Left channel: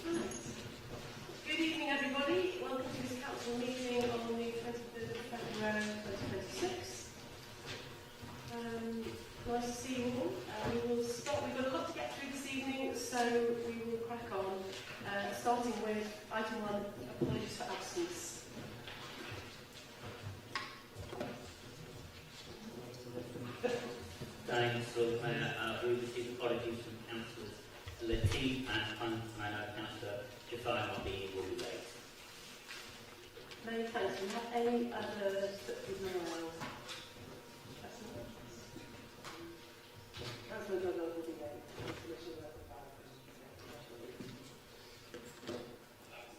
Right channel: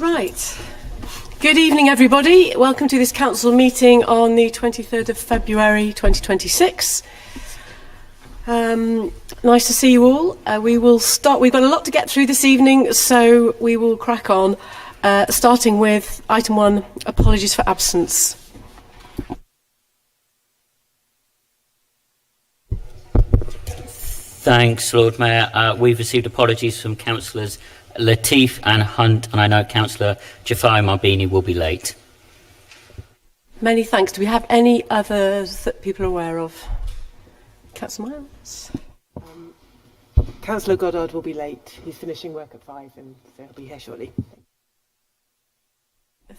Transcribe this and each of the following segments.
Right. Good evening, everybody. Welcome to this council meeting on the 23rd of February 2026. Nice to see you all. We will start. We've got a lot to get through this evening, so we will crack on, starting with item 1, apologies for absence. Thanks, Lord Mayor. We've received apologies from councillors Latif and Hunt, and I know Councillor Jafari Marbini will be late. Many thanks. Do we have any others that people are aware of? Councillor Miles? Councillor Goddard will be late. He's finishing work at 5 and so he'll be here shortly.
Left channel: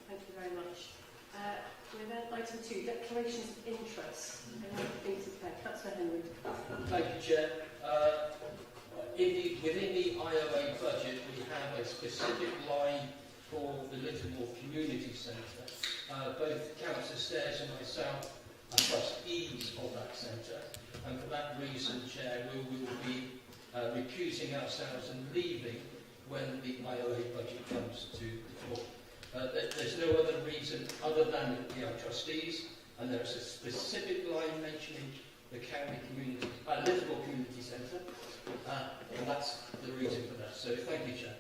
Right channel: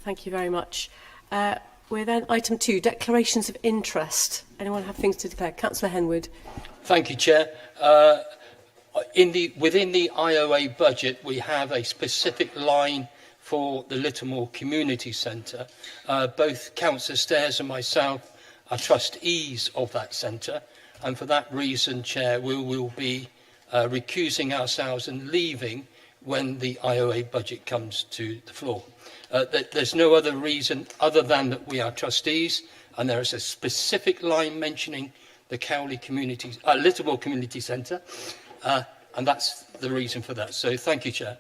Thank you very much. We're then item 2, declarations of interest. Anyone have things to declare? Councillor Henwood. Thank you, Chair. Within the IOA budget, we have a specific line for the Littlemore Community Centre. Both Councillor Stairs and myself are trustees of that centre, and for that reason, Chair, we will be recusing ourselves and leaving when the IOA budget comes to the floor. There's no other reason other than that we are trustees, and there is a specific line mentioning the Littlemore Community Centre, and that's the reason for that. So thank you, Chair.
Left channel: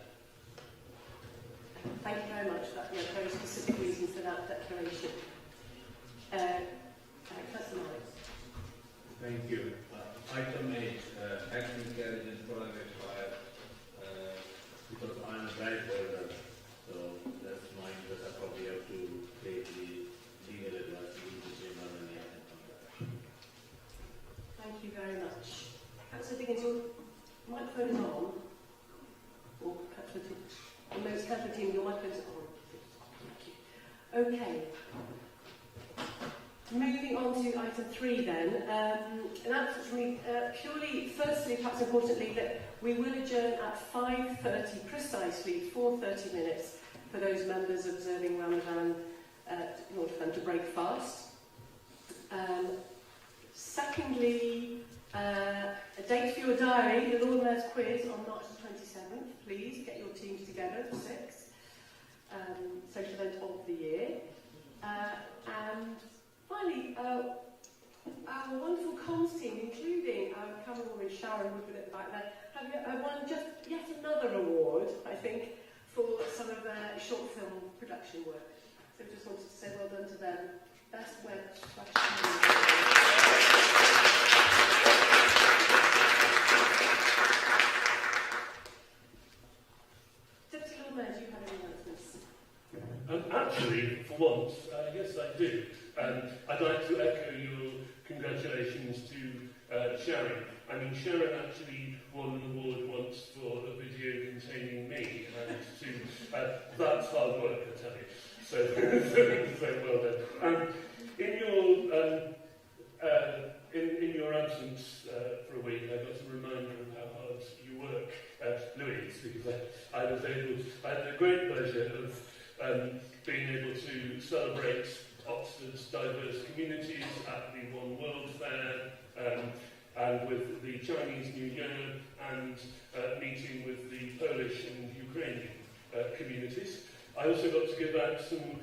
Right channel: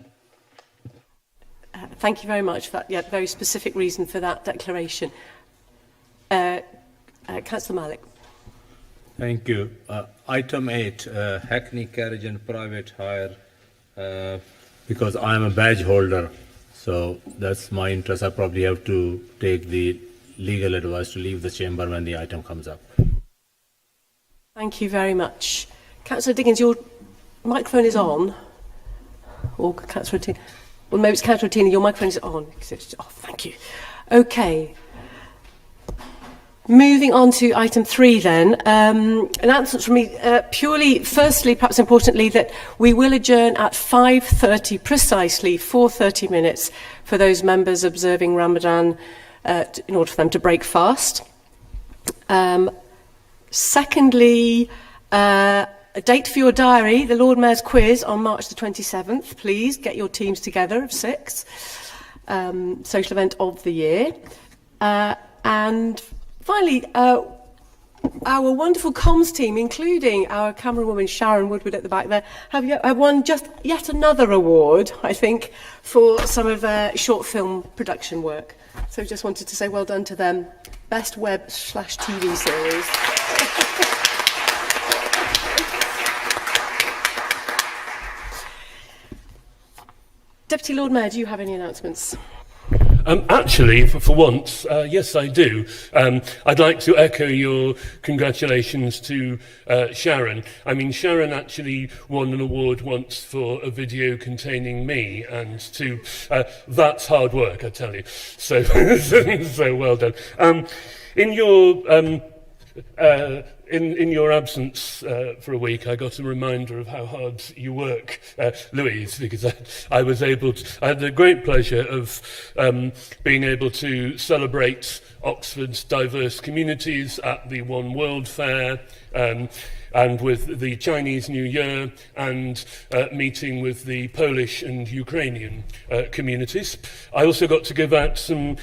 Thank you very much for that. Yeah, very specific reason for that declaration. Councillor Malik. Thank you. Item 8, Hackney Carriage and Private Hire, because I am a badge holder, so that's my interest. I probably have to take the legal advice to leave the chamber when the item comes up. Thank you very much. Councillor Diggins, your microphone is on. Or Councillor Tina. Well, maybe it's Councillor Tina, your microphone is on. Oh, thank you. Okay. Moving on to item 3 then. Announcements from me. Purely, firstly, perhaps importantly, that we will adjourn at 5:30 precisely, for 30 minutes, for those members observing Ramadan in order for them to break fast. Secondly, a date for your diary, the Lord Mayor's quiz on March the 27th. Please get your teams together of 6. Social event of the year. And finally, our wonderful comms team, including our camerawoman Sharon Woodward at the back there, have won just yet another award, I think, for some of their short film production work. So just wanted to say well done to them. Best web/TV series. Deputy Lord Mayor, do you have any announcements? Actually, for once, yes, I do. I'd like to echo your congratulations to Sharon. I mean, Sharon actually won an award once for a video containing me, and that's hard work, I tell you. So, so well done. In your absence for a week, I got a reminder of how hard you work, Louise, because I had the great pleasure of being able to celebrate Oxford's diverse communities at the One World Fair, and with the Chinese New Year, and meeting with the Polish and Ukrainian communities. I also got to give out some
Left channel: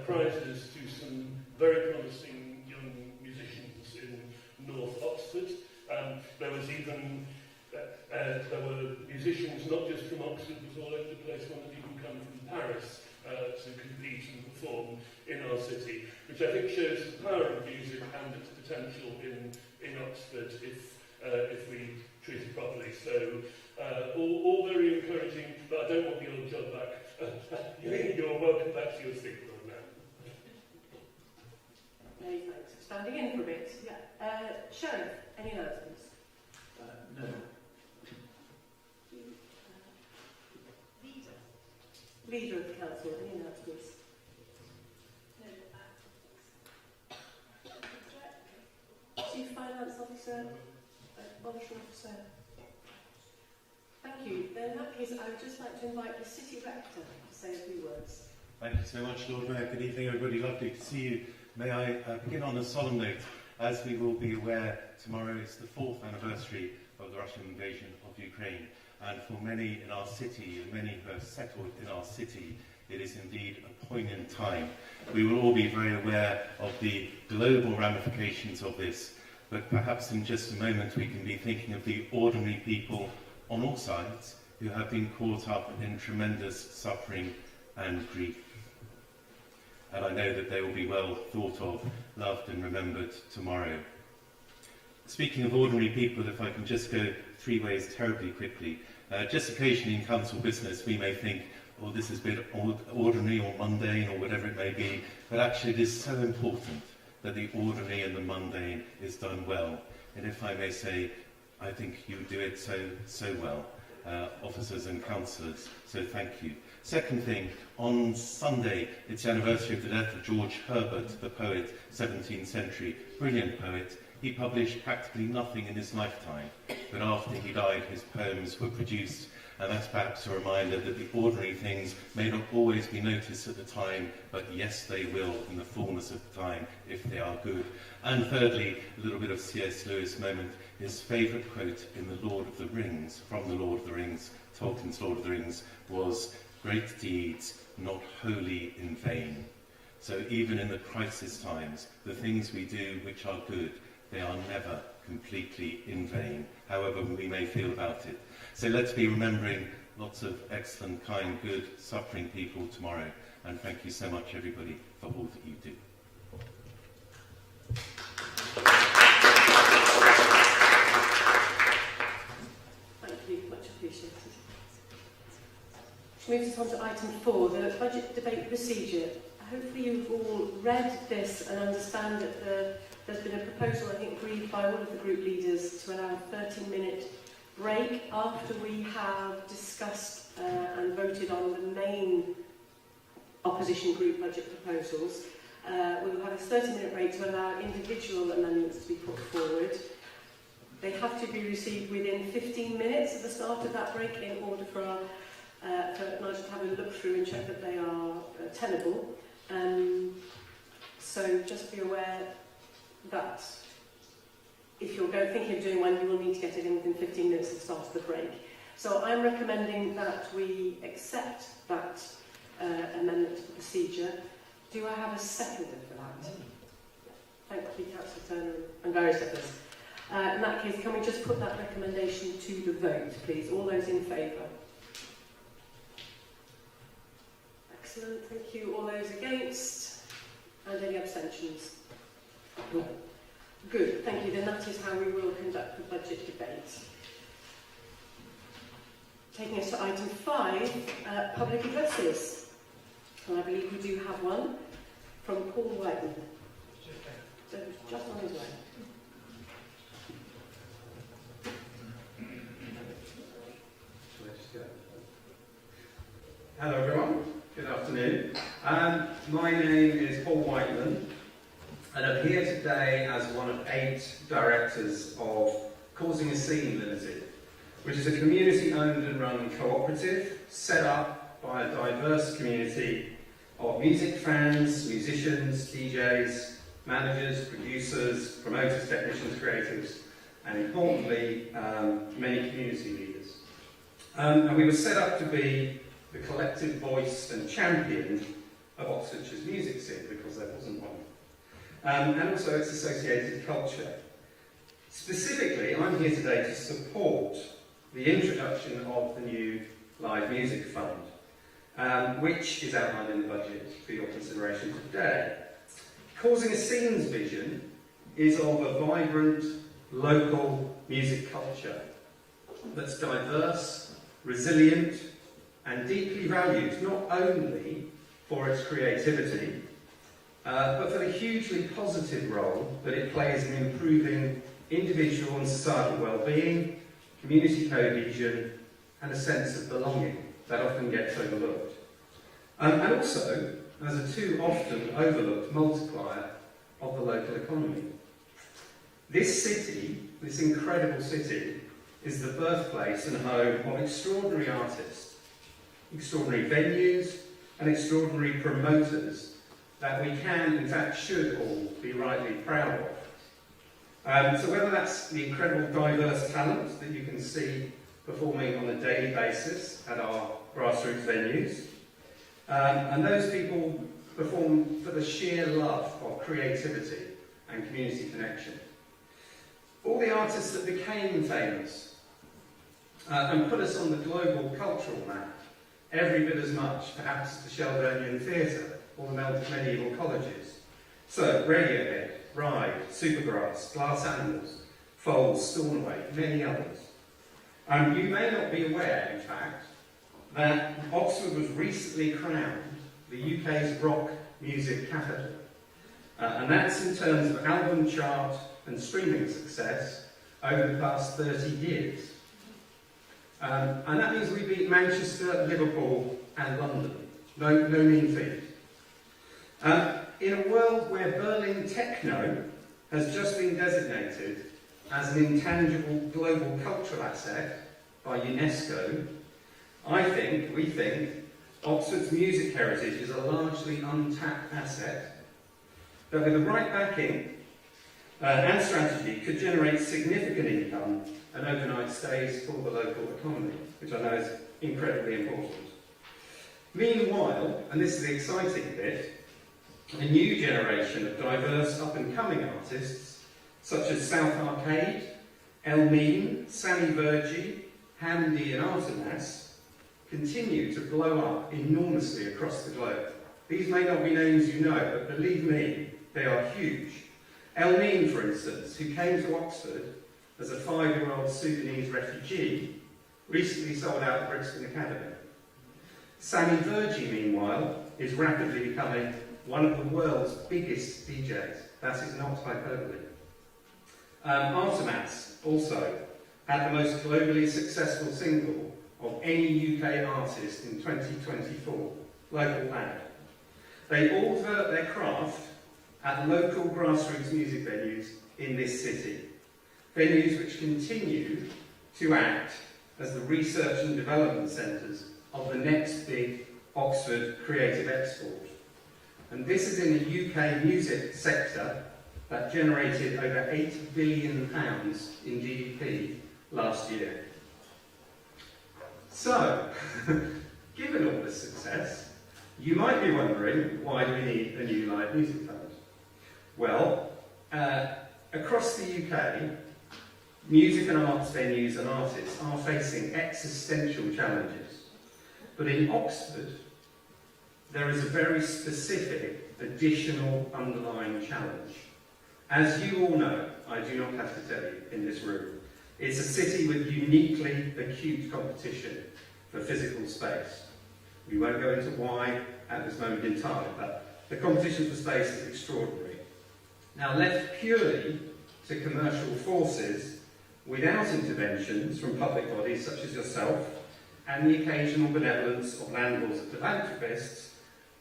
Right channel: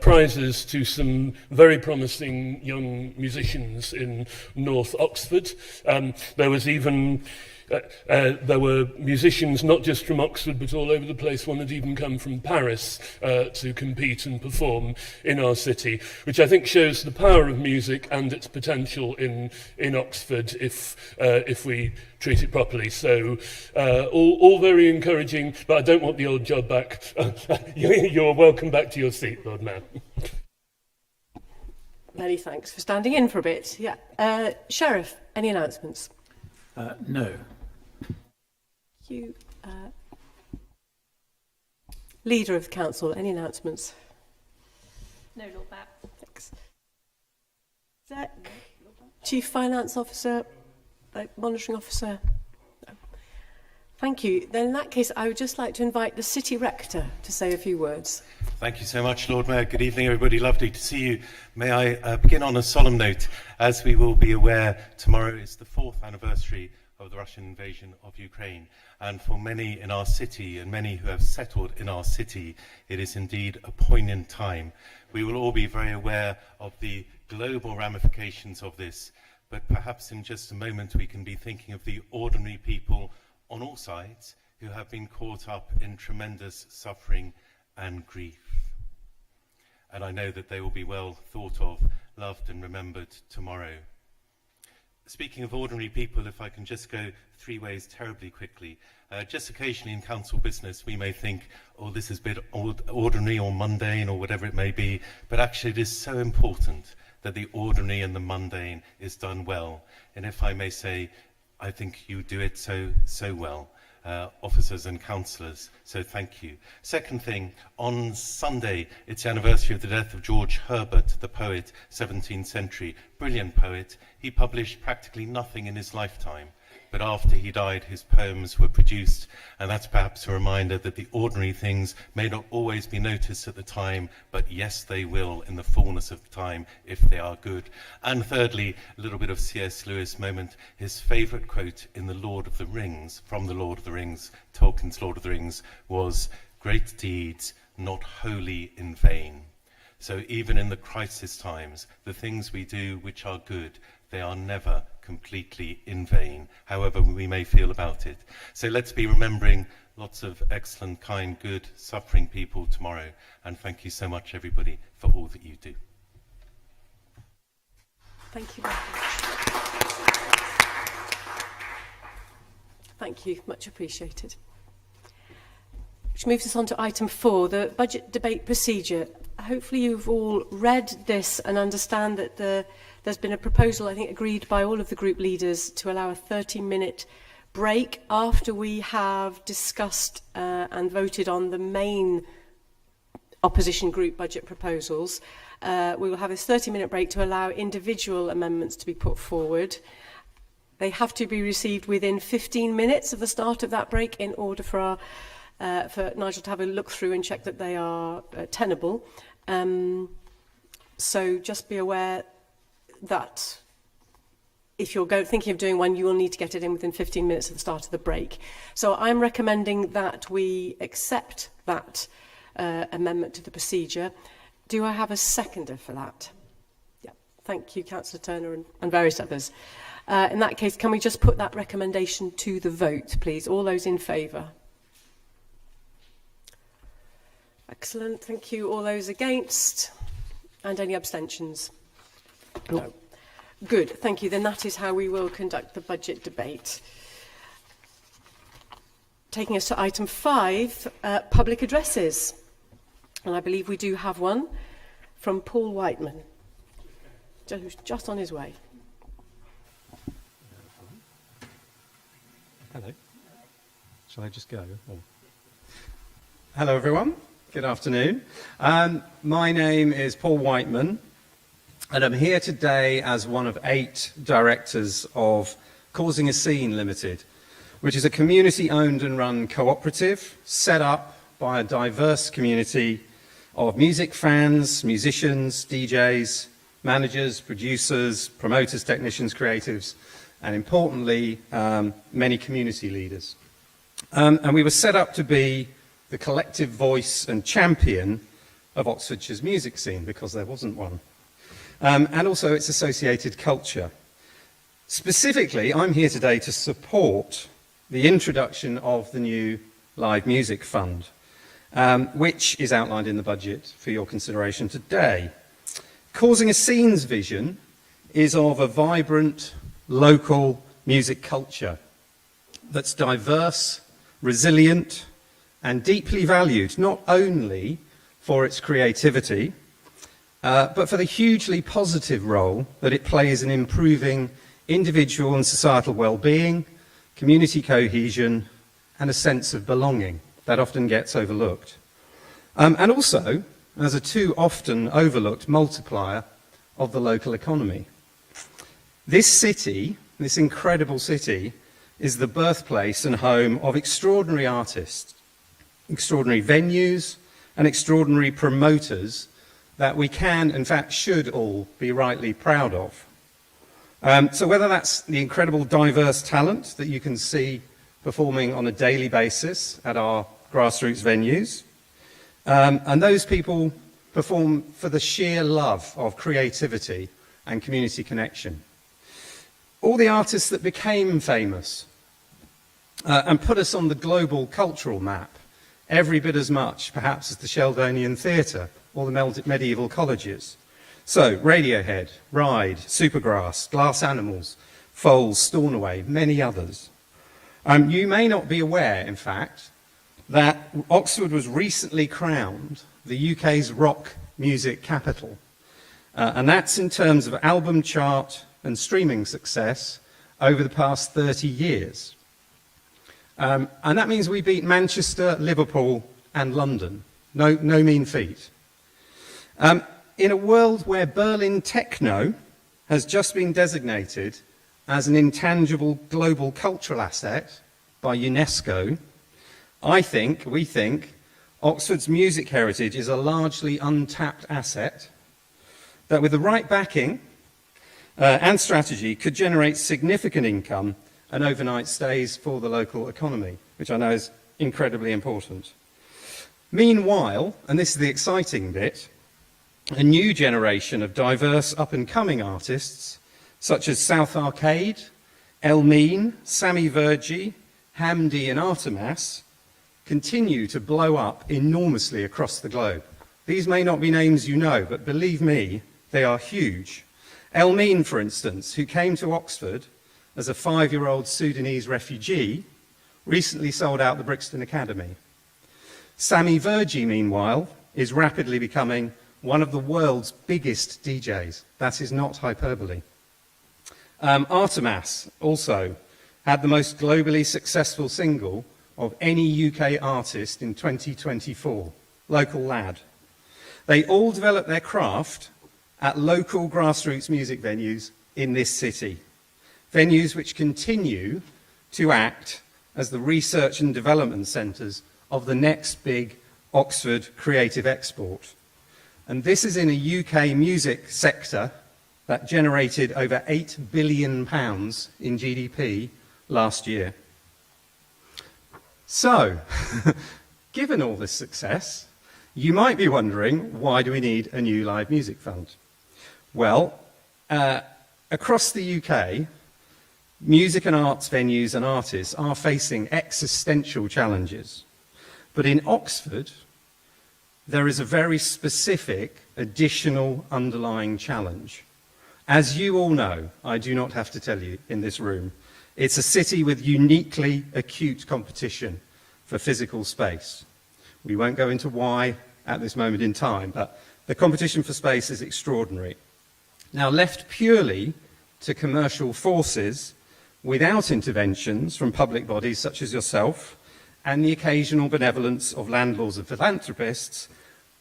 prizes to some very promising young musicians in North Oxford. There were musicians not just from Oxford but all over the place. One had even come from Paris to compete and perform in our city, which I think shows the power of music and its potential in Oxford if we treat it properly. So all very encouraging, but I don't want the old job back. You're welcome back to your seat, Lord Mayor. Many thanks for standing in for a bit. Yeah. Sheriff, any announcements? No. You, Leader of the Council, any announcements? No, not that. Thanks. Exec, Chief Finance Officer, Monitoring Officer? No. Thank you. Then in that case, I would just like to invite the City Rector to say a few words. Thank you so much, Lord Mayor. Good evening, everybody. Lovely to see you. May I begin on a solemn note. As we will be aware, tomorrow is the 4th anniversary of the Russian invasion of Ukraine. And for many in our city and many who have settled in our city, it is indeed a poignant time. We will all be very aware of the global ramifications of this, but perhaps in just a moment we can be thinking of the ordinary people on all sides who have been caught up in tremendous suffering and grief. And I know that they will be well thought of, loved and remembered tomorrow. Speaking of ordinary people, if I can just go 3 ways terribly quickly. Just occasionally in council business we may think, oh, this is a bit ordinary or mundane or whatever it may be, but actually it is so important that the ordinary and the mundane is done well. And if I may say, I think you do it so well, officers and councillors, so thank you. Second thing, on Sunday, it's the anniversary of the death of George Herbert, the poet, 17th century, brilliant poet. He published practically nothing in his lifetime, but after he died, his poems were produced, and that's perhaps a reminder that the ordinary things may not always be noticed at the time, but yes, they will in the fullness of time if they are good. And thirdly, a little bit of C.S. Lewis moment, his favourite quote in The Lord of the Rings, from The Lord of the Rings, Tolkien's Lord of the Rings, was, "Great deeds, not wholly in vain." So even in the crisis times, the things we do which are good, they are never completely in vain, however we may feel about it. So let's be remembering lots of excellent, kind, good, suffering people tomorrow. And thank you so much, everybody, for all that you do. Thank you, much appreciated. Which moves us on to item 4, the budget debate procedure. Hopefully you've all read this and understand that there's been a proposal, I think, agreed by all of the group leaders to allow a 30-minute break after we have discussed and voted on the main opposition group budget proposals. We will have this 30-minute break to allow individual amendments to be put forward. They have to be received within 15 minutes of the start of that break in order for Nigel to have a look through and check that they are tenable. So just be aware that if you're thinking of doing one, you will need to get it in within 15 minutes of the start of the break. So I'm recommending that we accept that amendment to the procedure. Do I have a seconder for that? Yeah. Thank you, Councillor Turner and various others. In that case, can we just put that recommendation to the vote, please? All those in favour? Excellent, thank you. All those against? And any abstentions? No. Good, thank you. Then that is how we will conduct the budget debate. Taking us to item 5, public addresses. And I believe we do have one from Paul Whiteman, who's just on his way. Hello. Shall I just go? Or... Hello, everyone. Good afternoon. My name is Paul Whiteman, and I'm here today as one of 8 directors of Causing a Scene Limited, which is a community-owned and run cooperative set up by a diverse community of music fans, musicians, DJs, managers, producers, promoters, technicians, creatives, and importantly, many community leaders. And we were set up to be the collective voice and champion of Oxfordshire's music scene, because there wasn't one. And also its associated culture. Specifically, I'm here today to support the introduction of the new Live Music Fund, which is outlined in the budget for your consideration today. Causing a Scene's vision is of a vibrant, local music culture that's diverse, resilient, and deeply valued, not only for its creativity, but for the hugely positive role that it plays in improving individual and societal well-being, community cohesion, and a sense of belonging that often gets overlooked. And also as a too often overlooked multiplier of the local economy. This city, this incredible city, is the birthplace and home of extraordinary artists, extraordinary venues, and extraordinary promoters that we can, in fact, should all be rightly proud of. So whether that's the incredible diverse talent that you can see performing on a daily basis at our grassroots venues. And those people perform for the sheer love of creativity and community connection. All the artists that became famous and put us on the global cultural map, every bit as much, perhaps, as the Sheldonian Theatre or the medieval colleges. So, Radiohead, Ride, Supergrass, Glass Animals, Foals, Stornoway, many others. You may not be aware, in fact, that Oxford was recently crowned the UK's rock music capital. And that's in terms of album chart and streaming success over the past 30 years. And that means we beat Manchester, Liverpool and London. No mean feat. In a world where Berlin techno has just been designated as an intangible global cultural asset by UNESCO, we think, Oxford's music heritage is a largely untapped asset that with the right backing and strategy could generate significant income and overnight stays for the local economy, which I know is incredibly important. Meanwhile, and this is the exciting bit, a new generation of diverse up-and-coming artists, such as South Arcade, Elmine, Sammy Virgie, Hamdi and Artemas, continue to blow up enormously across the globe. These may not be names you know, but believe me, they are huge. Elmine, for instance, who came to Oxford as a 5-year-old Sudanese refugee, recently sold out the Brixton Academy. Sammy Virgie, meanwhile, is rapidly becoming one of the world's biggest DJs. That is not hyperbole. Artemas also had the most globally successful single of any UK artist in 2024, Local Lad. They all developed their craft at local grassroots music venues in this city. Venues which continue to act as the research and development centres of the next big Oxford creative export. And this is in a UK music sector that generated over £8 billion in GDP last year. So, given all this success, you might be wondering, why do we need a new live music fund? Well, across the UK, music and arts venues and artists are facing existential challenges. But in Oxford, there is a very specific additional underlying challenge. As you all know, I do not have to tell you in this room, it's a city with uniquely acute competition for physical space. We won't go into why at this moment in time, but the competition for space is extraordinary. Now, left purely to commercial forces, without interventions from public bodies such as yourself, and the occasional benevolence of landlords and philanthropists,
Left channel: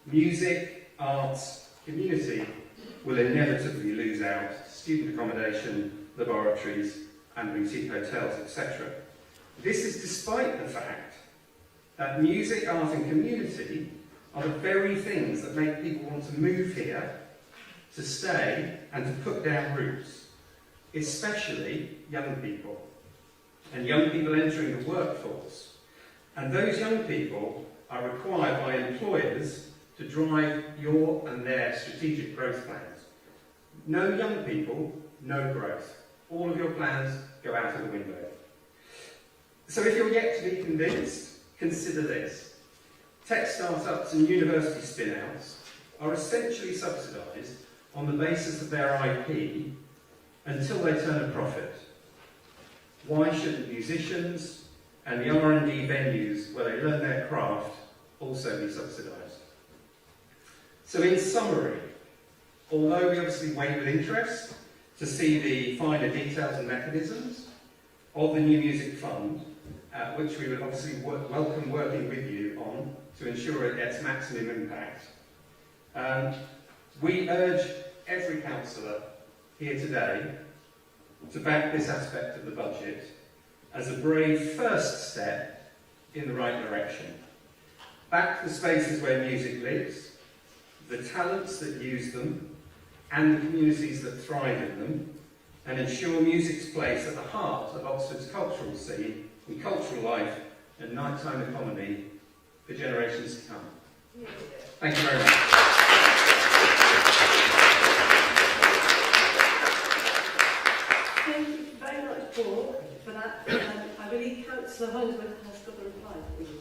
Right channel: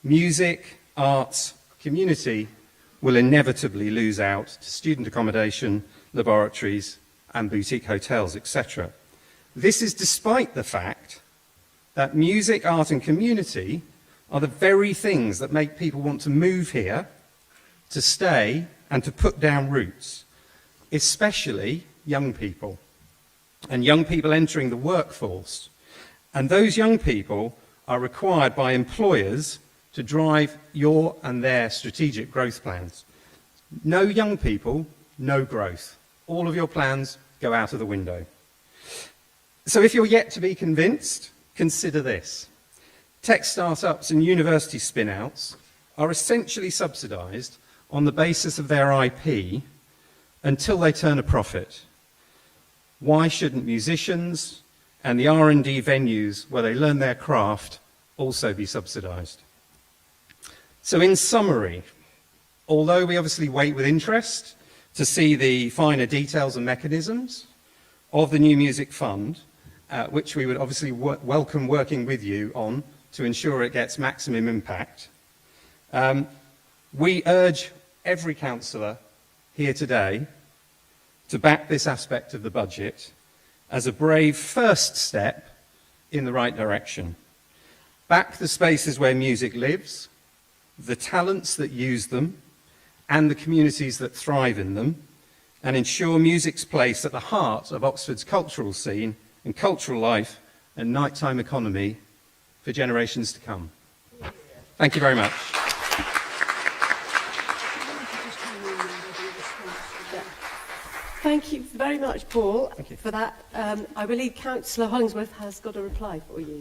music, arts, community will inevitably lose out to student accommodation, laboratories, and boutique hotels, etc. This is despite the fact that music, art, and community are the very things that make people want to move here, to stay, and to put down roots, especially young people, and young people entering the workforce. And those young people are required by employers to drive your and their strategic growth plans. No young people, no growth. All of your plans go out of the window. So if you're yet to be convinced, consider this. Tech startups and university spin-outs are essentially subsidised on the basis of their IP until they turn a profit. Why shouldn't musicians and the R&D venues where they learn their craft also be subsidised? So in summary, although we obviously wait with interest to see the finer details and mechanisms of the new music fund, which we would obviously welcome working with you on to ensure it gets maximum impact, we urge every councillor here today to back this aspect of the budget as a brave first step in the right direction. Back the spaces where music lives, the talents that use them, and the communities that thrive in them, and ensure music's place at the heart of Oxford's cultural scene and cultural life and nighttime economy for generations to come. Thank you very much. Thank you very much, Paul, for that. I believe Councillor Hollingsworth has got a reply for you.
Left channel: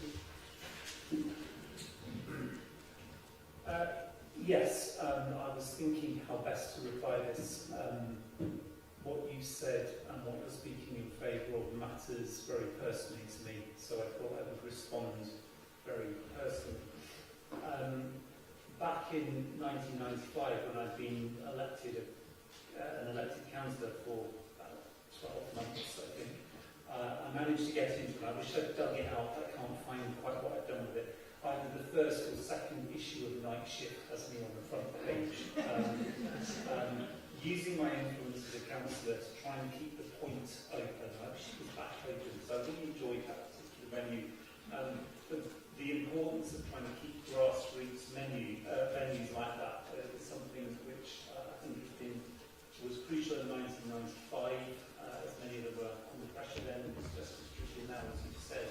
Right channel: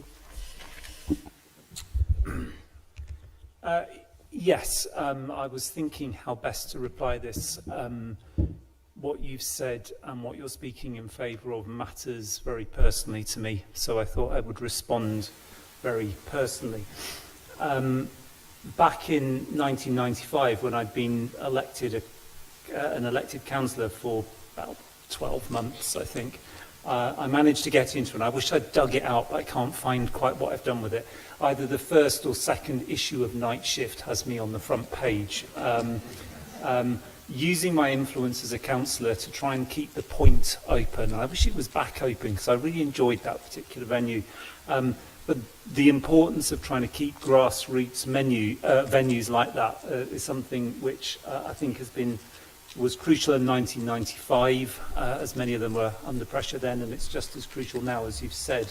Yes, I was thinking how best to reply this. What you've said and what you're speaking in favour of matters very personally to me, so I thought I would respond very personally. Back in 1995, when I'd been elected an elected councillor for about 12 months, I think, I managed to get into it. I wish I'd dug it out, but I can't find quite what I've done with it. Either the first or second issue of Night Shift has me on the front page. Using my influence as a councillor to try and keep the Point open. I wish it was back open because I really enjoyed that particular venue. But the importance of trying to keep grassroots venues like that is something which I think was crucial in 1995, as many of them were under pressure then, and it's just as crucial now, as you've said.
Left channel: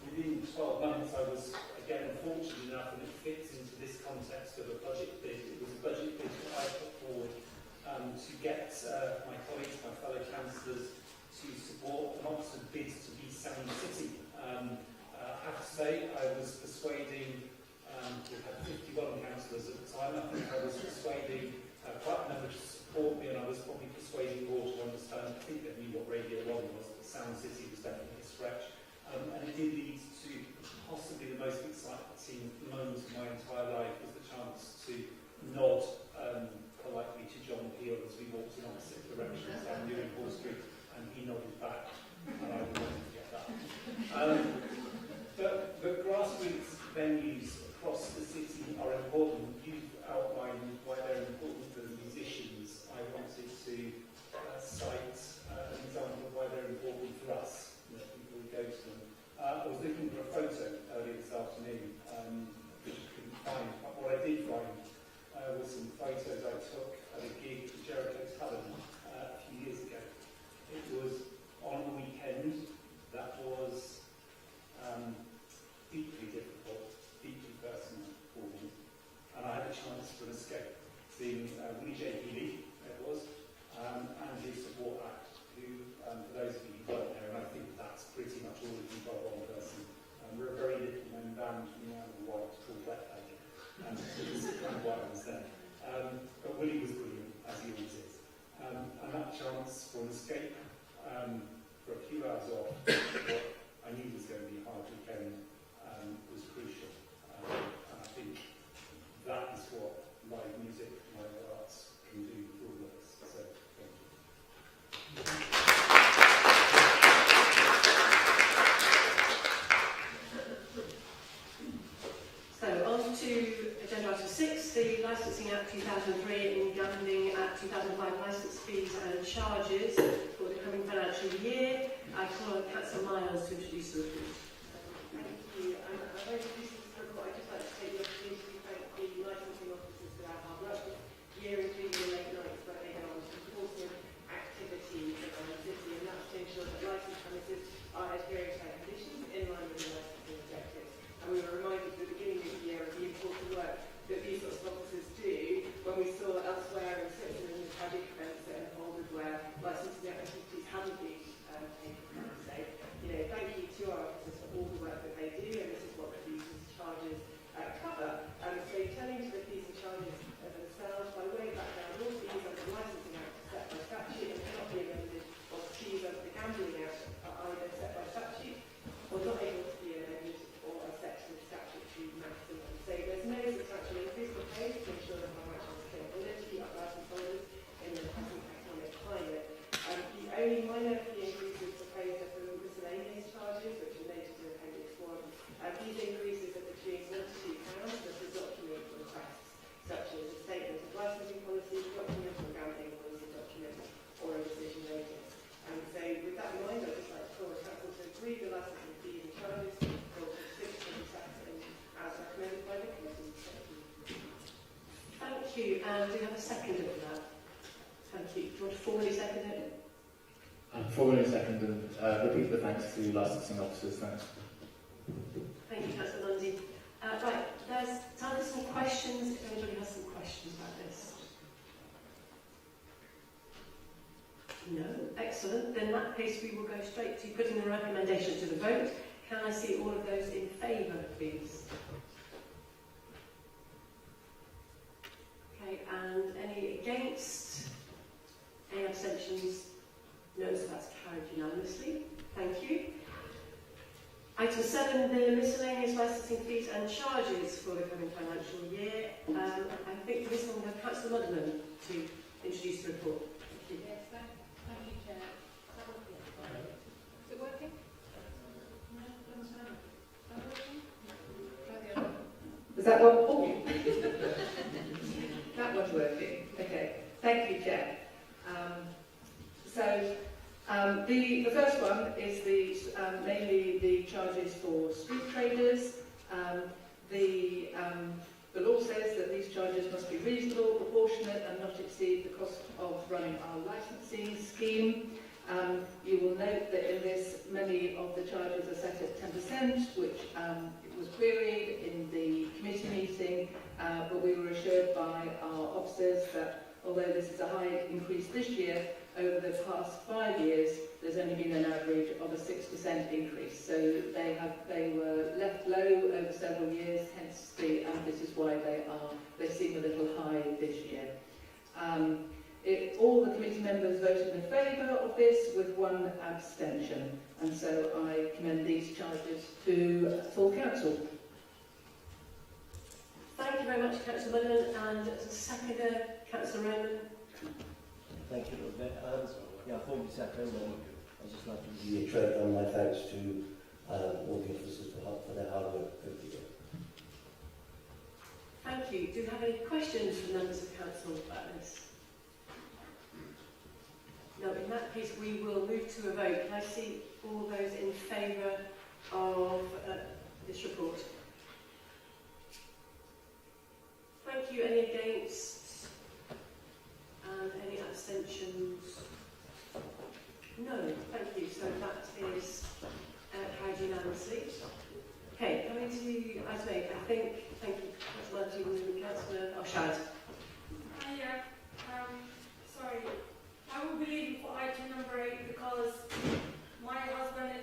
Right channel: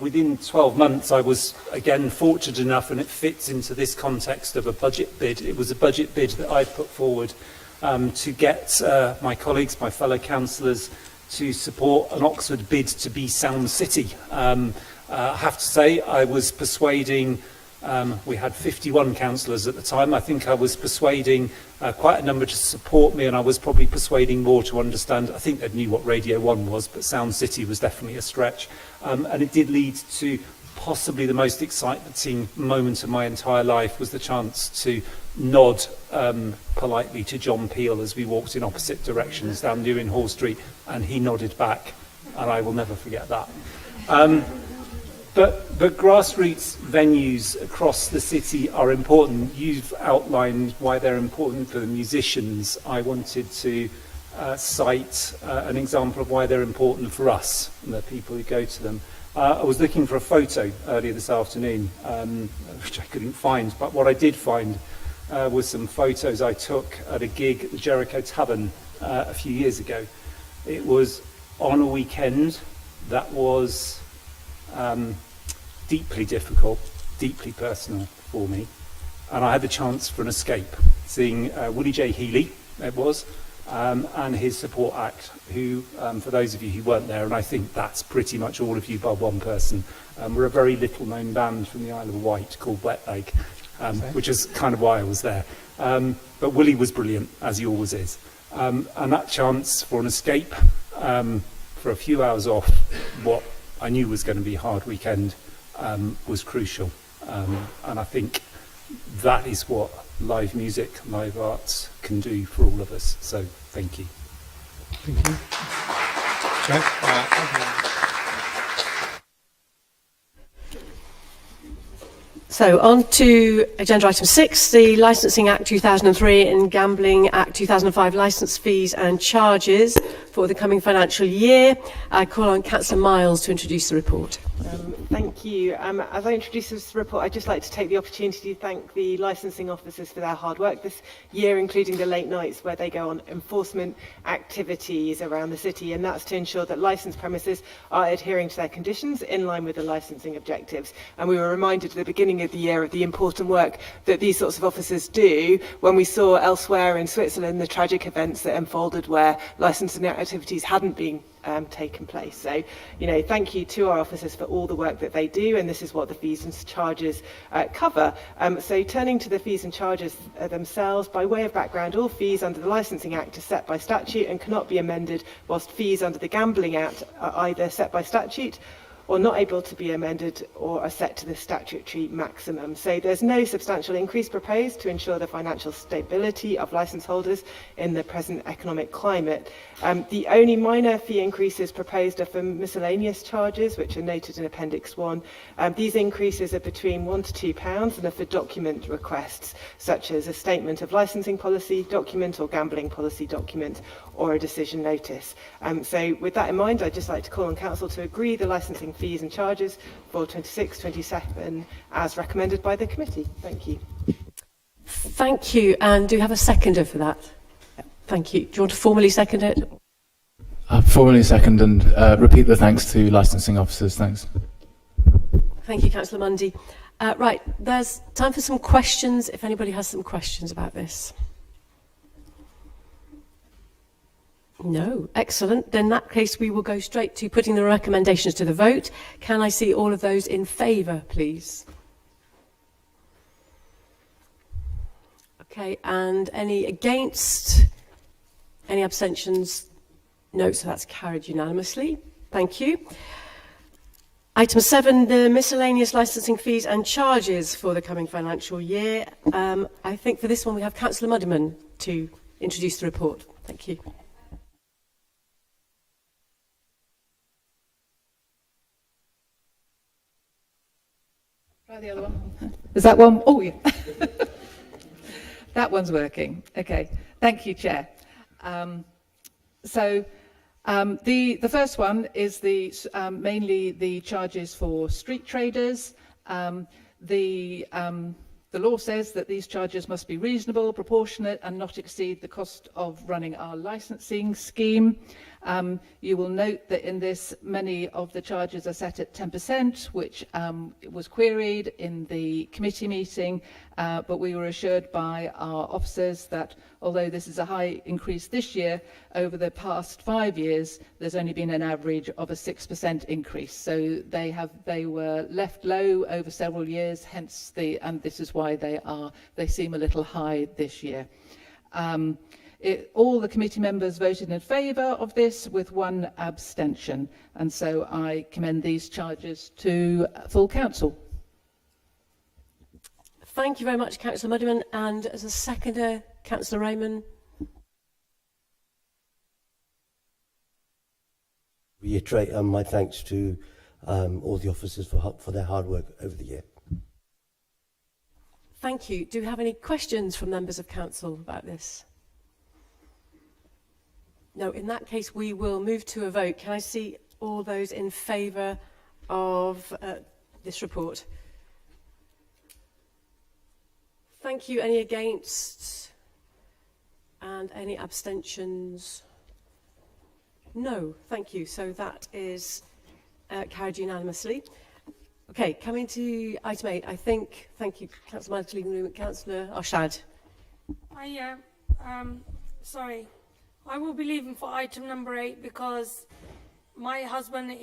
Within 12 months, I was, again, fortunate enough, and it fits into this context of a budget bid. It was a budget bid that I put forward to get my colleagues, my fellow councillors, to support an Oxford bid to be Sound City. I have to say, I was persuading, we had 51 councillors at the time. I think I was persuading quite a number to support me, and I was probably persuading more to understand. I think they knew what Radio 1 was, but Sound City was definitely a stretch. And it did lead to possibly the most exciting moment of my entire life, was the chance to nod politely to John Peel as we walked in opposite directions down Newing Hall Street, and he nodded back, and I will never forget that. But grassroots venues across the city are important. You've outlined why they're important for the musicians. I wanted to cite an example of why they're important for us, the people who go to them. I was looking for a photo earlier this afternoon, which I couldn't find, but what I did find was some photos I took at a gig at the Jericho Tavern a few years ago. It was on a weekend that was deeply difficult, deeply personal for me, and I had the chance for an escape, seeing Willie J. Healy, it was, and his support act, who, for those of you who weren't there, and I think that's pretty much all of you by one person, we're a very little known band from the Isle of Wight called Wet Leg, which is kind of why I was there. But Willie was brilliant, as he always is. And that chance for an escape, for a few hours off what I knew was going to be a hard weekend, was crucial. And I think that is what live music, live arts can do for all of us. So thank you. Thank you. So on to agenda item 6, the Licensing Act 2003 and Gambling Act 2005 licence fees and charges for the coming financial year. I call on Councillor Miles to introduce the report. Thank you. As I introduce this report, I'd just like to take the opportunity to thank the licensing officers for their hard work this year, including the late nights where they go on enforcement activities around the city, and that's to ensure that licensed premises are adhering to their conditions in line with the licensing objectives. And we were reminded at the beginning of the year of the important work that these sorts of officers do when we saw elsewhere in Switzerland the tragic events that unfolded where licensing activities hadn't been taken place. So, thank you to our officers for all the work that they do, and this is what the fees and charges cover. So turning to the fees and charges themselves, by way of background, all fees under the Licensing Act are set by statute and cannot be amended, whilst fees under the Gambling Act are either set by statute or not able to be amended or are set to the statutory maximum. So there's no substantial increase proposed to ensure the financial stability of licence holders in the present economic climate. The only minor fee increases proposed are for miscellaneous charges, which are noted in Appendix 1. These increases are between £1 to £2 and are for document requests, such as a statement of licensing policy document or gambling policy document, or a decision notice. So with that in mind, I'd just like to call on Council to agree the licensing fees and charges for 26-27 as recommended by the committee. Thank you. Thank you. And do you have a seconder for that? Thank you. Do you want to formally second it? Formally second and repeat the thanks to licensing officers. Thanks. Thank you, Councillor Mundy. Right, there's time for some questions, if anybody has some questions about this. No, excellent. Then in that case, we will go straight to putting the recommendations to the vote. Can I see all of those in favour, please? Okay, and any against? Any abstentions? No, so that's carried unanimously. Thank you. Item 7, the miscellaneous licensing fees and charges for the coming financial year. I think for this one we have Councillor Muddiman to introduce the report. Thank you. Is that one? Oh, yeah. That one's working. Okay. Thank you, Chair. The first one is mainly the charges for street traders. The law says that these charges must be reasonable, proportionate and not exceed the cost of running our licensing scheme. You will note that in this many of the charges are set at 10%, which was queried in the committee meeting, but we were assured by our officers that although this is a high increase this year, over the past 5 years, there's only been an average of a 6% increase. So they were left low over several years, hence and this is why they seem a little high this year. All the committee members voted in favour of this with one abstention, and so I commend these charges to full council. Thank you very much, Councillor Muddiman, and as a seconder, Councillor Raymond. Thank you. Formally second, and I'd just like to reiterate my thanks to all the officers for their hard work over the year. Thank you. Do you have any questions from members of council about this? No, in that case we will move to a vote. Can I see all those in favour of this report? Thank you. Any against? And any abstentions? No, thank you. So that is carried unanimously. Okay, coming to item 8, thank you, Councillor Mantley, Councillor Arshad. Sorry, I will be leaving for item number 8 because my husband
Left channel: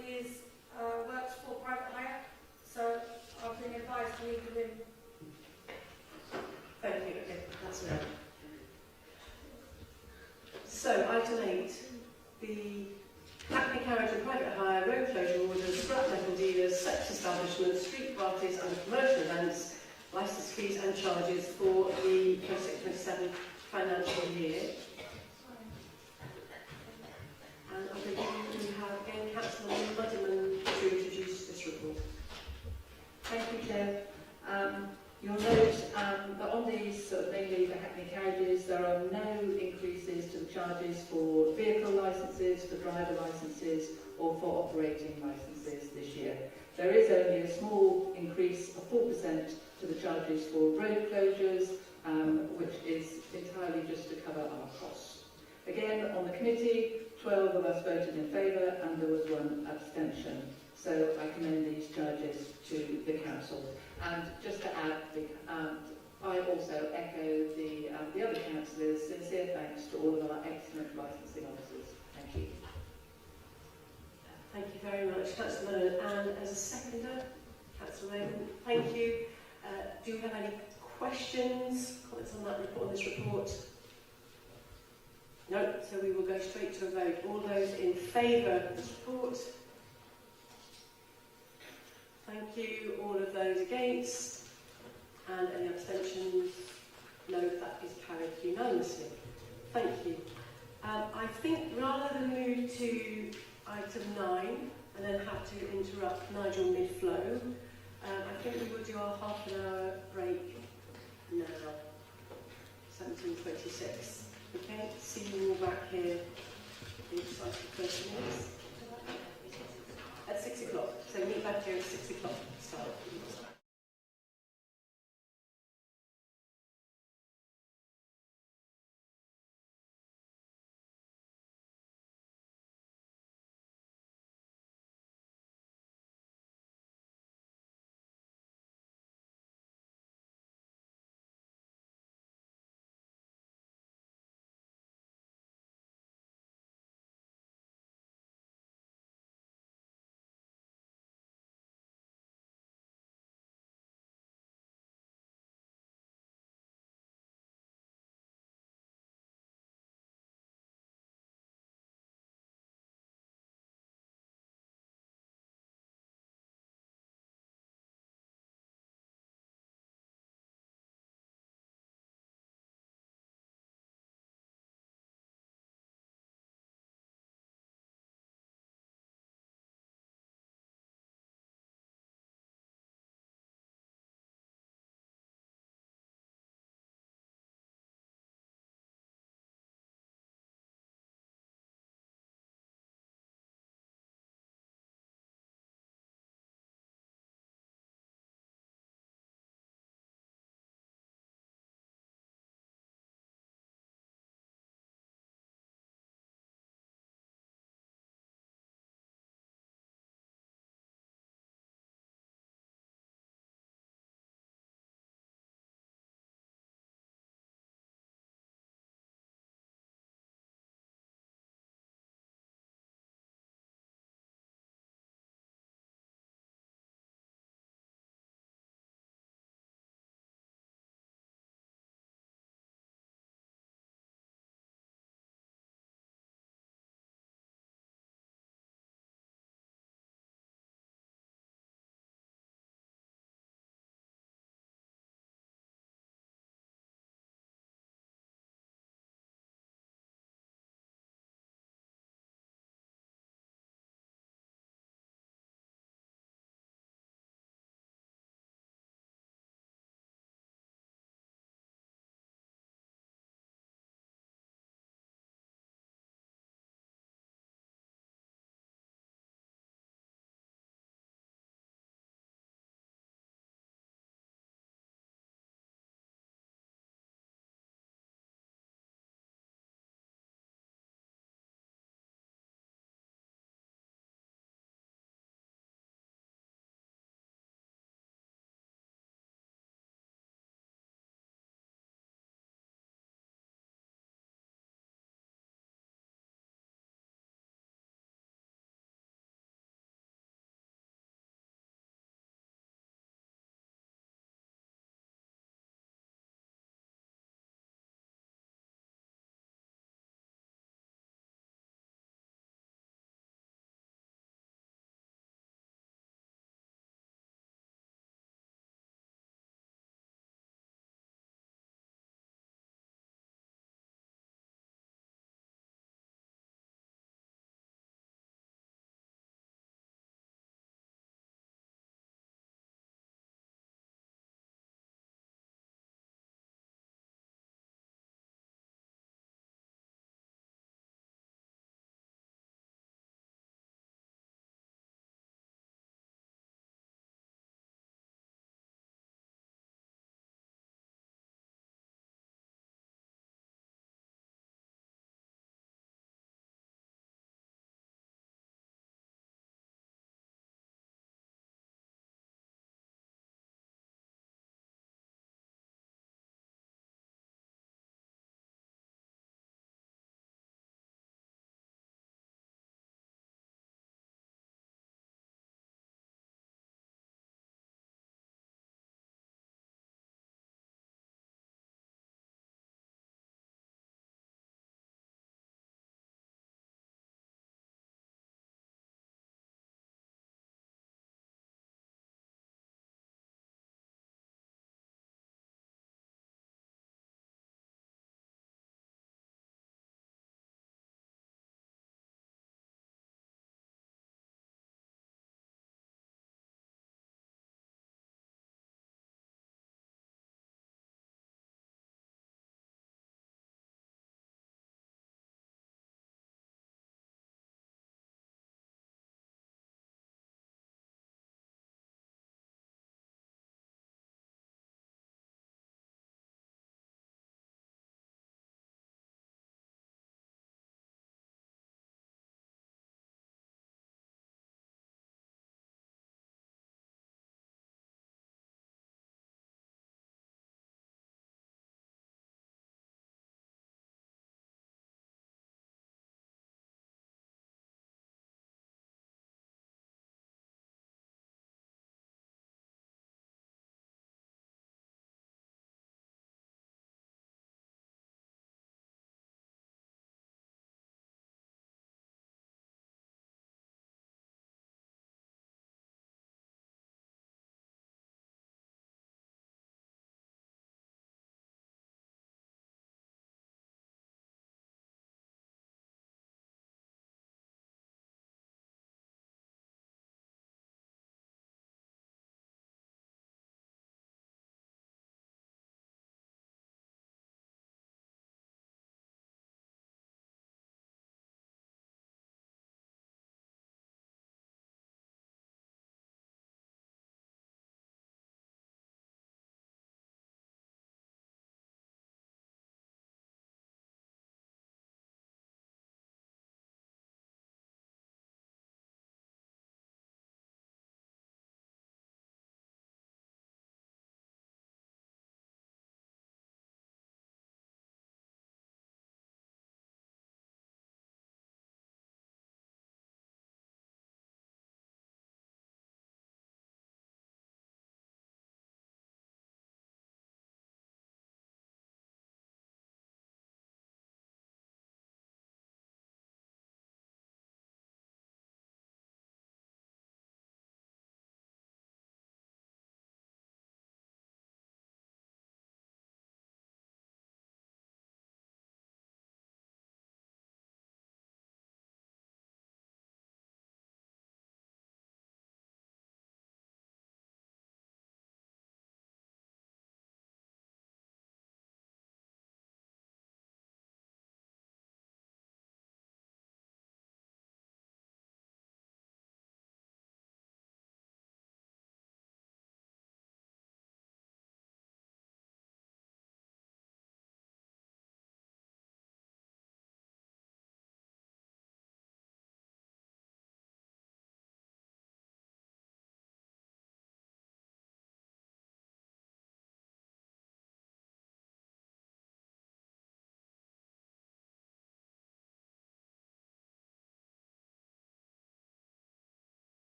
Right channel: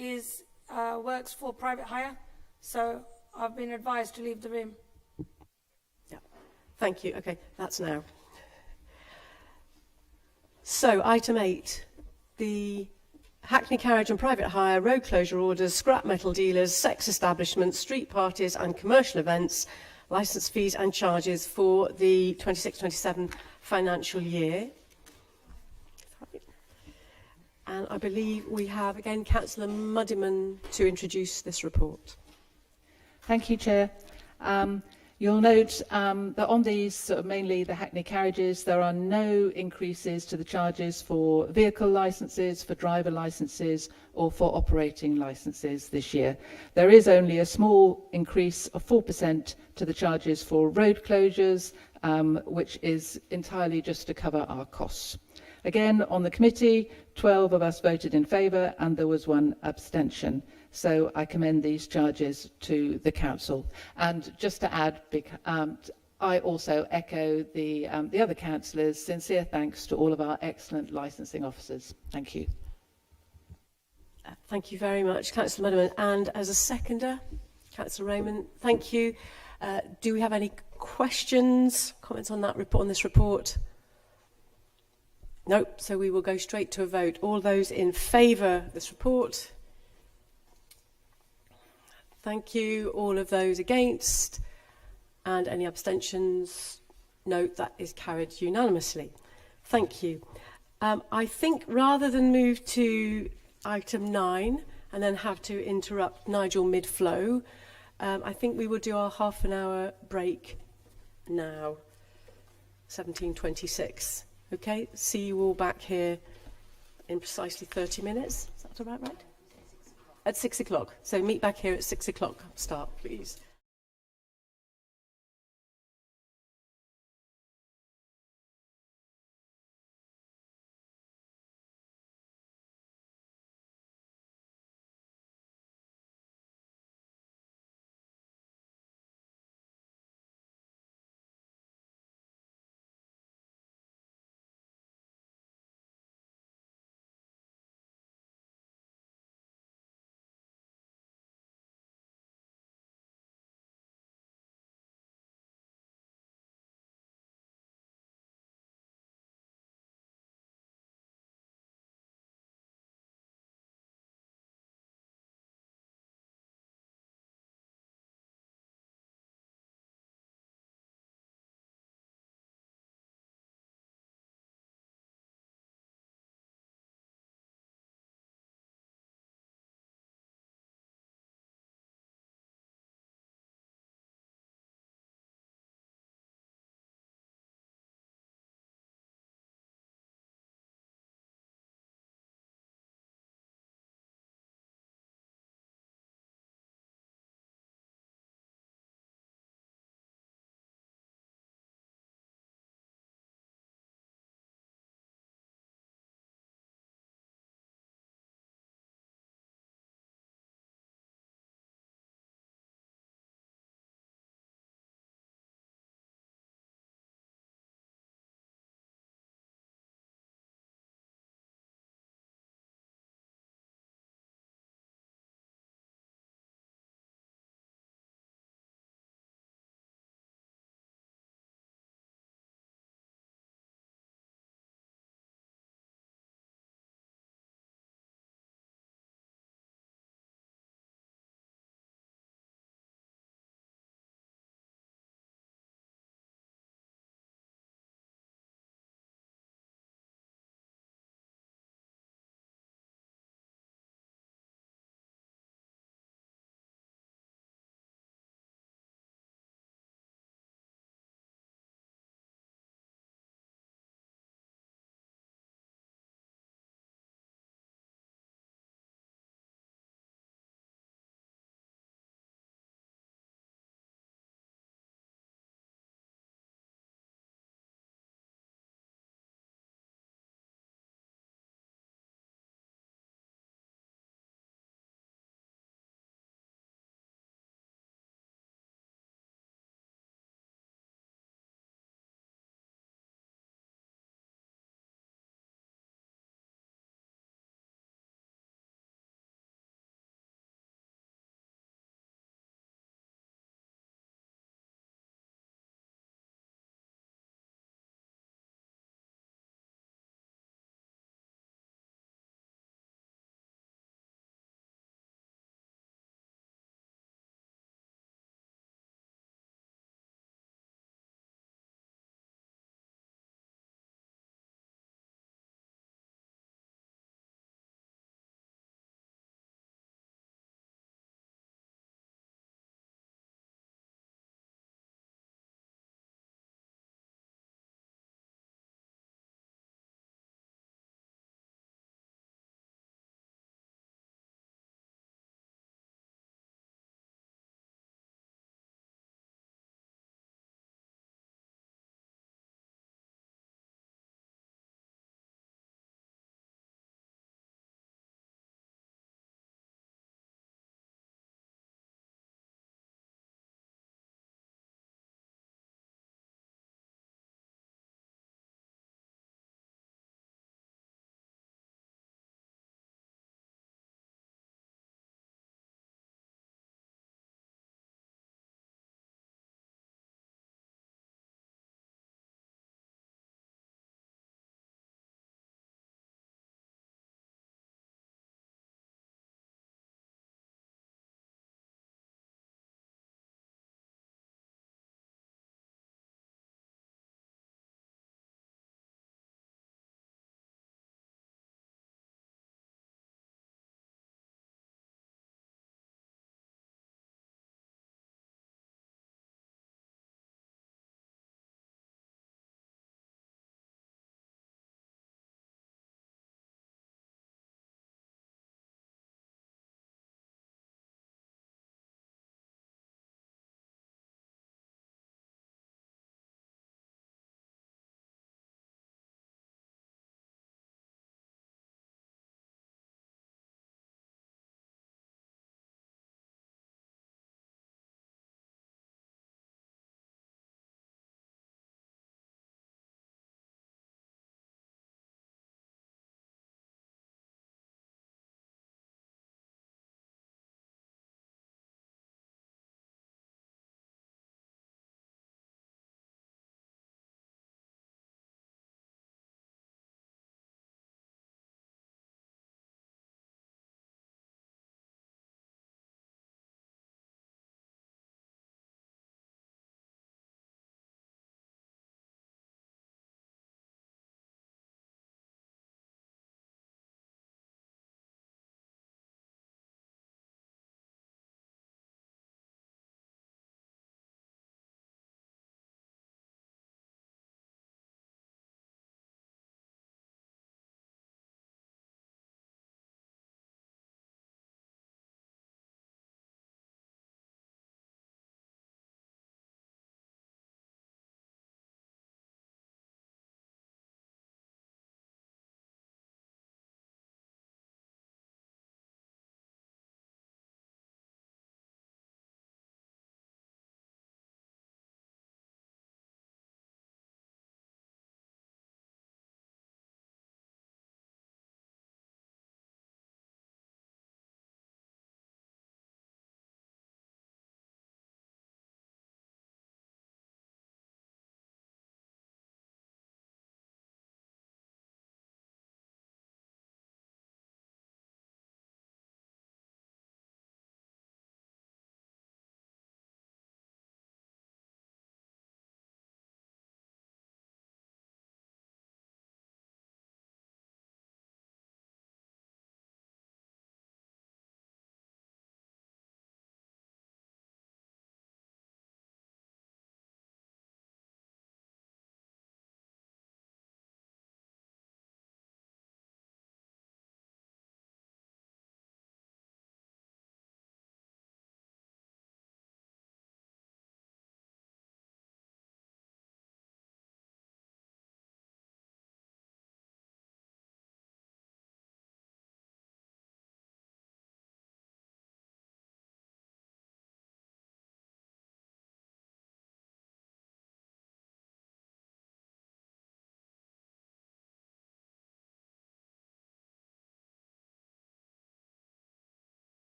works for private hire, so I've been advised to leave the room. Thank you. Okay, that's now. So, item 8, the Hackney carriage and private hire, road closure orders, scrap metal dealers, sex establishments, street parties and commercial events, licence fees and charges for the 26-27 financial year. And I believe we have again Councillor Muddiman to introduce this report. Thank you, Chair. You'll note that on these, mainly the Hackney carriages, there are no increases to the charges for vehicle licences, for driver licences or for operating licences this year. There is only a small increase of 4% to the charges for road closures, which is entirely just to cover our costs. Again, on the committee, 12 of us voted in favour and there was one abstention. So I commend these charges to the council. And just to add, I also echo the other councillors' sincere thanks to all of our excellent licensing officers. Thank you. Thank you very much, Councillor Muddiman. And as a seconder, Councillor Raymond, thank you. Do we have any questions, comments on that report, on this report? No, so we will go straight to a vote. All those in favour of this report? Thank you. All of those against? And any abstentions? No, that is carried unanimously. Thank you. I think rather than move to item 9 and then have to interrupt Nigel mid-flow, I think we will do our half-an-hour break now, 17:26. Okay, see you all back here in precisely 30 minutes. Is that about right? At 6 o'clock. So meet back here at 6 o'clock start, please.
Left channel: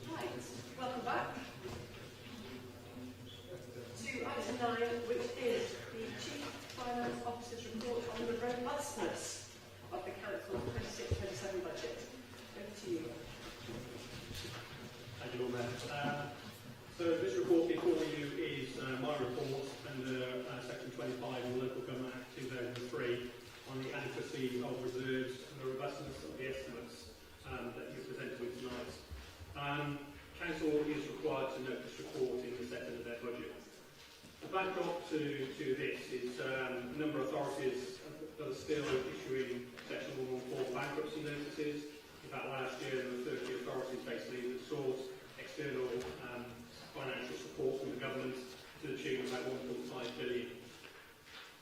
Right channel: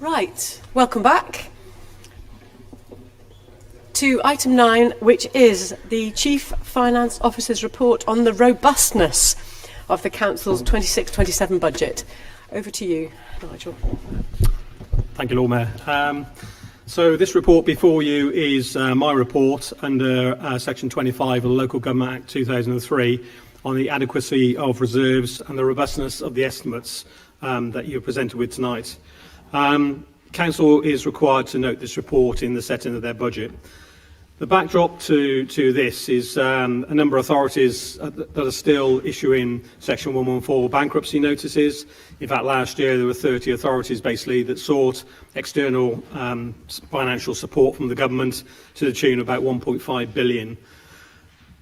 Right, welcome back to item 9, which is the Chief Finance Officer's report on the robustness of the Council's 26-27 budget. Over to you, Nigel. Thank you, Lord Mayor. So this report before you is my report under Section 25 of the Local Government Act 2003 on the adequacy of reserves and the robustness of the estimates that you're presented with tonight. Council is required to note this report in the setting of their budget. The backdrop to this is a number of authorities that are still issuing Section 114 bankruptcy notices. In fact, last year there were 30 authorities basically that sought external financial support from the government to the tune of about 1.5 billion.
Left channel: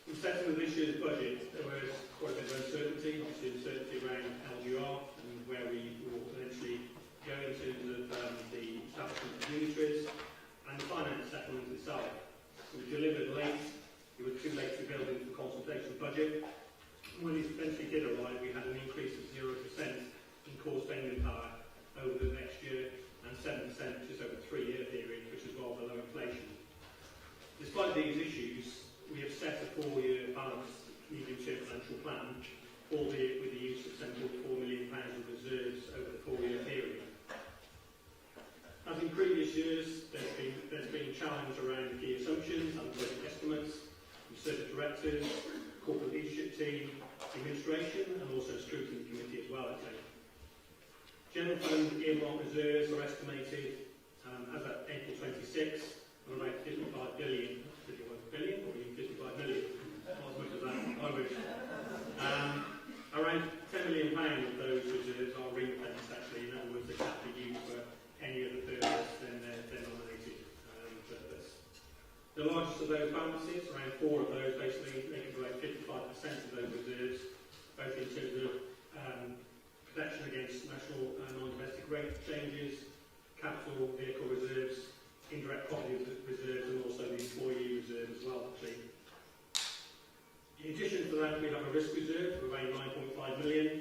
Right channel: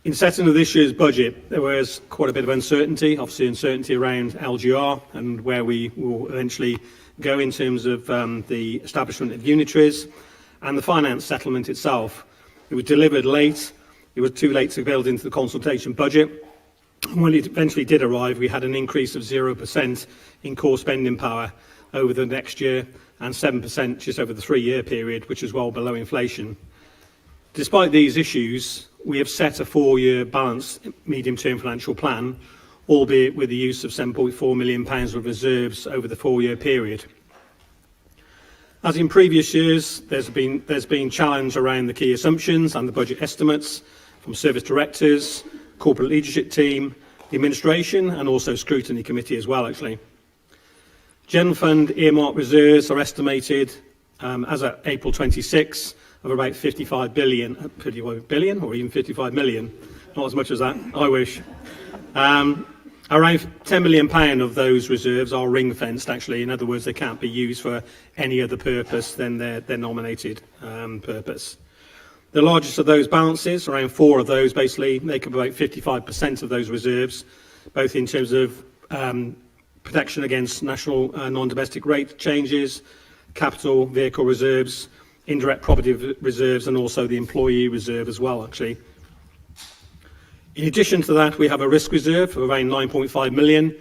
In setting of this year's budget, there was quite a bit of uncertainty, obviously uncertainty around LGR and where we will eventually go in terms of the establishment of unitaries and the finance settlement itself. It was delivered late. It was too late to build into the consultation budget. When it eventually did arrive, we had an increase of 0% in core spending power over the next year and 7% just over the 3-year period, which is well below inflation. Despite these issues, we have set a 4-year balanced medium-term financial plan, albeit with the use of £7.4 million of reserves over the 4-year period. As in previous years, there's been challenge around the key assumptions and the budget estimates from service directors, corporate leadership team, the administration and also Scrutiny committee as well, actually. General Fund earmark reserves are estimated as at April 26 of about 55 billion or even 55 million, not as much as that, I wish. Around £10 million of those reserves are ring-fenced, actually. In other words, they can't be used for any other purpose than their nominated purpose. The largest of those balances, around 4 of those, basically make up about 55% of those reserves, both in terms of protection against national non-domestic rate changes, capital vehicle reserves, indirect property reserves, and also the employee reserve as well, actually. In addition to that, we have a risk reserve of around 9.5 million.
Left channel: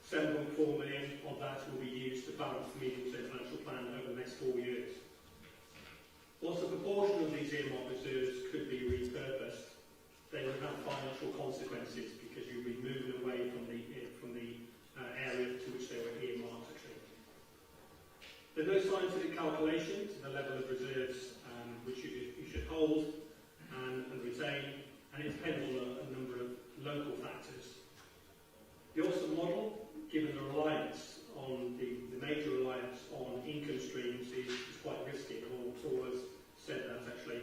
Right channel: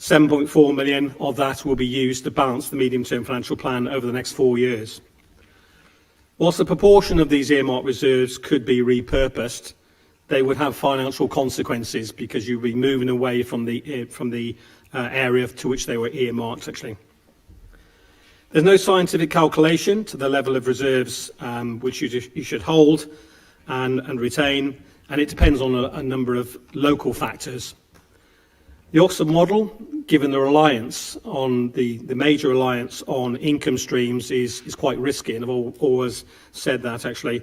7.4 million of that will be used to balance the medium-term financial plan over the next 4 years. Whilst a proportion of these earmark reserves could be repurposed, they would have financial consequences because you'd be moving away from the area to which they were earmarked, actually. There's no scientific calculation to the level of reserves which you should hold and retain, and it depends on a number of local factors. The Oxford model, given the reliance on the major reliance on income streams, is quite risky, and I've always said that, actually.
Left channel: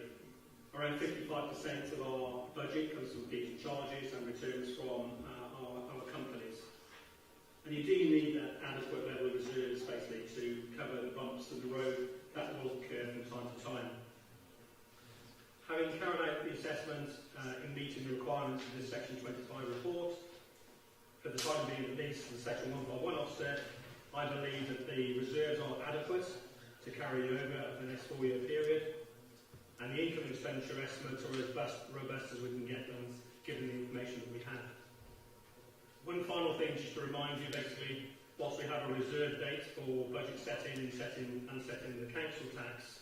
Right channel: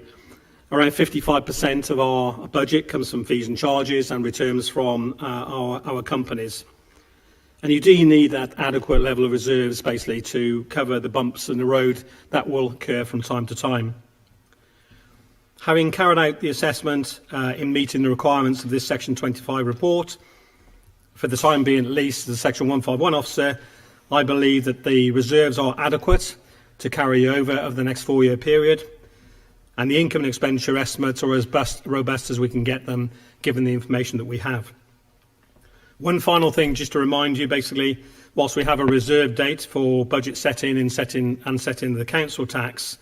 Around 55% of our budget comes from fees and charges and returns from our companies. And you do need that adequate level of reserves, basically, to cover the bumps in the road that will occur from time to time. Having carried out the assessment in meeting the requirements of this Section 25 report, for the time being at least, as a Section 151 officer, I believe that the reserves are adequate to carry over the next 4-year period, and the income and expenditure estimates are as robust as we can get them, given the information that we have. One final thing, just to remind you, basically, whilst we have a reserve date for budget setting and setting the council tax,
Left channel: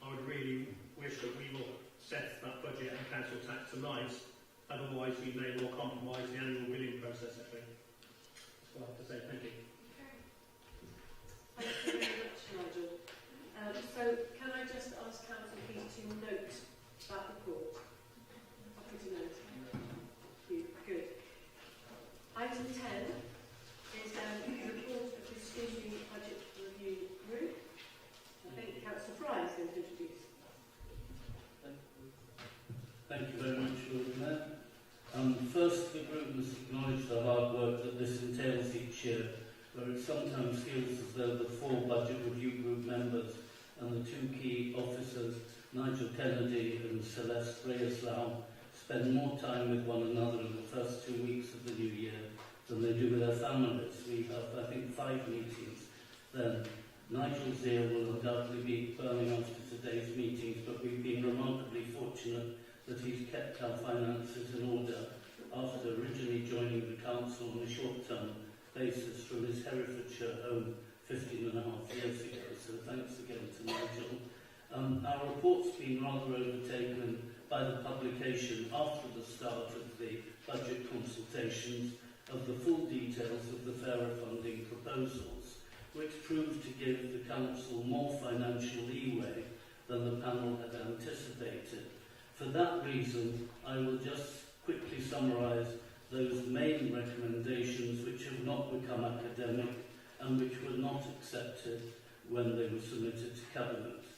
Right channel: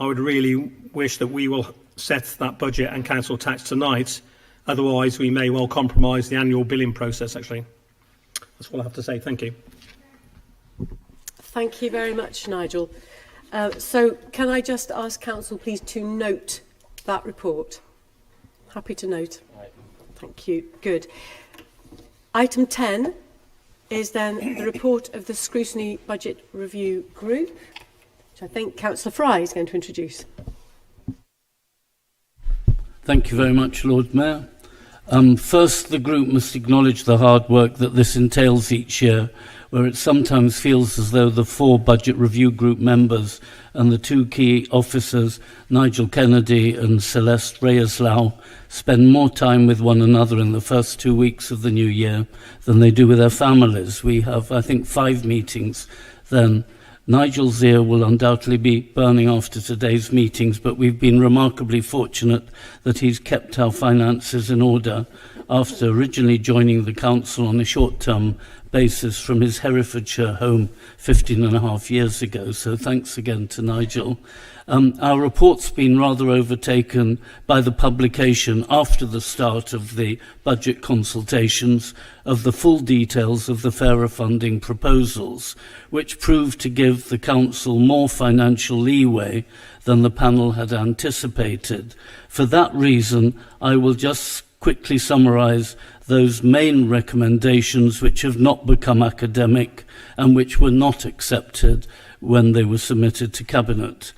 I would really wish that we will set that budget and council tax tonight. Otherwise, we may well compromise the annual billing process, actually. That's all I have to say. Thank you. Thank you very much, Nigel. So can I just ask Council, please, to note that report? Happy to note. Thank you. Good. Item 10 is then the report of the Scrutiny Budget Review Group, which I think Councillor Fry is going to introduce. Thank you very much, Lord Mayor. First, the group must acknowledge the hard work that this entails each year, where it sometimes feels as though the 4 Budget Review Group members and the 2 key officers, Nigel Kennedy and Celeste Reyes-Lau, spend more time with one another in the first 2 weeks of the new year than they do with their families. We have, I think, 5 meetings then. Nigel's ear will undoubtedly be burning after today's meetings, but we've been remarkably fortunate that he's kept our finances in order after originally joining the council on a short-term basis from his Herefordshire home 15 and a half years ago. So thanks again to Nigel. Our report's been rather overtaken by the publication after the start of the budget consultations of the full details of the fairer funding proposals, which proved to give the Council more financial leeway than the panel had anticipated. For that reason, I will just quickly summarise those main recommendations which have not become academic and which were not accepted when they were submitted to Cabinet.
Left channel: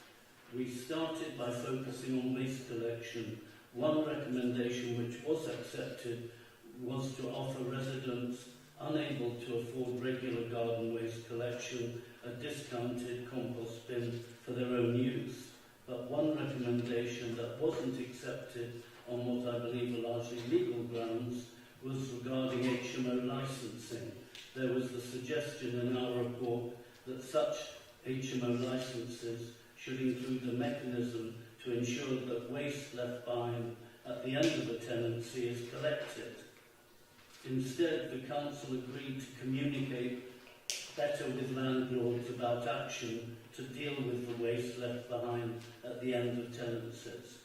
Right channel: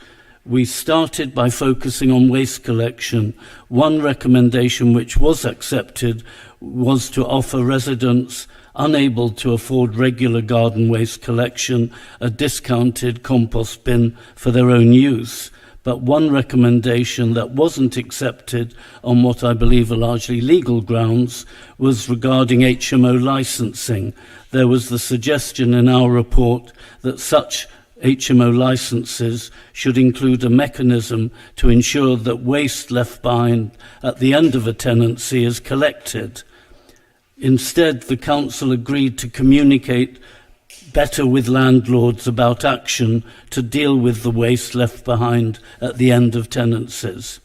We started by focusing on waste collection. One recommendation which was accepted was to offer residents unable to afford regular garden waste collection a discounted compost bin for their own use. But one recommendation that wasn't accepted on what I believe are largely legal grounds was regarding HMO licensing. There was the suggestion in our report that such HMO licenses should include a mechanism to ensure that waste left behind at the end of a tenancy is collected. Instead, the Council agreed to communicate better with landlords about action to deal with the waste left behind at the end of tenancies.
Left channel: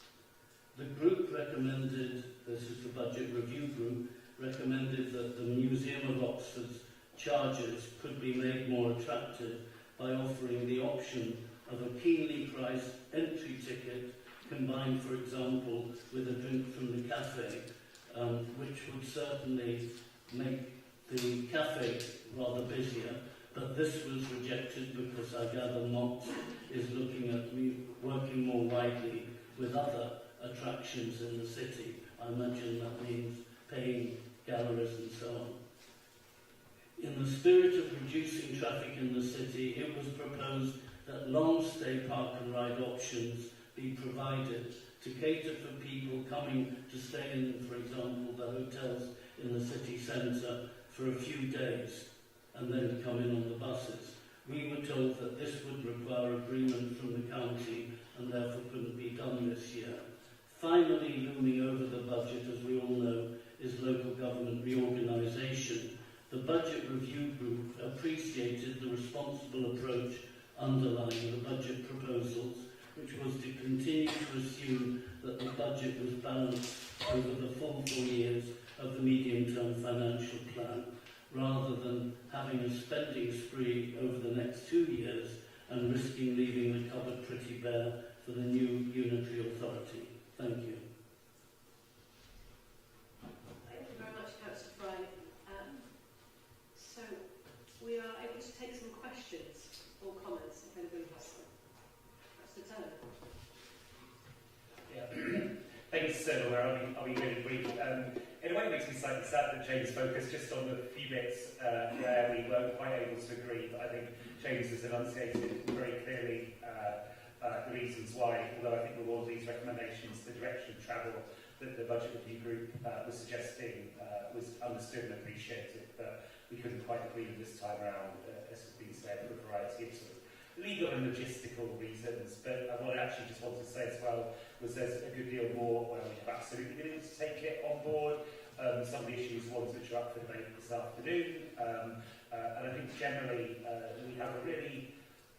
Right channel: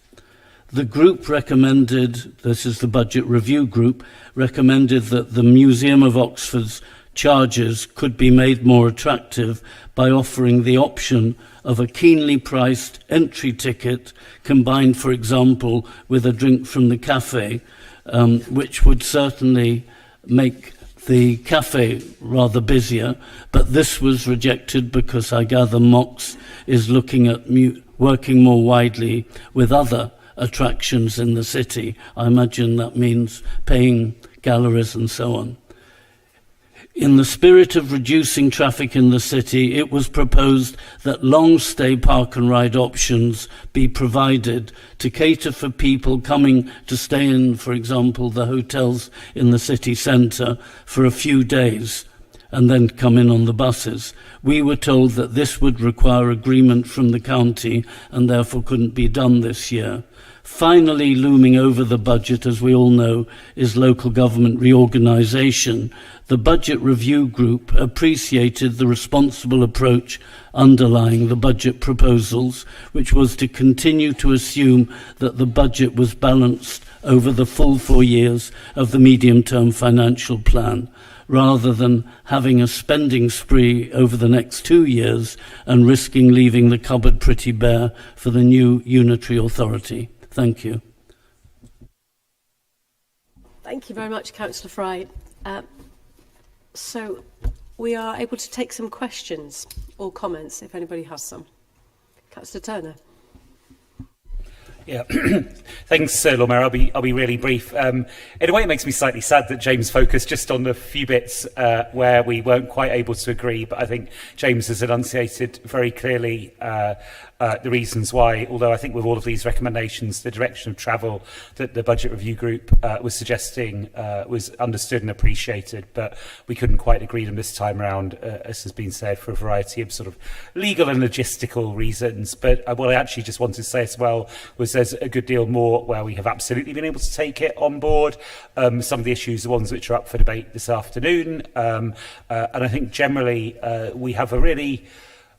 The group recommended, this is the budget review group, recommended that the Museum of Oxford's charges could be made more attractive by offering the option of a keenly priced entry ticket combined, for example, with a drink from the cafe, which would certainly make the cafe rather busier, but this was rejected because I gather Mox is looking at working more widely with other attractions in the city. I imagine that means paying galleries and so on. In the spirit of reducing traffic in the city, it was proposed that long-stay park and ride options be provided to cater for people coming to stay in, for example, the hotels in the city centre for a few days and then come in on the buses. We were told that this would require agreement from the county and therefore couldn't be done this year. Finally, looming over the budget, as we all know, is local government reorganisation. The Budget Review Group appreciated the responsible approach underlying the budget proposals, which was to continue to assume that the budget was balanced over the full 4 years of the medium-term financial plan, rather than having a spending spree over the next 2 years and risking leaving the cupboard pretty bare for the new unitary authority. Thank you. Thank you very much, Councillor Fry. So we are able to take some questions or comments if anybody has some. Councillor Turner. Yeah, thanks, Lord Mayor. I'll be really brief. In a way, it makes me slightly sad that James focused just on the few bits where we weren't quite able to agree, but I think James has enunciated very clearly the reasons why, although I think with all of these recommendations, the direction of travel that the Budget Review Group was suggesting was understood and appreciated, but we couldn't quite agree them this time around, as has been said, for a variety of sort of legal and logistical reasons. But what I actually just wanted to say as well was there's a good deal more where we have absolutely been able to take it on board. Some of the issues, the ones which are up for debate this afternoon, and I think generally we have a really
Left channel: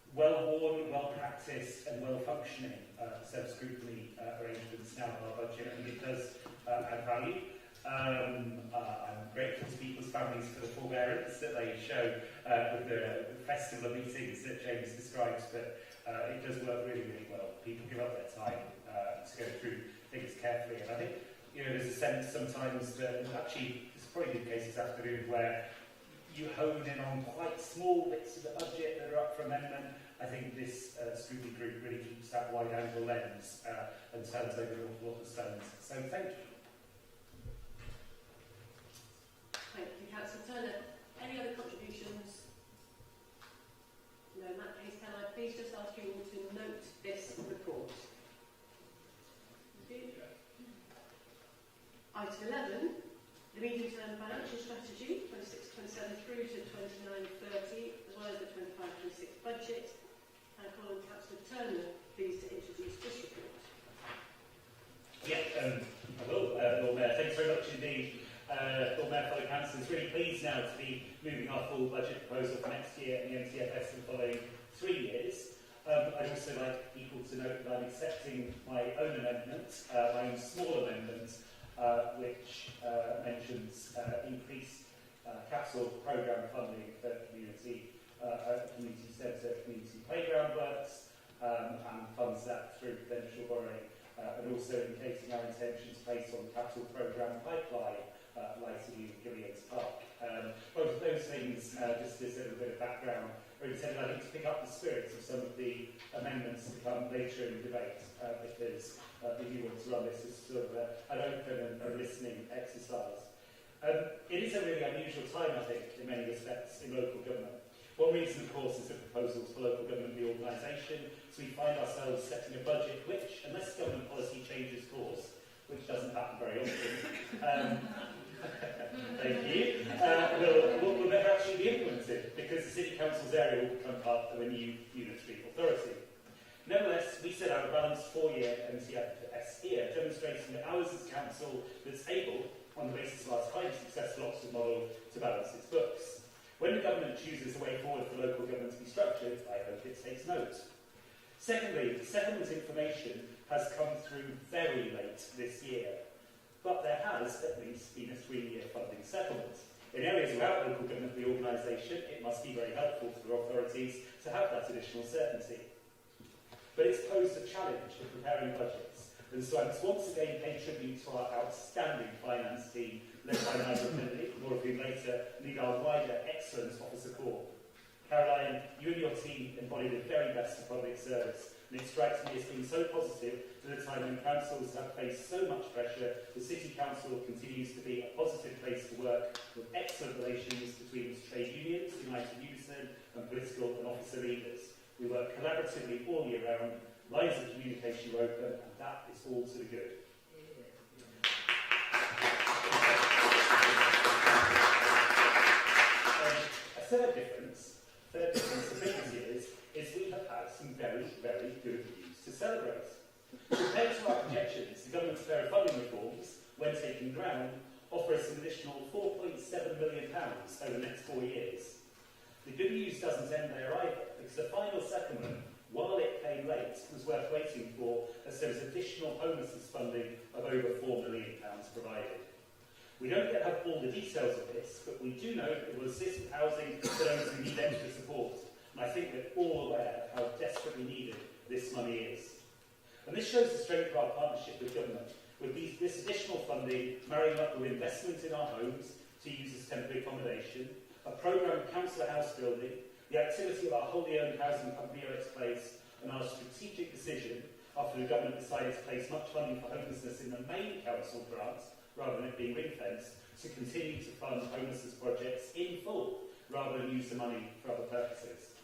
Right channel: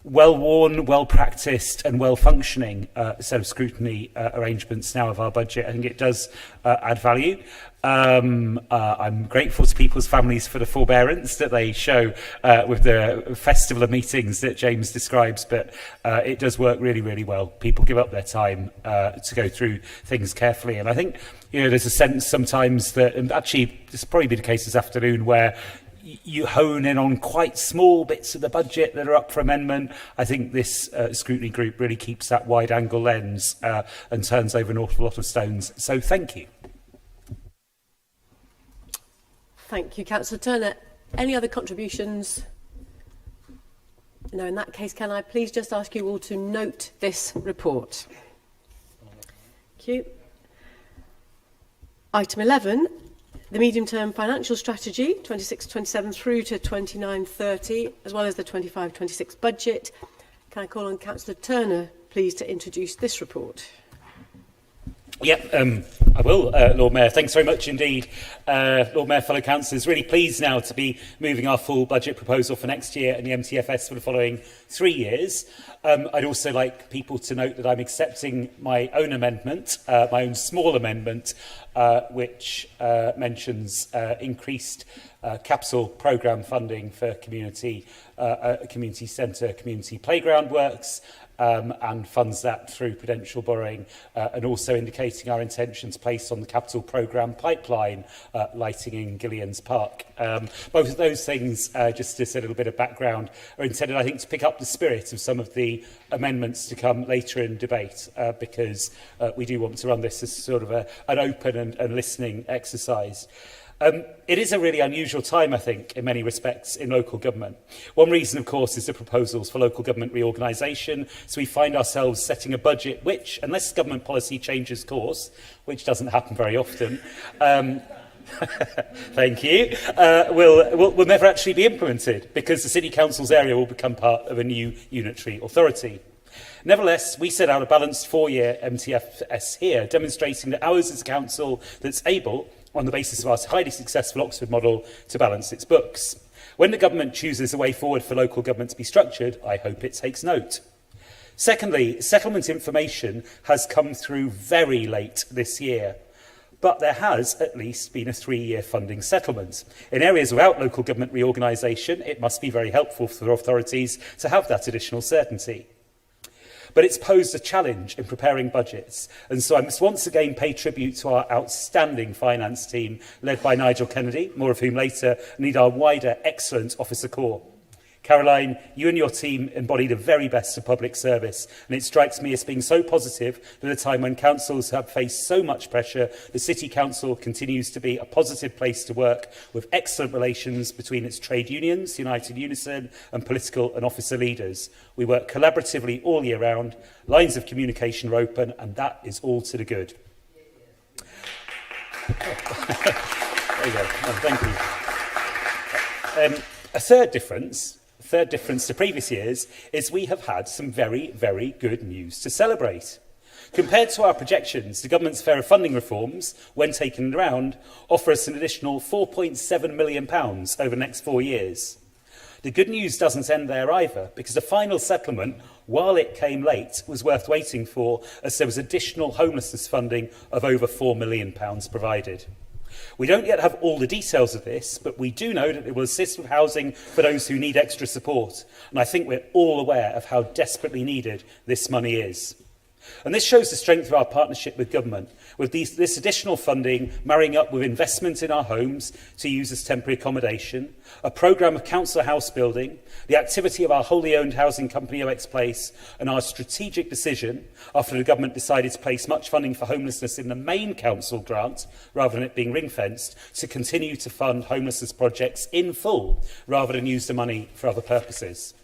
well-worn, well-practiced and well-functioning set of scrutiny arrangements now of our budget. I think it does add value. I'm grateful to people's families for the forbearance that they show with the festival of meetings that James describes, but it does work really, really well. People give up their time to go through things carefully, and I think there's a sense sometimes that, and actually this will probably be the case this afternoon, where you hone in on quite small bits of the budget that are up for amendment. I think this scrutiny group really keeps that wide-angle lens and turns over an awful lot of stones. So thank you. Thank you, Councillor Turner. Any other contributions? No, in that case, can I please just ask you all to note this report? Thank you. Item 11. The medium-term financial strategy, 26-27 through to 29-30, as well as the 25-26 budget. Can I call on Councillor Turner, please, to introduce this report? Yeah, I will, Lord Mayor. Thanks very much indeed, Lord Mayor, fellow councillors. Really pleased now to be moving our full budget proposal for next year and the MTFS for the following 3 years. I'd also like people to note that I'm accepting my own amendment, my own small amendment, which mentions increased capital programme funding for community centre, community playground works, and funds that through prudential borrowing, and also indicating our intention to place on the capital programme pipeline lighting in Gillian's Park. Both of those things, just as a little bit of background, are intended, I think, to pick up the spirit of some of the amendments to come later in debate, because we do want to run this as sort of an open and listening exercise. It is a really unusual time, I think, in many respects in local government. One reason, of course, is the proposals for local government reorganisation. So we find ourselves setting a budget which, unless government policy changes course, which doesn't happen very often, thank you, will never actually be implemented because the City Council's area will become part of a new unitary authority. Nevertheless, we set out a balanced 4-year MTFS here, demonstrating that ours is a council that's able, on the basis of our highly successful Oxford model, to balance its books. When the government chooses a way forward for local government to be structured, I hope it takes note. Secondly, settlement information has come through very late this year, but there has at least been a 3-year funding settlement. In areas without local government reorganisation, it must be very helpful for authorities to have that additional certainty. But it's posed a challenge in preparing budgets, and so I must once again pay tribute to our outstanding finance team, led by Nigel Kennedy, more of whom later, and indeed our wider excellent officer corps. Caroline, you and your team embody the very best of public service, and it strikes me as being so positive that at a time when councils have faced so much pressure, the City Council continues to be a positive place to work, with excellent relations between its trade unions, United Unison, and political and officer leaders. We work collaboratively all year round, lines of communication are open, and that is all to the good. There you go. Oh, thank you. A third difference to previous years is we have had some very, very good news to celebrate. Compared to our projections, the government's fairer funding reforms, when taken around, offer us an additional £4.7 million over the next 4 years. The good news doesn't end there either, because the final settlement, while it came late, was worth waiting for, as there was additional homelessness funding of over £4 million provided. We don't yet have all the details of this, but we do know that it will assist with housing for those who need extra support, and I think we're all aware of how desperately needed this money is. And this shows the strength of our partnership with government, with this additional funding marrying up with investment in our homes to use as temporary accommodation, a programme of council house building, the activity of our wholly owned housing company OX Place, and our strategic decision, after the government decided to place much funding for homelessness in the main council grant, rather than it being ring-fenced, to continue to fund homelessness projects in full, rather than use the money for other purposes.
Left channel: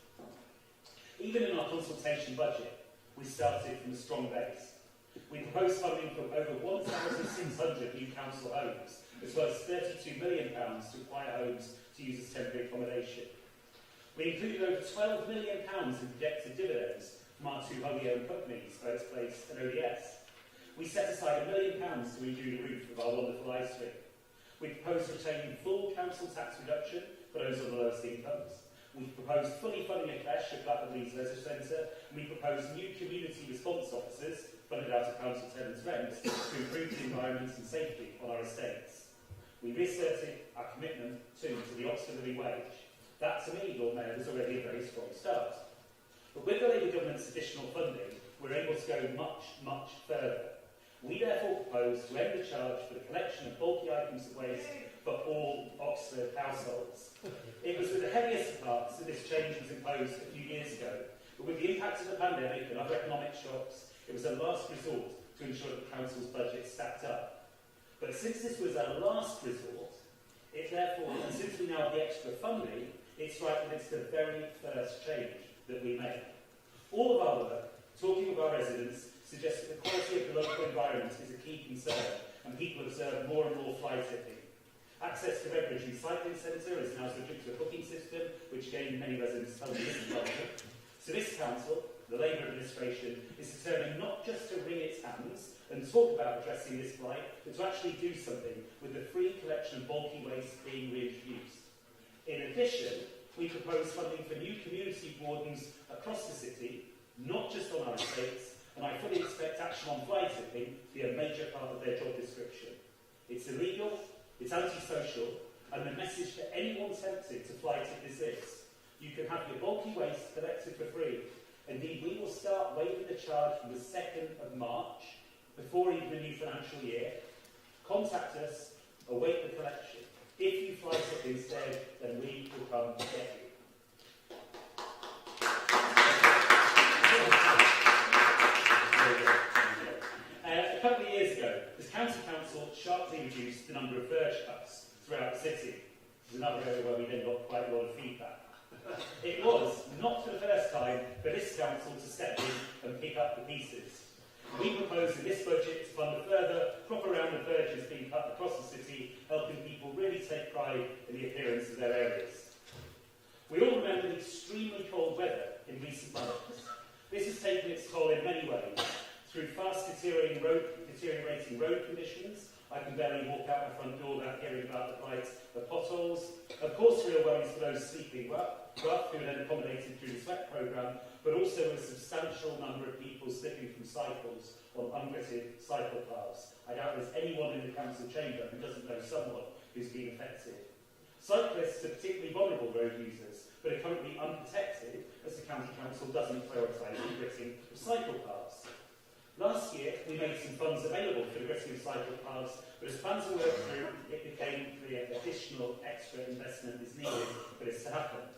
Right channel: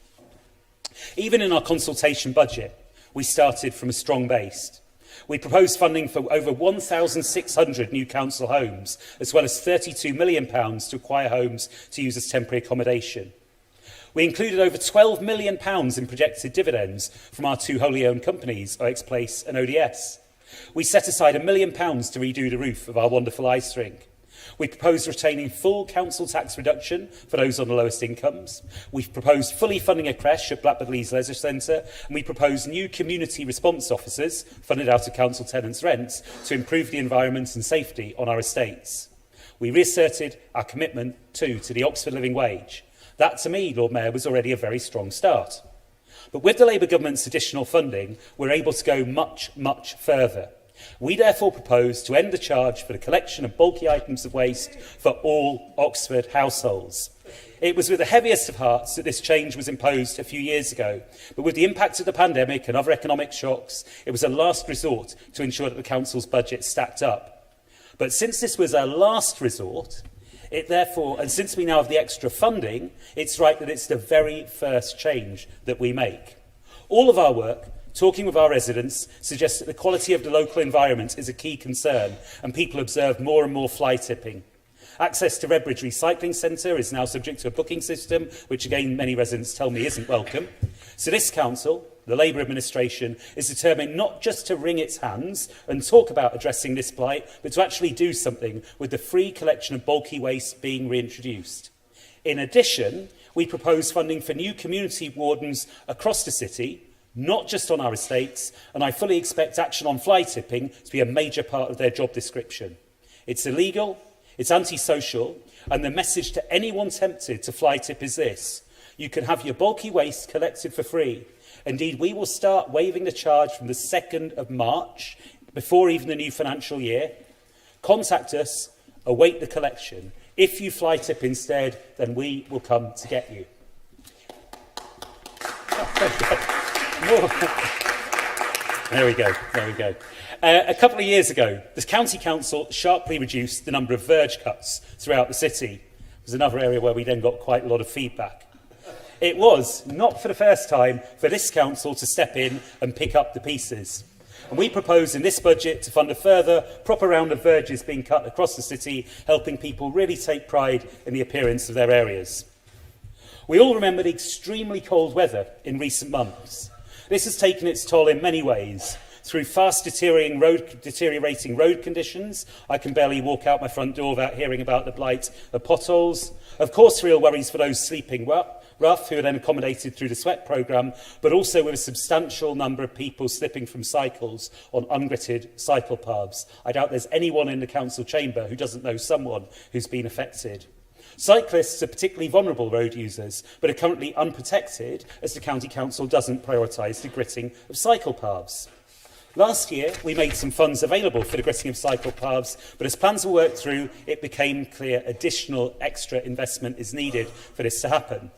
Even in our consultation budget, we started from a strong base. We proposed funding for over 1,600 new council homes, as well as £32 million to acquire homes to use as temporary accommodation. We included over £12 million in projected dividends from our 2 wholly owned companies, OX Place and ODS. We set aside £1 million to redo the roof of our wonderful ice rink. We proposed retaining full council tax reduction for those on the lowest incomes. We've proposed fully funding a creche at Blackbird Leys Leisure Centre, and we proposed new community response officers funded out of council tenants' rents to improve the environment and safety on our estates. We reasserted our commitment to the Oxford Living Wage. That, to me, Lord Mayor, was already a very strong start. But with the Labour government's additional funding, we're able to go much, much further. We therefore propose to end the charge for the collection of bulky items of waste for all Oxford households. It was with the heaviest of hearts that this change was imposed a few years ago, but with the impact of the pandemic and other economic shocks, it was a last resort to ensure that the council's budget stacked up. But since this was a last resort, and since we now have the extra funding, it's right that it's the very first change that we make. All of our work, talking with our residents, suggests that the quality of the local environment is a key concern, and people observe more and more fly tipping. Access to Redbridge Recycling Centre is now subject to a booking system, which again many residents tell me isn't welcome. So this council, the Labour administration is determined not just to wring its hands and talk about addressing this blight, but to actually do something with the free collection of bulky waste being reintroduced. In addition, we propose funding for new community wardens across the city, not just on our estates, and I fully expect action on fly tipping to be a major part of their job description. It's illegal, it's antisocial, and the message to anyone tempted to fly tip is this: you can have your bulky waste collected for free. Indeed, we will start waiving the charge from the 2nd of March, before even the new financial year. Contact us, await the collection. If you fly tip instead, then we will come to get you. There we go, there we go. A couple of years ago, the County Council sharply reduced the number of verge cuts throughout the city. There's another area where we then got quite a lot of feedback. It was, not for the first time, for this council to step in and pick up the pieces. And we propose in this budget to fund a further proper round of verges being cut across the city, helping people really take pride in the appearance of their areas. We all remember the extremely cold weather in recent months. This has taken its toll in many ways. Through fast deteriorating road conditions, I can barely walk out my front door without hearing about the blight of potholes. Of course, real worries for those sleeping rough, who are then accommodated through the SWEP programme, but also with a substantial number of people slipping from cycles on ungritted cycle paths. I doubt there's anyone in the council chamber who doesn't know someone who's been affected. Cyclists are particularly vulnerable road users, but are currently unprotected as the County Council doesn't prioritise the gritting of cycle paths. Last year, we made some funds available for the gritting of cycle paths, but as plans were worked through, it became clear additional extra investment is needed for this to happen.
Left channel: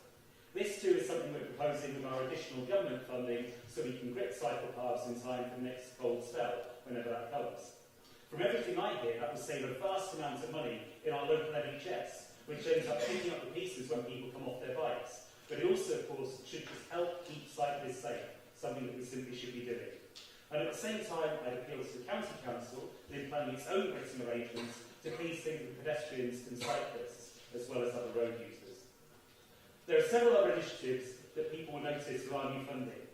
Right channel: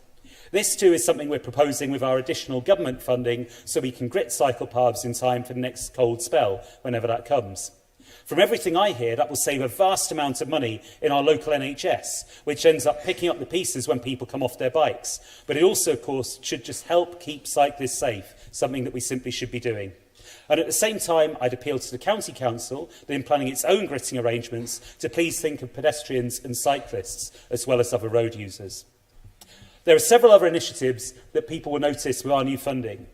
This too is something we're proposing with our additional government funding so we can grit cycle paths in time for the next cold spell, whenever that comes. From everything I hear, that will save a vast amount of money in our local NHS, which ends up picking up the pieces when people come off their bikes. But it also, of course, should just help keep cyclists safe, something that we simply should be doing. And at the same time, I'd appeal to the County Council that in planning its own gritting arrangements to please think of pedestrians and cyclists as well as other road users. There are several other initiatives that people will notice with our new funding.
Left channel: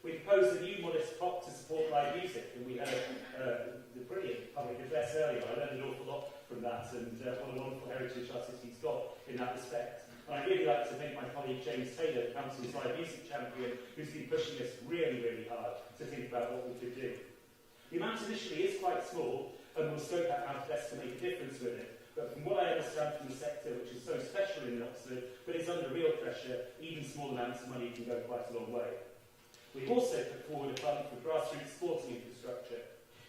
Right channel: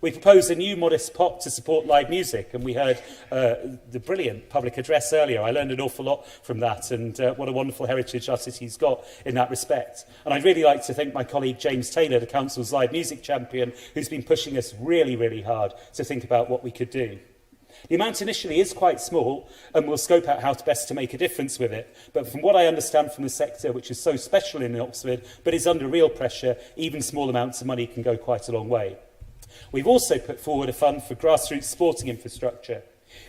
We propose a new modest pot to support live music, and we heard the brilliant public address earlier. I learned an awful lot from that, and what a wonderful heritage our city's got in that respect. And I'd really like to thank my colleague James Taylor, the Council's live music champion, who's been pushing us really, really hard to think about what we could do. The amount initially is quite small, and we'll scope out how best to make a difference with it. But from what I understand from the sector, which is so special in Oxford, but is under real pressure, even small amounts of money can go quite a long way. We've also put forward a fund for grassroots sporting infrastructure.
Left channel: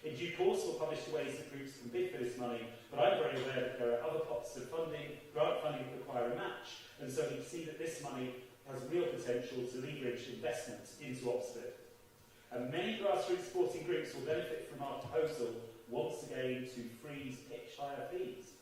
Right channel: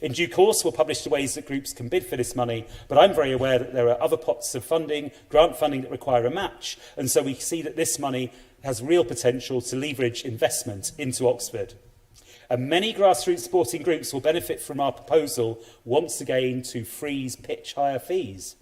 In due course, we'll publish the ways that groups can bid for this money, but I'm very aware that there are other pots of funding, grant funding, that require a match, and so we see that this money has real potential to leverage investment into Oxford. And many grassroots sporting groups will benefit from our proposal once again to freeze pitch hire fees.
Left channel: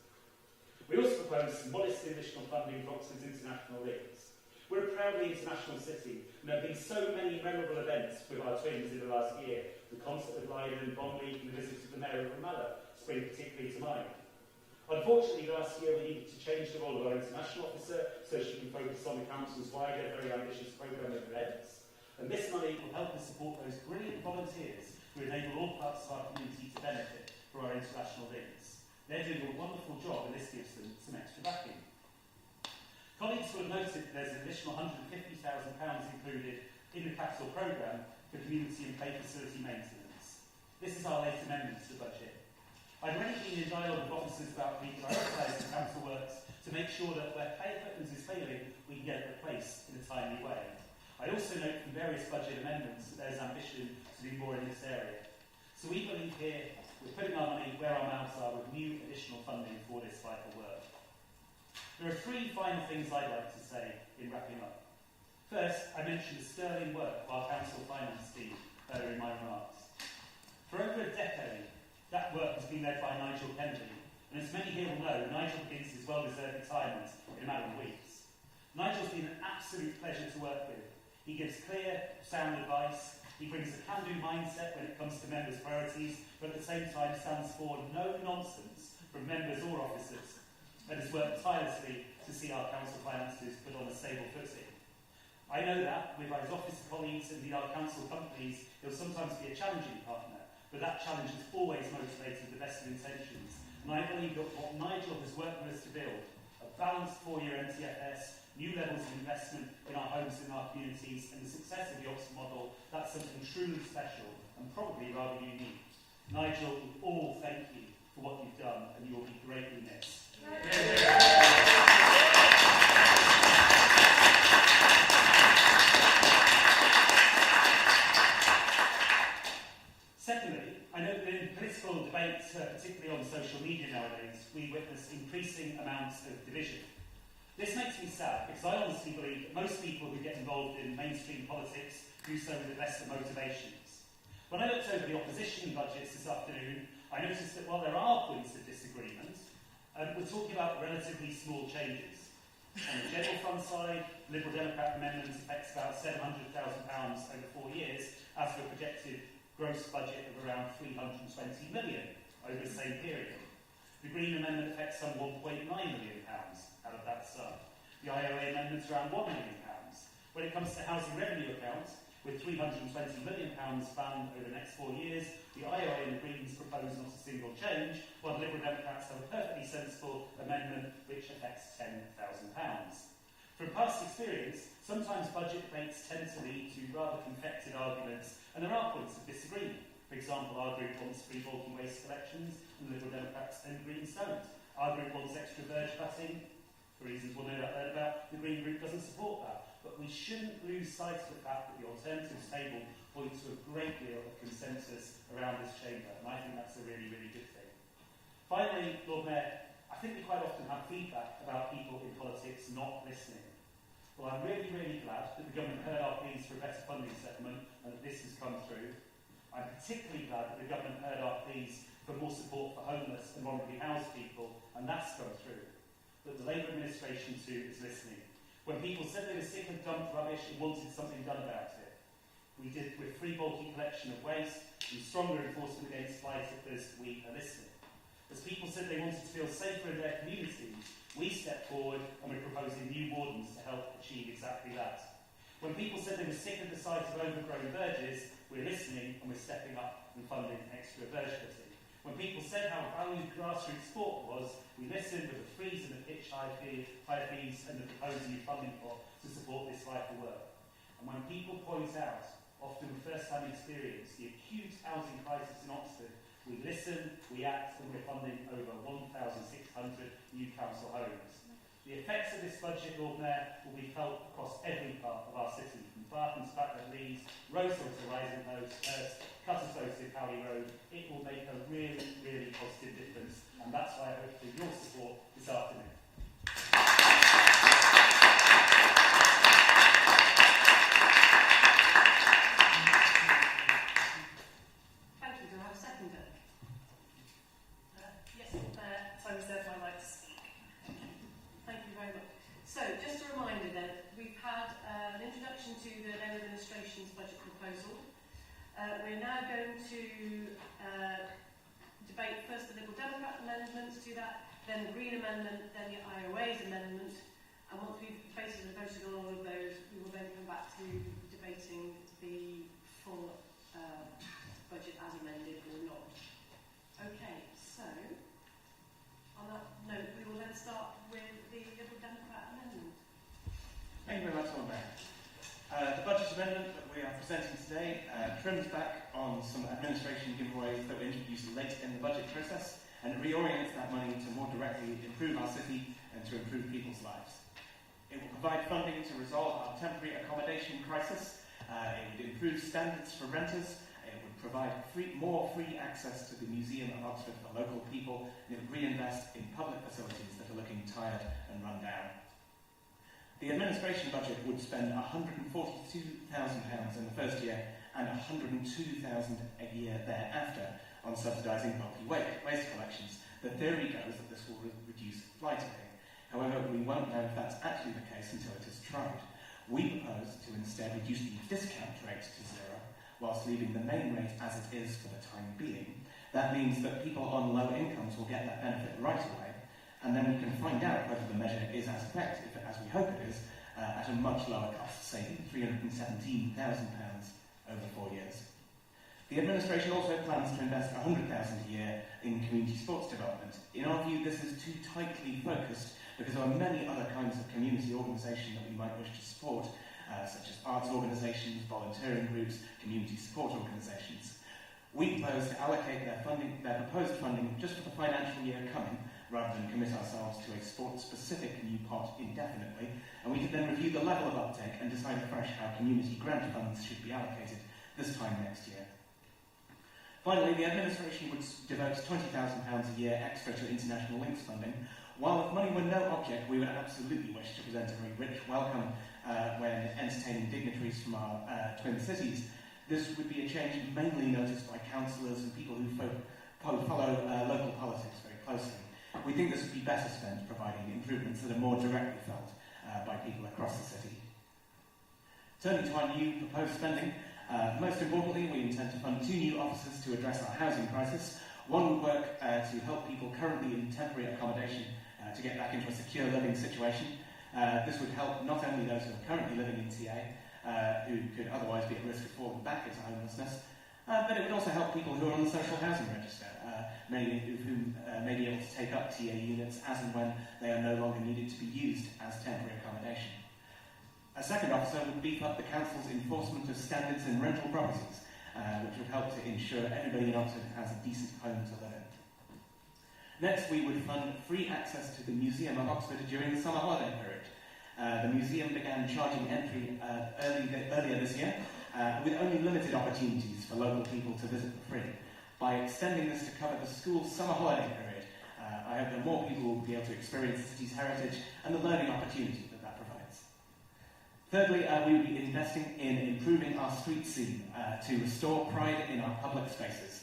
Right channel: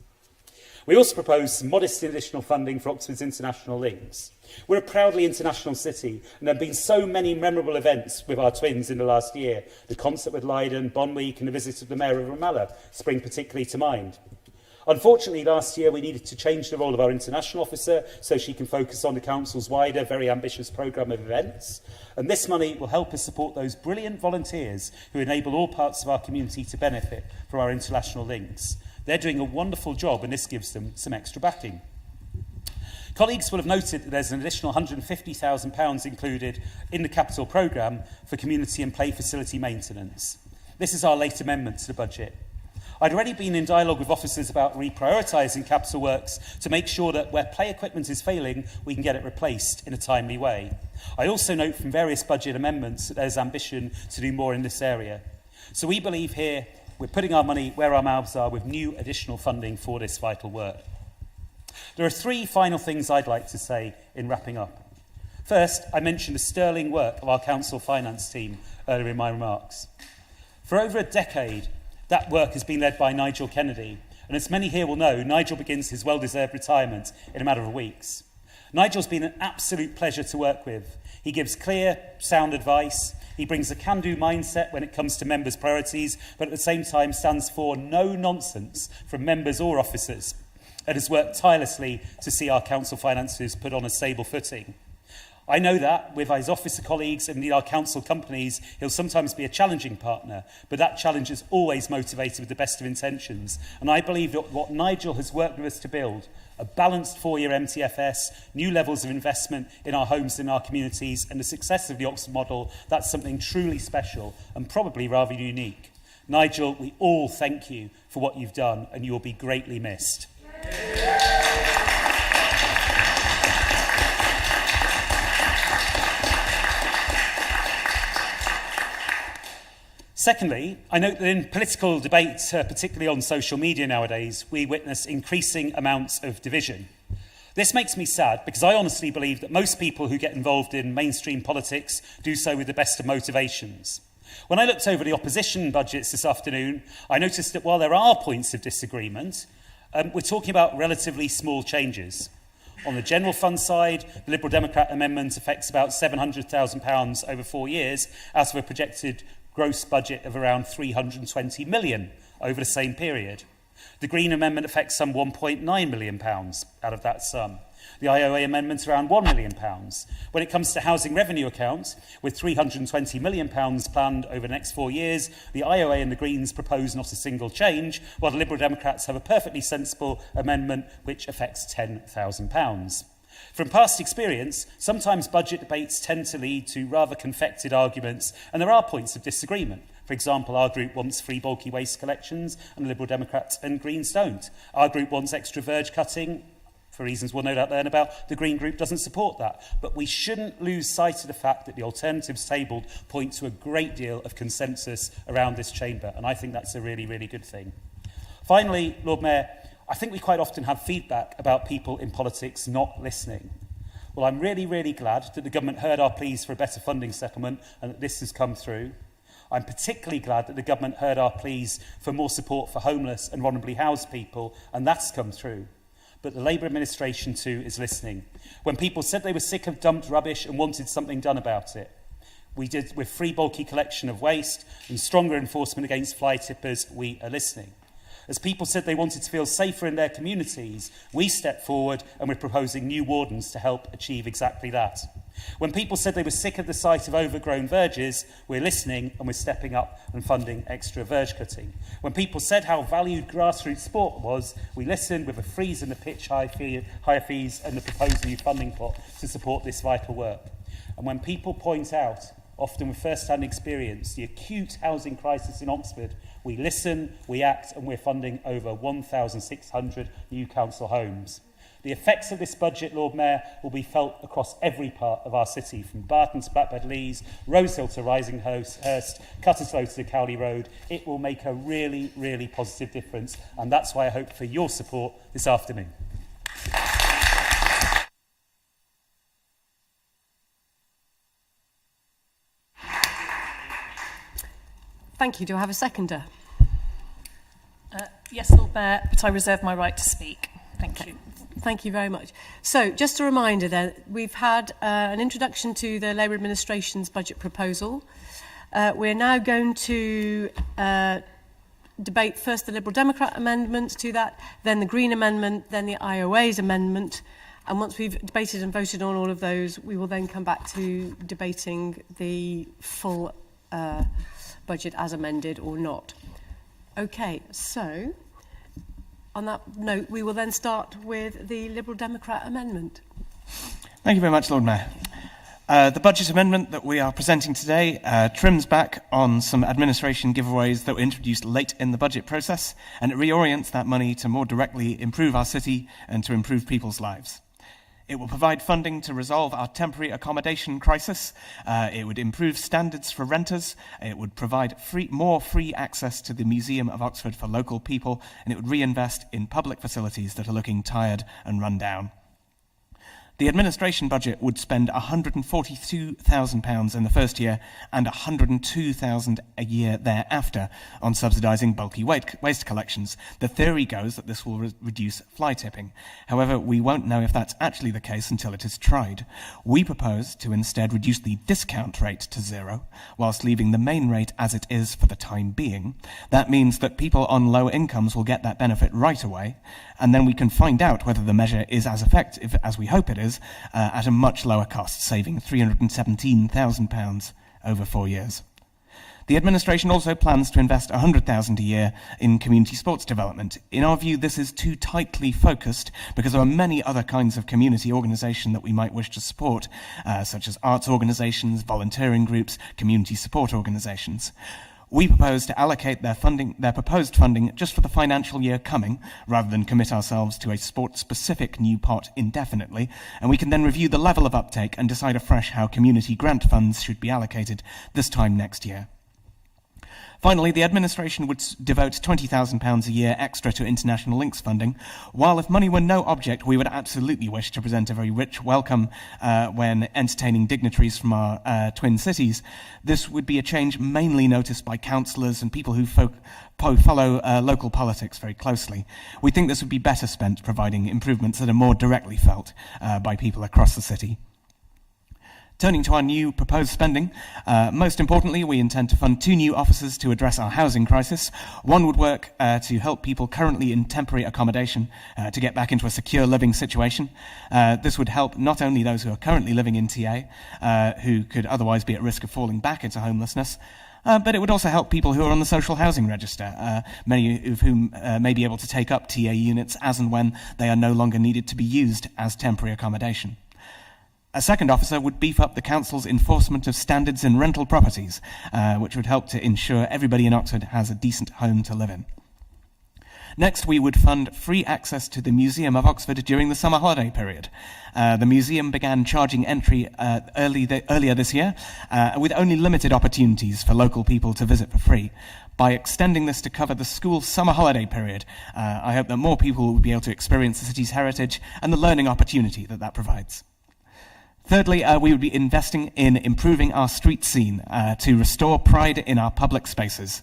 We also propose some modest additional funding for Oxford's international links. We're a proudly international city, and there have been so many memorable events with our twins in the last year. The concert with Leiden, Bonn Week, and the visit of the Mayor of Ramallah spring particularly to mind. Unfortunately, last year we needed to change the role of our international officer so she can focus on the Council's wider, very ambitious programme of events. And this money will help us support those brilliant volunteers who enable all parts of our community to benefit from our international links. They're doing a wonderful job, and this gives them some extra backing. Colleagues will have noted that there's an additional £150,000 included in the capital programme for community and play facility maintenance. This is our late amendment to the budget. I'd already been in dialogue with officers about reprioritising capital works to make sure that where play equipment is failing, we can get it replaced in a timely way. I also note from various budget amendments that there's ambition to do more in this area. So we believe here we're putting our money where our mouths are with new additional funding for this vital work. There are three final things I'd like to say in wrapping up. First, I mentioned the sterling work of our council finance team earlier in my remarks. For over a decade, that work has been led by Nigel Kennedy, and as many here will know, Nigel begins his well-deserved retirement in a matter of weeks. Nigel's been an absolute pleasure to work with. He gives clear, sound advice. He brings a can-do mindset when it comes to members' priorities, but at the same time stands for no nonsense from members or officers, and has worked tirelessly to see our council finances put on a stable footing. I know that with his officer colleagues and our council companies, he'll sometimes be a challenging partner, but that challenge is always motivated with the best of intentions. And I believe that what Nigel has worked with us to build, a balanced 4-year MTFS, new levels of investment in our homes and our communities, and the success of the Oxford model, that's something truly special and probably rather unique. Nigel, we all thank you for what you've done, and you will be greatly missed. Secondly, I note that in political debate, particularly on social media nowadays, we witness increasing amounts of division. This makes me sad because I honestly believe that most people who get involved in mainstream politics do so with the best of motivations. When I looked over the opposition budgets this afternoon, I noticed that while there are points of disagreement, we're talking about relatively small changes. On the general fund side, the Liberal Democrat amendment affects about £700,000 over 4 years out of a projected gross budget of around £320 million over the same period. The Green Amendment affects some £1.9 million out of that sum. The IOA amendment around £1 million. When it comes to housing revenue accounts, with £320 million planned over the next 4 years, the IOA and the Greens propose not a single change, while the Liberal Democrats have a perfectly sensible amendment which affects £10,000. From past experience, sometimes budget debates tend to lead to rather confected arguments, and there are points of disagreement. For example, our group wants free bulky waste collections, and the Liberal Democrats and Greens don't. Our group wants extra verge cutting, for reasons we'll no doubt learn about. The Green group doesn't support that. But we shouldn't lose sight of the fact that the alternatives tabled point to a great deal of consensus around this chamber, and I think that's a really, really good thing. Finally, Lord Mayor, I think we quite often have feedback about people in politics not listening. Well, I'm really, really glad that the government heard our pleas for a better funding settlement and that this has come through. I'm particularly glad that the government heard our pleas for more support for homeless and vulnerably housed people, and that's come through. But the Labour administration too is listening. When people said they were sick of dumped rubbish and wanted something done about it, we did with free bulky collection of waste and stronger enforcement against fly tippers, we are listening. As people said they wanted to feel safer in their communities, we stepped forward and we're proposing new wardens to help achieve exactly that. When people said they were sick of the sight of overgrown verges, we're listening and we're stepping up and funding extra verge cutting. When people said how valued grassroots sport was, we listened with a freeze in the pitch higher fees and the proposed new funding pot to support this vital work. And when people point out, often with first-hand experience, the acute housing crisis in Oxford, we listen, we act, and we're funding over 1,600 new council homes. The effects of this budget, Lord Mayor, will be felt across every part of our city, from Barton to Blackbird Leys, Rosehill to Risinghurst, Cutterslow to Cowley Road. It will make a really, really positive difference, and that's why I hope for your support this afternoon. Thank you. Do I have a seconder? Yes, Lord Mayor, but I reserve my right to speak. Thank you. Thank you very much. So, just a reminder then, we've had an introduction to the Labour administration's budget proposal. We're now going to debate first the Liberal Democrat amendments to that, then the Green amendment, then the IOA's amendment. And once we've debated and voted on all of those, we will then come back to debating the full budget as amended or not. Okay, so on that note, we will then start with the Liberal Democrat amendment. Thank you very much, Lord Mayor. The budget amendment that we are presenting today trims back on some administration giveaways that were introduced late in the budget process, and it reorients that money to more directly improve our city and to improve people's lives. It will provide funding to resolve our temporary accommodation crisis. It would improve standards for renters. It would provide more free access to the Museum of Oxford for local people, and it would reinvest in public facilities that are looking tired and run down. The administration budget would spend £142,000 in the first year and £102,000 a year thereafter on subsidising bulky waste collections. The theory goes that this will reduce fly tipping. However, we won't know if that's actually the case until it is tried. We propose to instead reduce the discount rate to 0, whilst leaving the main rate as it is for the time being. That means that people on low incomes will get that benefit right away, and then we can find out whether the measure is as effective as we hope it is at a much lower cost, saving £317,000 over 4 years. The administration also plans to invest £100,000 a year in community sports development. In our view, this is too tightly focused because there are many other kinds of community organisation that we might wish to support, such as arts organisations, volunteering groups, community support organisations. We propose to allocate their proposed funding just for the financial year coming, rather than commit ourselves to a sport-specific new pot indefinitely, and we can then review the level of uptake and decide afresh how community grant funds should be allocated this time next year. Finally, the administration would devote £20,000 a year extra to international links funding, while if money were no object, we would absolutely wish to present a very rich welcome when entertaining dignitaries from our twin cities. This would be a change mainly noticed by councillors and people who follow local politics very closely. We think this would be better spent providing improvements that are more directly felt by people across the city. Turning to our new proposed spending, most importantly, we intend to fund 2 new offices to address our housing crisis. One would work to help people currently in temporary accommodation to get back into a secure living situation. This would help not only those who are currently living in TA, who could otherwise be at risk of falling back into homelessness, but it would also help people who are on the social housing register, many of whom may be able to take up TA units as and when they are no longer needed to be used as temporary accommodation. A second officer would beef up the council's enforcement of standards in rental properties, which would help to ensure everybody in Oxford has a decent home to live in. Next, we would fund free access to the Museum of Oxford during the summer holiday period. The museum began charging entry earlier this year, with only limited opportunities for local people to visit for free. By extending this to cover the school summer holiday period, I hope that more people will be able to experience the city's heritage and the learning opportunity that provides. Thirdly, we would be investing in improving our street scene to restore pride in our public spaces.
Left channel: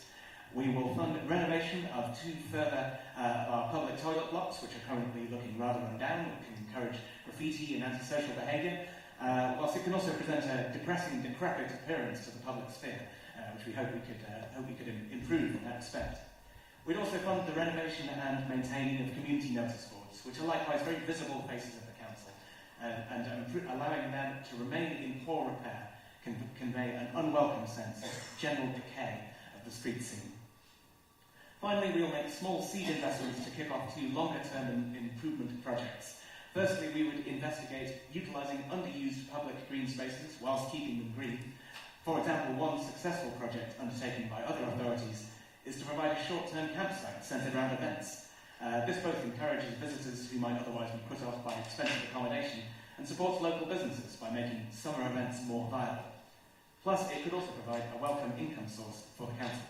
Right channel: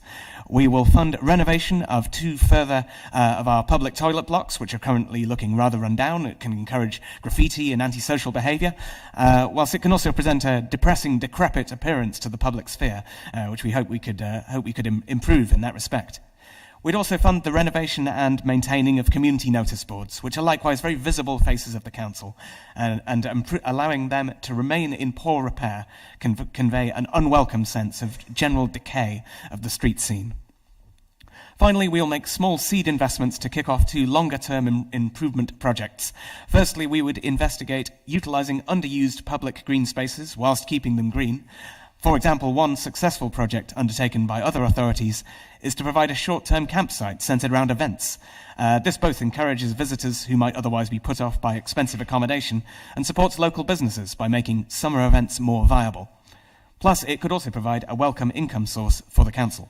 We will fund renovation of 2 further of our public toilet blocks, which are currently looking rather run down. It can encourage graffiti and antisocial behaviour, whilst it can also present a depressing, decrepit appearance to the public sphere, which we hope we could improve in that respect. We'd also fund the renovation and maintaining of community notice boards, which are likewise very visible faces of the council, and allowing them to remain in poor repair can convey an unwelcome sense of general decay of the street scene. Finally, we'll make small seed investments to kick off 2 longer-term improvement projects. Firstly, we would investigate utilising underused public green spaces whilst keeping them green. For example, one successful project undertaken by other authorities is to provide a short-term campsite centred around events. This both encourages visitors who might otherwise be put off by expensive accommodation and supports local businesses by making summer events more viable. Plus, it could also provide a welcome income source for the council.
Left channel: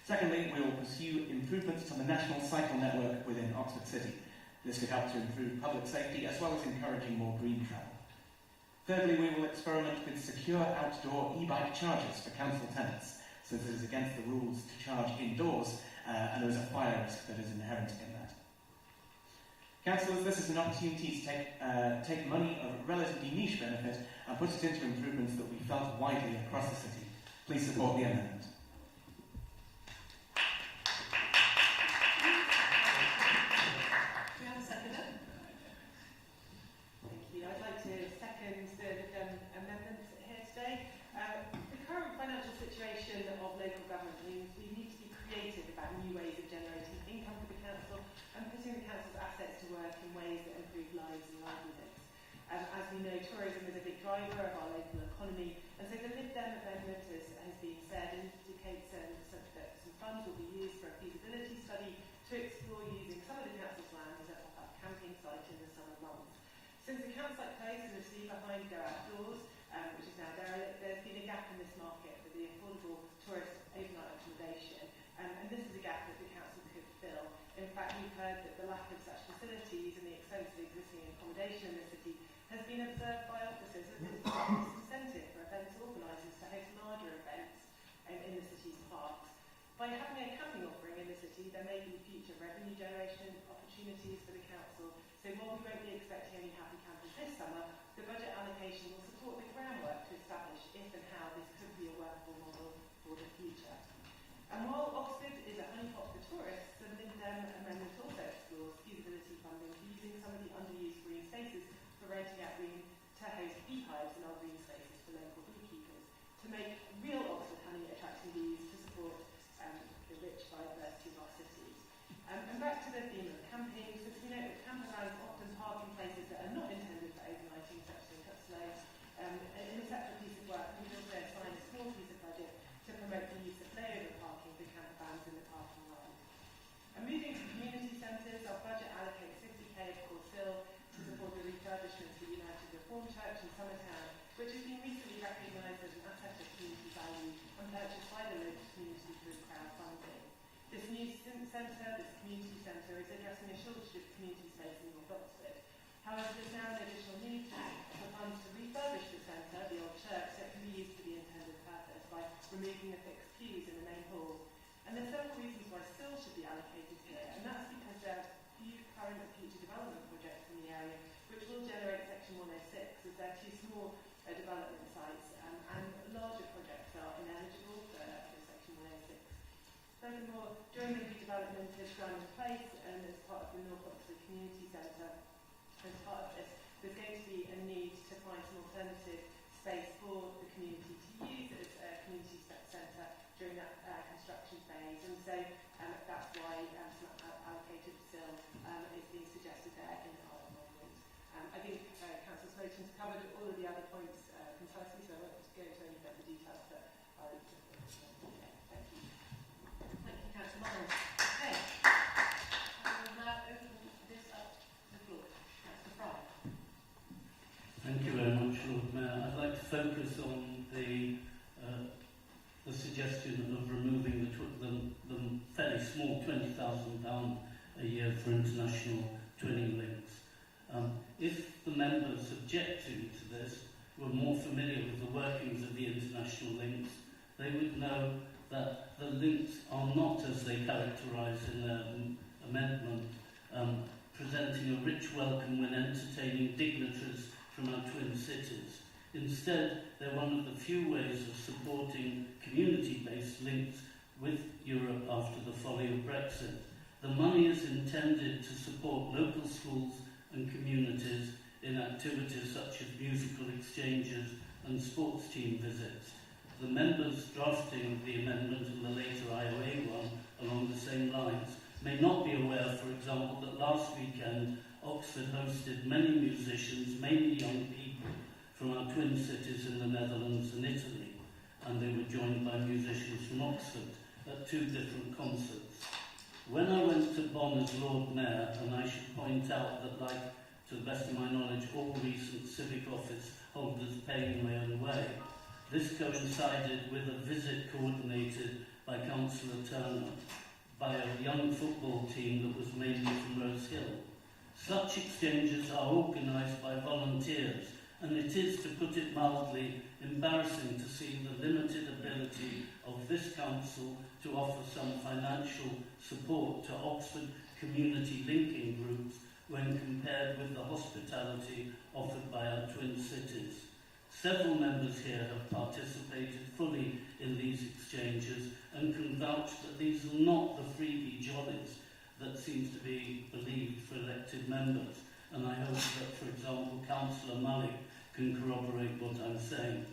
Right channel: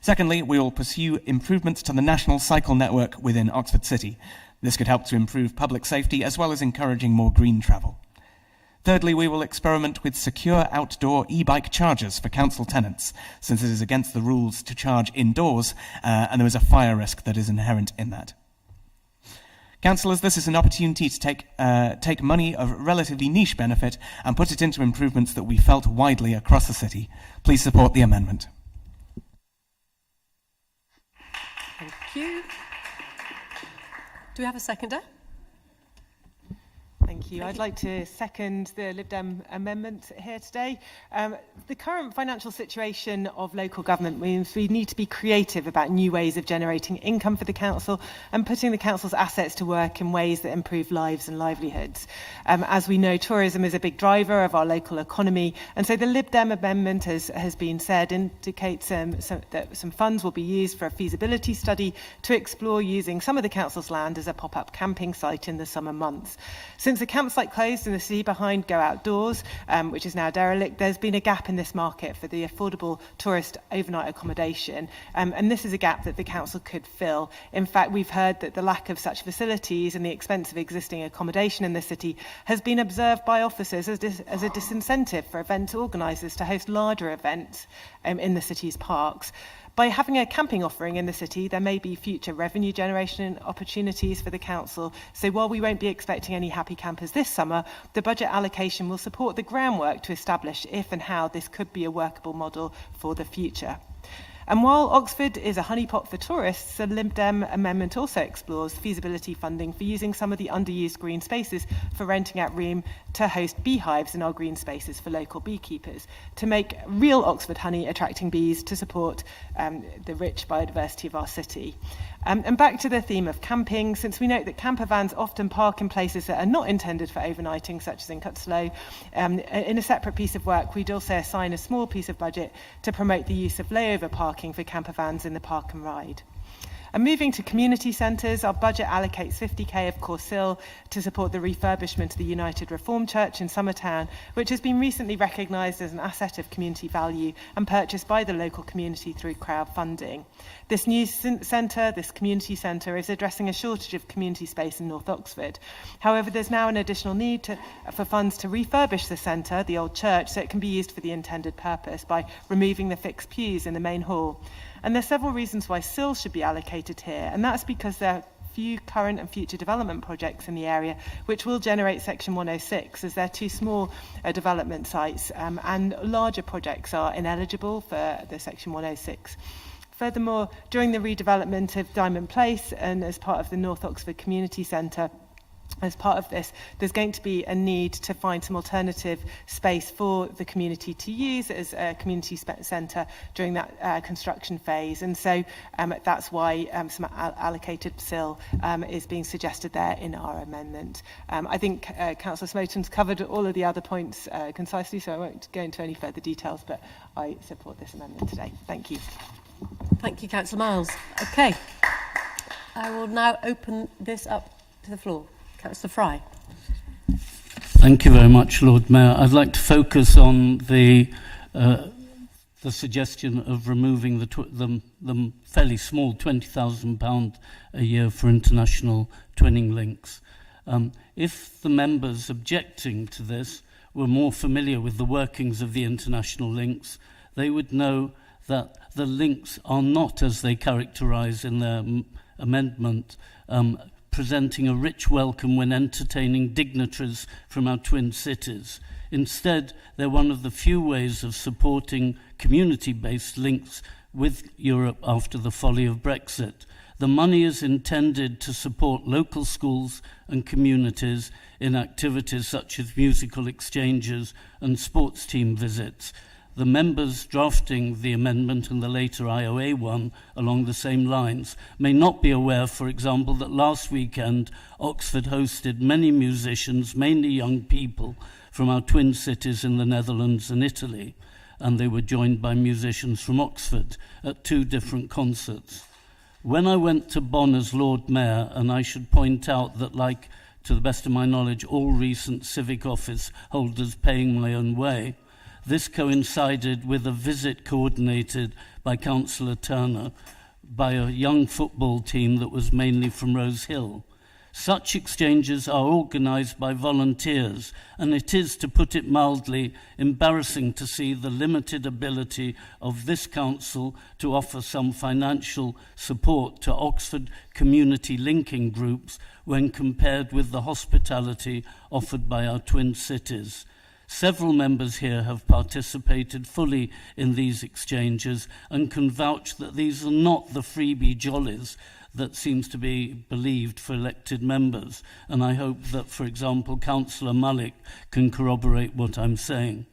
Secondly, we will pursue improvements to the national cycle network within Oxford City. This could help to improve public safety as well as encouraging more green travel. Thirdly, we will experiment with secure outdoor e-bike chargers for council tenants, since it is against the rules to charge indoors, and there is a fire risk that is inherent in that. Councillors, this is an opportunity to take money of relatively niche benefit and put it into improvements that we felt widely across the city. Please support the amendment. Thank you. Do we have a seconder? Thank you. I'd like to second the Lib Dem amendment here today. The current financial situation of local government means we need to be creative about new ways of generating income for the council and putting the council's assets to work in ways that improve lives and livelihoods. As we know, tourism is a big driver of our local economy, and so the Lib Dem amendment, has been said, indicates that some funds will be used for a feasibility study to explore using some of the council's land as a pop-up camping site in the summer months. Since the campsite closed in the city behind Go Outdoors, which is now derelict, there's been a gap in this market for the affordable tourist overnight accommodation, and this is a gap that the council could fill. In fact, we've heard that the lack of such facilities and the expense of existing accommodation in the city has been observed by officers as a disincentive for event organisers to host larger events in the city's parks. By having a camping offering in the city, there may be future revenue generation opportunities for the council. So while we won't be expecting any happy campers this summer, the budget allocation will support the groundwork to establish if and how this could be a workable model for the future. And while Oxford is a honeypot for tourists, the Lib Dem amendment also explores feasibility funding for using some of the underused green spaces for renting out room to host beehives in our green spaces for local beekeepers, to make real Oxford honey attracting bees to support the rich biodiversity of our city. And back to the theme of camping, since we note that camper vans often park in places that are not intended for overnighting, such as in Cutslow, in a separate piece of work, we'd also assign a small piece of budget to promote the use of layover parking for camper vans in the park and ride. And moving to community centres, our budget allocates 50k of Corsill to support the refurbishment of the United Reformed Church in Summertown, which has been recently recognised as an asset of community value and purchased by the local community through crowdfunding. This new centre, this community centre, is addressing a shortage of community space in North Oxford. However, there's now an additional need for funds to refurbish the centre, the old church, so it can be used for the intended purpose by removing the fixed pews in the main hall. And there's several reasons why SIL should be allocated here, and that's because there are few current and future development projects in the area which will generate Section 106, as they're too small development sites, and larger projects are ineligible for the Section 106. Furthermore, during the redevelopment of Diamond Place and as part of the North Oxford Community Centre, as part of this, there's going to be a need to find some alternative space for the community to use as a community centre during that construction phase. And so that's why some allocated SIL is being suggested there in our amendment. I think Councillor Smoton's covered all of the other points concisely, so I won't go into any further details, but I support this amendment today. Thank you. Thank you, Councillor Miles. Okay. I will now open this up to the floor. Councillor Fry. Thank you very much, Lord Mayor. I'd like to focus on the suggestion of removing the fairly small £20,000 a year for international twinning links. If the members objecting to this were more familiar with the workings of the international links, they would know that the links are not, as they characterise in their amendment, presenting a rich welcome when entertaining dignitaries from our twin cities. Instead, they're one of the few ways of supporting community-based links with Europe after the folly of Brexit. The money is intended to support local schools and communities in activities such as musical exchanges and sports team visits. The members drafting the amendment and the later IOA one along the same lines may not be aware, for example, that last weekend Oxford hosted many musicians, mainly young people, from our twin cities in the Netherlands and Italy, and they were joined by musicians from Oxford at 2 different concerts. When I went to Bonn as Lord Mayor, and I should point out that, like, to the best of my knowledge, all recent civic office holders paying my own way, this coincided with a visit coordinated by Councillor Turner by a young football team that was mainly from Rose Hill. Such exchanges are organised by volunteers, and it is, to put it mildly, embarrassing to see the limited ability of this council to offer some financial support to Oxford community linking groups when compared with the hospitality offered by our twin cities. Several members here have participated fully in these exchanges and can vouch that these are not the freebie jollies that seems to be believed for elected members. And I hope that, for example, Councillor Malik can corroborate what I'm saying.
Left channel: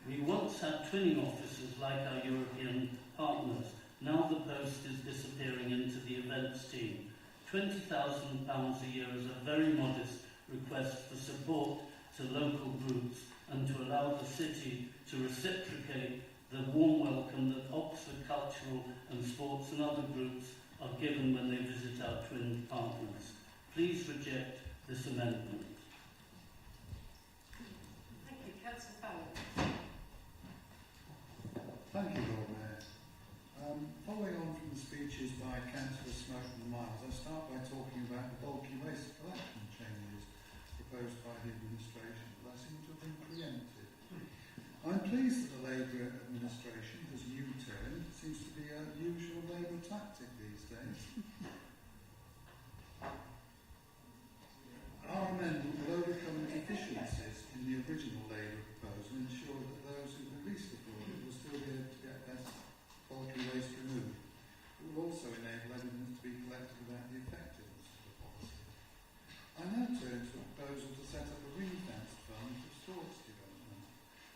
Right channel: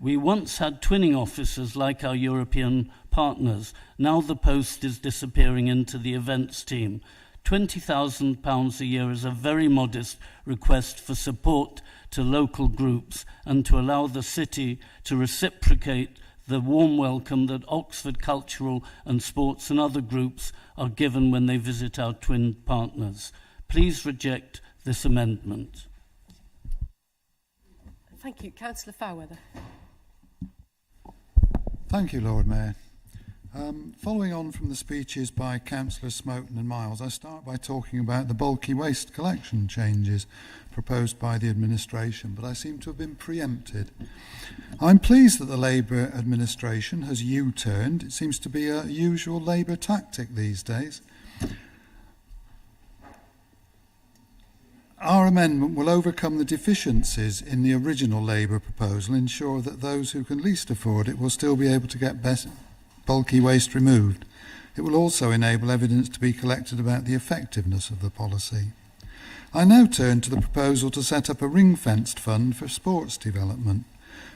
We once had twinning officers like our European partners. Now the post is disappearing into the events team. £20,000 a year is a very modest request for support to local groups and to allow the city to reciprocate the warm welcome that Oxford Cultural and Sports and other groups are given when they visit our twin partners. Please reject this amendment. Thank you. Councillor Fairweather. Thank you, Lord Mayor. Following on from the speeches by Councillors Smoton and Miles, I start by talking about the bulky waste collection changes proposed by the administration, but I seem to have been preempted. I'm pleased that the Labour administration has U-turned. It seems to be a usual Labour tactic these days. Our amendment will overcome the deficiencies in the original Labour proposal and ensure that those who can least afford it will still be able to get bulky waste removed. It will also enable evidence to be collected about the effectiveness of the policy. I now turn to the proposal to set up a ring-fenced fund for sports development.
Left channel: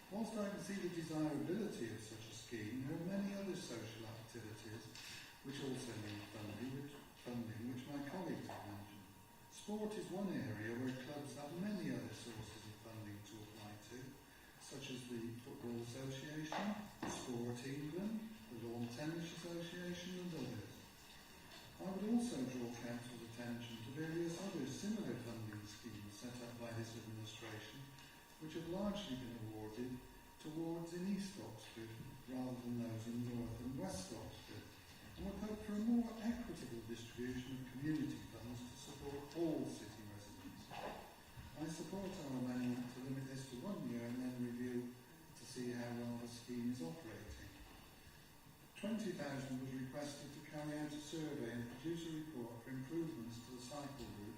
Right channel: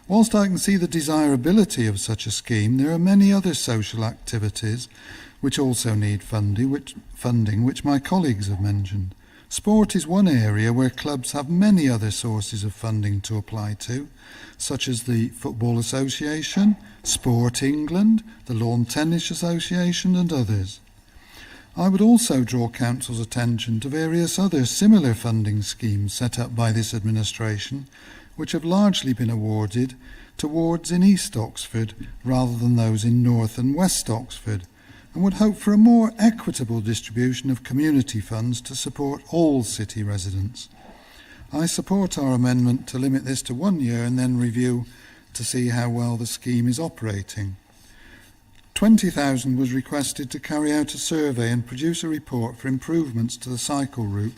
Whilst I can see the desirability of such a scheme, there are many other social activities which also need funding, which my colleagues have mentioned. Sport is one area where clubs have many other sources of funding to apply to, such as the Football Association, Sport England, the Lawn Tennis Association and others. I would also draw Council's attention to various other similar funding schemes set up by this administration, which have largely been awarded to wards in East Oxford rather than those in North and West Oxford, and would hope for a more equitable distribution of community funds to support all city residents. I support our amendment to limit this to 1 year and then review to see how well the scheme is operating. 20,000 was requested to carry out a survey and produce a report for improvements to the cycle route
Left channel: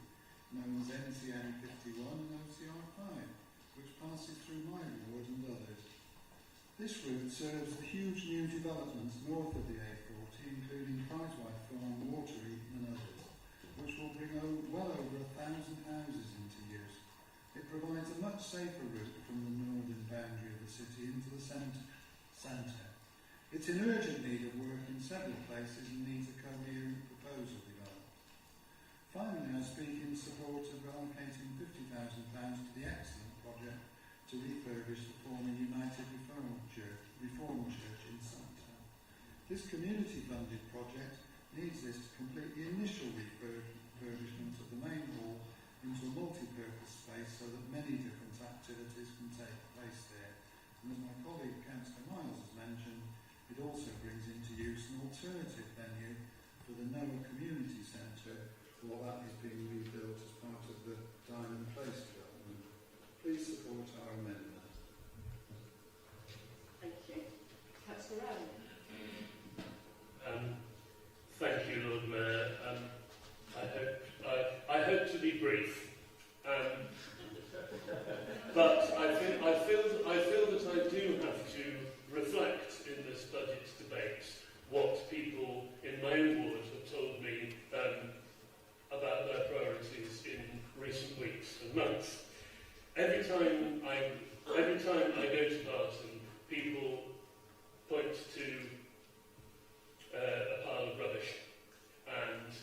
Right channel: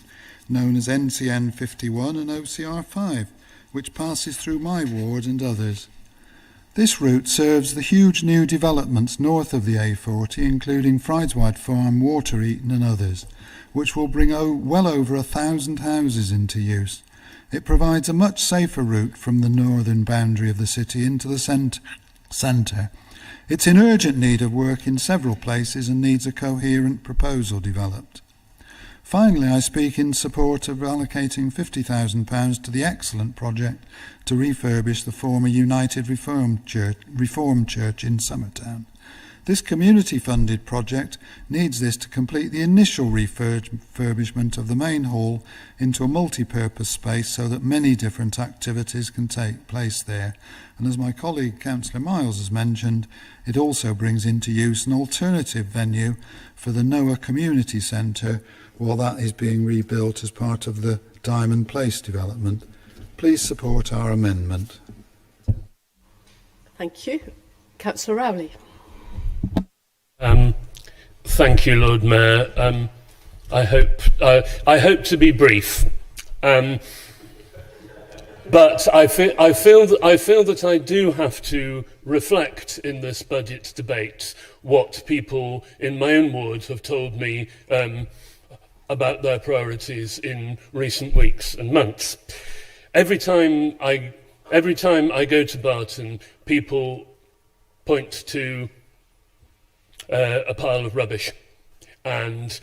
known as NCN 51 and OCR 5, which passes through my ward and others. This route serves the huge new developments north of the A40, including Frideswide Farm, Water Eaton and others, which will bring well over 1,000 houses into use. It provides a much safer route from the northern boundary of the city into the centre. It's in urgent need of work in several places and needs a coherent proposal developed. Finally, I speak in support of allocating £50,000 to the excellent project to refurbish the former United Reformed Church in Summertown. This community-funded project needs this to complete the initial refurbishment of the main hall into a multi-purpose space so that many different activities can take place there. And as my colleague Councillor Miles has mentioned, it also brings into use an alternative venue for the Noah Community Centre while that is being rebuilt as part of the Diamond Place development. Please support our amendment. Thank you. Councillor Rowley. Thank you, Lord Mayor. I hope to be brief, but I feel that I do have to reflect in this budget debate what people in my own ward have told me about their priorities in recent weeks and months. Every time I go to Barton, people point to a pile of rubbish, and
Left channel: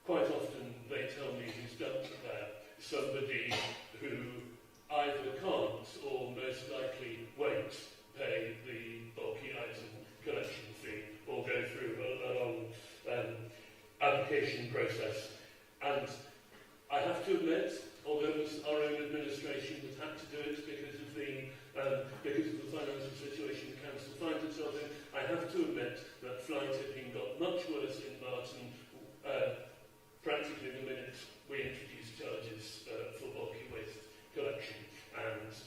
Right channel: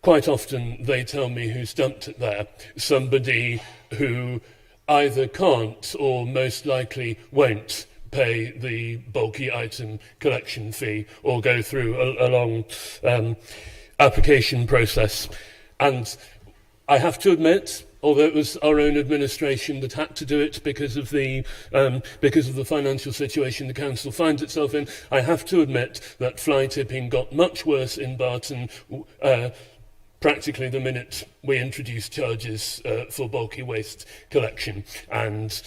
quite often they tell me who's dumped it there. Somebody who either can't or most likely won't pay the bulky item collection fee or go through a long application process. And I have to admit, although it was our own administration that had to do it because of the financial situation the council finds itself in, I have to admit that fly tipping got much worse in Barton practically the minute we introduced charges for bulky waste collection. And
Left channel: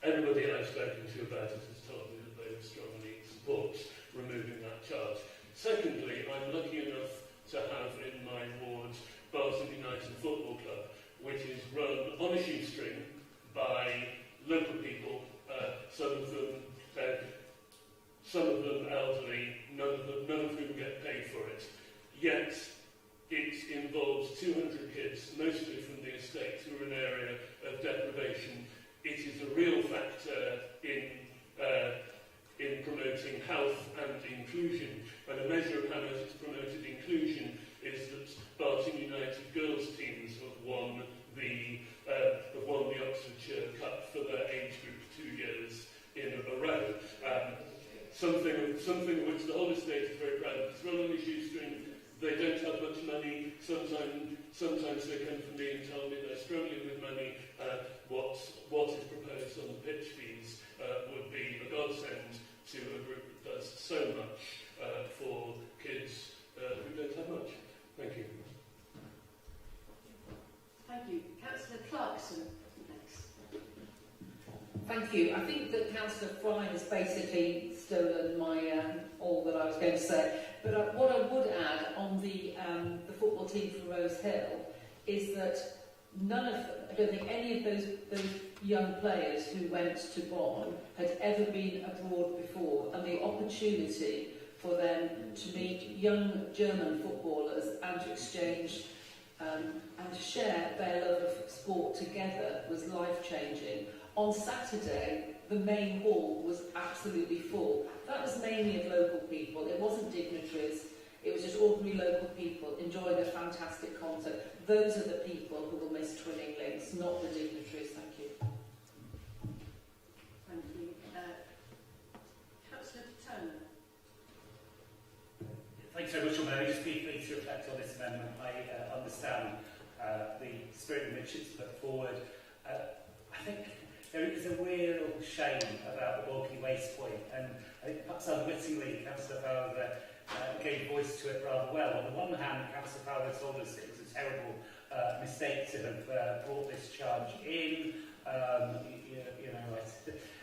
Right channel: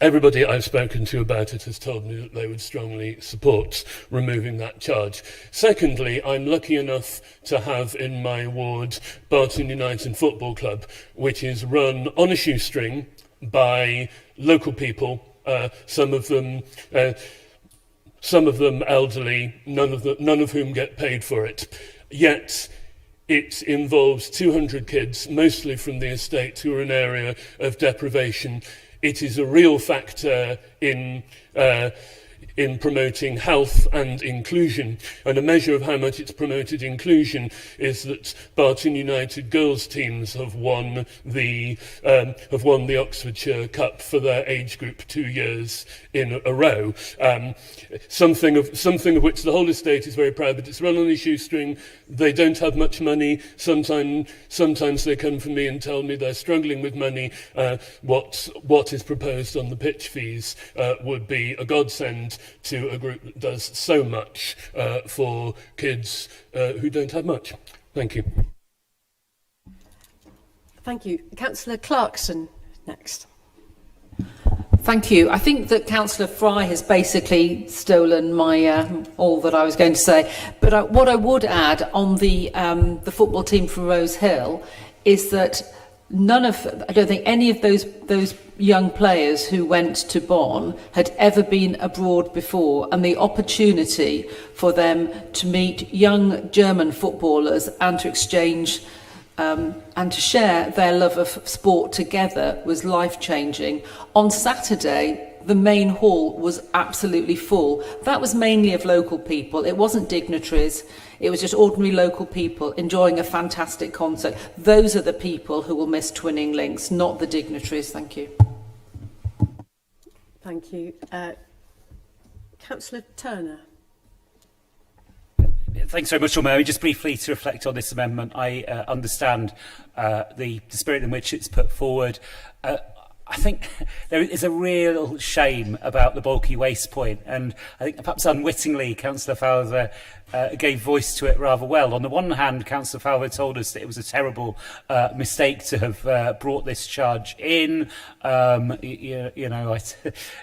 everybody I've spoken to about it has told me that they would strongly support removing that charge. Secondly, I'm lucky enough to have in my ward Barton United Football Club, which is run on a shoestring by local people, some of them elderly, none of whom get paid for it. Yet it involves 200 kids, mostly from the estate, who are an area of deprivation. It is a real factor in promoting health and inclusion, and a measure of how much it's promoted inclusion is that Barton United girls teams have won the Oxfordshire Cup for their age group 2 years in a row. Something of which the whole estate is very proud, but it's run on a shoestring. They don't have much money. Sometimes they come for me and tell me they're struggling with money. What is proposed on the pitch fees would be a godsend to a group that does so much for kids who don't have much. Thank you. Thank you. Councillor Clarkson next. Thank you. I think that Councillor Fry has basically stolen my all that I was going to say. But what I would add on the football team from Rose Hill is that I don't think any of those young players who went to Bonn had ever been abroad before, and the opportunity for them to meet young German footballers and to exchange and to share their love of sport together was life-changing. On Saturday, the main hall was absolutely full. That was mainly of local people. It wasn't dignitaries. It was just ordinary local people enjoying a fantastic concert. Those are the people who will miss Twinning Links, not the dignitaries. Thank you. Thank you. Councillor Turner. Thanks very much, Lord Mayor. Just briefly to reflect on this amendment, I understand the spirit in which it's put forward. I think there is a real shame about the bulky waste point, and I think perhaps unwittingly Councillor Fowler gave voice to it rather well. On the one hand, Councillor Fowler told us that it was a terrible mistake to have brought this charge in. You know,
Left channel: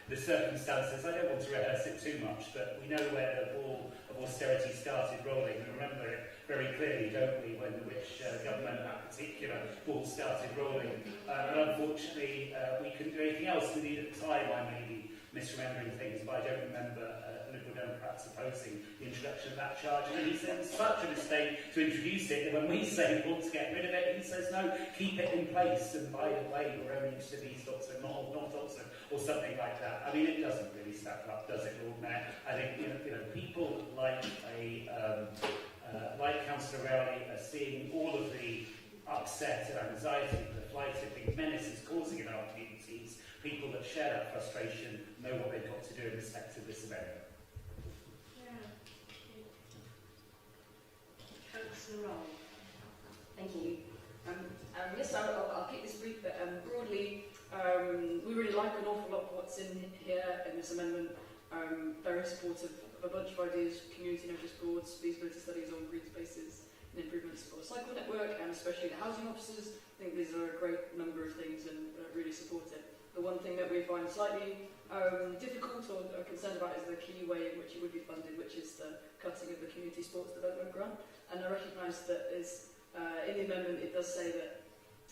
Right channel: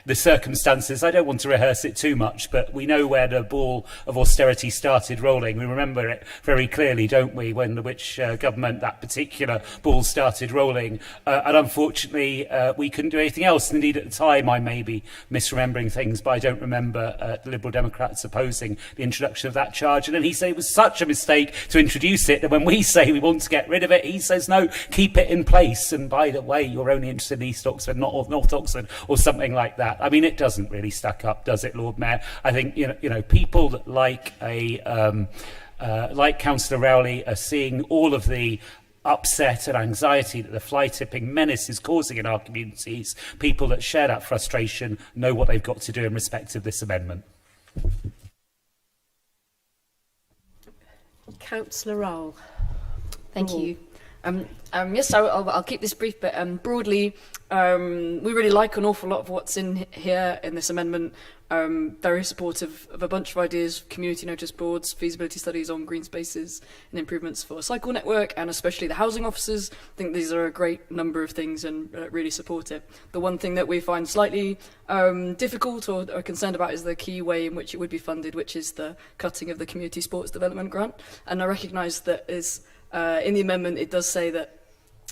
the circumstances, I don't want to rehearse it too much, but we know where the ball of austerity started rolling. We remember it very clearly, don't we, when the which government that particular ball started rolling. And unfortunately, we couldn't do anything else. Indeed, at the time, I may be misremembering things, but I don't remember the Liberal Democrats opposing the introduction of that charge. And then he said it was such a mistake to introduce it that when we say we want to get rid of it, he says, no, keep it in place. And by the way, you're only interested in East Oxford, not North Oxford, or something like that. I mean, it doesn't really stack up, does it, Lord Mayor? I think, you know, people that like Councillor Rowley are seeing all of the upset and anxiety that the fly tipping menace is causing in our communities. People that share that frustration know what they've got to do in respect of this amendment. Councillor Rowell. Thank you. Yes, I'll keep this brief, but broadly, we really like an awful lot of what's in here in this amendment. Very supportive of a bunch of ideas, community notice boards, feasibility studies on green spaces and improvements for a cycle network, and especially the housing officers. I think these are a great number of things and really support it. The one thing that we find slightly difficult or are concerned about is the key way in which it would be funded, which is the cutting of the community sports development grant. And I recognise that in the amendment it does say that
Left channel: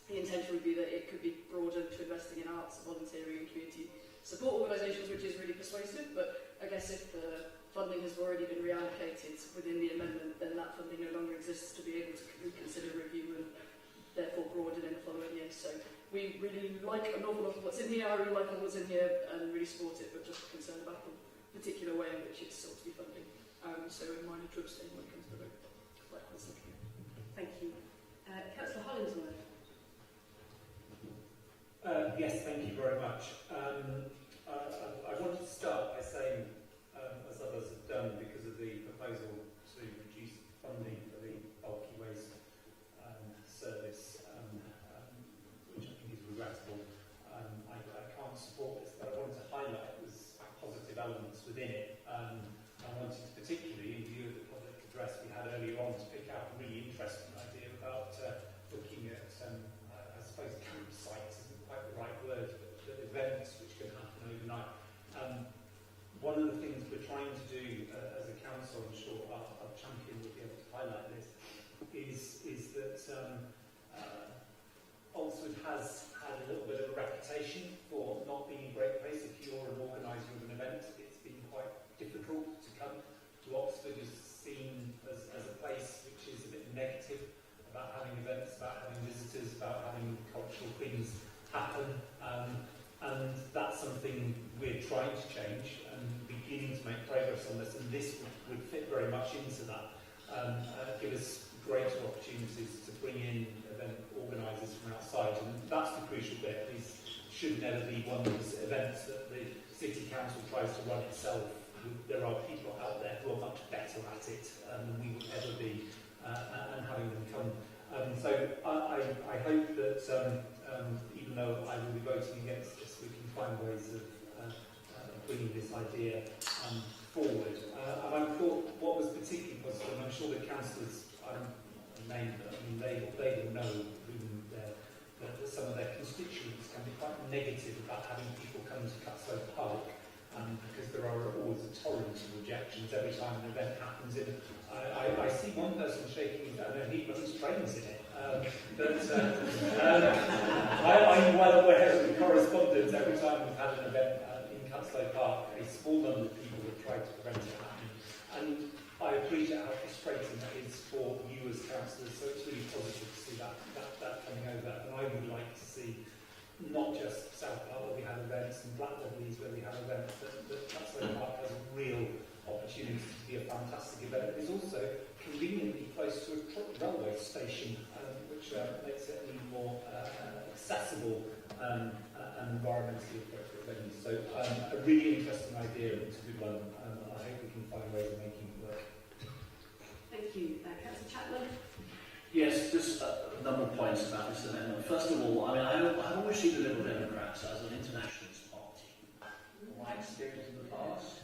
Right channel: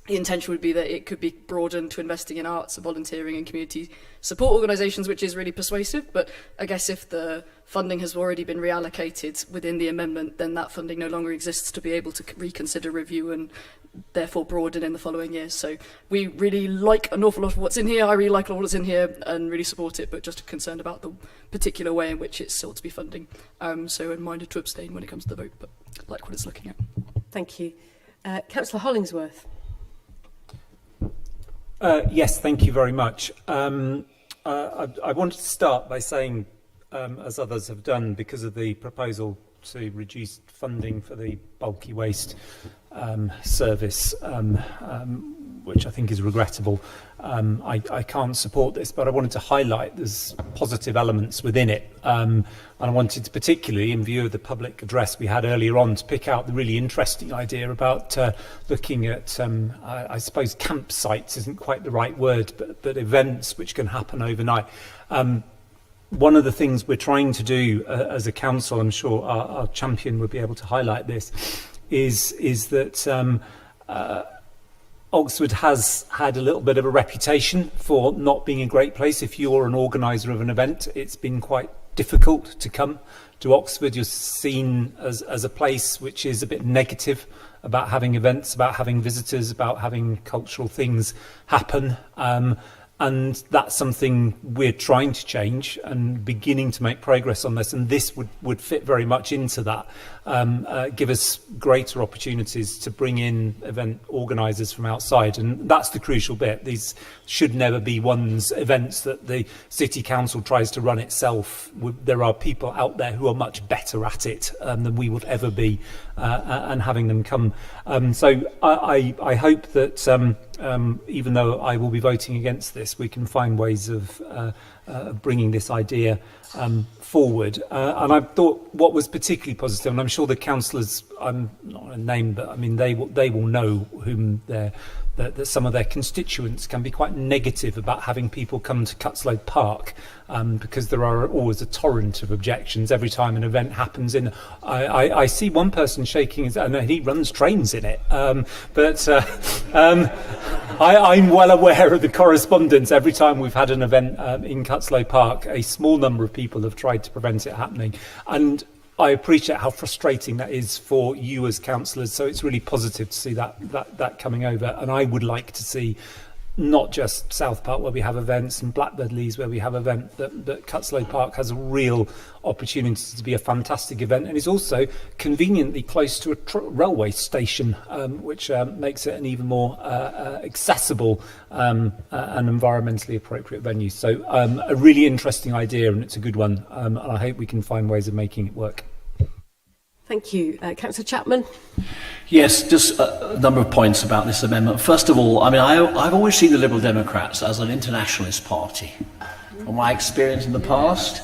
the intention would be that it could be broadened to investing in arts, volunteering and community support organisations, which is really persuasive. But I guess if the funding has already been reallocated within the amendment, then that funding no longer exists to be able to reconsider, review and therefore broaden in the following years. So we really like an awful lot of what's in here. I really like a lot of what's in here and really support it, but just concerned about the particular way in which it's sought to be funding. So I'm minded to abstain when it comes to the vote, but like what it's looking at. Thank you. Councillor Hollingsworth. Yes, thank you very much. I wanted to start by saying, as others have done, because of the proposal to reduce funding for the bulky waste service, which I think is regrettable, I can't support this, but I wanted to highlight there's positive elements within it. And I wanted to, particularly in view of the public address we had earlier on, to pick out the really interesting idea about looking at, I suppose campsites isn't quite the right word, but events which can happen overnight. One of the things we're trying to do as a council, I'm sure our champion would be able to highlight this, is that Oxford has had a little bit of a reputation for not being a great place. If you're an organiser of an event, it's been quite difficult to come to Oxford. You're seen as a place which is a bit negative about having events, about having visitors, about having cultural things happen. And that's something we're trying to change and beginning to make progress on this. And this would fit very much into that. Give us greater opportunities to bring in event organisers from outside. And that's the crucial bit. These should never be one's events that the City Council tries to run itself. There are people out there who are much better at it than we would ever be, and having them come. So I hope that even though I will be voting against this, we can find ways of bringing this idea forward. And I thought what was particularly positive, and I'm sure the councillors, I'm not going to name, but I mean they will know whom they're that some of their constituents can be quite negative about having people come to Cutslow Park, because there are always a torrent of objections every time an event happens. I see one person shaking his, and he runs trains in it, I'm well aware of the correspondence. Every time we've had an event in Cutslow Park, a small number of people have tried to prevent it happening, and I appreciate how frustrating that is for you as councillors, so it's really positive to see that coming over. And I would like to see not just South Park where we have events and Blackbird Leys where we have events, that Cutslow Park has a real opportunity to be a fantastic event, and is also conveniently close to a railway station, which makes it an even more accessible and environmentally appropriate venue. So a really interesting idea, and it's a good one, and I hope we can find ways of making it work. Thank you. Councillor Chapman. Yes, just a number of points about this amendment. First of all, I mean, I've always seen the Liberal Democrats as an internationalist party, from my experience in the past,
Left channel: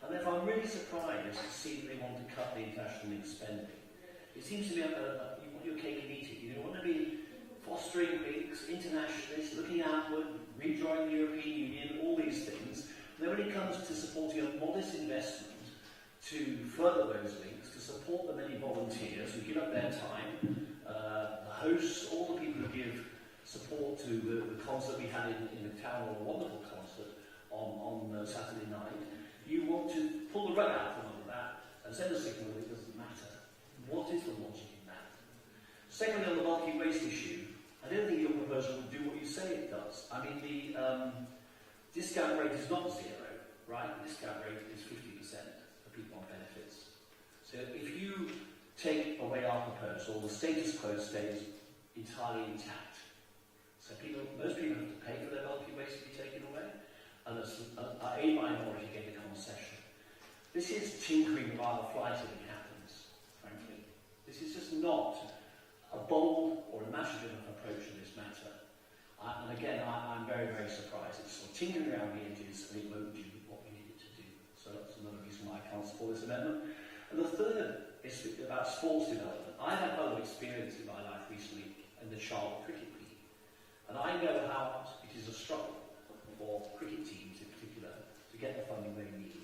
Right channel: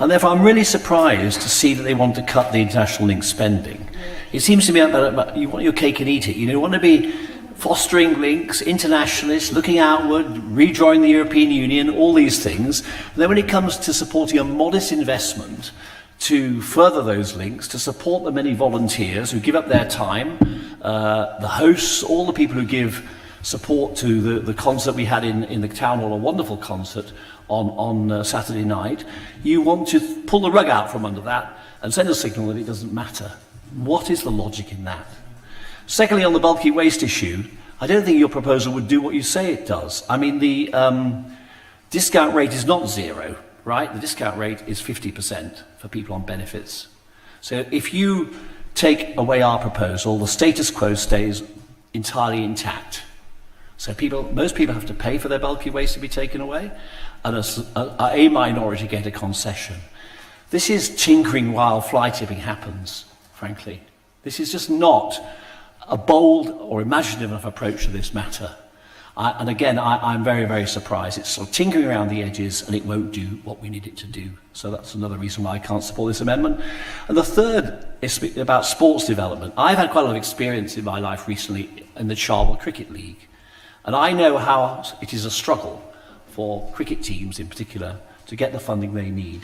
and therefore I'm really surprised to see that they want to cut the international link spending. It seems to me that you want your cake and eat it. You want to be fostering links, internationalists, looking outward, redrawing the European Union, all these things. And then when it comes to supporting a modest investment to further those links, to support the many volunteers who give up their time, the hosts, all the people who give support to the concert we had in the town hall, a wonderful concert on Saturday night, you want to pull the rug out from under that and send a signal that it doesn't matter. What is the logic in that? Secondly, on the bulky waste issue, I don't think your proposal would do what you say it does. I mean, the discount rate is not zero, right? The discount rate is 50% for people on benefits. So if you take away our proposal, the status quo stays entirely intact. So most people have to pay for their bulky waste to be taken away, and a minority get a concession. This is tinkering while fly tipping happens, frankly. This is just not a bold or imaginative enough approach to this matter. And again, I'm very, very surprised. It's sort of tinkering around the edges, and it won't do what we need it to do. So that's another reason why I can't support this amendment. And the third is about sports development. I've had quite a lot of experience in my life recently in the Charlwood Cricket League. And I know how it is a struggle for cricket teams in particular to get the funding they need.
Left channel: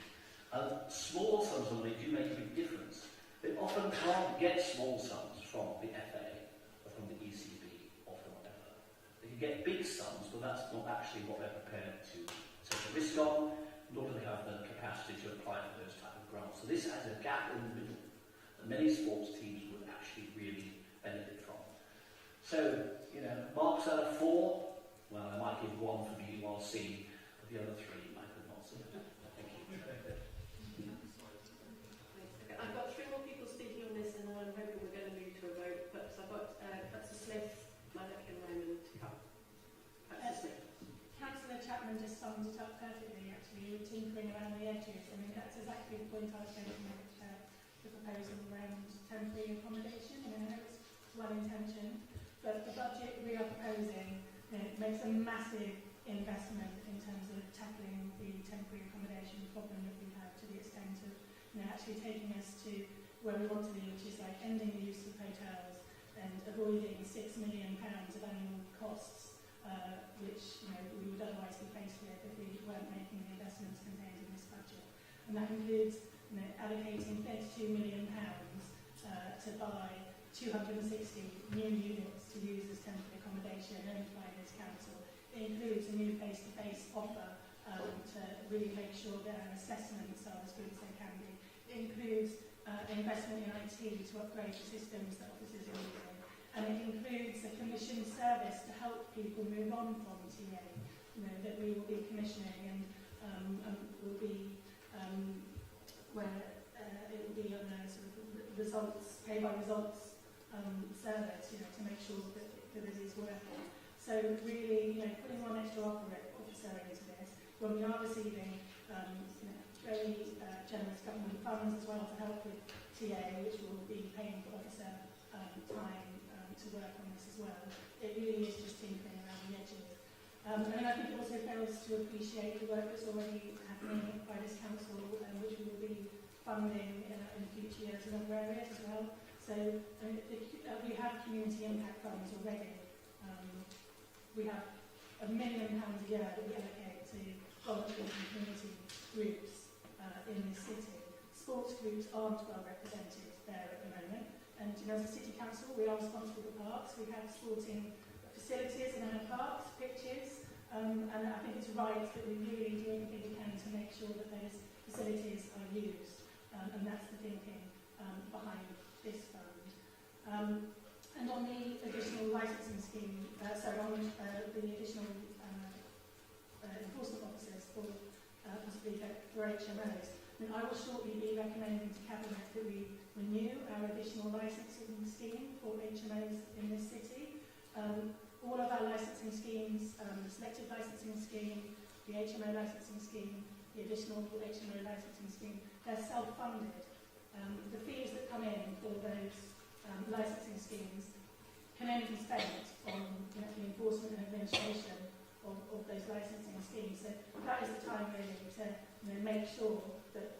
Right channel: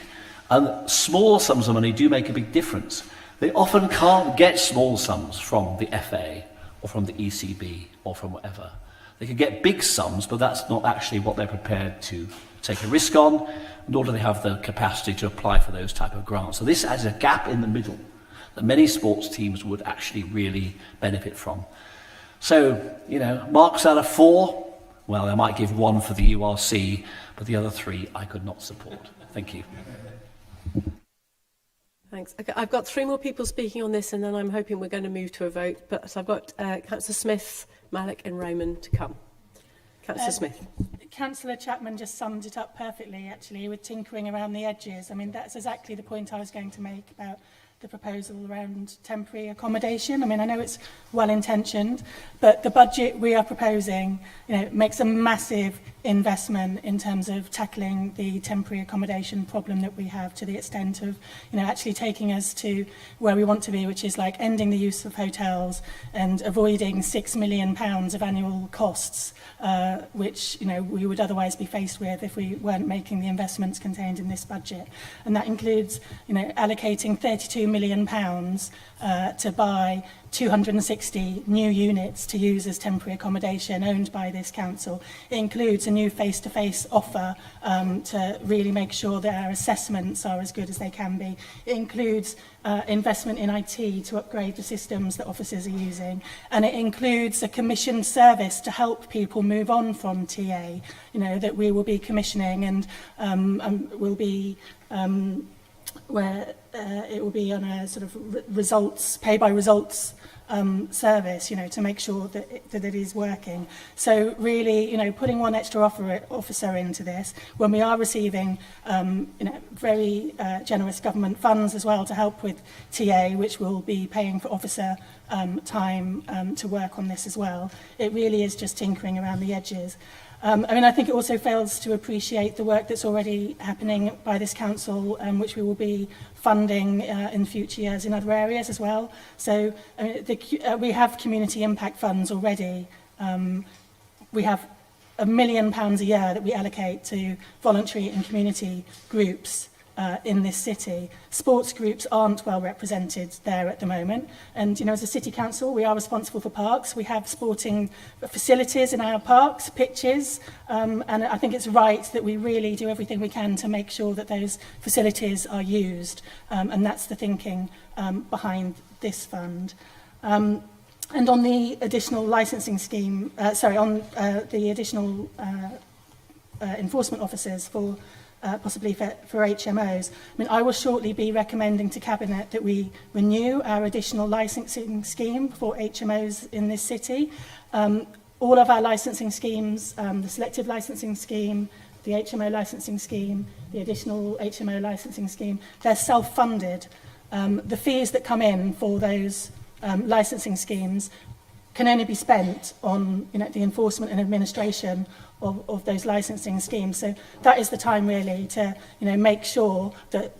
And small sums of money do make a big difference. They often can't get small sums from the FA or from the ECB or from whatever. They can get big sums, but that's not actually what they're prepared to take a risk on, nor do they have the capacity to apply for those type of grants. So this has a gap in the middle that many sports teams would actually really benefit from. So, marks out of 4, well, I might give 1 for the URC, but the other 3 I could not support. Thank you. Thanks. Okay, I've got 3 more people speaking on this, and then I'm hoping we're going to move to a vote. But so I've got Councillor Smith, Malik and Raymond to come. Councillor Smith. Councillor Chapman just summed it up perfectly, actually, with tinkering around the edges. I mean, that's exactly the point I was going to make about the proposal around temporary accommodation. I mean, I know it's well-intentioned, but the budget we are proposing, makes a massive investment in terms of tackling the temporary accommodation problem that we have, to the extent of, actually taking us to where we want to be, which is like ending the use of hotels and avoiding £6 million of annual costs, which, we would otherwise be faced with if we weren't making the investments contained in this budget. And that includes, allocating £32 million to buy 260 new units to use as temporary accommodation owned by this council. It includes a new face-to-face offer to really make sure that our assessments are as good as they can be. It includes investment in IT to upgrade the systems that officers are using. And it includes a commissioned service to help people move on from TA, that we will be commissioning and will be where it will be on a sort of pay-by-results service, to make sure that it is working. So really, putting one extra officer into this, when we are receiving, very generous government funds as well to help with TA, which will be paying for officer time to work on this as well. It really is just tinkering around the edges. I think it also fails to appreciate the work that's already happening by this council, which we will be funding in future years in other areas as well. So we have community impact funds already we have £1 million a year that we allocate to voluntary and community groups in this city. Sports groups aren't well represented there at the moment. And, you know, as a city council, we are responsible for parks. We have sporting facilities in our parks, pitches, and I think it's right that we really do everything we can to make sure that those facilities are used. And that's the thinking behind this fund. And on the additional licensing scheme, the additional enforcement officers for possibly for HMOs. I mean, I will shortly be recommending to Cabinet that we renew our additional licensing scheme for HMOs in this city. All of our licensing schemes, the selective licensing scheme, the HMO licensing scheme, the additional HMO licensing scheme, they're self-funded. The fees that come in for those licensing schemes can only be spent on, you know, the enforcement and administration of those licensing schemes. So that is the time really to, you know, make sure that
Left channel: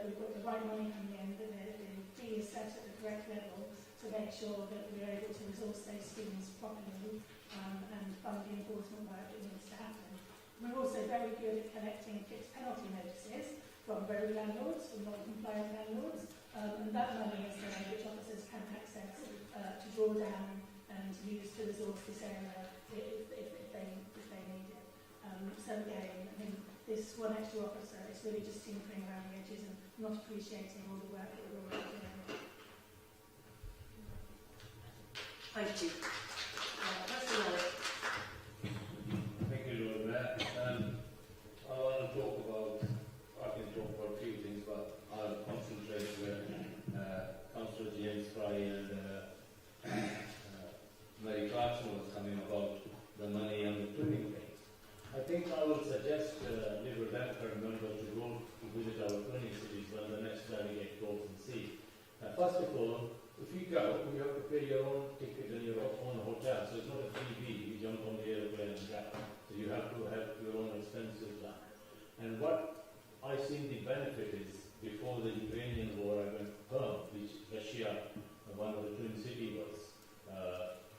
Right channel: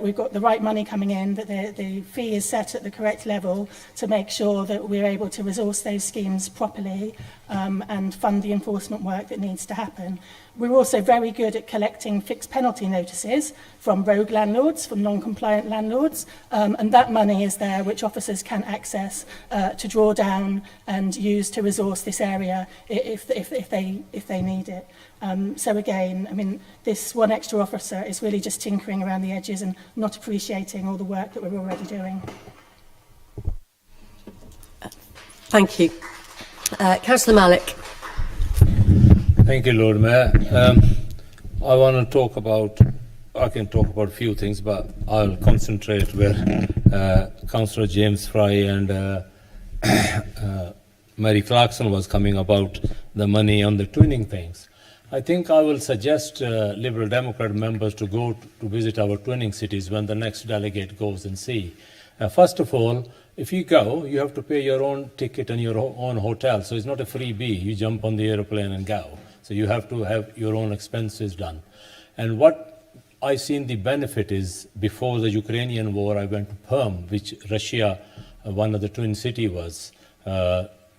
we've got the right money coming in, that the fee is set at the correct level to make sure that we're able to resource those schemes properly and fund the enforcement work that needs to happen. We're also very good at collecting fixed penalty notices from rogue landlords, from non-compliant landlords, and that money is there which officers can access to draw down and use to resource this area if they need it. So again, I mean, this one extra officer is really just tinkering around the edges and not appreciating all the work that we're already doing. Thank you. Councillor Malik. Thank you, Lord Mayor. I want to talk about, I can talk about a few things, but I'll concentrate where Councillor James Fry and Mary Clarkson was coming about the money on the twinning things. I think I will suggest Liberal Democrat members to go to visit our twinning cities when the next delegate goes and see. First of all, if you go, you have to pay your own ticket and your own hotel. So it's not a freebie. You jump on the airplane and go. So you have to have your own expenses done. And what I seen the benefit is, before the Ukrainian war, I went to Perm, which Russia, one of the twin city was.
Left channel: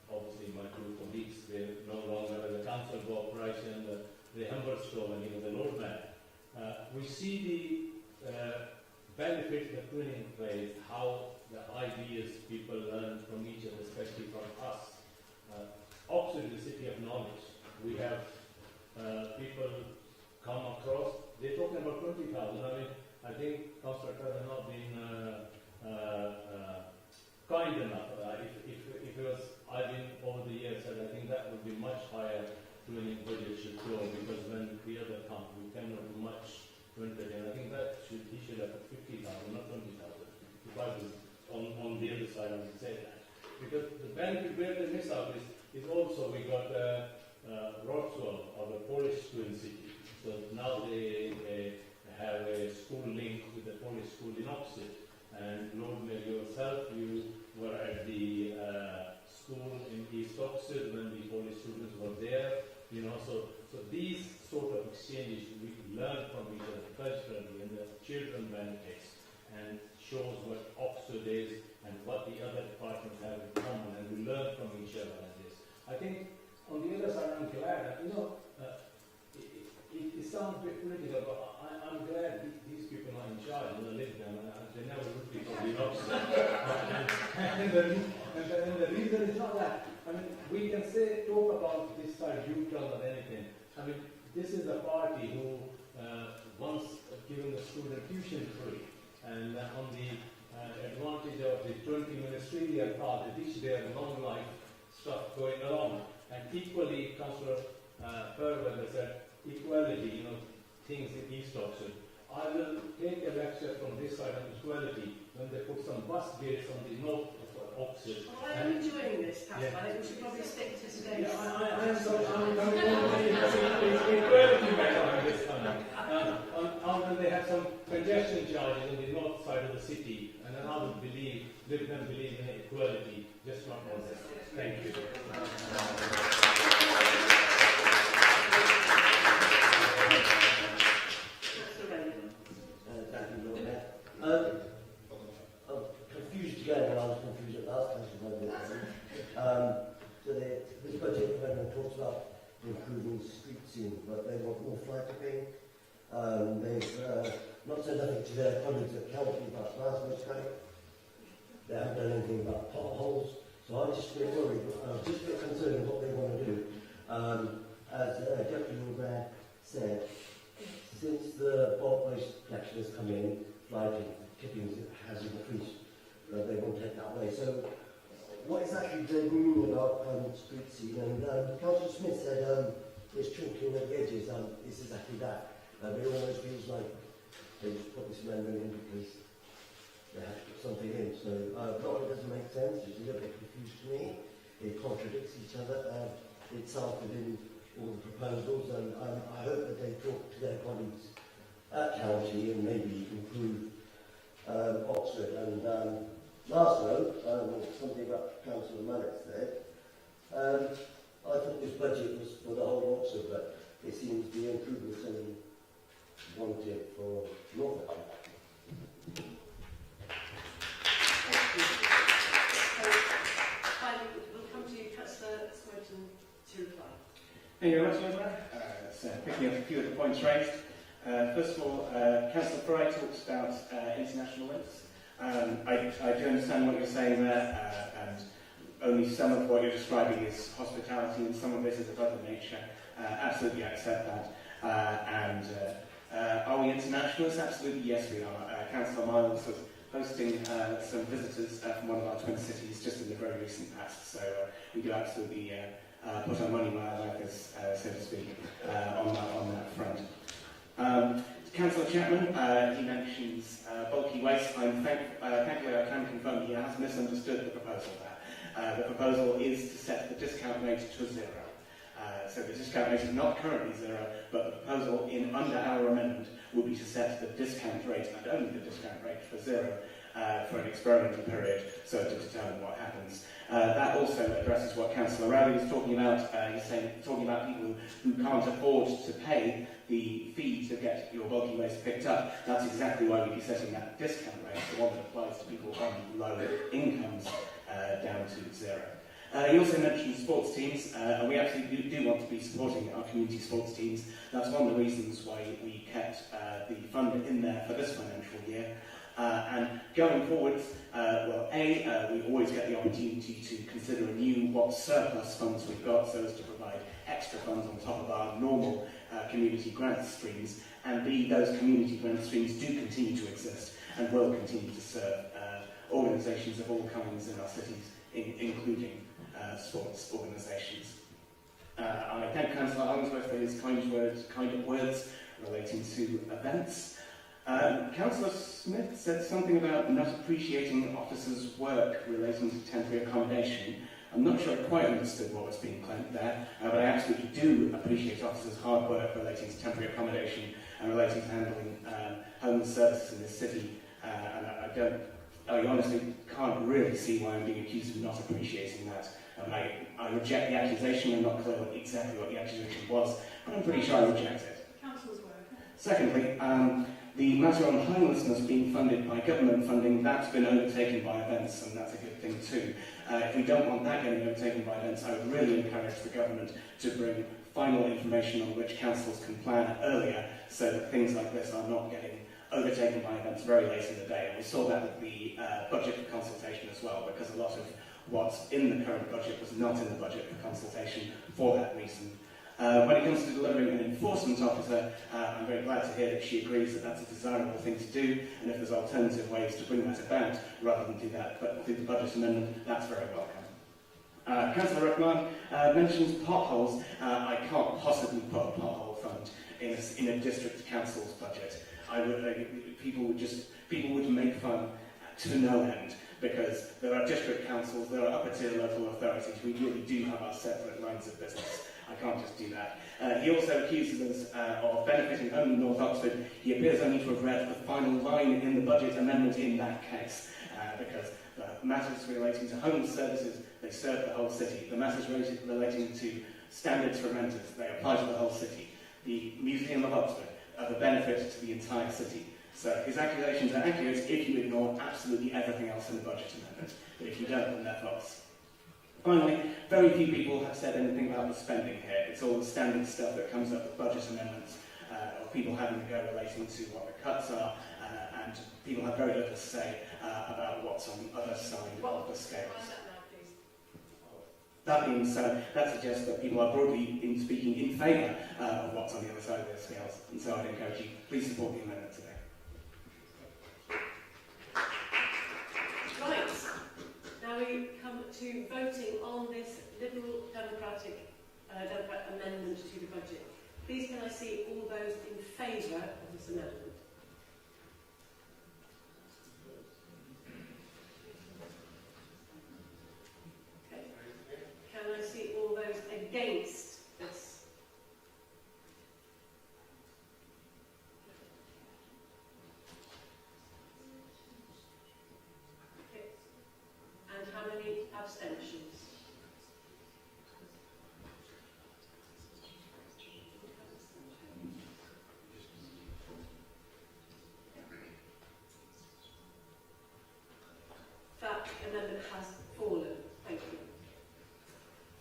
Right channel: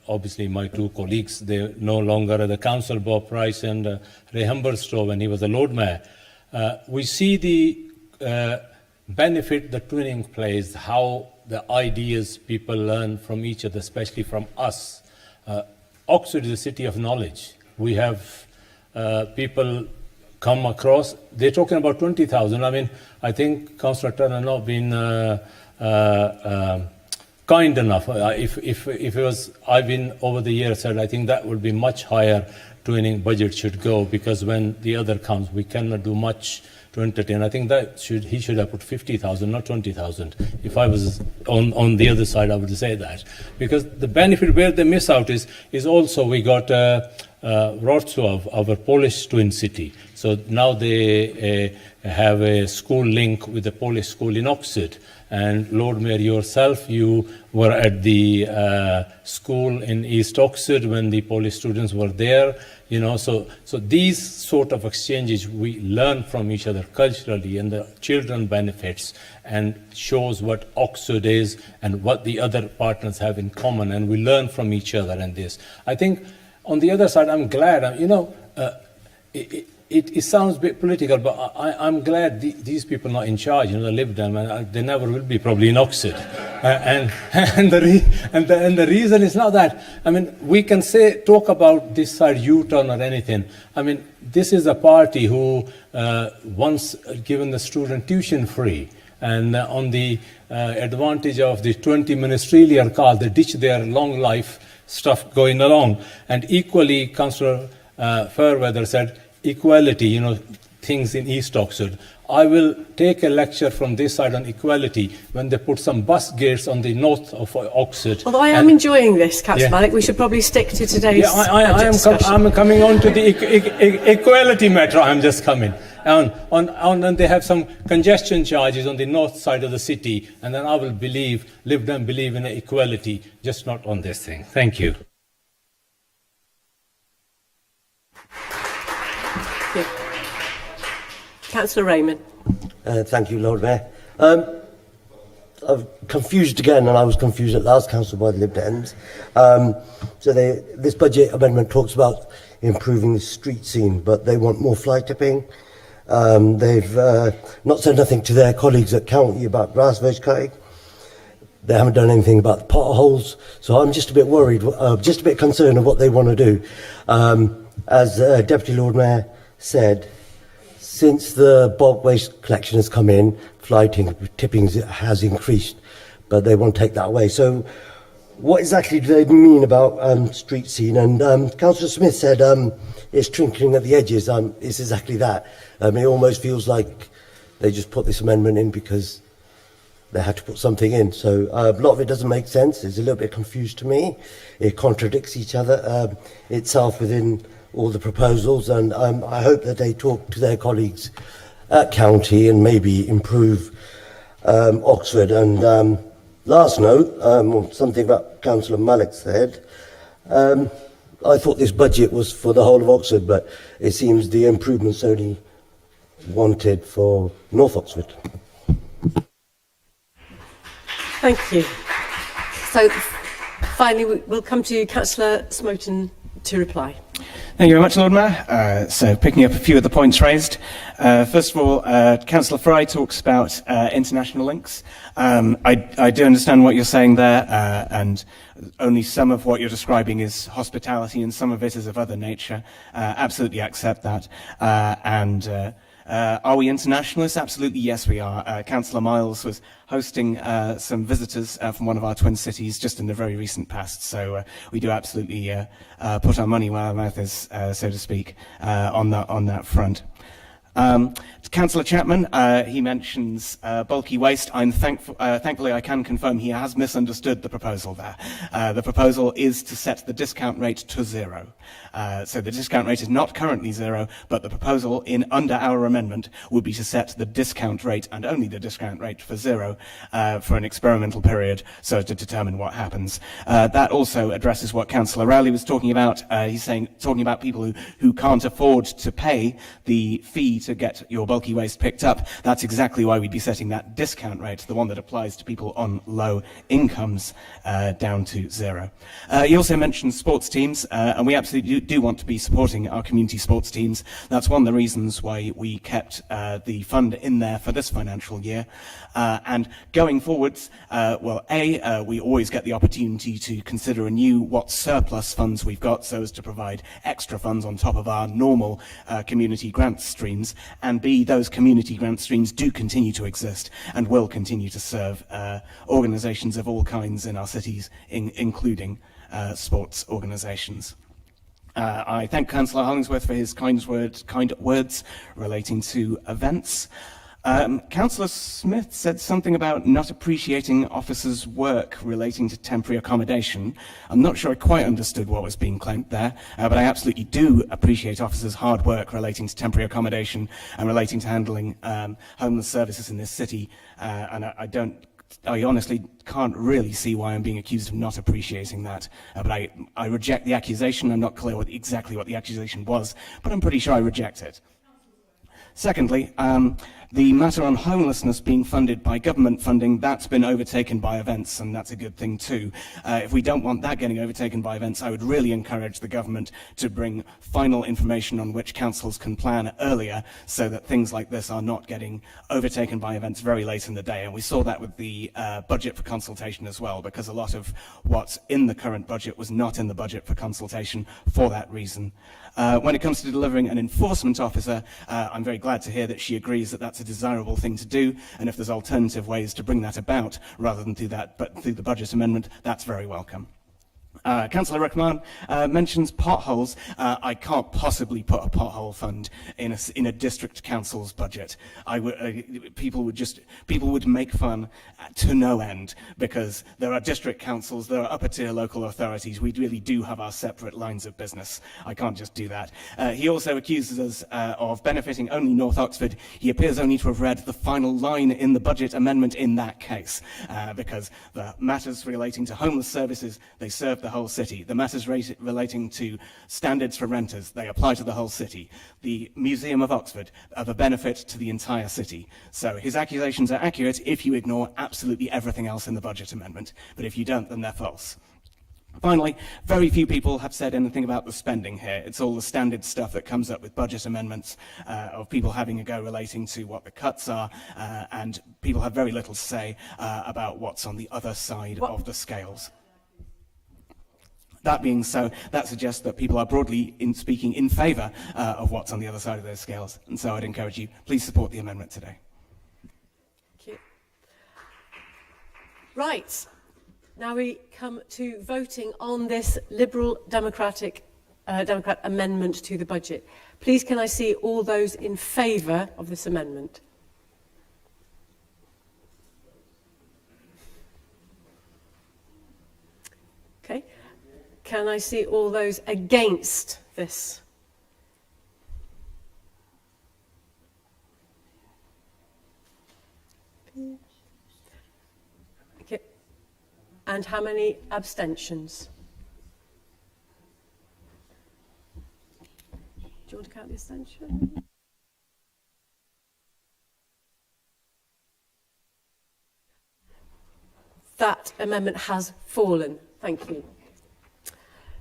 Obviously, my two colleagues, they're no longer at the council, Bob Price and Ray Humberstone, when he was the Lord Mayor. We see the benefit the twinning plays, how the ideas people learn from each other, especially from us. Oxford is a city of knowledge. We have people come across, they're talking about 20,000. I mean, I think Councillor Turner not been kind enough. If it was, I've been over the years said, I think that would be much higher twinning budget should go, because when the other comes, we cannot do much to entertain. I think that he should have put 50,000, not 20,000. If I was on the other side, I would say that. Because the benefit where they miss out is also we got Wrocław, our Polish twin city. So now they have a school link with the Polish school in Oxford. And Lord Mayor, yourself, you were at the school in East Oxford when the Polish students were there. You know, so these sort of exchanges, we learn from each other culturally, and the children benefits and shows what Oxford is and what the other partners have in common, and we learn from each other and this. I think on the other side, I'm glad, you know, it sounds a bit political, but I'm glad these people are not in charge, you know, the Lib Dem, and they never will be probably in Oxford. And the reason is not that. I mean, we can talk about this side U-turn or anything. I mean, this is a party who once given the student tuition free, and on the advantage of the 20 ministerial car, they ditch their long life stuff going along. And equally, Councillor Fairweather said, equality, you know, things in East Oxford. I will take a lecture from this side on equality when they put some bus gates on the north of Oxford. Although I am enjoying this, Councillor Malik, we should probably stick to today's I'm coming on to the equality matter. I'm just coming. And they have some congestion charges on the north side of the city, and then I will believe in equality, just not on this thing. Thank you. Councillor Raymond. Thank you, Lord Mayor. I'm confused again, and I was confused at last council by the Lib Dems. This budget amendment talks about improving the street scene, but they want more fly tipping. They've not said nothing to their colleagues at county about grass veg cutting. They haven't done anything about the potholes, so I'm just a bit worried, just a bit concerned of what they want to do. As Deputy Lord Mayor said, since the bulk waste collection has come in, fly tipping has increased, but they want to take that away. So what exactly do they mean about street scene? And Councillor Smith said it's trinkling at the edges. It's exactly that. It almost feels like they just put this amendment in because they had to put something in. So a lot of it doesn't make sense. It's a little bit confused to me. It contradicts each other itself within all the proposals, and I hope that they talk to their colleagues at county and maybe improve Oxford. And last note, something that Councillor Malik said, I thought this budget was for the whole of Oxford, but it seems the improvements only wanted for North Oxford. Thank you. So finally, we'll come to you, Councillor Smoten, to reply. Thank you very much, Lord Mayor. So picking up a few of the points raised. First of all, Councillor Fry talks about international links. I do understand what you're saying there, and only some of what you're describing is hospitality and some of it is of other nature. Absolutely accept that. Are we internationalists? Absolutely, yes, we are. Councillor Miles was hosting some visitors from one of our twin cities just in the very recent past, so we do absolutely put our money where our mouth is, so to speak, on that front. Councillor Chapman, he mentions bulky waste. Thankfully, I can confirm he has misunderstood the proposal there. The proposal is to set the discount rate to 0. So the discount rate is not currently 0, but the proposal under our amendment would be to set the discount rate and only the discount rate for 0 for an experimental period so as to determine what happens. That also addresses what Councillor Rowley was talking about. He's talking about people who can't afford to pay the fee to get your bulky waste picked up. That's exactly why we'd be setting that discount rate, the one that applies to people on low incomes, down to 0. He also mentioned sports teams, and we absolutely do want to be supporting our community sports teams. That's one of the reasons why we kept the fund in there for this financial year. And going forwards, we always get the opportunity to consider anew what surplus funds we've got so as to provide extra funds on top of our normal community grant streams, and B, those community grant streams do continue to exist and will continue to serve organisations of all kinds in our cities, including sports organisations. I thank Councillor Hollingsworth for his kind words relating to events. Councillor Smith said something about not appreciating officers' work relating to temporary accommodation. I'm not sure I quite understood what was being claimed there, but I absolutely do appreciate officers' hard work relating to temporary accommodation and relating to handling homeless services in this city. And I honestly can't really see why I'm being accused of not appreciating that. But I reject the accusation. I'm not clear exactly what the accusation was, but I'm pretty sure I reject it. Secondly, the matter on homelessness being funded by government funding, that's been overtaken by events, and that's a good thing too. If we don't want that getting overtaken by events, I would really encourage the government to bring final information on which councils can plan earlier so that things like this are not getting overtaken by events very late in the day. And we saw that with the budget for consultation as well, because a lot of what's in the current budget was not in the budget for consultation for that reason. When it comes to delivering an enforcement officer, I'm very glad to hear that she agrees that that's a desirable thing to do, and if there's alternative ways to bring that about rather than do that but through the budget amendment, that's very welcome. Councillor Rickman mentions potholes. I can't possibly put a pothole fund in a district council's budget. People would make fun to no end, because there are district councils, there are upper tier local authorities. We really do have our separate lines of business. I can't just do that. He also accuses us of benefiting only North Oxford. He appears only to have read the final line in the budget amendment in that case, because the matters relating to homeless services, they serve the whole city. The matters relating to standards for renters, they apply to the whole city. The Museum of Oxford are a benefit to the entire city. So his accusations are accurate if you ignore absolutely everything else in the budget amendment, but if you don't, then they're false. Finally, very few people have said anything about the spending here. It's all the standard stuff that comes up with budget amendments, of people having a go relating to what the cuts are, and people have very little to say about what's on the other side of the scales. That being so, that suggests that people are broadly speaking in favour of what's on the other side of those scales. And so I'd encourage you, please support the amendment today. Right. Now we come to voting on this Liberal Democrat amendment to the budget. Please can I see all those in favour of this amendment? Okay. Can I see all those against this? Okay. And how many abstentions? Do you want to count the abstention? That amendment has fallen. Thank you.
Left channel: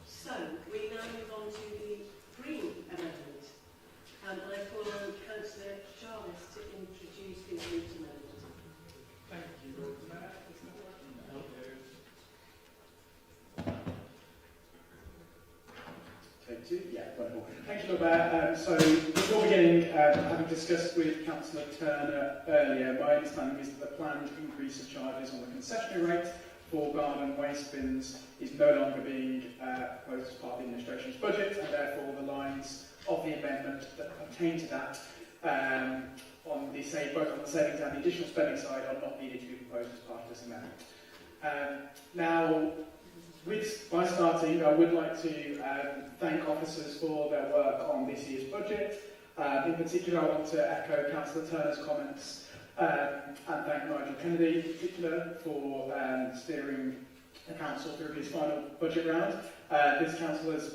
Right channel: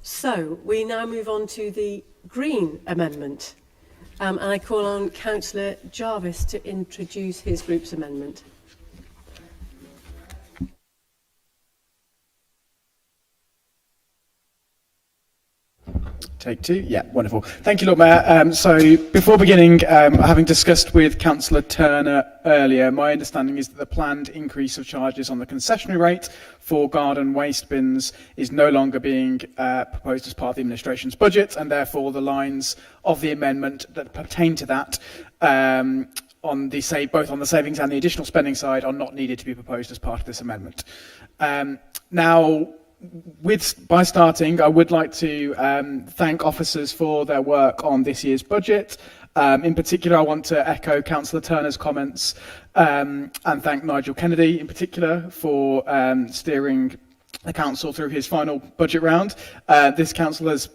So we now move on to the Green amendment. And I call on Councillor Jarvis to introduce his group's amendment. Take two. Yeah, wonderful. Thank you, Lord Mayor. So before beginning, having discussed with Councillor Turner earlier, my understanding is that the planned increase of charges on the concessionary rate for garden waste bins is no longer being proposed as part of the administration's budget, and therefore the lines of the amendment that pertain to that on the both on the savings and the additional spending side are not needed to be proposed as part of this amendment. Now, by starting, I would like to thank officers for their work on this year's budget. In particular, I want to echo Councillor Turner's comments and thank Nigel Kennedy in particular for steering the council through his final budget round. This council has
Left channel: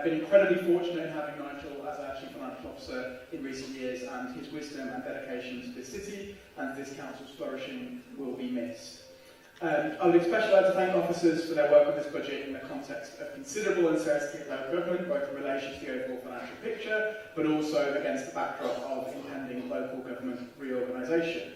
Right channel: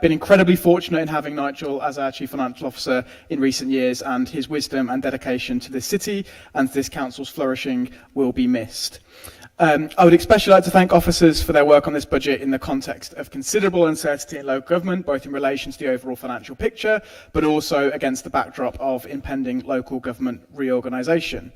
been incredibly fortunate in having Nigel as our Chief Financial Officer in recent years, and his wisdom and dedication to this city and to this council's flourishing will be missed. I would especially like to thank officers for their work on this budget in the context of considerable uncertainty in local government, both in relation to the overall financial picture, but also against the backdrop of impending local government reorganisation.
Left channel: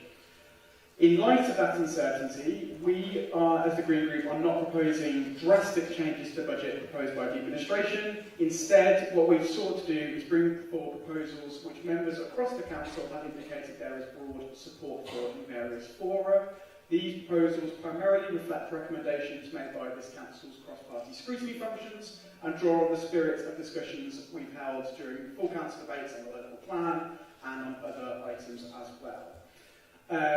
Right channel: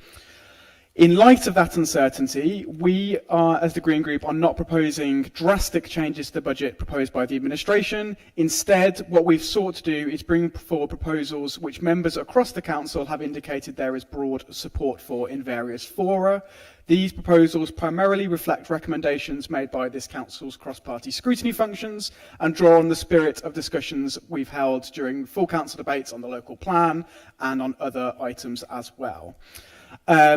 In light of that uncertainty, we are, as the Green Group, are not proposing drastic changes to the budget proposed by the administration. Instead, what we've sought to do is bring forward proposals which members across the council have indicated there is broad support for in various fora. These proposals primarily reflect recommendations made by this council's cross-party scrutiny functions and draw on the spirit of discussions we've held during full council debates on the local plan and on other items as well.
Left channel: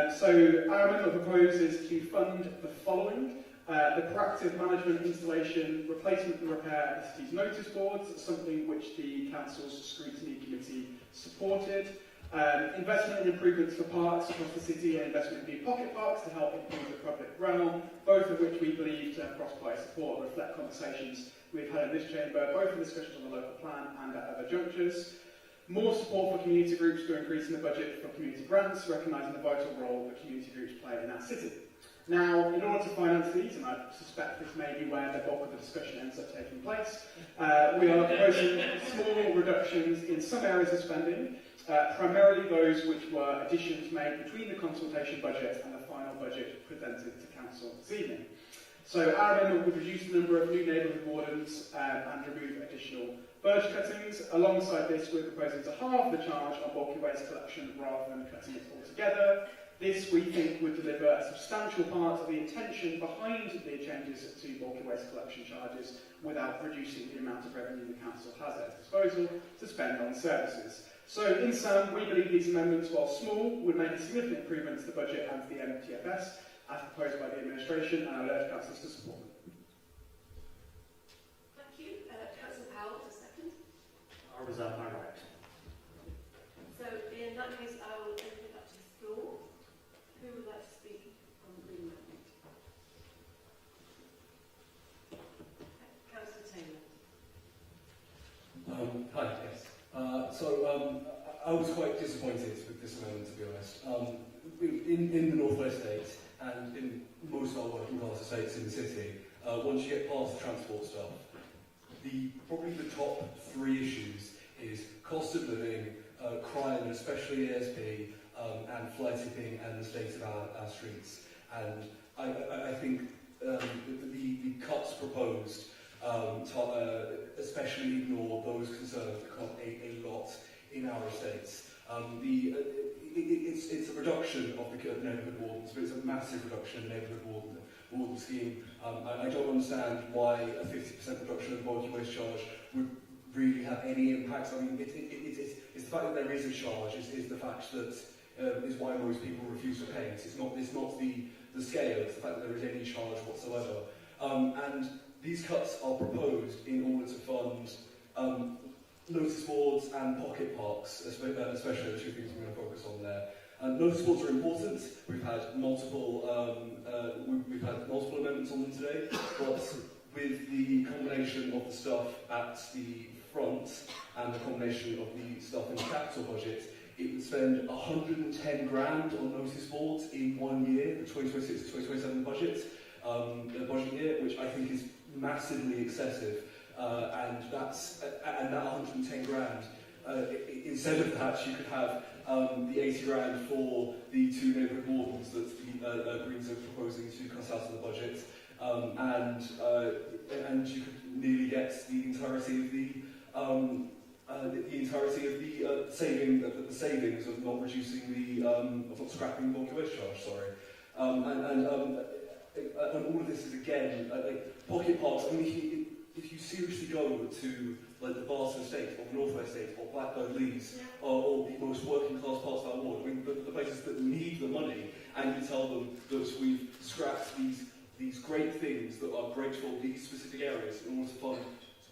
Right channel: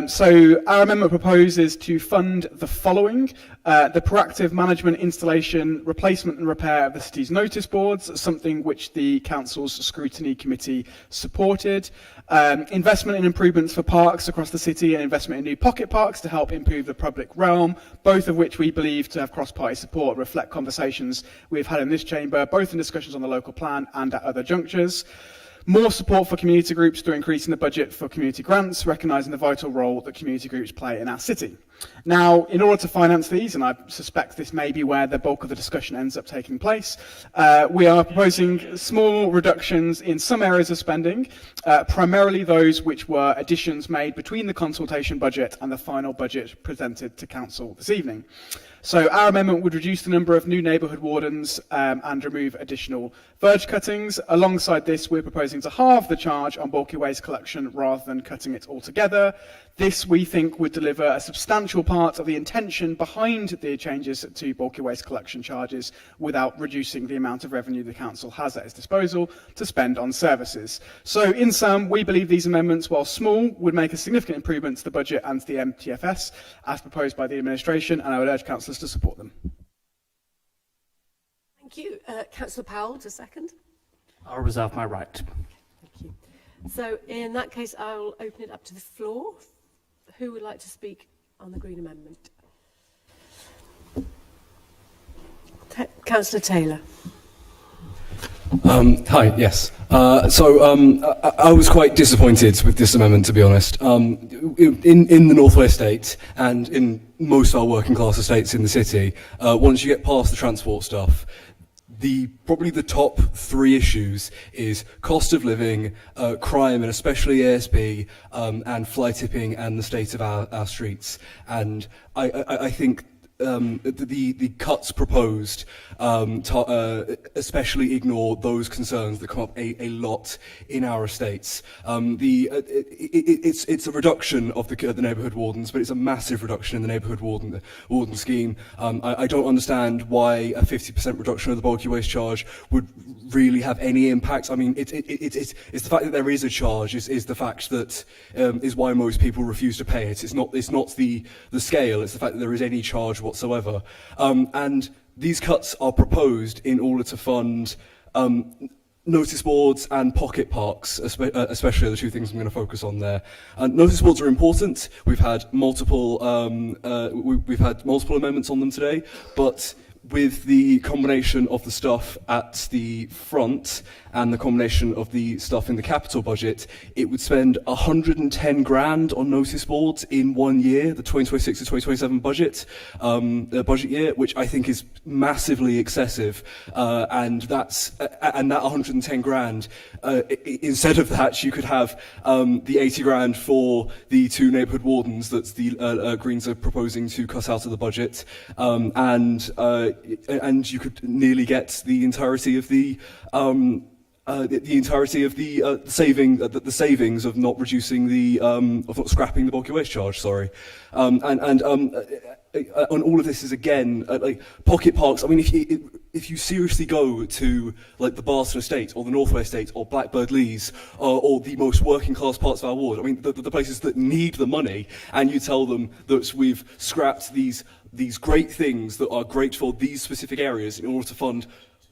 So our amendment proposes to fund the following: the proactive management, installation, replacement and repair of the city's notice boards, something which the council's scrutiny committee supported. Investment in improvements for parks across the city and investment in new pocket parks to help improve the public realm, both of which we believe to have cross-party support, reflect conversations we've had in this chamber, both in discussions on the local plan and at other junctures. More support for community groups through increasing the budget for community grants, recognising the vital role that community groups play in our city. Now, in order to finance these, and I suspect this may be where the bulk of the discussion ends up taking place, we are proposing small reductions in some areas of spending, primarily those which were additions made between the consultation budget and the final budget presented to Council this evening. So our amendment would reduce the number of new neighbourhood wardens and remove additional verge cuttings. Alongside this, we're proposing to halve the charge on bulky waste collection rather than cutting it altogether. This, we think, would deliver a substantial part of the intention behind the changes to bulky waste collection charges without reducing the amount of revenue the council has at its disposal to spend on services. So, in sum, we believe these amendments, while small, would make a significant improvement to the budget and to the MTFS as proposed by the administration, and I would urge councillors to support them. Thank you. Councillor Powell, to second. I'll reserve my right. Thank you. So, in that case, I will open it up to the floor. Who would like to speak on the Green Amendment? Councillor Taylor. Hi, yes. I was quite disappointed with this amendment, to be honest. In the North West Estate and in most of our working class estates in the city, once you get past the transport stuff, probably the top three issues is cost of living, crime, and especially ASB, and fly tipping and the state of our streets. And I think the cuts proposed especially ignore those concerns that come up a lot in our estates. It's a reduction of the neighbourhood wardens, but it's a massive reduction in the neighbourhood warden scheme. I don't understand why a 50% reduction of the bulky waste charge would really have any impact. I mean, it's the fact that there is a charge is the fact that is why most people refuse to pay it. It's not the scale, it's the fact that there is any charge whatsoever. And these cuts are proposed in order to fund notice boards and pocket parks, especially the two things I'm going to focus on there. Notice boards are important. We've had multiple amendments on them today, but with the combination of the stuff at the front and the combination of the stuff in the capital budget, it would spend 110 grand on notice boards in 1 year, the 2026 to 2027 budget year, which I think is massively excessive. And that 110 grand, instead of that, you could have the 80 grand for the two neighbourhood wardens that the Greens are proposing to cut out of the budget, and you could nearly get the entirety of the savings of not reducing of not scrapping the bulky waste charge. Sorry, and all of this is again like pocket parks. I mean, if you seriously go to like the Barton Estate or the North West Estate or Blackbird Leys or the most working class parts of our ward, I mean the places that need the money, and you tell them that we've scrapped these great things that are great for these specific areas in order to fund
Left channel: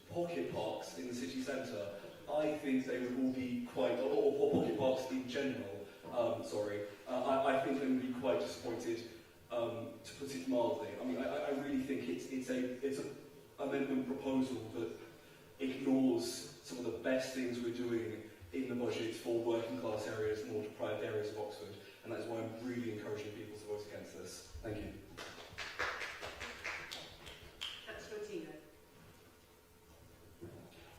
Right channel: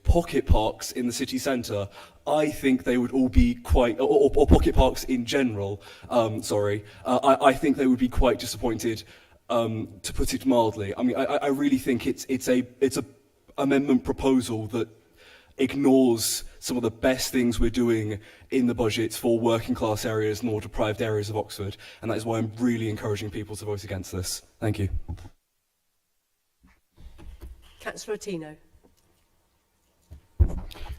pocket parks in the city centre, I think they would all be quite, or pocket parks in general, I think they would be quite disappointed, to put it mildly. I mean, I really think it's a amendment proposal that ignores some of the best things we're doing in the budget for working class areas and more deprived areas of Oxford, and that is why I'm really encouraging people to vote against this. Thank you. Councillor Ottino.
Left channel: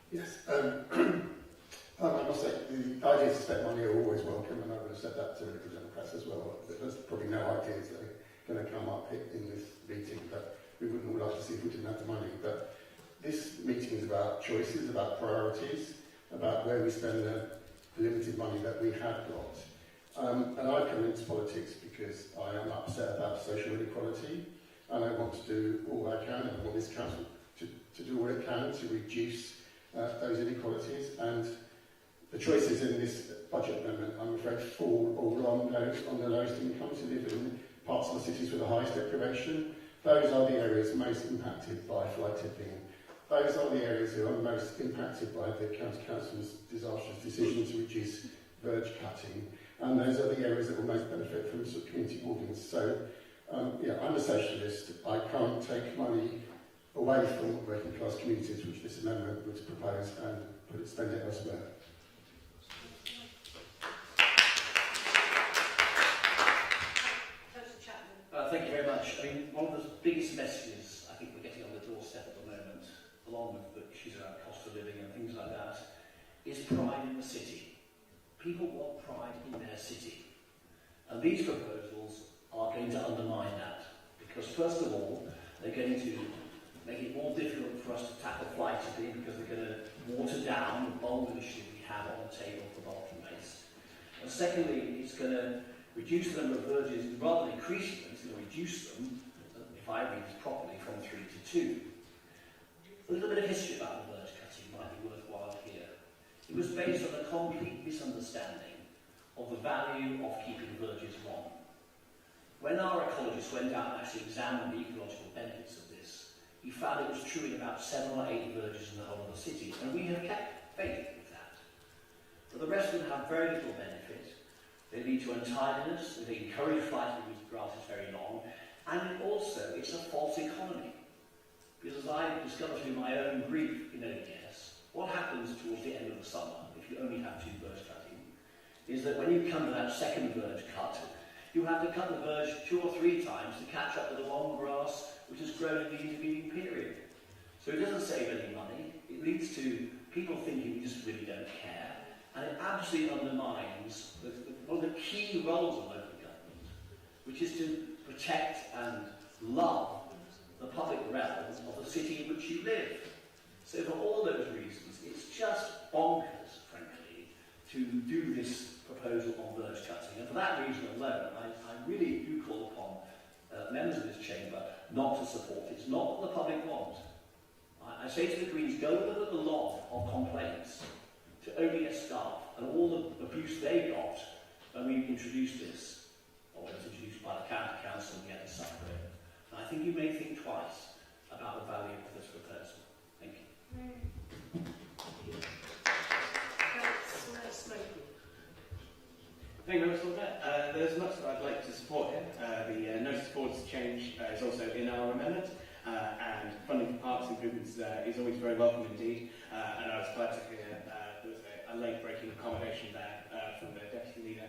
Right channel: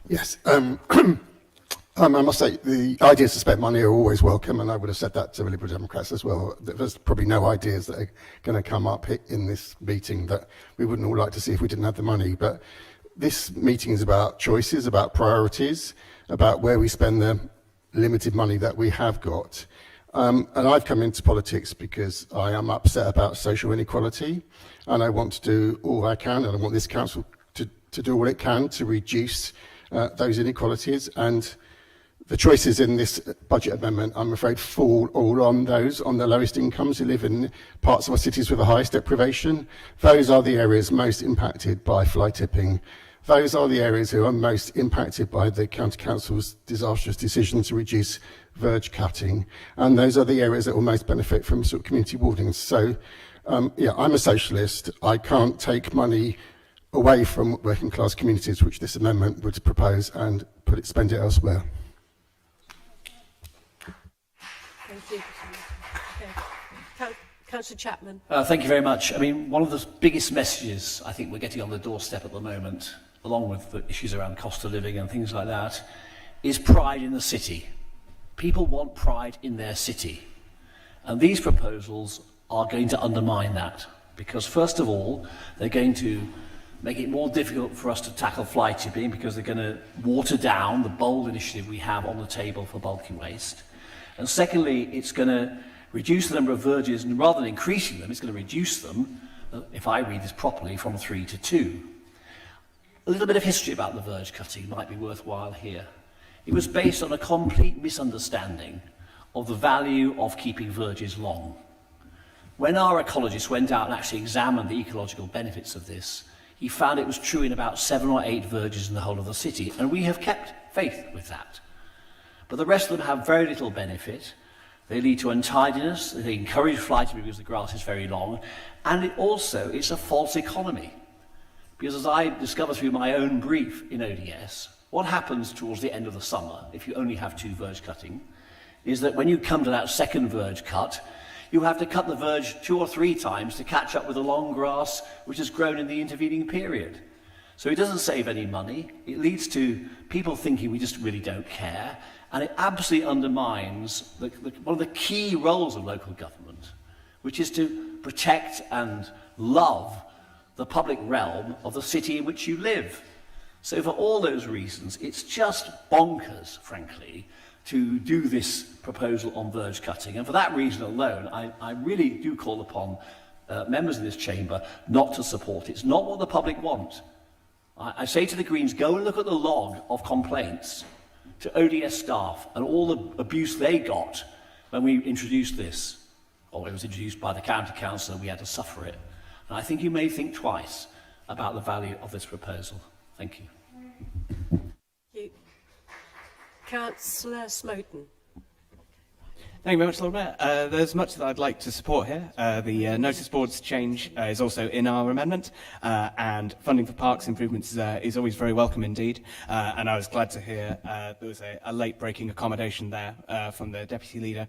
Yes. I must say, the ideas to spend money are always welcome, and I would have said that to the Liberal Democrats as well. There's probably no ideas that are going to come up in this meeting that we wouldn't all like to see if we didn't have the money. But this meeting is about choices, about priorities, about where we spend the limited money that we have got. And I've come into politics because I am upset about social inequality, and I want to do all I can, and I want this council to do all it can to reduce those inequalities. And the choices in this budget amendment, I'm afraid, fall all on those on the lowest incomes who live in parts of our cities with the highest deprivation. Those are the areas most impacted by fly tipping. Those are the areas who are most impacted by the County Council's disastrous decision to reduce verge cutting. And those are the areas that will most benefit from sort of community wardings. So, yeah, I'm a socialist. I can't take money away from working class communities, which this amendment would propose, and spend it elsewhere. Councillor Chapman. Thank you very much. I mean, one of the biggest messages I think we're getting on the doorstep at the moment, along with the issues around cost of living and things like that, is pride in the city. People want pride in their city. And these proposals are going to undermine that. Because first of all, they're going to make it more difficult for us to tackle fly tipping because they're going to water down the bold initiative we have on the table for bulky waste. And secondly, it's going to reduce the number of verges, and rather than increasing them, it's going to reduce them, if I read this properly, from 3 to 2. A little bit of history about the verge cutting might be worthwhile here. It was based on a complete misunderstanding of the value of keeping verges long. When our ecologist went out and actually examined the ecological benefits of this, he found it was true in about 7 or 8 verges in the whole of the city, and we have kept faith with that. But the rest of them have very little benefit. They lead to untidiness, they encourage fly tipping because the grass is very long, and it's a false economy. Because as I discovered through my own brief in ODS, what happens towards the end of the summer, if you only have 2 verge cutting, is that when you come to that second verge cut, you have to cut the verge 2 or 3 times to catch up with the long grass which has grown in the intervening period. So it doesn't save any money. It leads to people thinking we just really don't care, and it absolutely undermines one of the key roles of local government, which is to protect and love the public realm of the city in which you live. So for all those reasons, it's just bonkers, frankly, to do this proposal on verge cutting. And for that reason alone, I really do call upon members of this chamber not to support it. It's not what the public want. I say to the Greens, go and look at the log of complaints to ODS staff and all the abuse they got when we introduced this, or it was introduced by the county council and we had to suffer it. And I think you may think twice about the value of this proposal. Thank you. Councillor Smoten. Thank you very much, Lord Mayor. There's much that I'd like to support here. The notice boards change is also in our amendment, and funding for parks improvements is always very welcome indeed. And I was glad to hear there was a late-breaking accommodation there from the Deputy Leader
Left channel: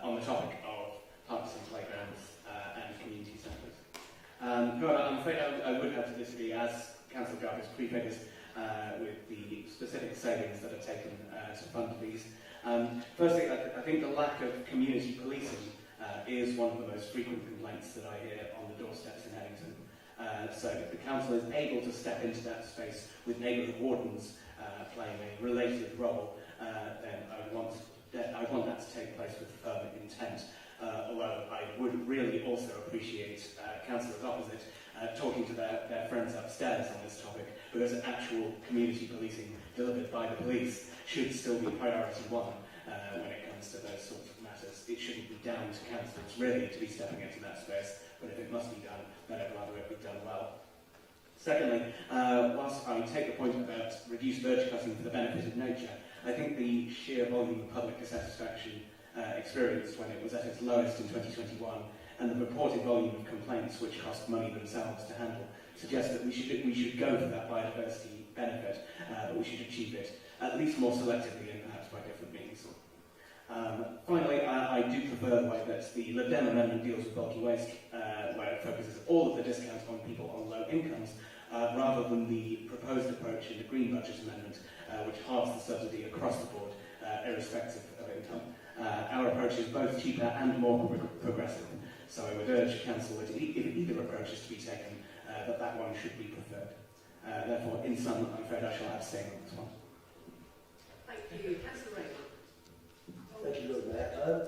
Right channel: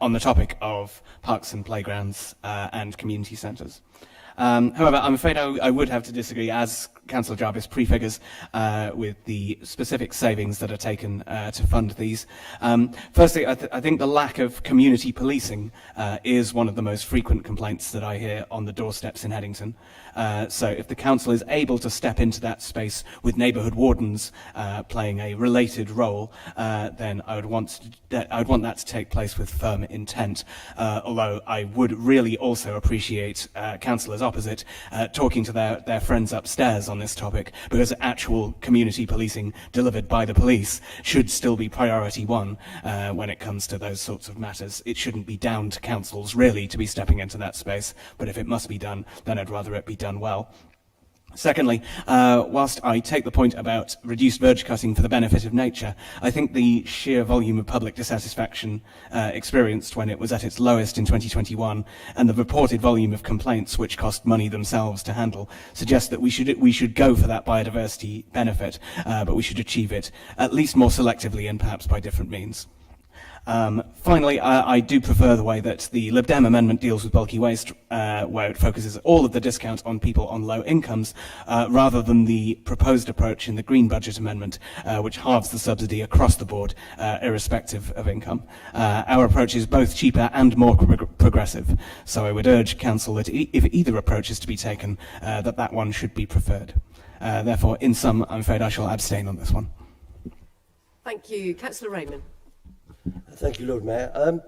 on the topic of parks and playgrounds and community centres. However, I'm afraid I would have to disagree, as Councillor Jarvis prefigures, with the specific savings that are taken to fund these. Firstly, I think the lack of community policing is one of the most frequent complaints that I hear on the doorsteps in Headington. So if the council is able to step into that space with neighbourhood wardens playing a related role, then I would want that to take place with firm intent. Although I would really also appreciate councillors opposite talking to their friends upstairs on this topic, because actual community policing delivered by the police should still be priority one when it comes to those sorts of matters. It shouldn't be down to councils really to be stepping into that space, but if it must be done, then I'd rather it be done well. Secondly, whilst I take the point about reduced verge cutting for the benefit of nature, I think the sheer volume of public dissatisfaction experienced when it was at its lowest in 2021 and the reported volume of complaints which cost money themselves to handle suggest that we should go for that biodiversity benefit, but we should achieve it at least more selectively and perhaps by different means. Finally, I do prefer the way that the Lib Dem amendment deals with bulky waste, where it focuses all of the discount on people on low incomes, rather than the proposed approach in the Green Budget amendment, which halves the subsidy across the board, irrespective of income. Our approach is both cheaper and more progressive, so I would urge Council that if either approach is to be taken, that one should be preferred. Therefore, in sum, I'm afraid I shall abstain on this one. Thank you. Councillor Raymond. Thank you, Lord Mayor.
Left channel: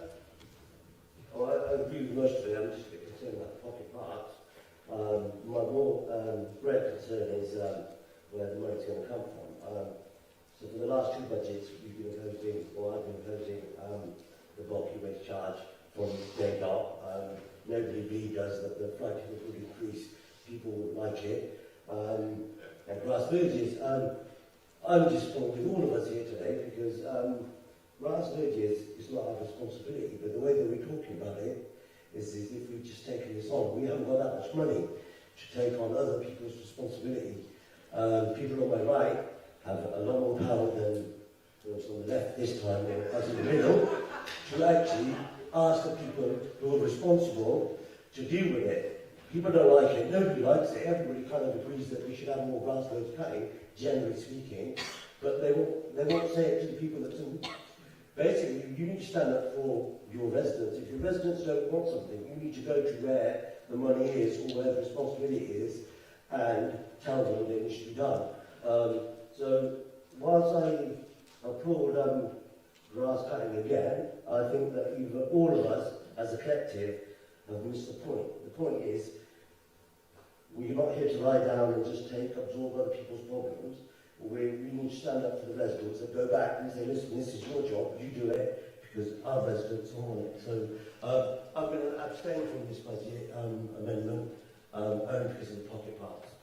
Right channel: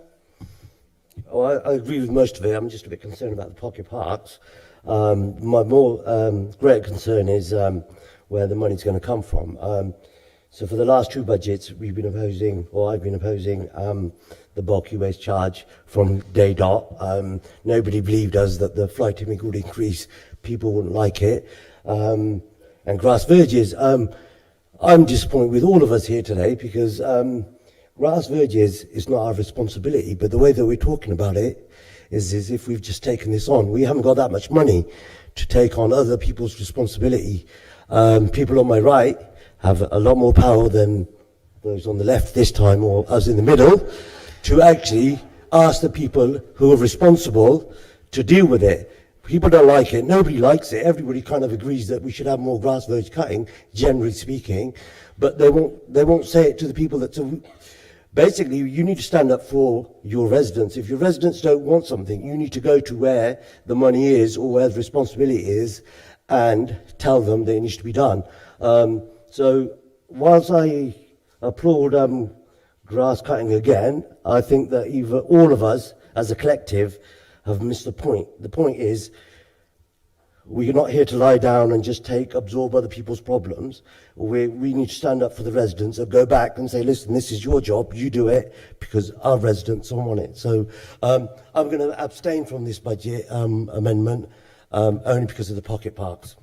I agree with most of it. I'm just a bit concerned about the pocket parks. My more great concern is where the money's going to come from. So for the last 2 budgets, we've been opposing, or I've been opposing, the bulky waste charge from day dot. Nobody believed us that the fly tipping would increase. People wouldn't like it. And grass verges. I'm disappointed with all of us here today because grass verges is not our responsibility, but the way that we're talking about it is as if we've just taken this on. We haven't got that much money to take on other people's responsibility. People on my right have a lot more power than those on the left this time, or us in the middle, to actually ask the people who are responsible to deal with it. People don't like it. Nobody likes it. Everybody kind of agrees that we should have more grass verge cutting, generally speaking, but they won't say it to the people that... Basically, you need to stand up for your residents. If your residents don't want something, you need to go to where the money is or where the responsibility is and tell them that it needs to be done. So whilst I applaud grass cutting again, I think that either all of us as a collective have missed the point. The point is, we're not here to lie down and just absorb other people's problems. We need to stand up for the residents and go back and say, listen, this is your job, you do it, because our residents don't want it. So I'm going to abstain from this budget amendment only because of the pocket parks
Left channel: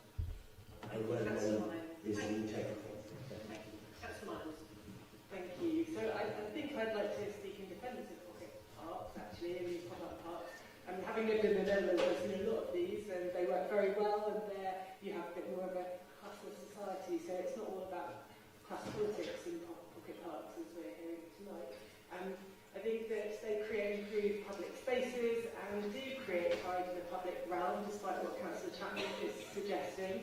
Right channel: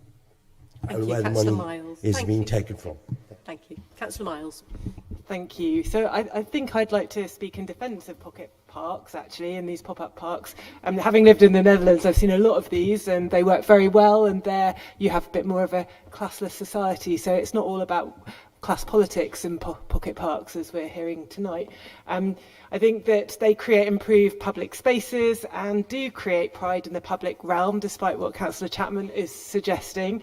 and where the money is being taken from. Thank you. Councillor Miles. Thank you. So I think I'd like to speak in defence of pocket parks, actually, and these pop-up parks. Having lived in the Netherlands, I've seen a lot of these, and they work very well, and there you have a bit more of a classless society, so it's not all about class politics in pocket parks, as we're hearing tonight. I think that they create improved public spaces and do create pride in the public realm, despite what Councillor Chapman is suggesting.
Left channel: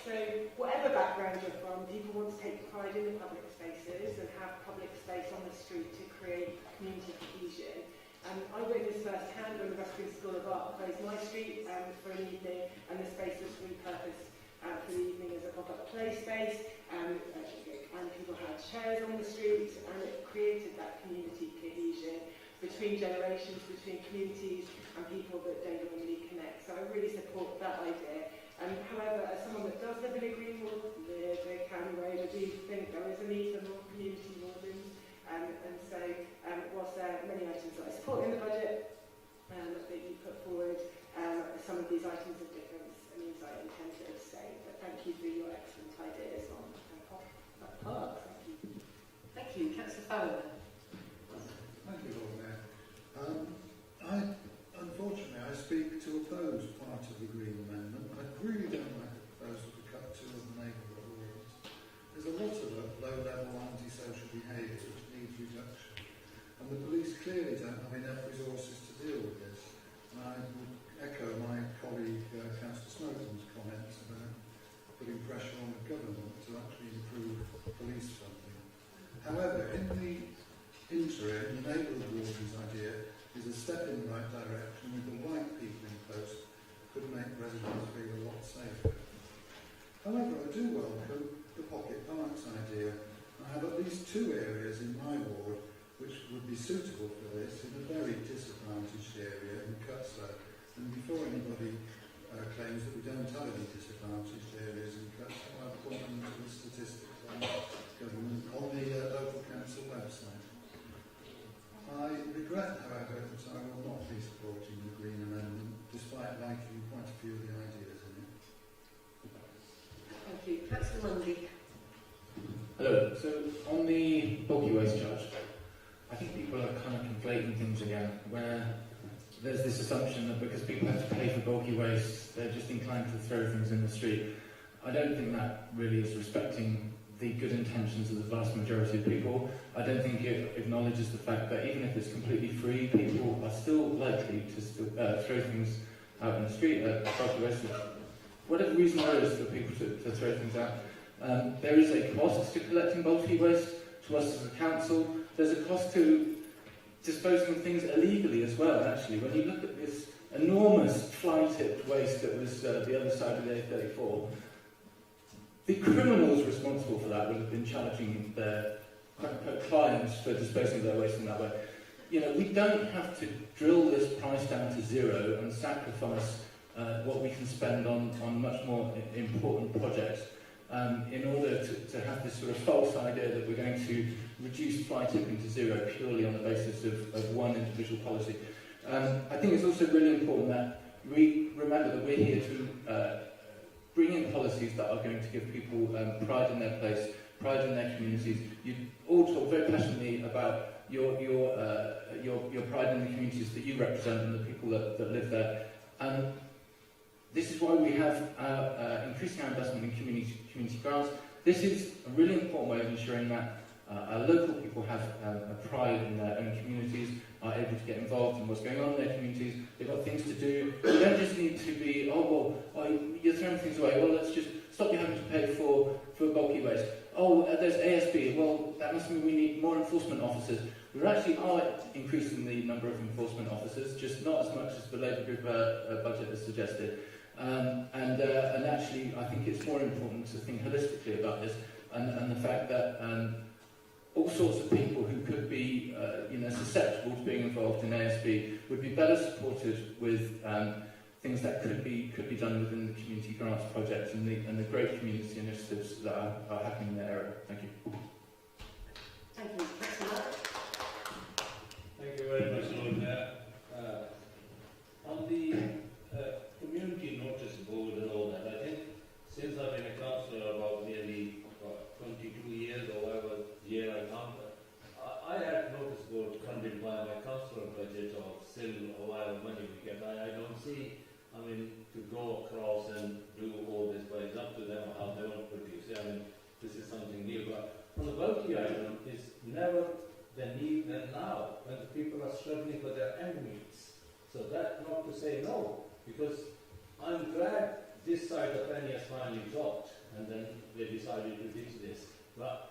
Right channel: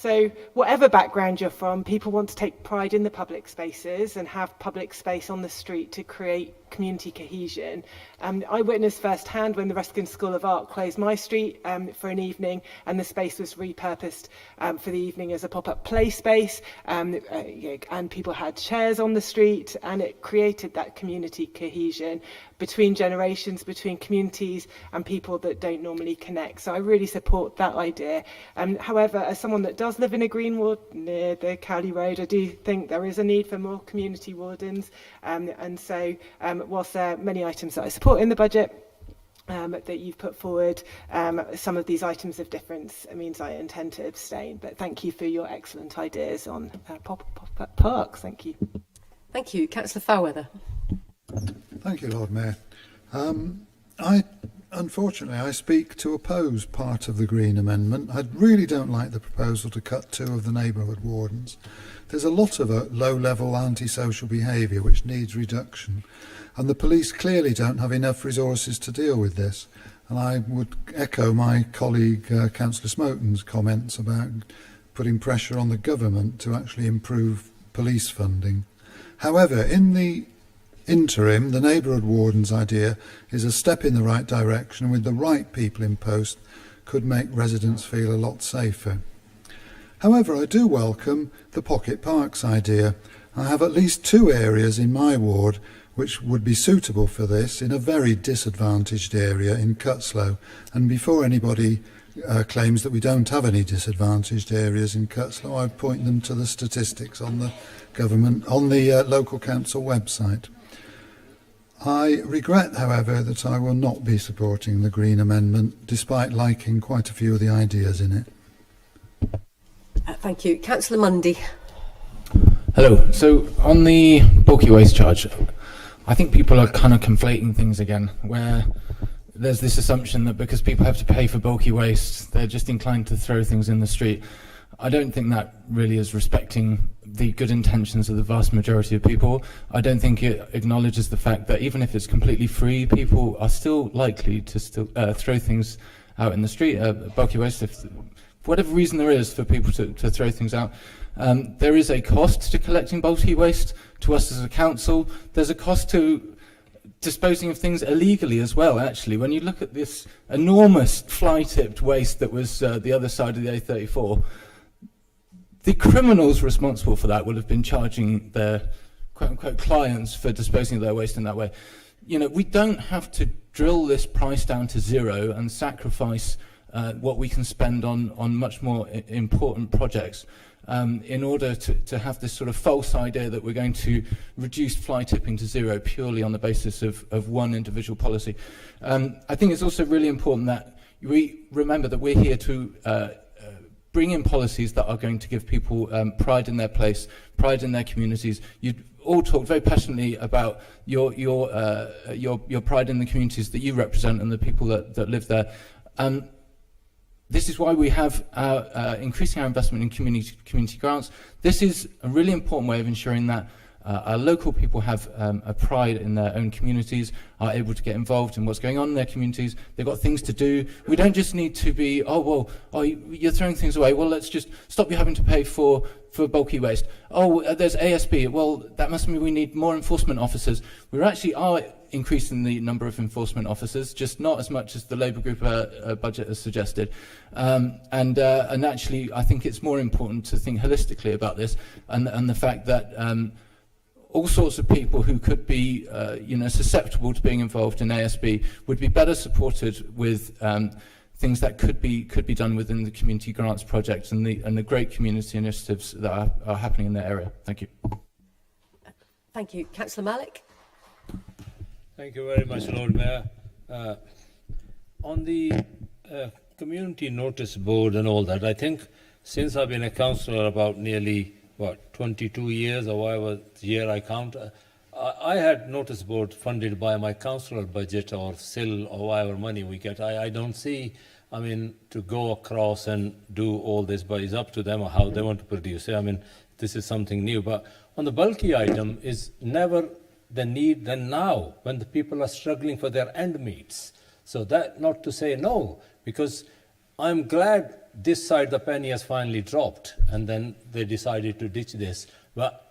So whatever background you're from, people want to take pride in the public spaces and have public space on the street to create community cohesion. I witnessed firsthand when the Ruskin School of Art closed my street for an evening, and the space was repurposed for the evening as a pop-up play space, and people had chairs on the street, and it created that community cohesion between generations, between communities and people that don't normally connect. So I really support that idea. However, as someone that does live in a green ward near the Cowley Road, I do think there is a need for more community wardens. And so whilst there are many items that I support in the budget that you've put forward, some of these items of difference means I intend to abstain. But thank you for your excellent ideas on pop-up parks. Thank you. Thank you. Councillor Fairweather. Thank you, Lord Mayor. Unfortunately, I speak to oppose part of the Green Amendment. I really don't like the proposal to cut 2 of the neighbourhood wardens. There's a lot of low-level antisocial behaviour which needs reduction, and the police clearly don't have enough resources to deal with this. And I would echo my colleague Councillor Smoten's comments about putting pressure on the government to actually improve police funding. However, in the interim, the neighbourhood warden's idea is a step in the right direction, and with the right people in post could make residents feel a lot safer. However, I do welcome the pocket parks idea. I have at least 2 areas in my ward which would be suitable for this, in a very disadvantaged area in Cutslow. And before anybody claims that we don't have any disadvantaged areas in Cutslow, I point them to the statistics on the local council website. I regret, however, that I will not be supporting the Green Amendment, despite liking quite a few of the ideas in it. Thank you. Councillor Mundy. Hello. So on the bulky waste charge, I think people are kind of conflating things again, where there's this assumption that because people have to pay for bulky waste, they're just inclined to throw things in the street. I don't think that really is respecting the good intentions of the vast majority of people. I don't think it acknowledges the fact that even if it's completely free, people are still likely to throw things out in the street, bulky waste, if for whatever reason there is for people to throw things out. There is a cost to collecting bulky waste to us as a council. There's a cost to disposing of things illegally as well, actually. When you look at this enormous fly-tipped waste that was the other side of the A34, the criminals responsible for that would have been charging their quote-unquote clients for disposing of their waste in that way. You know, we don't have to drill this price down to zero and sacrifice what we can spend on much more important projects in order to have this sort of false idea that we're going to reduce fly tipping to zero purely on the basis of one individual policy. I think it's also really important that we remember that we're here to bring in policies that are going to give people pride in their place, pride in their communities. You all talk very passionately about your pride in the communities that you represent and the people that live there. This is why we have increasing our investment in community grants. This is a really important way of ensuring that our local people have a pride in their own communities, are able to get involved in what's going on in their communities. They've got things to do. We don't just need to be, you're throwing things away. Well, let's just stop you having to pay for bulky waste. There's ASB. Well, that must mean we need more enforcement officers. We actually are increasing the number of enforcement officers, just not as much as the Labour group budget has suggested. And actually, I think it's more important to think holistically about this and the fact that all sorts of people who could be, susceptible to being involved in ASB would be better supported with things that could be done within the community grants project and the great community initiatives that are happening in that area. Thank you. Thank you, Councillor Malik. Thank you very much, Lord Mayor. On the community notice board and all that, I think since I've been a councillor about nearly 22 years or whatever year I count. I had notice board funded by my councillor budget or SIL or whatever money we get. I don't see, I mean, to go across and do all this, but it's up to them how they want to produce it. I mean, this is something new. But on the bulky item is never the need than now, when the people are struggling for their end meets. So that not to say no, because I'm glad this side the penny has finally dropped, and then they decided to ditch this. But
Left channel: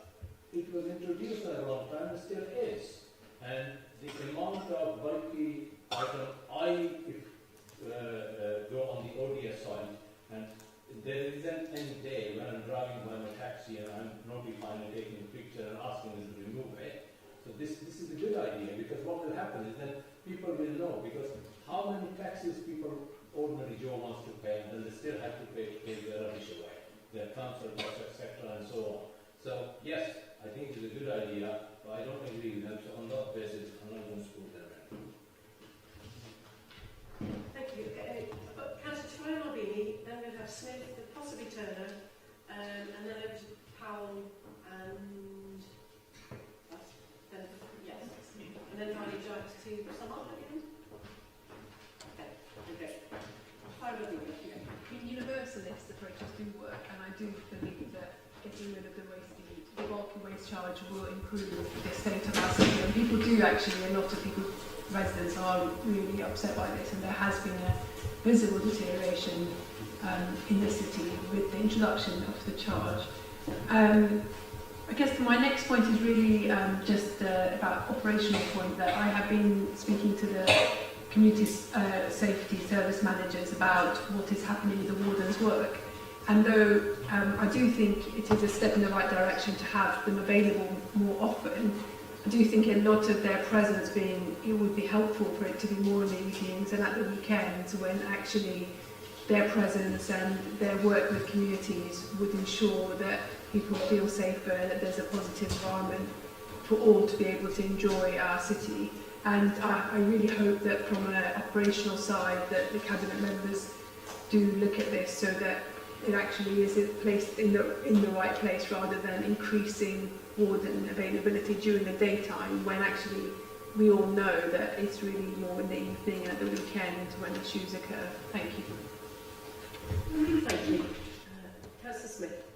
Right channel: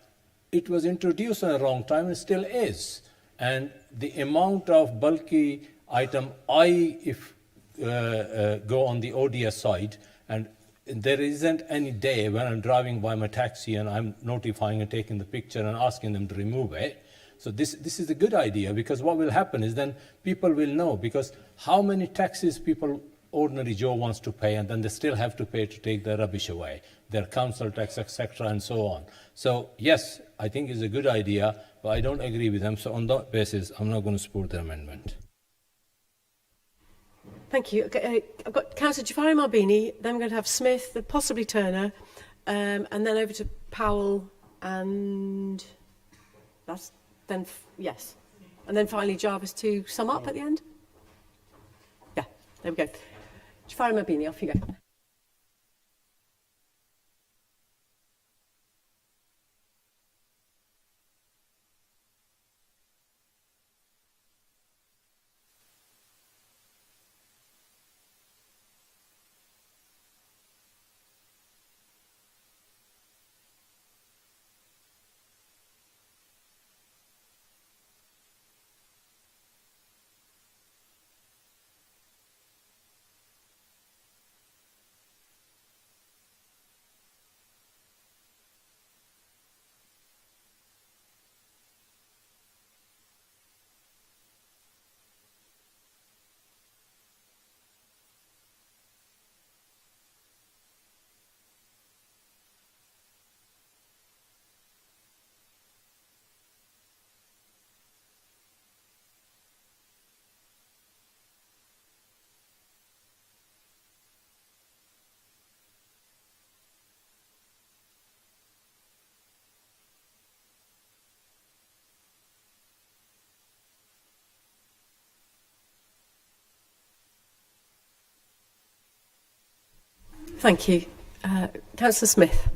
it was introduced at a wrong time and still is. And the amount of bulky item, if go on the ODS side, and there isn't any day when I'm driving by my taxi and I'm notifying and taking the picture and asking them to remove it. So this is a good idea, because what will happen is then people will know, because how many taxes people, ordinary Joe wants to pay, and then they still have to pay to take their rubbish away, their council tax, etc., and so on. So yes, I think it's a good idea, but I don't agree with them. So on that basis, I'm not going to support the amendment. Thank you. Okay, I've got Councillor Jafari Marbini, then we're going to have Smith, then possibly Turner, and then over to Powell, and that's then, yes. And then finally Jarvis to sum up at the end. Yeah, there we go. Jafari Marbini, off you go. Universalist approaches do work, and I do believe that getting rid of the bulky waste charge will improve the state of our city. And people do actually, a lot of people, residents are really upset by this, and there has been a visible deterioration in the city with the introduction of the charge. I guess my next point is really just about operational point, that I have been speaking to the community safety service managers about what is happening with the warden's work. And though I do think it is a step in the right direction to have them available more often, I do think a lot of their presence it would be helpful for it to be more in the evenings and at the weekends, when actually their presence and their work with communities would ensure that people feel safer and that there's a positive environment for all to be able to enjoy our city. And I really hope that from an operational side that the cabinet members do look at this, so that it actually is placed in the right place, rather than increasing warden availability during the daytime, when actually we all know that it's really more in the evening and at the weekend when issues occur. Thank you. Thank you. Councillor Smith.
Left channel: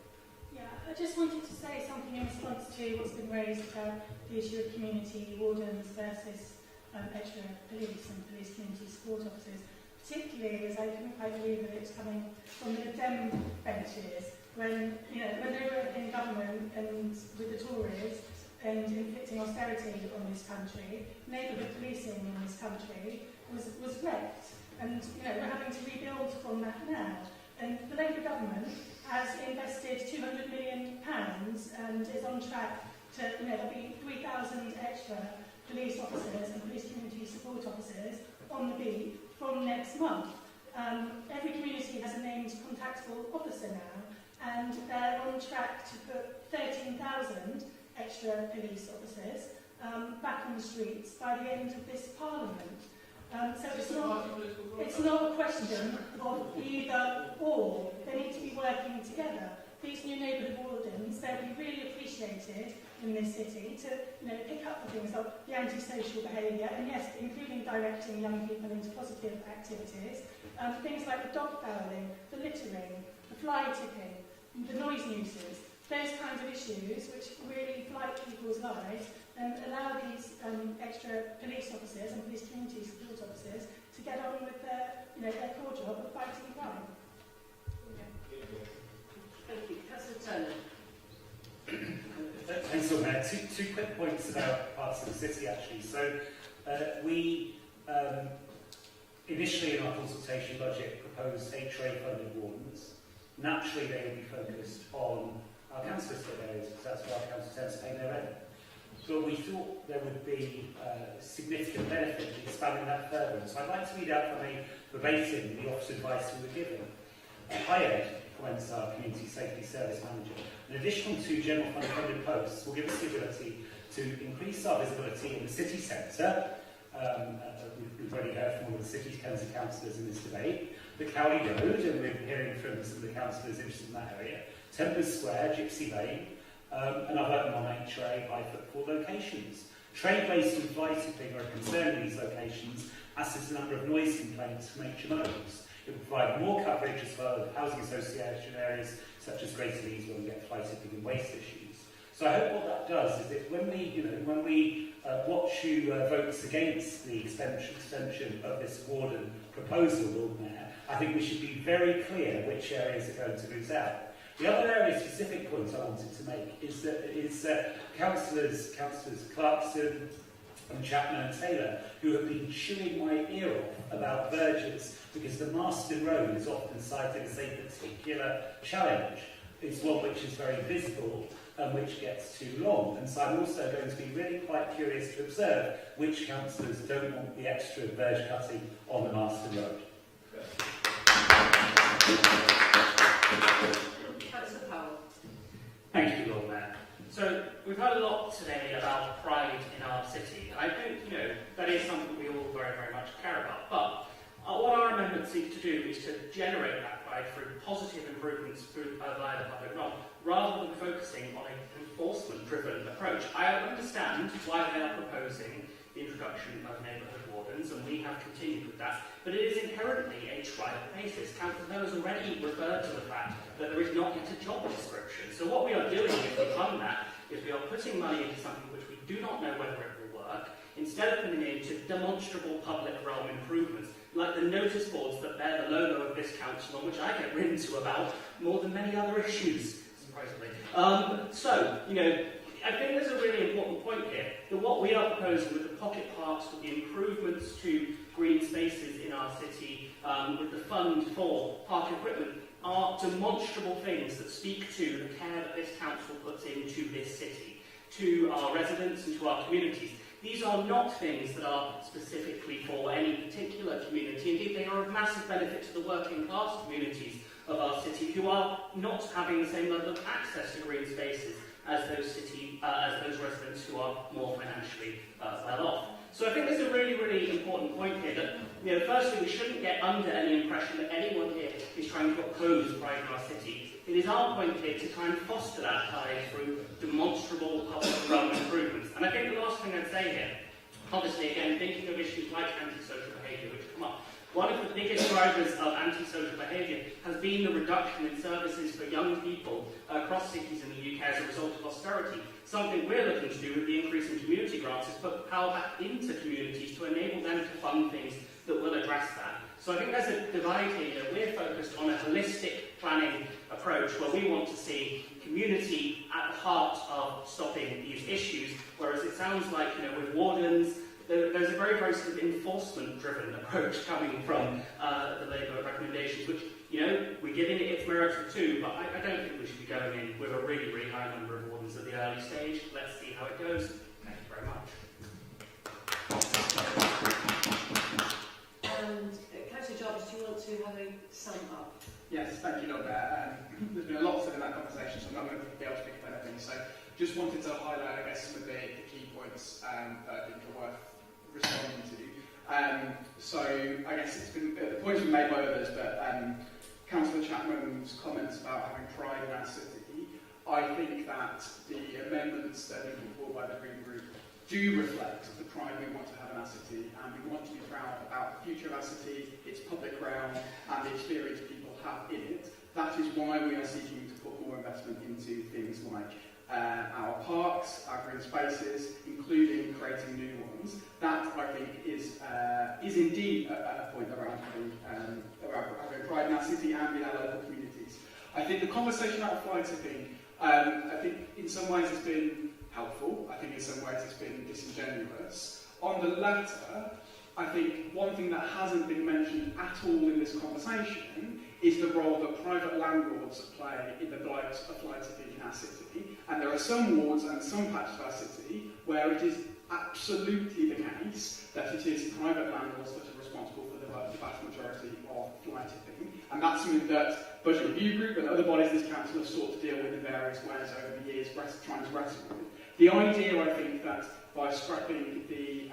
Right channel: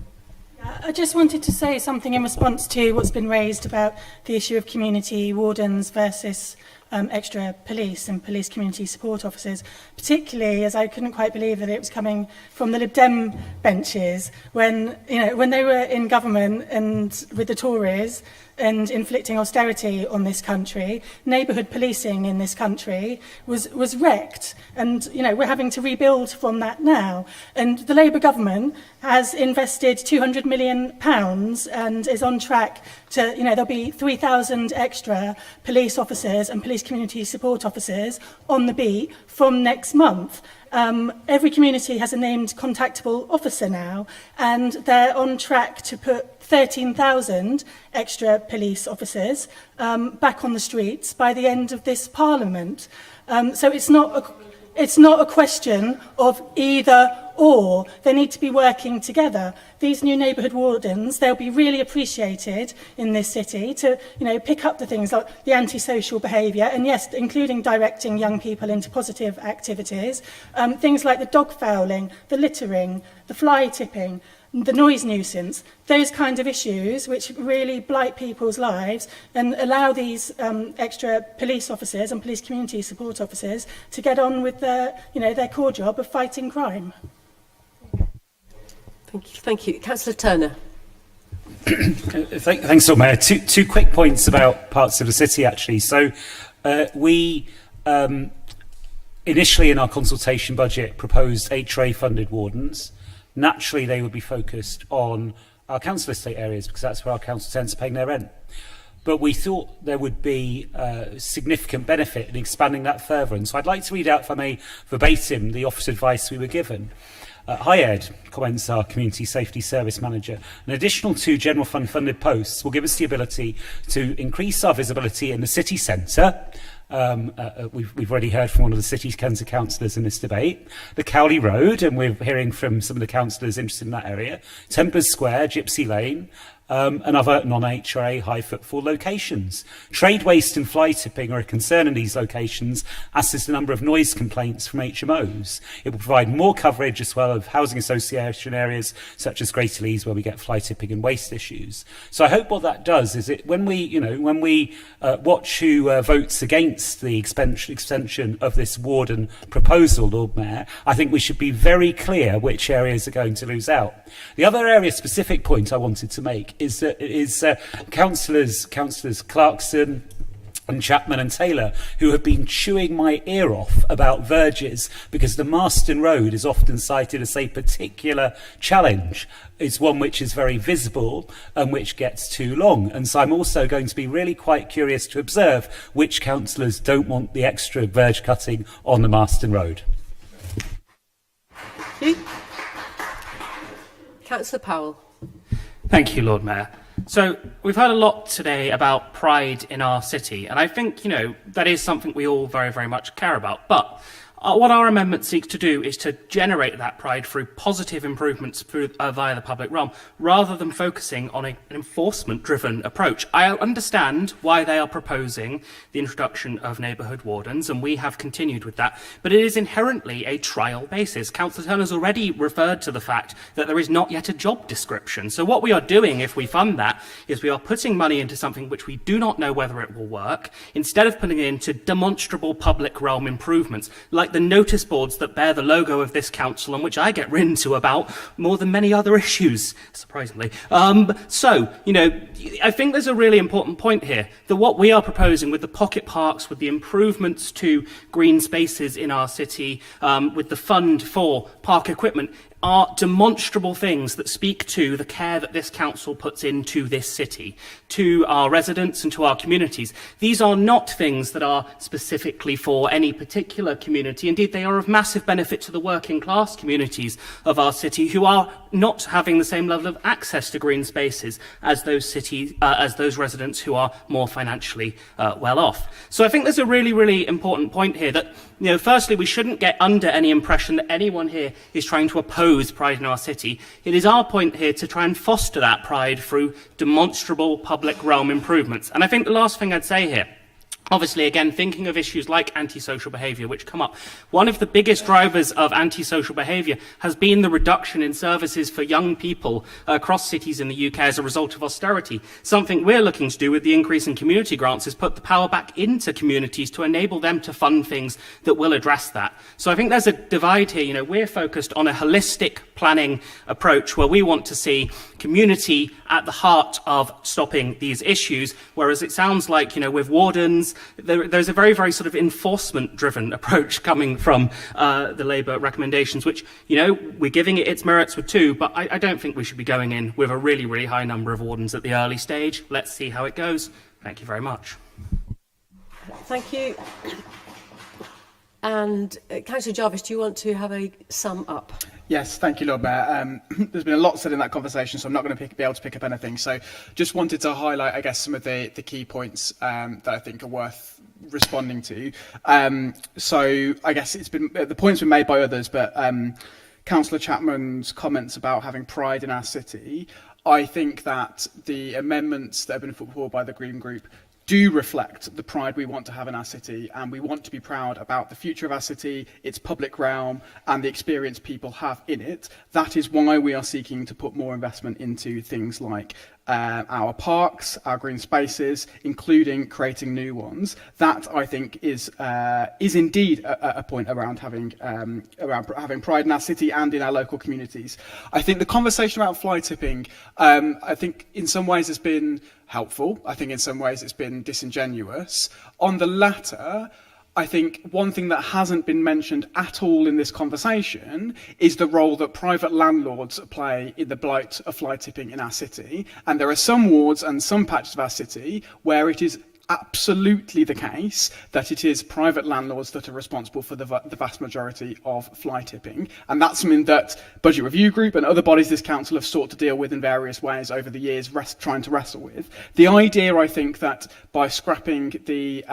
I just wanted to say something in response to what's been raised about the issue of community wardens versus extra police and police community support officers, particularly as I couldn't quite believe that it was coming from the Lib Dem benches when they were in government and with the Tories and inflicting austerity on this country. Neighbourhood policing in this country was wrecked, and we're having to rebuild from that now. And the Labour government has invested £200 million and is on track to, there'll be 3,000 extra police officers and police community support officers on the beat from next month. Every community has a named contactable officer now, and they're on track to put 13,000 extra police officers back on the streets by the end of this Parliament. So it's not a question of either or. They need to be working together. These new neighbourhood wardens, they'll be really appreciated in this city to, pick up the things like the antisocial behaviour, and yes, including directing young people into positive activities, things like the dog fouling, the littering, the fly tipping, the noise nuisance, those kind of issues which really blight people's lives, and allow these extra police officers and police community support officers to get on with their core job of fighting crime. Thank you. Councillor Turner. Thanks, Lord Mayor. Two quick points about parts of the city, actually. So we initially in our consultation budget proposed HRA-funded wardens. Naturally, they would be focused on our council estate areas, because that's where our council tends to pay their rent. But we thought there would be significant benefit in expanding that further. And so I'd like to read out, if I may, verbatim, the office advice we were given. Hi Ed, comments our Community Safety Service Manager. An additional 2 general fund funded posts will give us the ability to increase our visibility in the city centre, We've already heard from one of the City Council councillors in this debate. The Cowley Road, and we're hearing from some of the councillors interested in that area. Tempers Square, Gypsy Lane, and other non-HRA high footfall locations. Trade waste and fly tipping are a concern in these locations, as is the number of noise complaints from HMOs. It will provide more coverage as well of housing association areas such as Greater Leeds, where we get fly tipping and waste issues. So I hope what that does is when we watch who votes against the extension of this Warden proposal, Lord Mayor, I think we should be very clear which areas are going to lose out. The other area-specific point I wanted to make is councillors Clarkson and Chapman and Taylor, who have been chewing my ear off about verges because the Marston Road is often cited as a particular challenge. It's one which is very visible and which gets too long. And so I'm also going to be really quite curious to observe which councillors don't want the extra verge cutting on the Marston Road. Councillor Powell. Thank you, Lord Mayor. So we've heard a lot today about pride in our city, and I think, that is something we all very, very much care about. But what our amendment seeks to do is to generate that pride through positive improvements via the public realm, rather than focusing on an enforcement-driven approach. I understand why they are proposing the introduction of neighbourhood wardens, and we have continued with that, but it is inherently a trial basis. Councillor Turner's already referred to the fact that there is not yet a job description. So what we are doing, if we fund that, is we are putting money into something which we do not know whether it will work, instead of putting it into demonstrable public realm improvements, like the notice boards that bear the logo of this council, and which I get written to about more than many other issues, surprisingly. I think there's a really important point here, that what we are proposing with the pocket parks, with the improvements to green spaces in our city, with the fund for park equipment, are demonstrable things that speak to the care that this council puts into this city, to our residents and to our communities. These are not things that are specifically for any particular community. Indeed, they are of massive benefit to the working class communities of our city, who are not having the same level of access to green spaces as those residents who are more financially well off. So I think there's a really, really important point here that, firstly, we shouldn't get under any impression that anyone here is trying to oppose pride in our city. It is our point here to try and foster that pride through demonstrable public realm improvements. And I think the last thing I'd say here, obviously, again, thinking of issues like antisocial behaviour, which come up, one of the biggest drivers of antisocial behaviour has been the reduction in services for young people across cities in the UK as a result of austerity. Something we're looking to do with the increase in community grants is put the power back into communities to enable them to fund things that will address that. So I think there's a divide here. We're focused on a holistic planning approach where we want to see community at the heart of stopping these issues, whereas it sounds like, with wardens, there's a very, very sort of enforcement-driven approach coming from the Labour recommendations, which, we're giving it its merits with two, but I don't think we should be going in with a really, really high number of wardens at the early stage. Let's see how it goes. Thank you very much. Thank you. And Councillor Jarvis, do you want to have a sum up? Yes, thank you, Lord Mayor. There's been a lot said in that conversation, so I'm not going to be able to pick up anything. So just wanted to highlight, I guess, some of the key points that I think are worth responding to. So I guess it's been the points been made by others, but Councillor Chapman's comments about having pride in our city, I think that the amendments that have been put forward by the Green Group do reflect the pride we want to have in our city, and we want to be proud about the future of our city, its public realm, and the experience people have in it. That is why we are seeking to put more investment into things like our parks, our green spaces, including creating new ones. That, I think, is indeed a point around having pride in our city and in our local communities. I think the conversation about fly tipping, I think in some ways has been helpful. I think in some ways it's been disingenuous. On the latter, I think one thing that hasn't been mentioned at all in this conversation is the role that private landlords play in the blight of fly tipping in our city. And there are some wards and some patches of our city where it is absolutely the case that it is private landlords that are responsible for the vast majority of fly tipping. And that's something that Budget Review Group and other bodies this council have sought to deal with in various ways over the years, trying to wrestle with. The idea, I think, that by scrapping the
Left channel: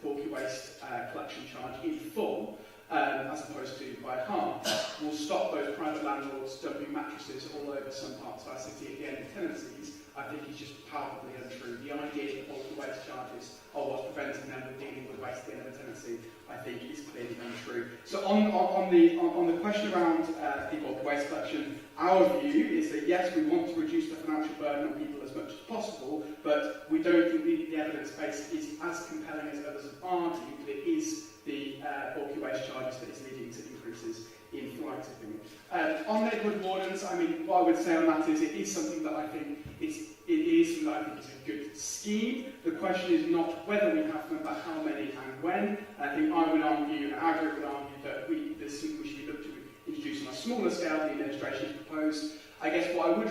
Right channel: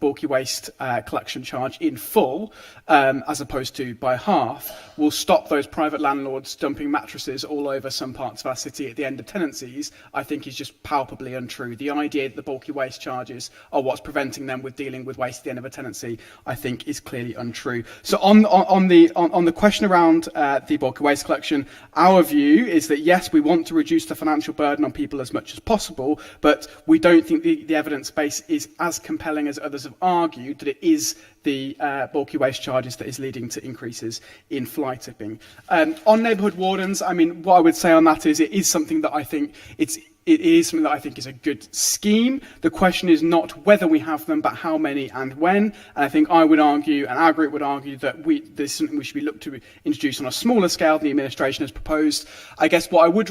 bulky waste collection charge in full, as opposed to by half, will stop those private landlords dumping mattresses all over some parts of our city at the end of tenancies, I think is just palpably untrue. The idea that the bulky waste charges are what's preventing them with dealing with waste at the end of a tenancy, I think is clearly untrue. So on the question around the bulky waste collection, our view is that yes, we want to reduce the financial burden on people as much as possible, but we don't think the evidence base is as compelling as others have argued that it is the bulky waste charges that is leading to increases in fly tipping. On neighbourhood wardens, I mean, what I would say on that is it is something that I think it is something that I think is a good scheme. The question is not whether we have them, but how many and when. And I think I would argue, and our group would argue, that this is something we should be looked to introduce on a smaller scale than the administration has proposed. I guess what I would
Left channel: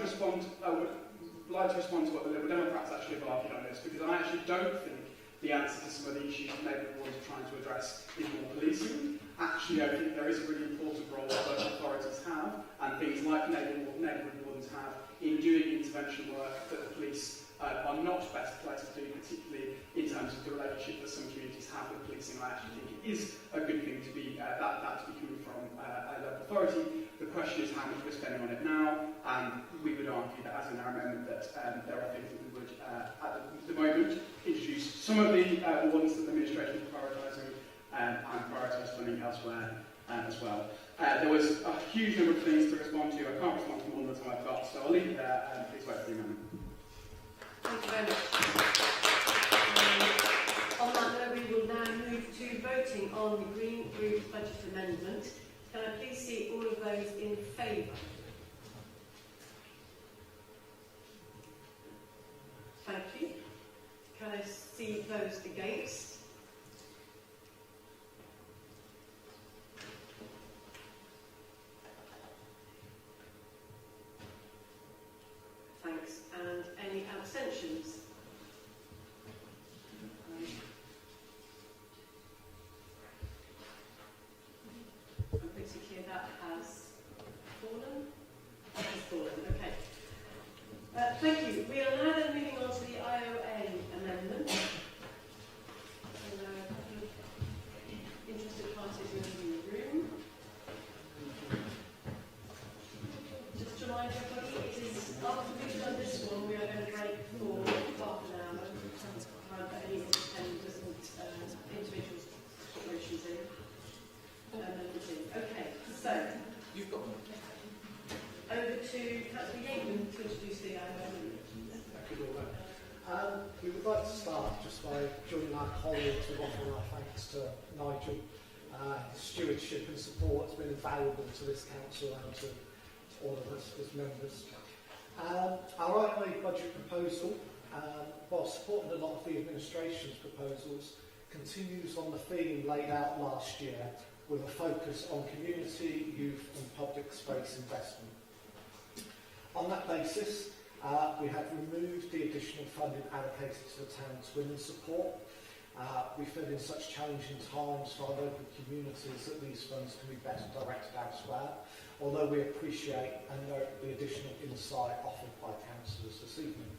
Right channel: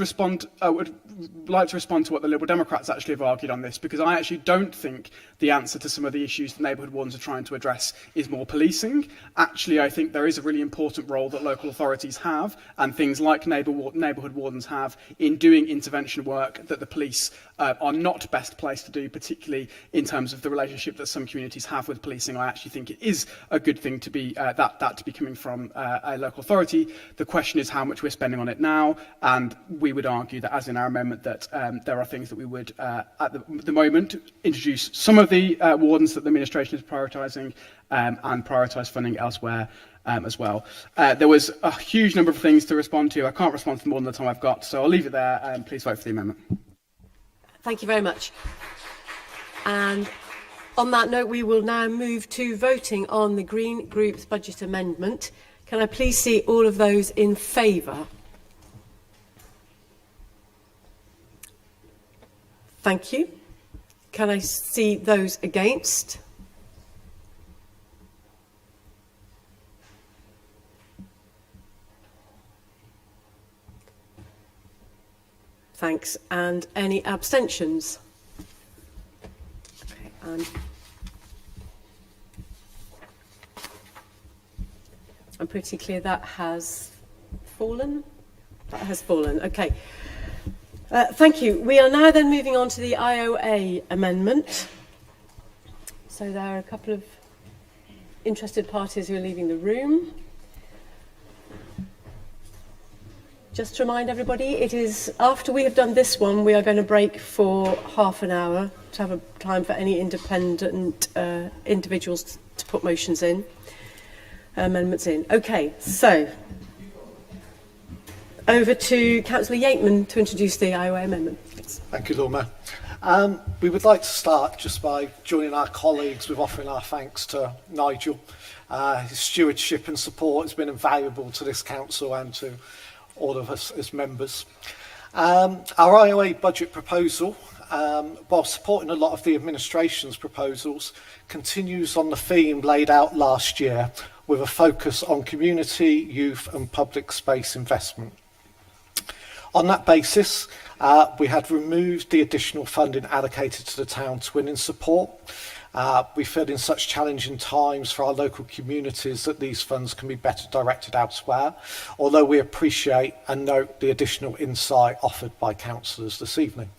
like to respond to what the Liberal Democrats actually have argued on this, because I actually don't think the answer to some of the issues that neighbourhood wardens are trying to address is more policing. Actually, I think there is a really important role that local authorities have, and things like neighbourhood wardens have, in doing intervention work that the police are not best placed to do, particularly in terms of the relationship that some communities have with policing. I actually think it is a good thing to be that to be coming from a local authority. The question is how much we're spending on it now, and we would argue that, as in our amendment, that there are things that we would, at the moment, introduce some of the wardens that the administration is prioritising and prioritise funding elsewhere as well. There was a huge number of things to respond to. I can't respond to them all in the time I've got, so I'll leave it there, and please vote for the amendment. Thank you very much. And on that note, we will now move to voting on the Green Group's budget amendment. Can I please see all of those in favour? Thank you. Can I see those against? Thanks. And any abstentions? Okay, and I'm pretty clear that has fallen. That has fallen. Okay. Thank you. We are now then moving on to the IOA amendment. So there are a couple of interested parties who are leaving the room. Just to remind everybody, it is after we have done this one, we are going to break for half an hour to have a time for any independent individuals to put motions in, amendments in. Okay, so over to Councillor Yateman to introduce the IOA amendment, please. Thank you, Lord Mayor. We would like to start just by joining our colleagues with offering our thanks to Nigel. His stewardship and support has been invaluable to this council and to all of us as members. Our IOA budget proposal, while supporting a lot of the administration's proposals, continues on the theme laid out last year with a focus on community, youth and public space investment. On that basis, we had removed the additional funding allocated to the town twinning support. We feel in such challenging times for our local communities that these funds can be better directed elsewhere, although we appreciate and note the additional insight offered by councillors this evening.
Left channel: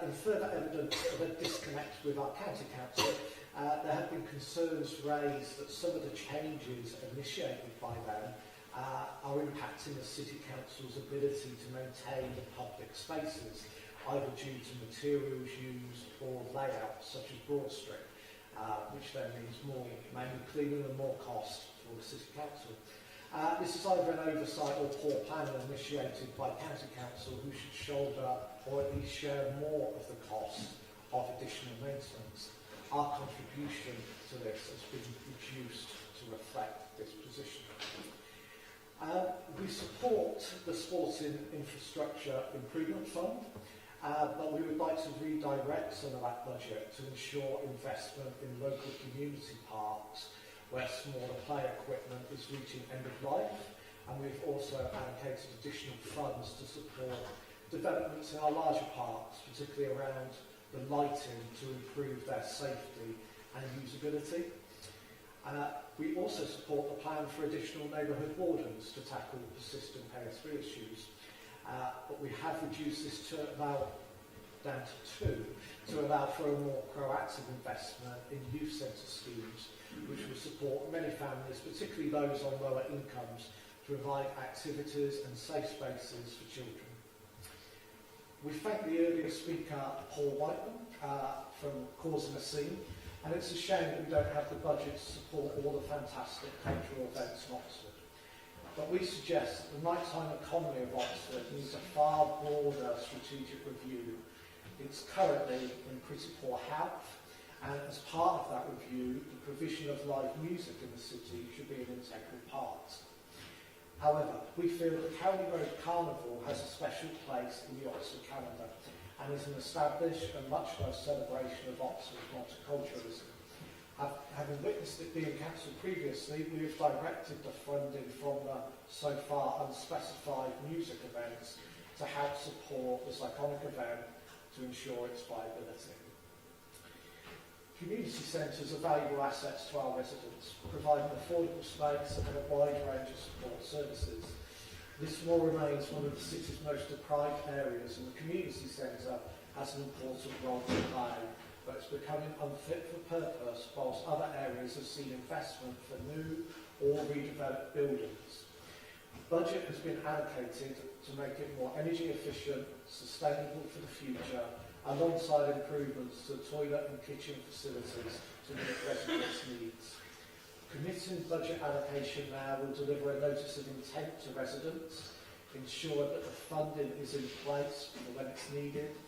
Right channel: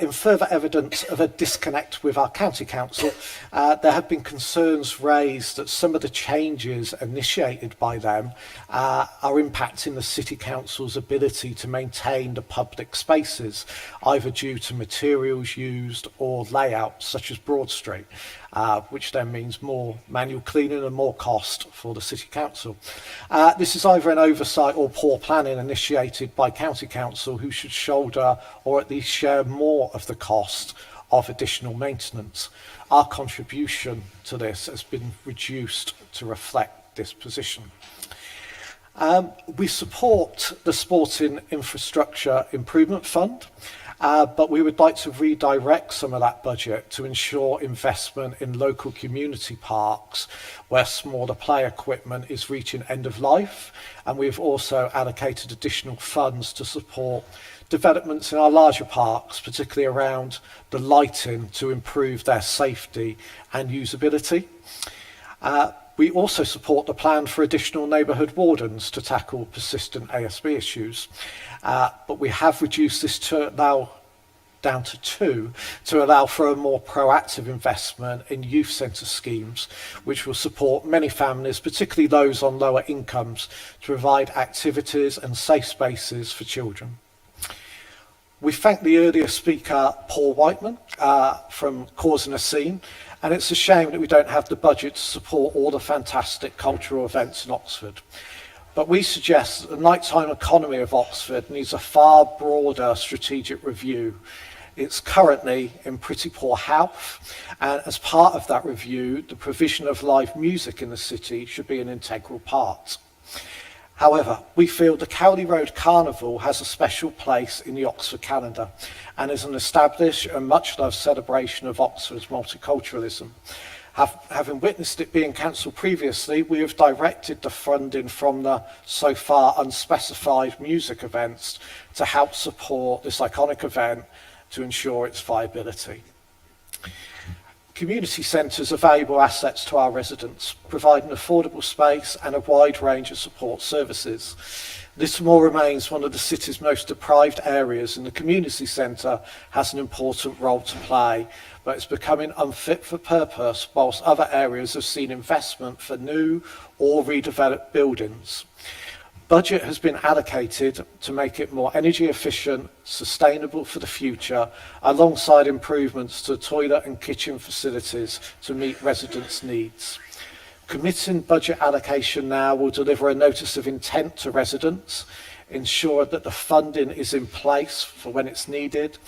In further evidence of a disconnect with our county council, there have been concerns raised that some of the changes initiated by them are impacting the city council's ability to maintain the public spaces, either due to materials used or layout, such as Broad Street, which then means more manual cleaning and more cost for the city council. This is either an oversight or poor planning initiated by county council, who should shoulder or at least share more of the cost of additional maintenance. Our contribution to this has been reduced to reflect this position. We support the Sporting Infrastructure Improvement Fund. but we would like to redirect some of that budget to ensure investment in local community parks where smaller play equipment is reaching end of life, and we've also allocated additional funds to support developments in our larger parks, particularly around the lighting, to improve their safety and usability. We also support the plan for additional neighbourhood wardens to tackle persistent ASB issues, but we have reduced this down to 2 to allow for a more proactive investment in youth centre schemes, which will support many families, particularly those on lower incomes, to provide activities and safe spaces for children. We thank the earlier speaker, Paul Whiteman, from Causing a Scene, and it's a shame that we don't have the budget to support all the fantastic cultural events in Oxford. But we suggest that the nighttime economy of Oxford needs a far broader strategic review. It's currently in pretty poor health, and as part of that review, the provision of live music in the city should be an integral part. However, we feel the Cowley Road Carnival has a special place in the Oxford calendar and is an established and much-loved celebration of Oxford's multiculturalism. Having witnessed it being cancelled previously, we have directed the funding from the so far unspecified music events to help support this iconic event to ensure its viability. Community centres are valuable assets to our residents, providing affordable space and a wide range of support services. Lismore remains one of the city's most deprived areas, and the community centre has an important role to play, but it's becoming unfit for purpose whilst other areas have seen investment for new or redeveloped buildings. Budget has been allocated to make it more energy efficient, sustainable for the future, alongside improvements to toilet and kitchen facilities to meet residents' needs. Committing budget allocation now will deliver a notice of intent to residents, ensure that the funding is in place for when it's needed,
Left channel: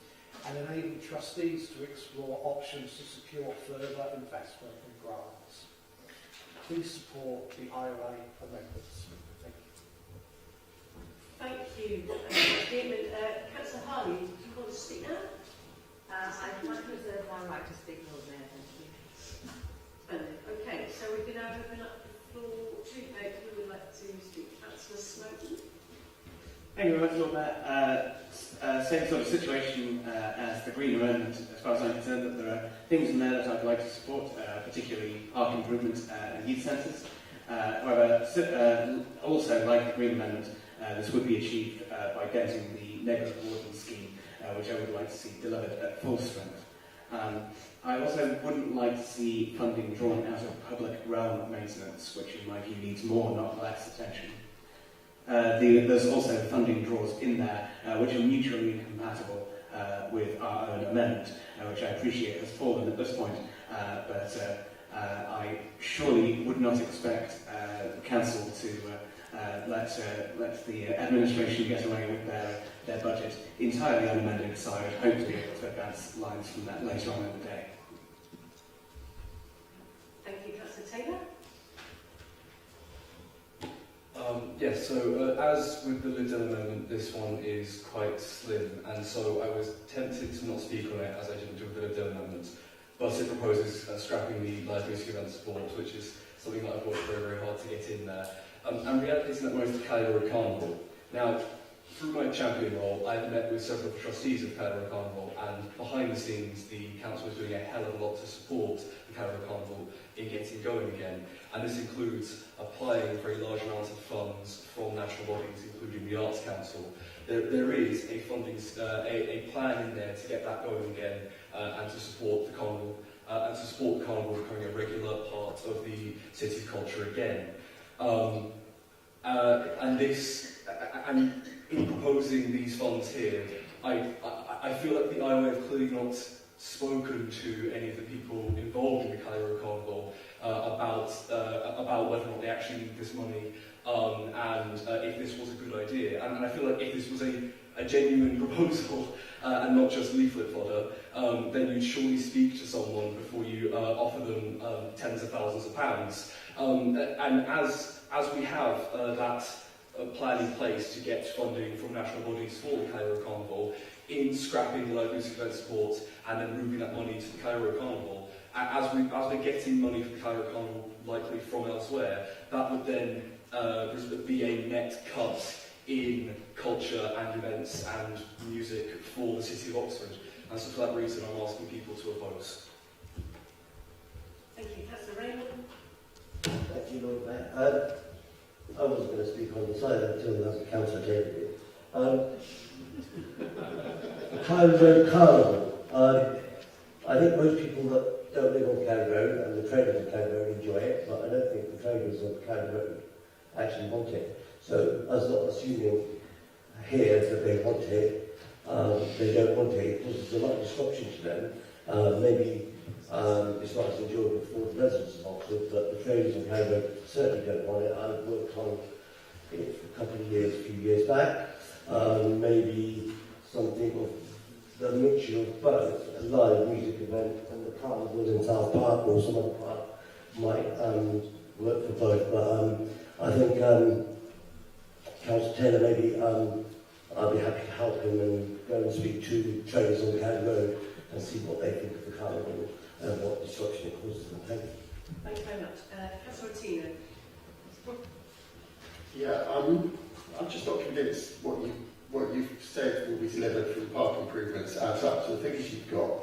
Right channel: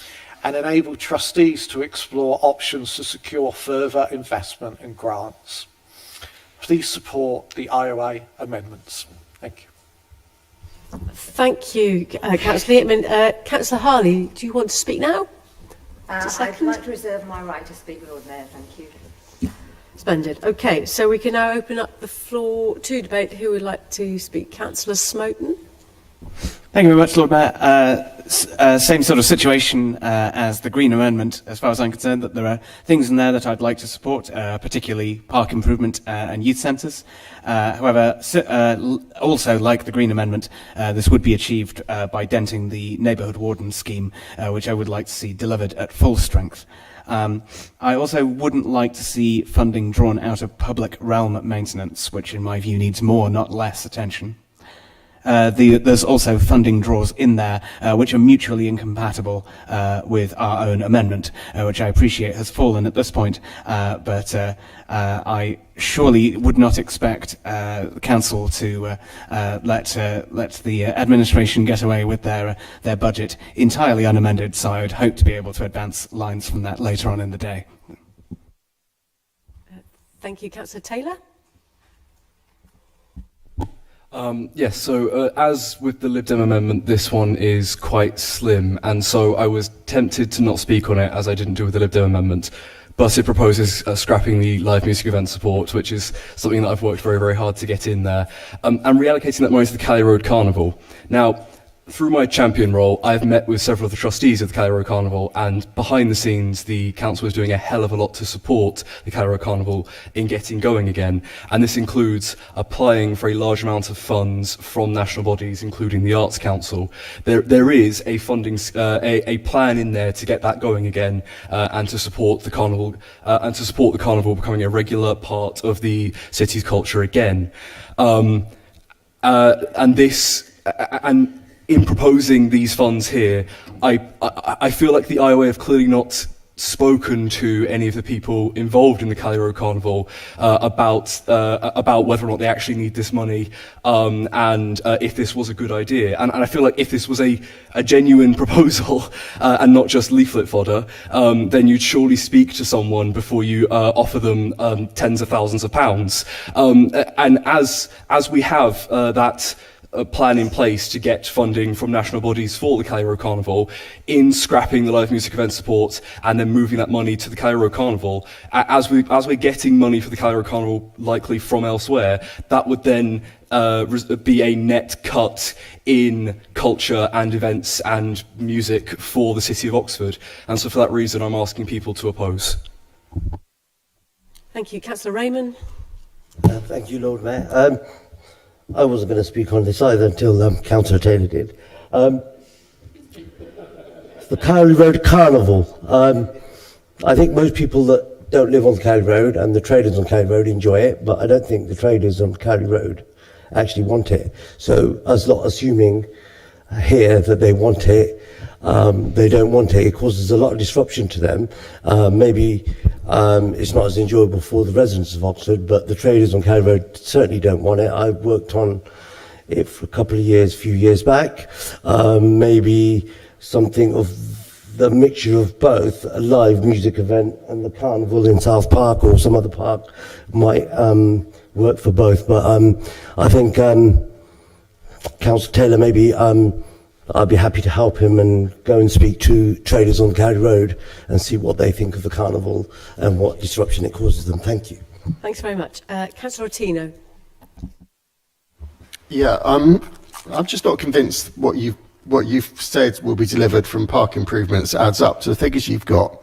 and enable trustees to explore options to secure further investment and grants. Please support the IOA amendments. Thank you. Thank you, Councillor Yateman. Councillor Harley, do you want to speak now? I'd like to reserve my right to speak, Lord Mayor. Thank you. Splendid. Okay, so we can now open up the floor to debate. Who would like to speak? Councillor Smoten. Thank you very much, Lord Mayor. Same sort of situation as the Green Amendment, as far as I'm concerned, that there are things in there that I'd like to support, particularly park improvement and youth centres. However, also like the Green Amendment, this would be achieved by denting the neighbourhood warden scheme, which I would like to see delivered at full strength. I also wouldn't like to see funding drawn out of public realm maintenance, which in my view needs more, not less attention. There's also funding draws in there which are mutually incompatible with our own amendment, which I appreciate has fallen at this point, but I surely would not expect the council to let the administration get away with their budget entirely unamended, so I would hope to be able to advance lines from that later on in the day. Thank you, Councillor Taylor. Yes, so as with the Lib Dem amendment, this one is quite slim, and so I was tempted to not speak on it, as I didn't do with the Lib Dem amendment, but it proposes scrapping the live music event support, which is something that I've worked very, very hard to get in there, and reallocating that money to the Cowley Road Carnival. Now, through my champion role, I've met with several of the trustees of the Cowley Road Carnival, and behind the scenes, the council is doing a hell of a lot to support the Cowley Road Carnival in getting going again. And this includes applying for a large amount of funds from national bodies, including the Arts Council. There is a funding, a plan in there to get that going again, and to support the carnival, becoming a regular part of the city's culture again. And in proposing these funds here, I feel like the IOA have clearly not spoken to any of the people involved in the Cowley Road Carnival about whether or not they actually need this money, and if this was a good idea. And I feel like if this was a genuine proposal and not just leaflet fodder, then you'd surely speak to someone before you offer them tens of thousands of pounds. And as we have that a plan in place to get funding from national bodies for the Cali Road Carnival, in scrapping the live music event support and then moving that money to the Cali Road Carnival. As we're getting money for the Cali Road Carnival likely from elsewhere, that would then be a net cut in culture and events and music for the City of Oxford. And so for that reason, I'm asking people to oppose. Thank you. Councillor Raymond. Thank you, Lord Mayor. I wasn't going to speak on this either until Councillor Taylor did. The Cali Road Carnival. I think most people that don't live on Cali Road and the traders on Cali Road enjoy it, but I don't think the traders on Cali Road actually want it. So us not assuming here that they want it, they don't want it. It causes a lot of disruption to them. Maybe it's not as enjoyable for the residents of Oxford, but the traders on Cali Road certainly don't want it. I worked on it for a couple of years, a few years back. Maybe something of the mixture of both, a live music event and the carnival in South Park or some other park might work for both. But I think Councillor Taylor, maybe I'd be happy to help him and go and speak to traders on Cali Road and see what they think of the carnival and what disruption it causes them. Thank you. Thanks very much. Councillor Ottino. Yeah, I'm just not convinced what you've said will be delivered from park improvements adds up to the figures you've got,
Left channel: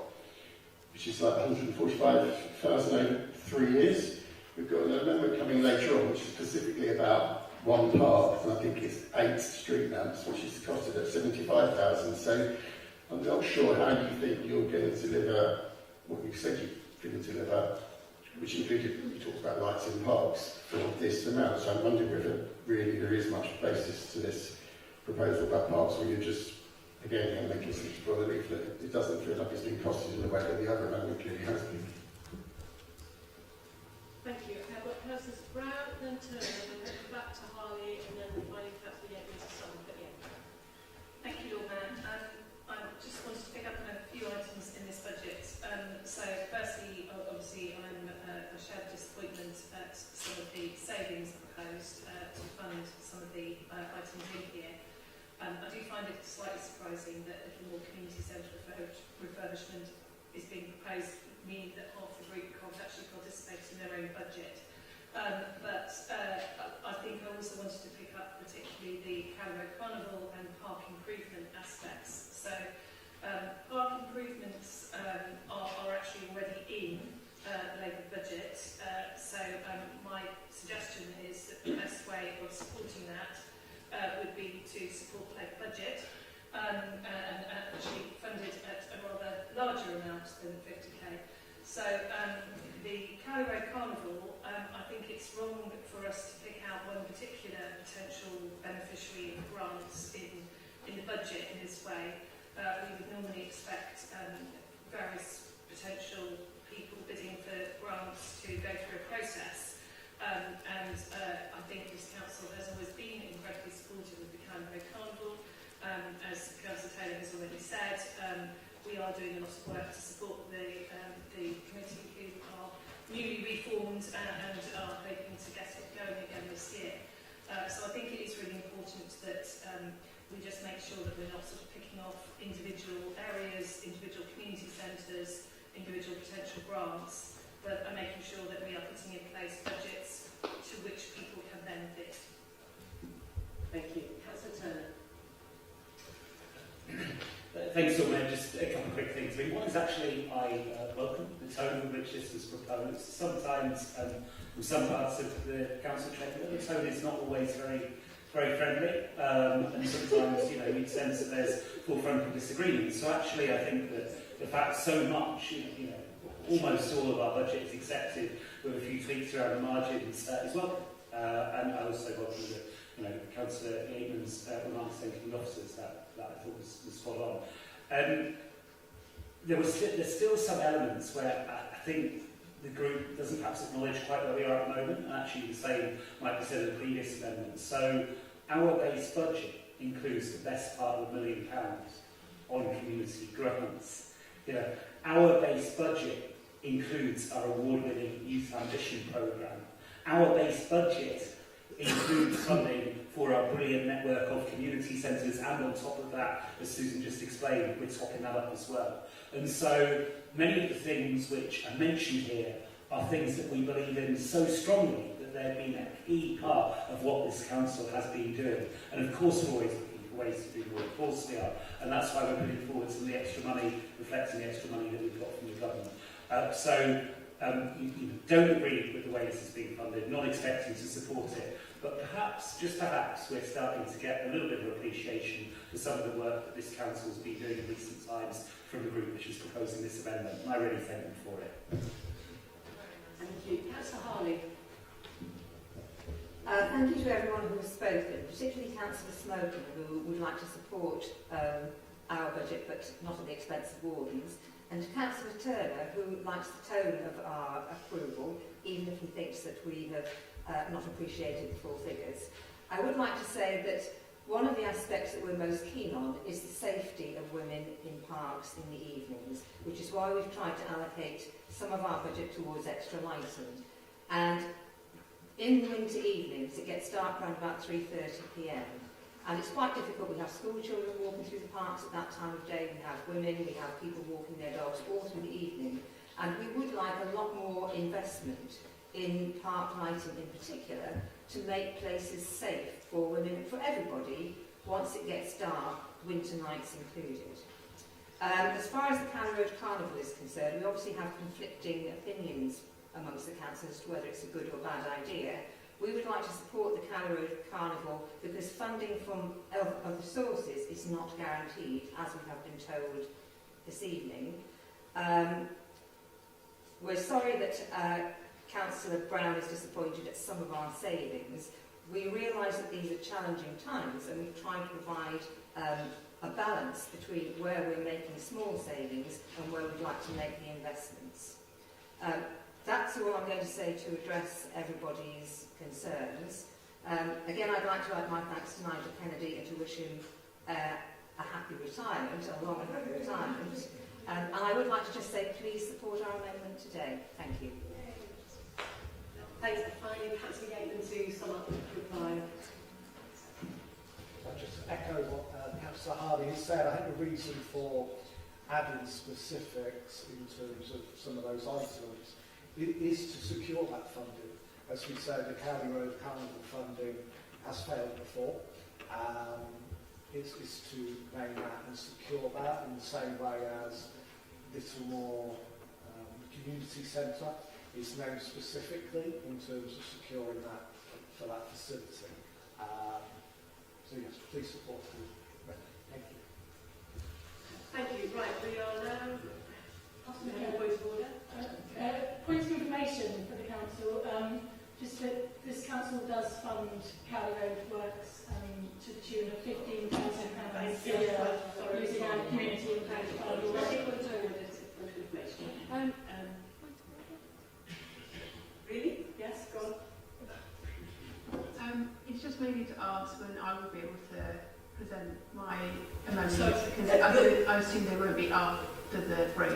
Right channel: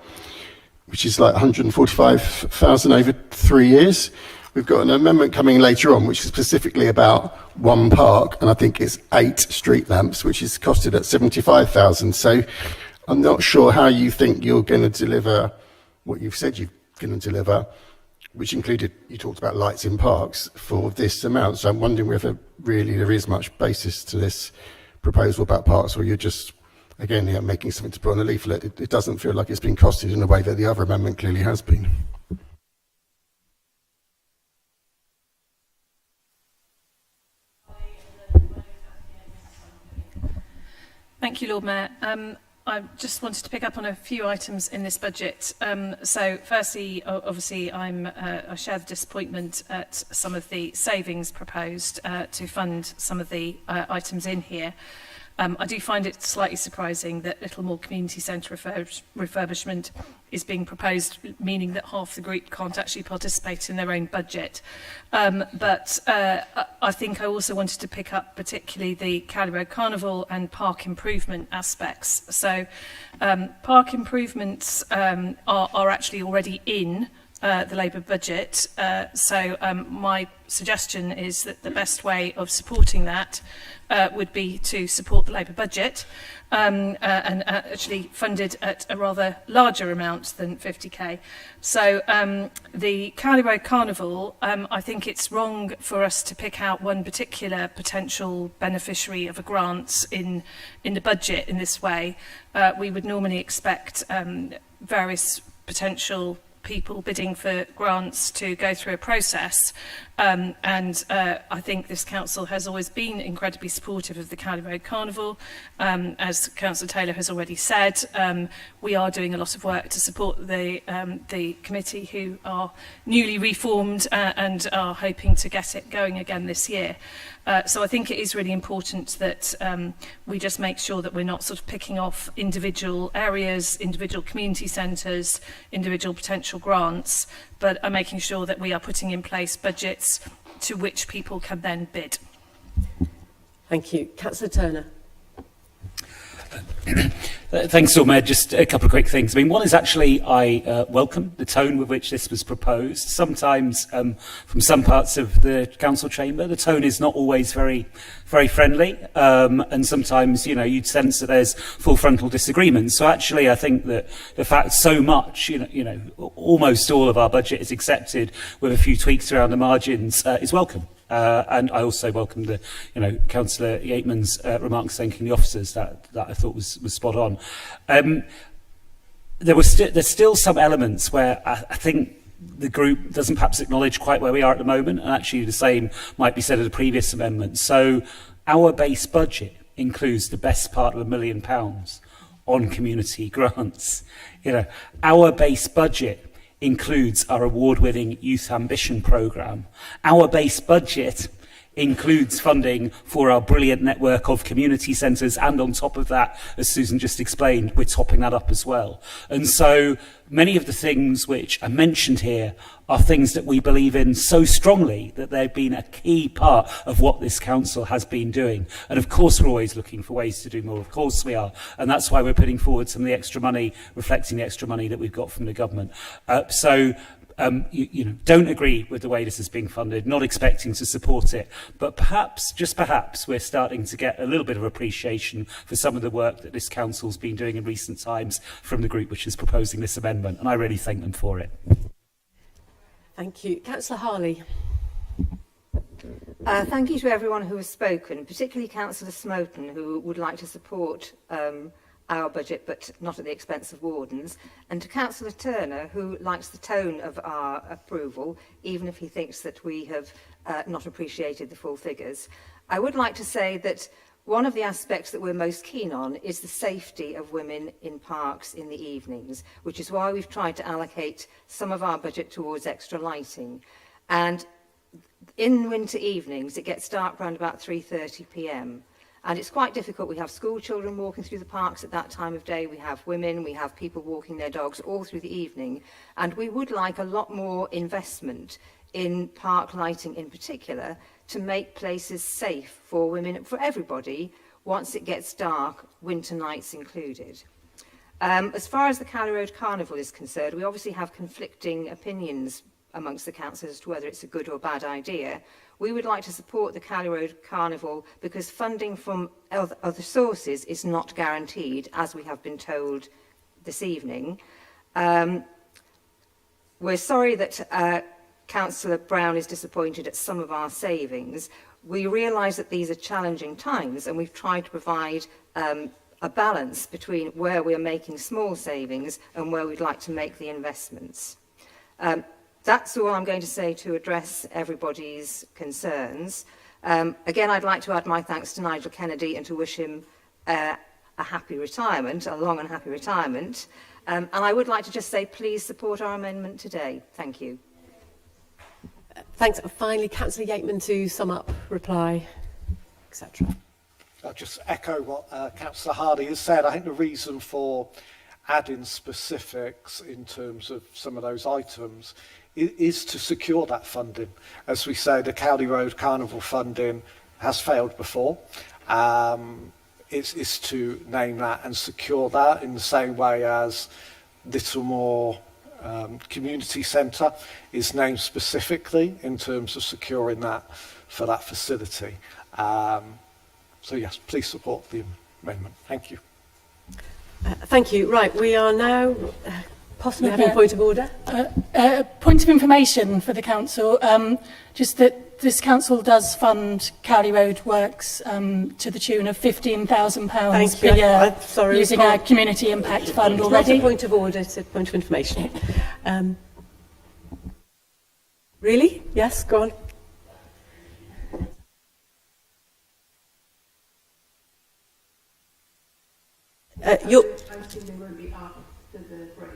which is like 145,000 over 3 years. We've got an amendment coming later on, which is specifically about one park, and I think it's 8 street lamps, which is costed at 75,000. So I'm not sure how you think you're going to deliver what you've said you're going to deliver, which included, you talked about lights in parks, for this amount. So I'm wondering whether really there is much basis to this proposal about parks, or you're just, again, making something to put on a leaflet. It doesn't feel like it's been costed in a way that the other amendment clearly has been. Thank you, Lord Mayor. I just wanted to pick up on a few items in this budget. So firstly, obviously, I share the disappointment at some of the savings proposed to fund some of the items in here. I do find it slightly surprising that little more community centre refurbishment is being proposed, meaning that half the group can't actually participate in their own budget. But I think I also wanted to pick up particularly the Cali Road Carnival and park improvement aspects. So park improvements are actually already in the Labour budget. So my suggestion is that the best way of supporting that would be to support the Labour budget and actually funded at a rather larger amount than 50k. So the Cali Road Carnival, I think it's wrong for us to pick out one particular potential beneficiary of a grant in the budget in this way. We would normally expect various potential people bidding for grants to go through a process, and I think this council has always been incredibly supportive of the Cali Road Carnival. As Councillor Taylor has already said, we are doing a lot of work to support the committee, who are newly reformed and are hoping to get it going again this year. So I think it is really important that we just make sure that we're not sort of picking off individual areas, individual community centres, individual potential grants, but are making sure that we are putting in place budgets to which people can then bid. Thank you. Councillor Turner. Thanks, Lord Mayor. Just a couple of quick things. I mean, one is actually I welcome the tone with which this was proposed. Sometimes, from some parts of the council chamber, the tone is not always very friendly, and sometimes, you know, you'd sense that there's full frontal disagreement. So actually, I think that the fact so much, you know, almost all of our budget is accepted with a few tweaks around the margins is welcome. And I also welcome the, you know, Councillor Yateman's remarks thanking the officers. That I thought was spot on. There's still some elements where I think the group doesn't perhaps acknowledge quite where we are at the moment, and actually the same might be said of the previous amendment. So our base budget includes the best part of £1 million on community grants. You know, our base budget includes our award-winning Youth Ambition programme. Our base budget includes funding for our brilliant network of community centres, and on top of that, as Susan just explained, we're topping that up as well. And so many of the things which are mentioned here are things that we believe in so strongly that they've been a key part of what this council has been doing. And of course we're always looking for ways to do more, of course we are, and that's why we're putting forward some of the extra money, reflecting the extra money that we've got from the government. You know, don't agree with the way this is being funded, not expecting to support it, but perhaps, just perhaps, we're starting to get a little bit of appreciation for some of the work that this council's been doing in recent times from the group which is proposing this amendment, and I really thank them for it. Thank you. Councillor Harley. Thank you to everyone who has spoken, particularly Councillor Smoten, who would like to support our budget but not at the expense of wardens, and to Councillor Turner, who likes the tone of our approval, even if he thinks that we have not appreciated the full figures. I would like to say that one of the aspects that we're most keen on is the safety of women in parks in the evenings, which is why we've tried to allocate some of our budget towards extra lighting. And in winter evenings, it gets dark around about 3:30 p.m. And it's quite difficult. We have school children walking through the parks at that time of day. We have women, we have people walking their dogs all through the evening. And we would like a lot more investment in park lighting in particular to make places safe for women and for everybody once it gets dark, winter nights included. As far as the Cowley Road Carnival is concerned, we obviously have conflicting opinions amongst the councillors as to whether it's a good or bad idea. We would like to support the Cowley Road Carnival because funding from other sources is not guaranteed, as we have been told this evening. We're sorry that Councillor Brown is disappointed at some of our savings. We realise that these are challenging times, and we've tried to provide a balance between where we're making small savings and where we'd like to make the investments. That's all I'm going to say to address everybody's concerns. Again, I'd like to add my thanks to Nigel Kennedy and to wish him a happy retirement, a long and happy retirement. And I would like to just say, please support our amendment today. Thank you. Thanks. And finally, Councillor Yateman to sum up, reply, etc. I'll just echo what Councillor Hardy has said. I think the reason for adding specifics in terms of some of those items is to secure that funding. As we say, the Cowley Road Carnival funding has failed before. It's to name that and secure that in the same way as Littlemore Community Centre is named specifically in terms of securing that for that facility. So yes, please support the amendment. Thank you. Thank you. Right, we are now possibly having a point of order. Point of information for the council, just that this council does fund Cowley Road works to the tune of £15,000 per year, sorry, using our community impact fund it's already. Not a point of order, it's a point of information. Really? Yes, go on. It's just maybe to ask when I will be able to present my amendments, because I assume they won't be after the break.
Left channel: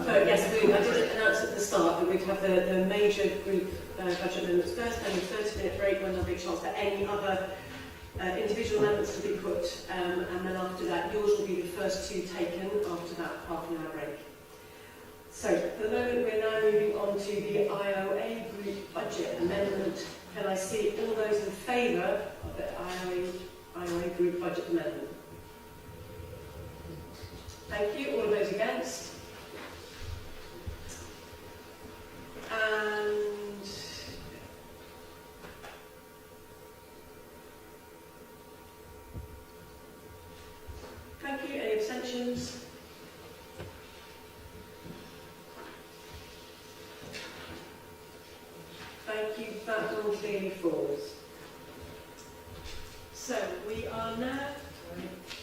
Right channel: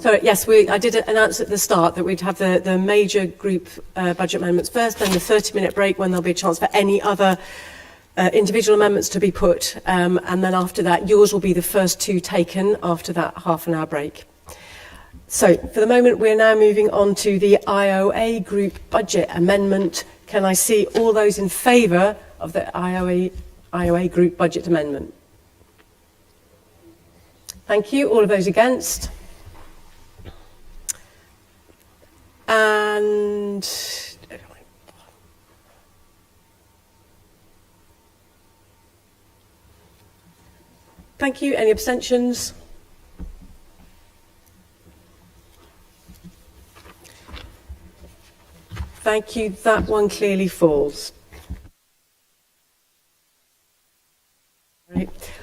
Sorry, yes, I did announce at the start that we'd have the major group budget amendments first, then the 30-minute break when there'll be a chance for any other individual amendments to be put, and then after that, yours will be the first two taken after that half-an-hour break. So, for the moment, we're now moving on to the IOA group budget amendment. Can I see all those in favour of the IOA group budget amendment? Thank you. All of those against? And thank you. Any abstentions? Thank you. That one clearly falls. So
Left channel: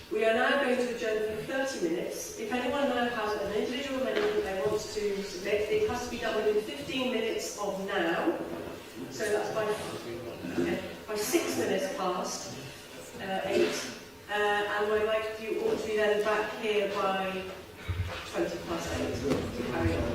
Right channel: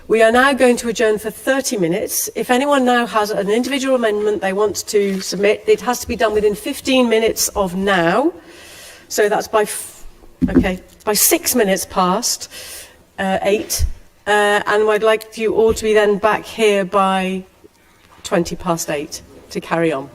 we are now going to adjourn for 30 minutes. If anyone now has an individual amendment they want to submit, it has to be done within 15 minutes of now. So that's by 6 minutes past 8. And I'd like you all to be then back here by 20 past 8 to carry on.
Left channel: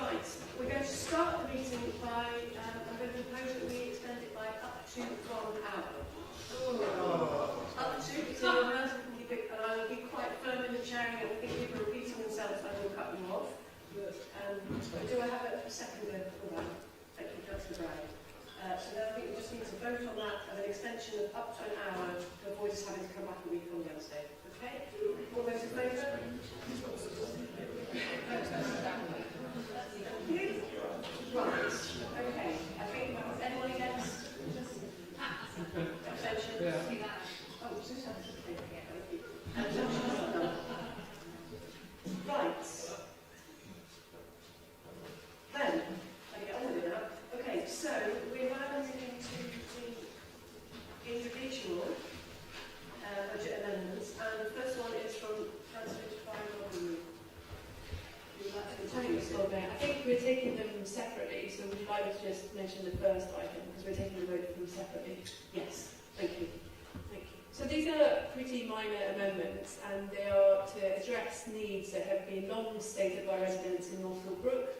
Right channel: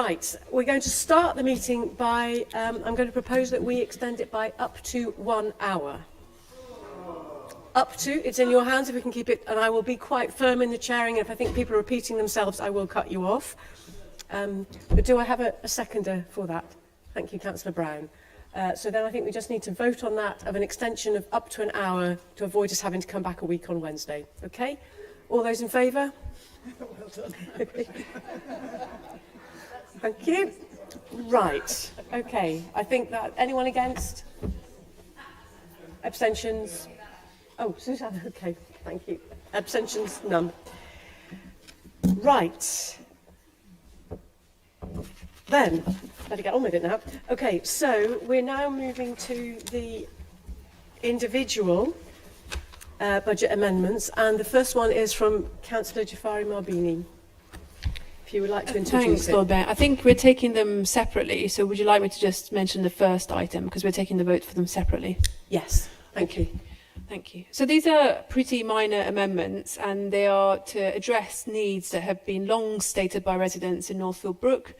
Right, we're going to start the meeting by, I'm going to propose that we extend it by up to 1 hour. Up to, it's in your hands if we can keep it, and I will be quite firm in the chairing. If I think people are repeating themselves, I will cut you off. But do I have a seconder for that? Thank you, Councillor Brown. So then I think we just need to vote on that of an extension of up to an hour to avoid us having to come back a week on Wednesday. Okay? All those in favour? Thank you. Right. Okay. I think that anyone against? Abstentions? Oh, Susanna. Okay. Thank you. Abstentions? None. Right. Then, better get on with it now. Okay, so we're now moving to the individual budget amendments, and the first one is from Councillor Jafari Marbini. If you would like to introduce Thanks, it. Lord Mayor. I think we're taking them separately, so would you like me to just mention the first item, because we're taking the vote for them separately? Yes, thank you. Thank you. So these are pretty minor amendments, and they are to address needs that have been long stated by residents in Northfield Brook,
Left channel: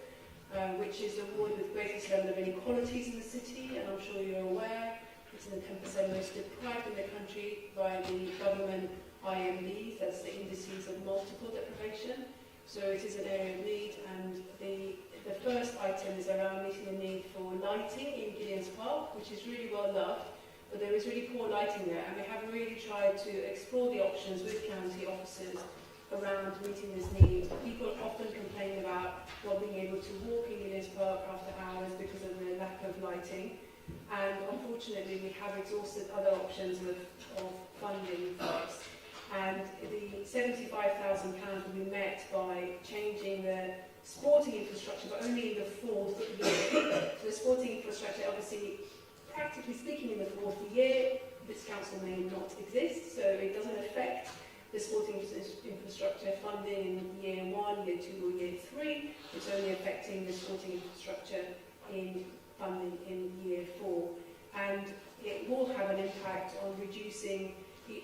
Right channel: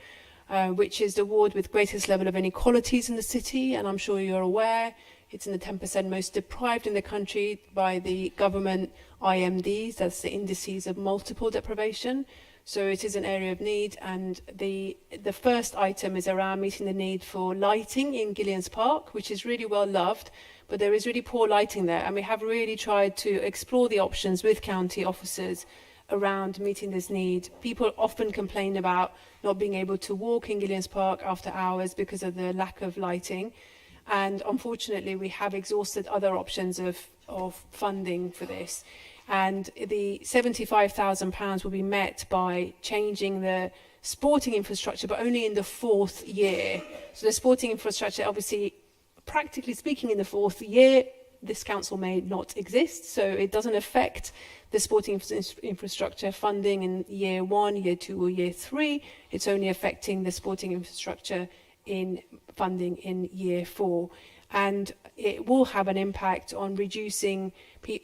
which is the ward with greatest level of inequalities in the city, and I'm sure you're aware it's in the 10% most deprived in the country by the government IMDs, that's the indices of multiple deprivation. So it is an area of need, and the first item is around meeting the need for lighting in Gillians Park, which is really well loved, but there is really poor lighting there, and we have really tried to explore the options with county officers around meeting this need. People often complain about not being able to walk in Gillians Park after hours because of the lack of lighting, and unfortunately we have exhausted other options of funding for this. And the £75,000 will be met by changing the sporting infrastructure, but only in the 4th year. So the sporting infrastructure, obviously, practically speaking, in the 4th year, this council may not exist, so it doesn't affect the sporting infrastructure funding in year 1, year 2, or year 3. It's only affecting the sporting infrastructure in funding in year 4. And it will have an impact on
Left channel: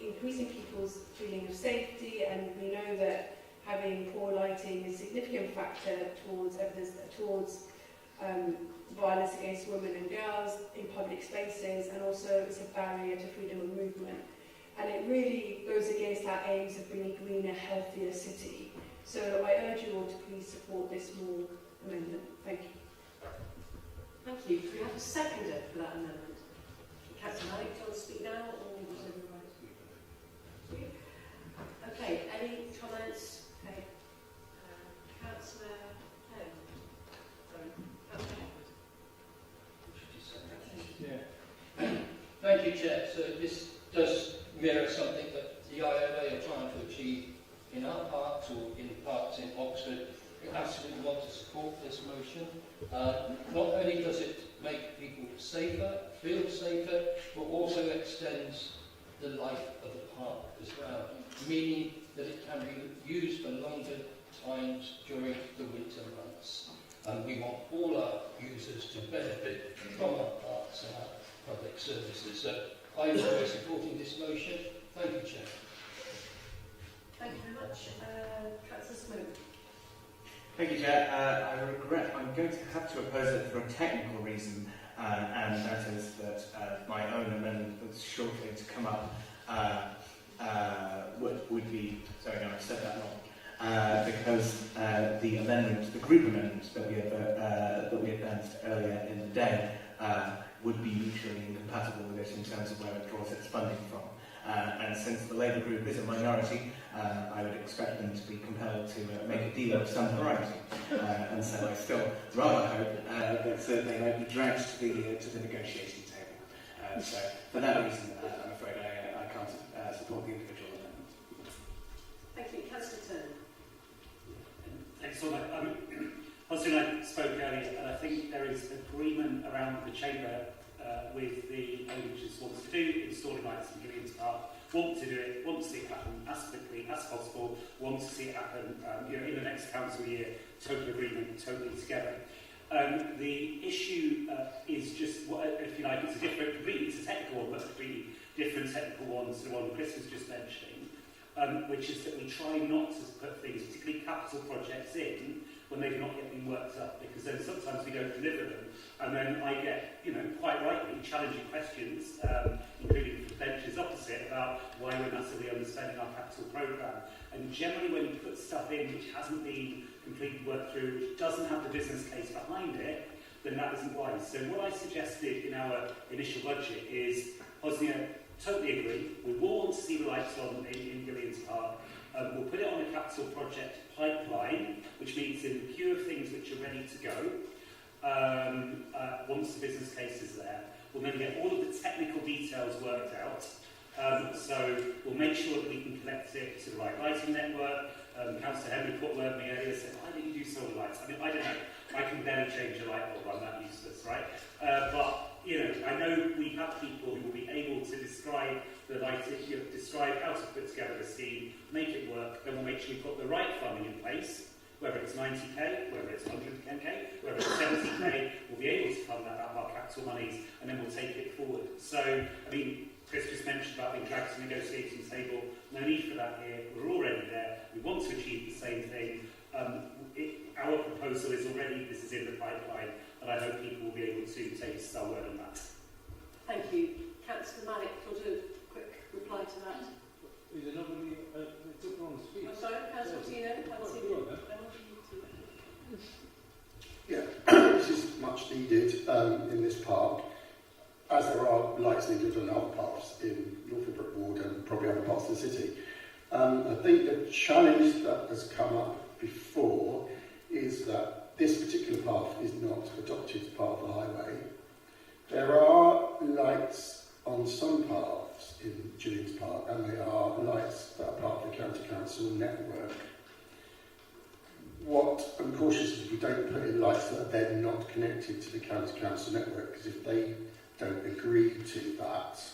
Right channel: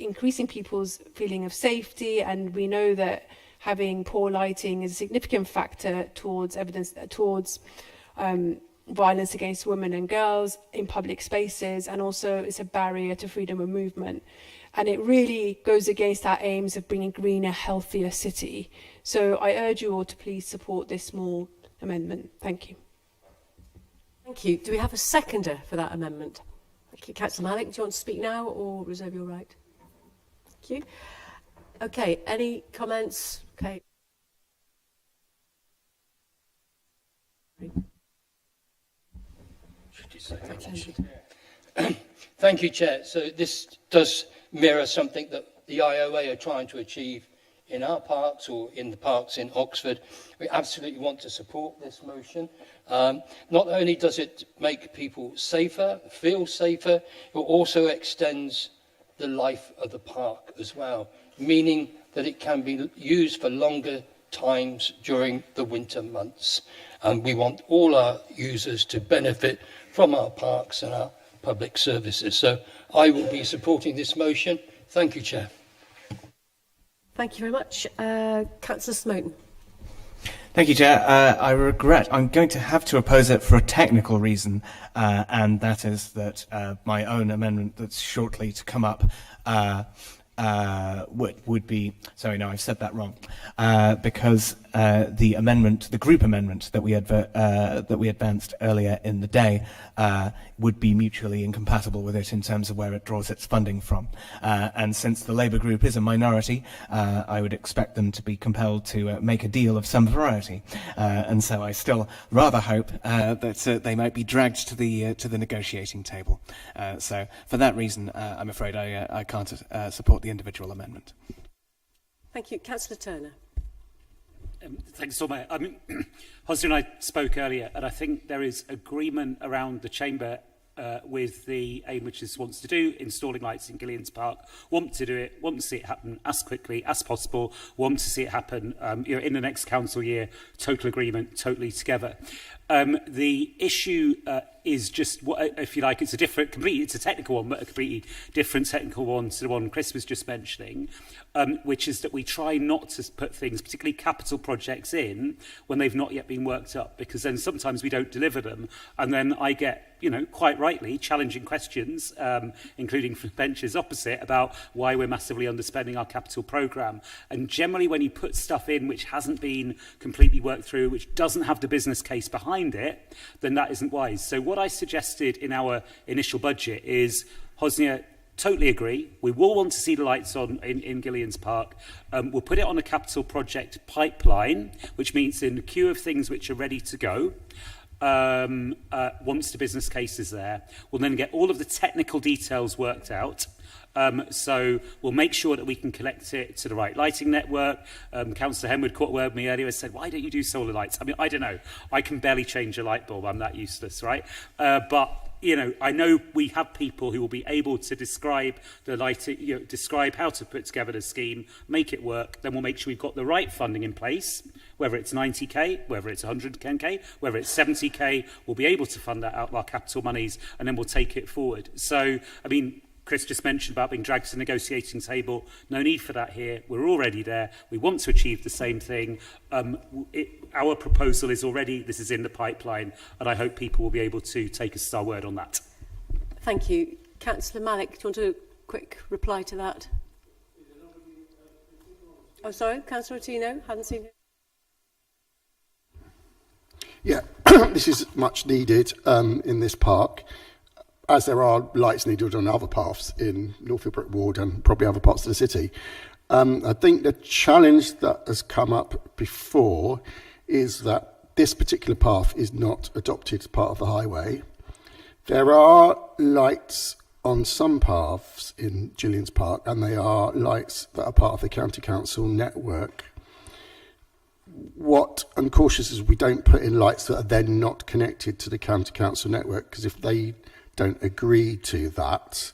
increasing people's feeling of safety, and we know that having poor lighting is a significant factor towards violence against women and girls in public spaces, and also it's a barrier to freedom of movement. And it really goes against our aims of bringing a greener, healthier city. So I urge you all to please support this small amendment. Thank you. Thank you. Do we have a seconder for that amendment? Thank you. Councillor Malik, do you want to speak now or reserve your right? Thank you. Okay, any comments? Okay. Thank you, Chair. So this does mirror something that the IOA are trying to achieve in our parks or in the parks in Oxford. We absolutely want to support this motion. Not only does it make people safer, feel safer, but also extends the life of the park as well, meaning that it can be used for longer times during the winter months. And we want all our users to benefit from our parks and our public services. So I will be supporting this motion. Thank you, Chair. Thank you very much. Councillor Smoten. Thank you, Chair. I regret I'm going to have to oppose it for a technical reason, and that is that my own amendment that's shortly to come up would be... Sorry, no, I've said that wrong. Because the group amendment that we advanced earlier in the day would be mutually incompatible with it in terms of where it draws its funding from. And since the Labour group is a minority, I would expect them to be compelled to make a deal of some variety. And so I still rather hope that they might be dragged to the negotiating table. So for that reason, I'm afraid I can't support the individual amendment. Thank you. Councillor Turner. Thanks, Lord Mayor. Hosni and I spoke earlier, and I think there is agreement around the Chamber with the aim which it wants to do, installing lights in Gillians Park, want to do it, want to see it happen as quickly as possible, want to see it happen in the next council year, total agreement, totally together. The issue is just, if you like, it's a technical one, but a completely different technical one to the one Chris was just mentioning, which is that we try not to put things, particularly capital projects, in when they've not yet been worked up, because then sometimes we don't deliver them, and then I get, quite rightly, challenging questions, including from benches opposite, about why we're massively underspending our capital programme. And generally, when you put stuff in which hasn't been completely worked through, which doesn't have the business case behind it, then that isn't wise. So what I suggested in our initial budget is, Hosnia, totally agree. We will want to see the lights on in Gillian's Park. We'll put it on a capital project pipeline, which means in the queue of things which are ready to go. Once the business case is there, we'll then get all of the technical details worked out. So we'll make sure that we can connect it to the right lighting network. Councillor Henwood caught a word with me earlier and said, why don't you do solar lights? I mean, I don't know. I can barely change a light bulb. I'm that useless, right? But I know we have people who will be able to describe the lighting, describe how to put together the scheme, make it work. Then we'll make sure we've got the right funding in place, whether it's 90k, whether it's 110k, whether it's 70k. We'll be able to fund that out of our capital monies, and then we'll take it forward. So, I mean, Chris just mentioned about being dragged to the negotiating table. No need for that here. We're already there. We want to achieve the same thing. Our proposal is already, this is in the pipeline, and I hope people will be able to take us at our word on that. Thank you. Councillor Malik, do you want to do a quick reply to that? Oh, sorry, Councillor Ottino, hadn't seen. Yeah, this is much needed in this park, as there are lights needed on other paths in Northfield Brook Ward and probably other parts of the city. I think the challenge that has come up before is that this particular path is not adopted as part of the highway. There are lights on some paths in Gillian's Park, and they are lights that are part of the County Council network. What I'm cautious is we don't put in lights that are then not connected to the County Council network, because if they don't agree to that,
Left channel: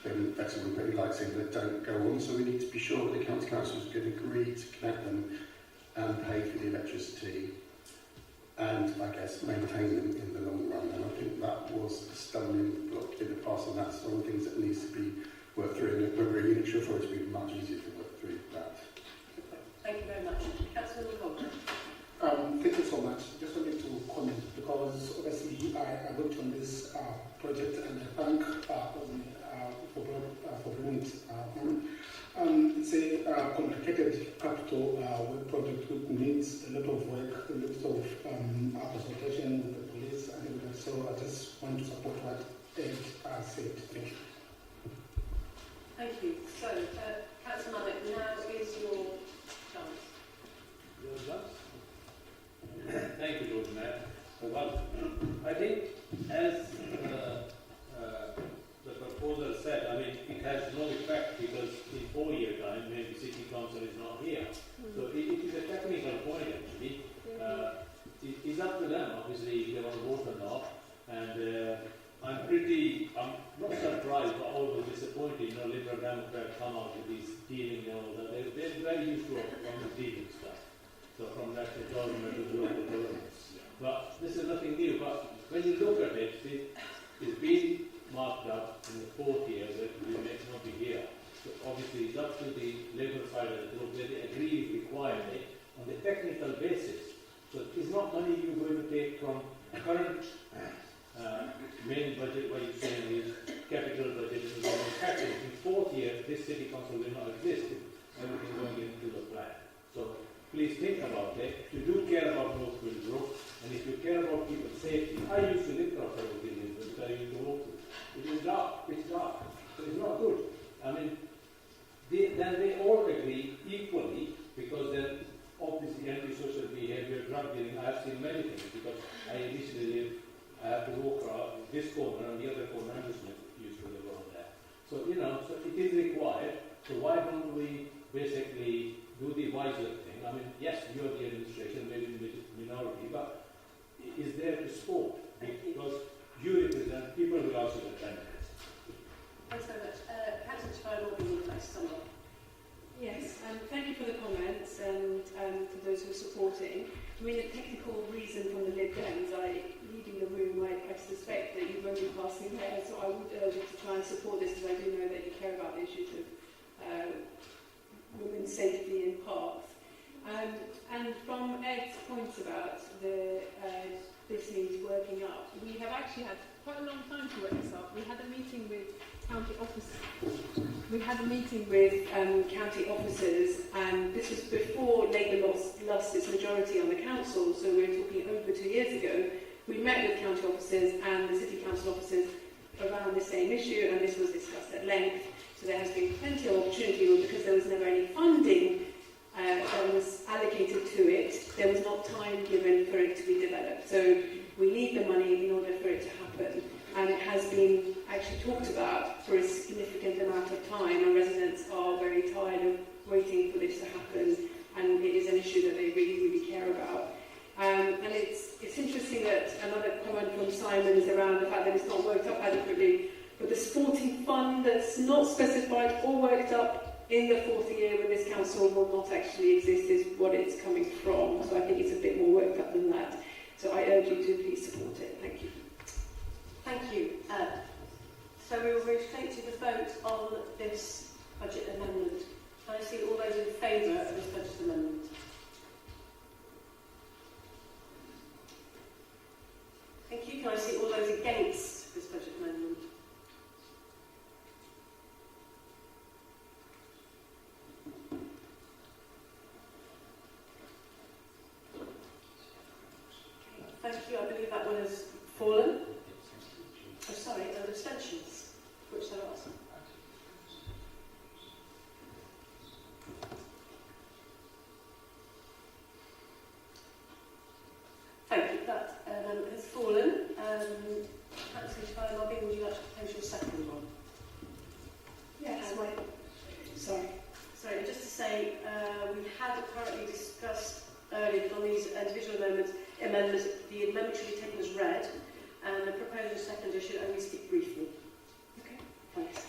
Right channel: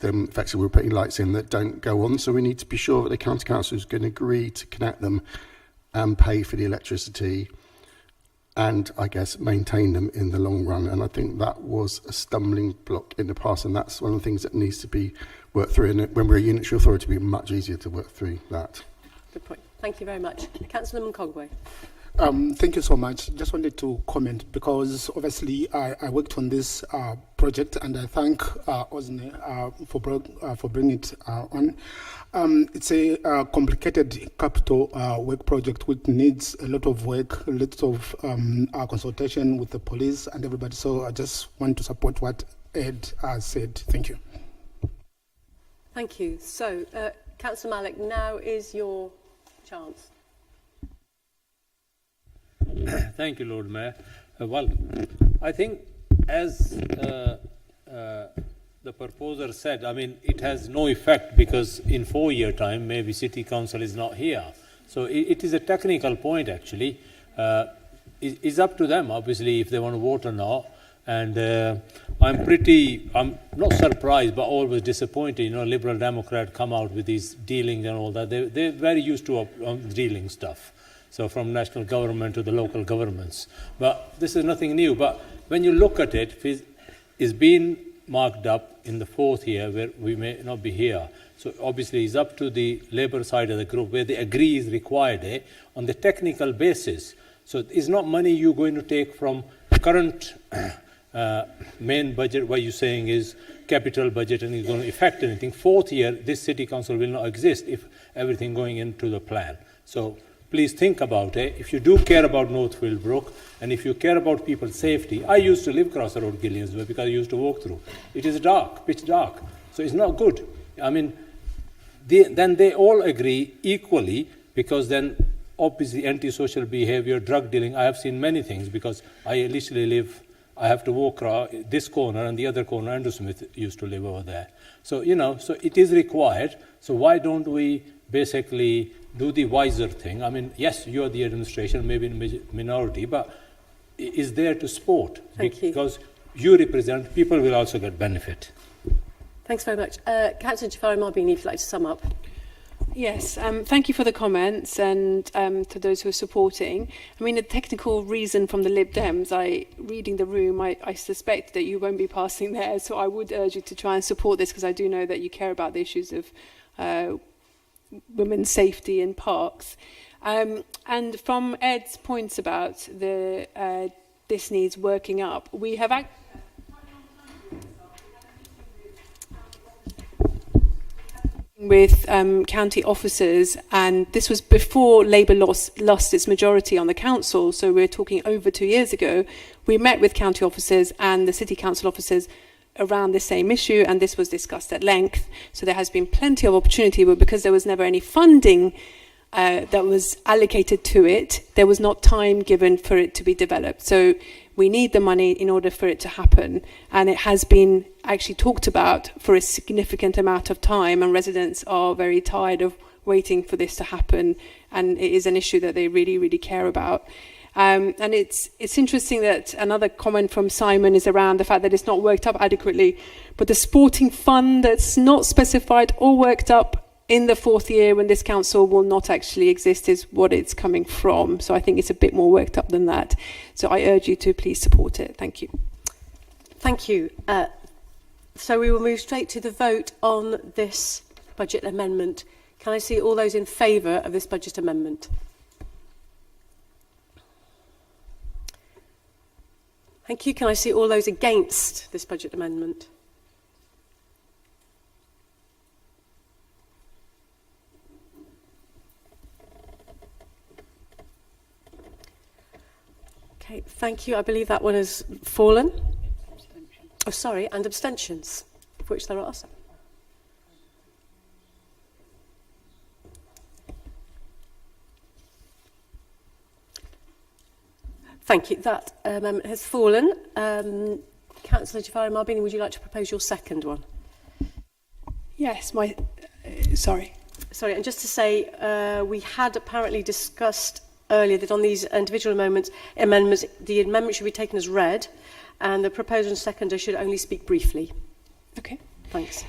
then effectively we're putting lights in that don't go on. So we need to be sure that the County Council is going to agree to connect them and pay for the electricity and, I guess, maintain them in the long run. And I think that was a stumbling block in the past, and that's one of the things that needs to be worked through. And when we're a unitary authority, it'll be much easier to work through that. Good point. Thank you very much. Councillor Mcogway. Thank you so much. Just wanted to comment because obviously I worked on this project, and I thank Osne for bringing it on. It's a complicated capital work project which needs a lot of work, a lot of consultation with the police and everybody. So I just want to support what Ed said. Thank you. Thank you. So, Councillor Malik, now is your chance. Thank you, Lord Mayor. Well, I think as the proposer said, I mean, it has no effect because in 4 years' time, maybe City Council is not here. So it is a technical point, actually. It's up to them, obviously, if they want to vote or not. And I'm not surprised, but always disappointed. Liberal Democrat come out with these dealings and all that. They're very used to dealing stuff. So from national government to the local governments. But this is nothing new. But when you look at it, it's been marked up in the 4th year where we may not be here. So obviously it's up to the Labour side of the group where they agree is required on the technical basis. So it's not money you're going to take from current main budget, what you're saying is capital budget and it's going to affect anything. 4th year, this City Council will not exist if everything going into the plan. So please think about it. If you do care about Northfield Brook, and if you care about people's safety, I used to live across the road Gillian's Way because I used to walk through. It is dark, pitch dark, so it's not good. I mean, then they all agree equally because then obviously antisocial behavior, drug dealing, I have seen many things because I literally live, I have to walk around this corner and the other corner, Andrew Smith used to live over there. So, so it is required. So why don't we basically do the wiser thing? I mean, yes, you're the administration, maybe in minority, but is there to support. Because you represent, people will also get benefit. Thanks very much. Councillor Jafari Marbini, if you'd like to sum up. Yes, thank you for the comments and to those who are supporting. I mean, the technical reason from the Lib Dems, reading the room, I suspect that you won't be passing there, so I would urge you to try and support this because I do know that you care about the issues of women's safety in parks. And from Ed's points about this needs working up, we have actually had quite a long time to work this up. We had a meeting with county officers. We had a meeting with county officers, and this was before Labour lost its majority on the council, so we're talking over 2 years ago. We met with county officers and the city council officers around the same issue, and this was discussed at length. So there has been plenty of opportunity, but because there was never any funding that was allocated to it, there was not time given for it to be developed. So we need the money in order for it to happen, and it has been actually talked about for a significant amount of time, and residents are very tired of waiting for this to happen, and it is an issue that they really, really care about. And it's interesting that another comment from Simon is around the fact that it's not worked up adequately, but the sporting fund that's not specified or worked up in the 4th year when this council will not actually exist is what it's coming from. So I think it's a bit more worked up than that. So I urge you to please support it. Thank you. Thank you. So we will move straight to the vote on this budget amendment. Can I see all those in favour of this budget amendment? Thank you. Can I see all those against this budget amendment? Okay, thank you. I believe that one has fallen. Oh, sorry, and abstentions, of which there are some. Thank you. That amendment has fallen. Councillor Jafari Marbini, would you like to propose your second one? Yes, sorry. Sorry, and just to say, we had apparently discussed earlier that on these individual amendments, the amendment should be taken as read, and the proposer and seconder should only speak briefly. Okay. Thanks.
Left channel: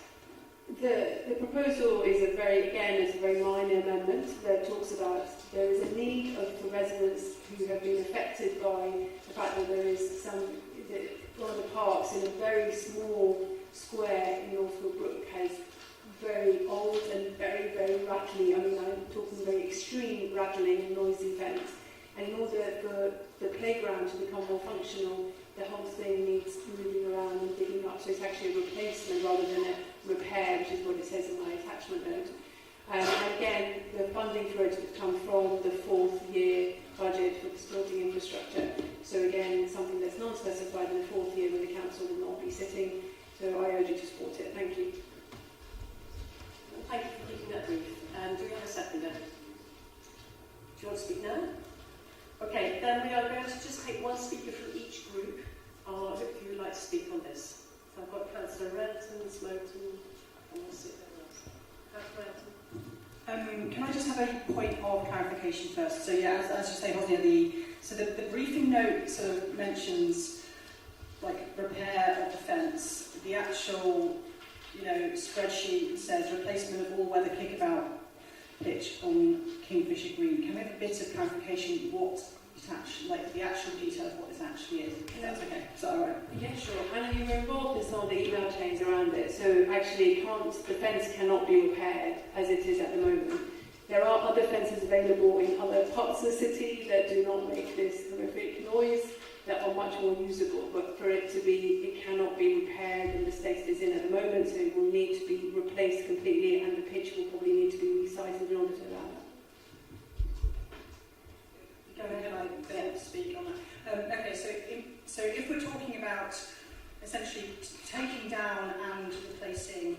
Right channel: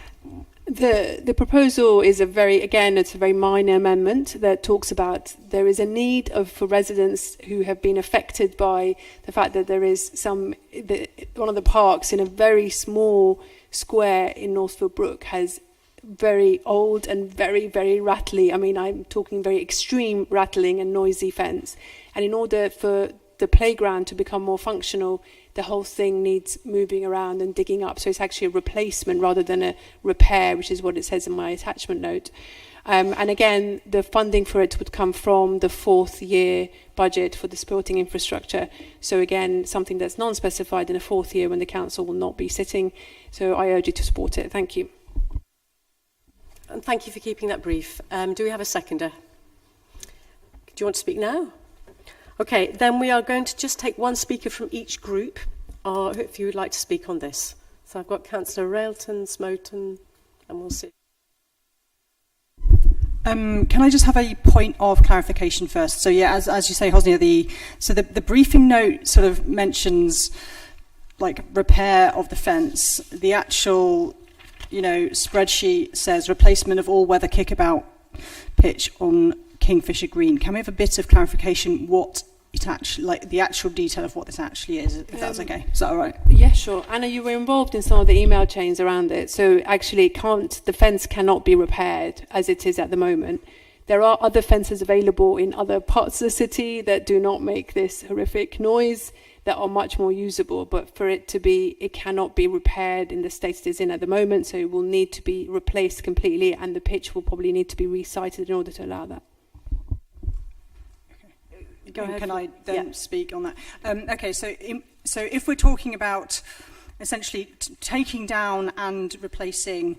The proposal is it's a very minor amendment that talks about there is a need for residents who have been affected by the fact that there is one of the parks in a very small square in Northfield Brook has very old and very, very rattly, I'm talking very extreme rattling and noisy fence. And in order for the playground to become more functional, the whole thing needs moving around and digging up. So it's actually a replacement rather than a repair, which is what it says in my attachment note. And again, the funding for it would come from the 4th year budget for the sporting infrastructure. So again, something that's non-specified in a 4th year when the council will not be sitting. So I urge you to support it. Thank you. And thank you for keeping that brief. Do we have a seconder? Do you want to speak now? Okay, then we are going to just take one speaker from each group, if you would like to speak on this. So I've got Councillor Railton, Smoton, and we'll see. Can I just have a point of clarification first? So yeah, as you say, Hosnia, the briefing note sort of mentions like repair of the fence. The actual spreadsheet says replacement of all weather kickabout pitch on Kingfisher Green. Can we have a bit of clarification what it actually, the actual detail of what this actually is, if that's okay? Is that all right? Yeah, sure. Anna, you were involved in some of the email chains around it, so actually the fence cannot be repaired as it is at the moment. There are other fences available in other parts of the city that do not make this horrific noise, that are much more usable, but for it cannot be repaired in the state it is in at the moment, so it will need to be replaced completely, and the pitch will probably need to be resited in order to allow that. Go ahead. Can I then speak on that? Okay, so if we're talking about essentially taking down and replacing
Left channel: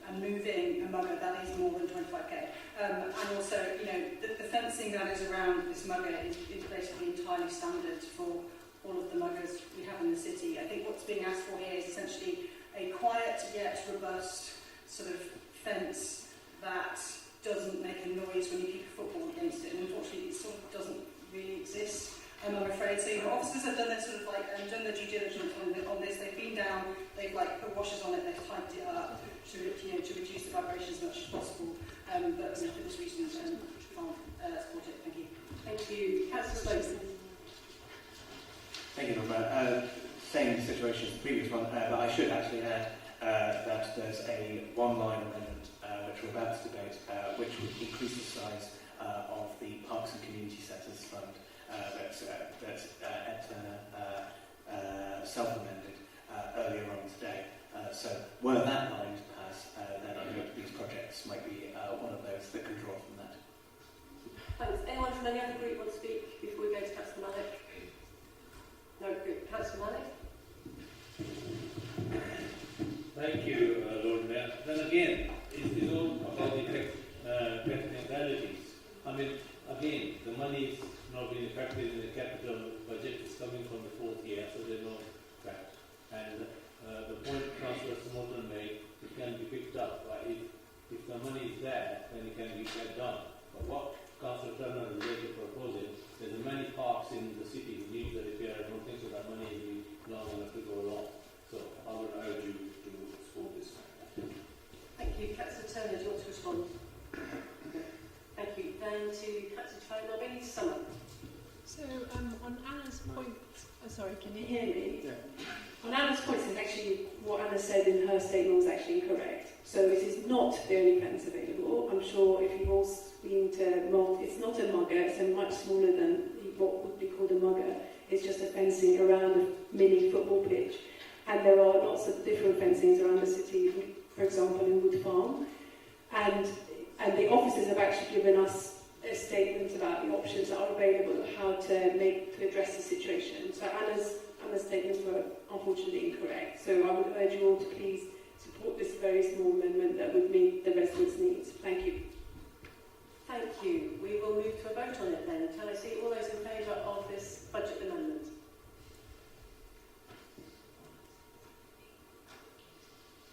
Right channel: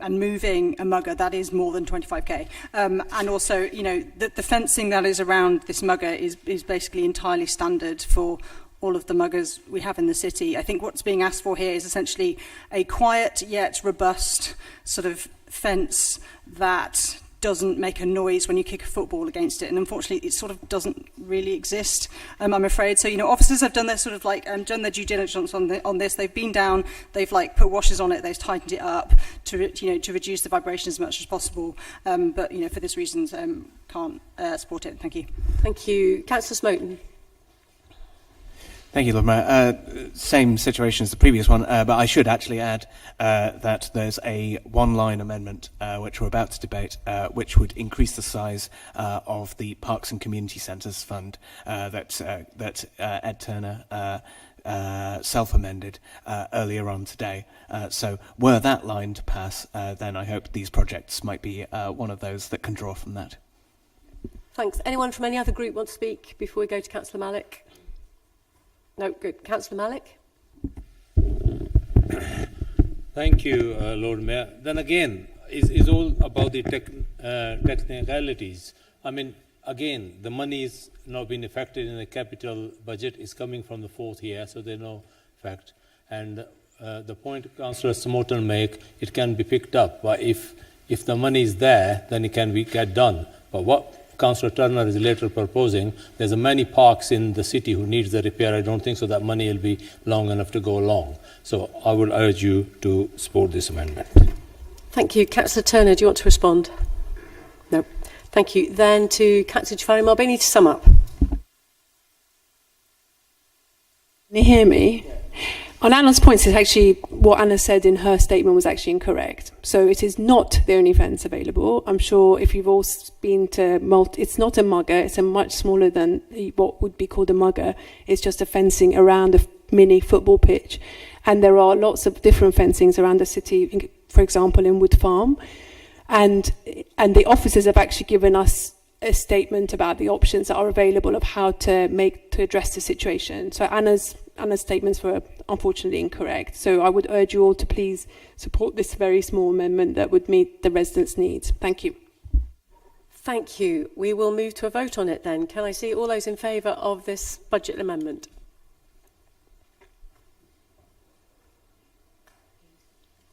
and moving a mugger, that is more than 25k. And also, the fencing that is around this mugger is basically entirely standard for all of the muggers we have in the city. I think what's being asked for here is essentially a quiet yet robust sort of fence that doesn't make a noise when you kick a football against it, and unfortunately it sort of doesn't really exist, I'm afraid. So, you know, officers have done their sort of like done their due diligence on this. They've been down, they've like put washers on it, they've tightened it up to, you know, to reduce the vibration as much as possible. But, you know, for this reason, can't support it. Thank you. Thank you. Councillor Smoten. Thank you, Lord Mayor. Same situation as the previous one, but I should actually add that there's a one-line amendment which we're about to debate, which would increase the size of the Parks and Community Centres Fund that Ed Turner self-amended earlier on today. So were that line to pass, then I hope these projects might be one of those that can draw from that. Thanks. Anyone from any other group want to speak before we go to Councillor Malik? No, good. Councillor Malik? Thank you, Lord Mayor. Then again, it's all about the technicalities. I mean, again, the money is not being affected in the capital budget. It's coming from the fourth year, so there's no effect. And the point Councillor Smoten make, it can be picked up. But if the money is there, then it can get done. But what Councillor Turner is later proposing, there's many parks in the city who needs the repair. I don't think so that money will be long enough to go along. So I would urge you to support this amendment. Thank you. Councillor Turner, do you want to respond? No. Thank you. Then to Councillor Jafari Marbini to sum up. So on Anna's point, sorry, can you hear me? On Anna's points, it's actually what Anna said in her statement was actually incorrect. So it is not the only fence available. I'm sure if you've all been to it's not a mugger. It's a much smaller than what would be called a mugger. It's just a fencing around a mini football pitch. And there are lots of different fencings around the city, for example, in Wood Farm. And the officers have actually given us a statement about the options that are available of how to address the situation. So Anna's statements were unfortunately incorrect. So I would urge you all to please support this very small amendment that would meet the residents' needs. Thank you. Thank you. We will move to a vote on it then. Can I see all those in favour of this budget amendment?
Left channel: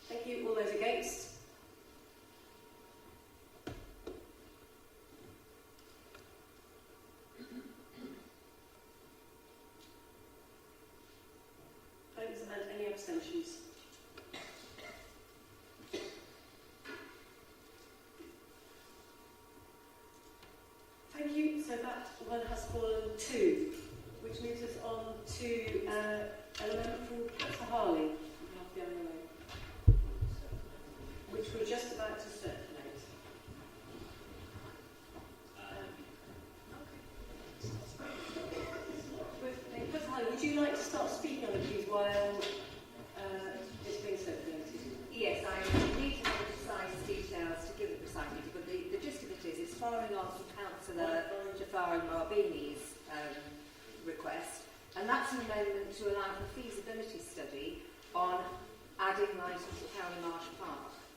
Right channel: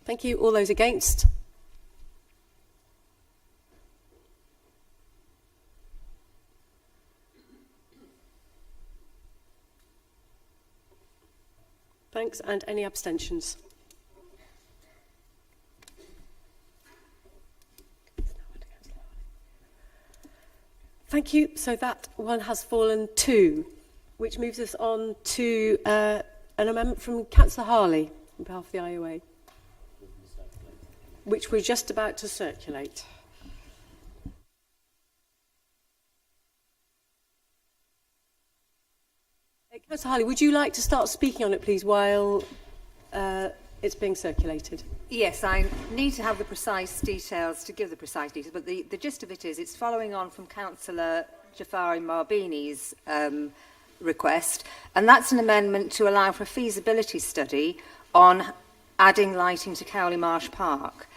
Thank you. All those against? Thanks. And any abstentions? Thank you. So that one has fallen too, which moves us on to an amendment from Councillor Harley on behalf of the IOA, which we're just about to circulate. Councillor Harley, would you like to start speaking on it, please, while it's being circulated? Yes, I need to have the precise details to give the precise details, but the gist of it is it's following on from Councillor Jafari Marbini's request, and that's an amendment to allow for a feasibility study on adding lighting to Cowley Marsh Park.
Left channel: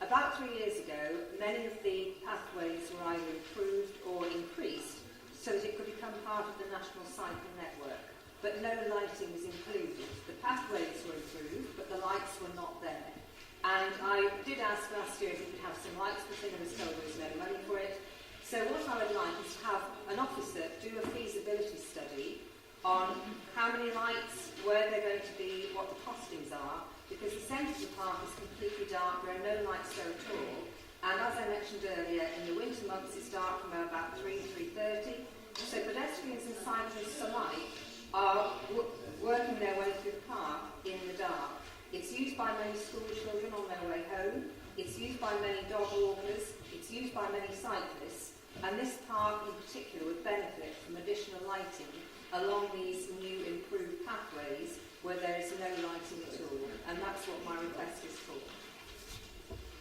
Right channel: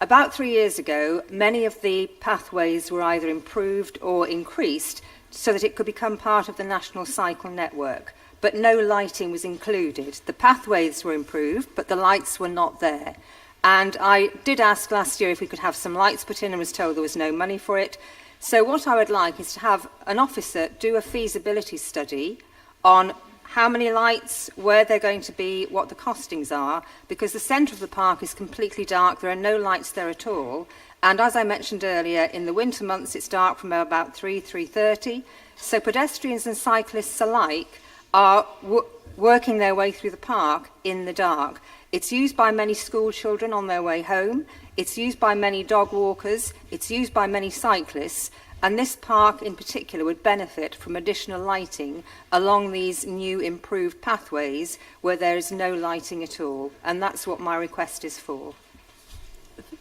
About 3 years ago, many of the pathways were either improved or increased so that it could become part of the national cycle network, but no lighting was included. The pathways were improved, but the lights were not there. And I did ask last year if we could have some lights put in and was told there was no money for it. So what I would like is to have an officer do a feasibility study on how many lights, where they're going to be, what the costings are, because the centre of the park is completely dark, there are no lights there at all, and as I mentioned earlier, in the winter months it's dark from about 3:30, so pedestrians and cyclists alike are working their way through the park in the dark. It's used by many school children on their way home, it's used by many dog walkers, it's used by many cyclists, and this park in particular would benefit from additional lighting along these new improved pathways where there is no lighting at all. And that's what my request is for.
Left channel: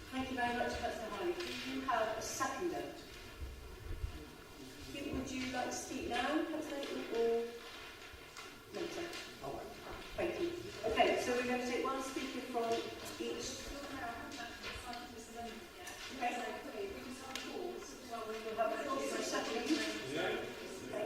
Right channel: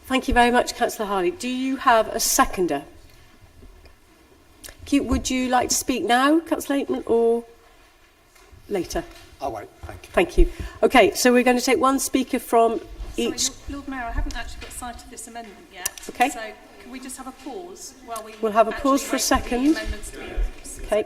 Thank you very much, Councillor Harley. Do you have a seconder? Would you like to speak now, Councillor Aitman, or later? I'll wait, thank you. Thank you. Okay, so we're going to take one speaker from each. Sorry, Lord Mayor, I haven't actually got sight of this amendment yet. Okay. So can we just have a pause while we... We'll have a pause for a second. Okay.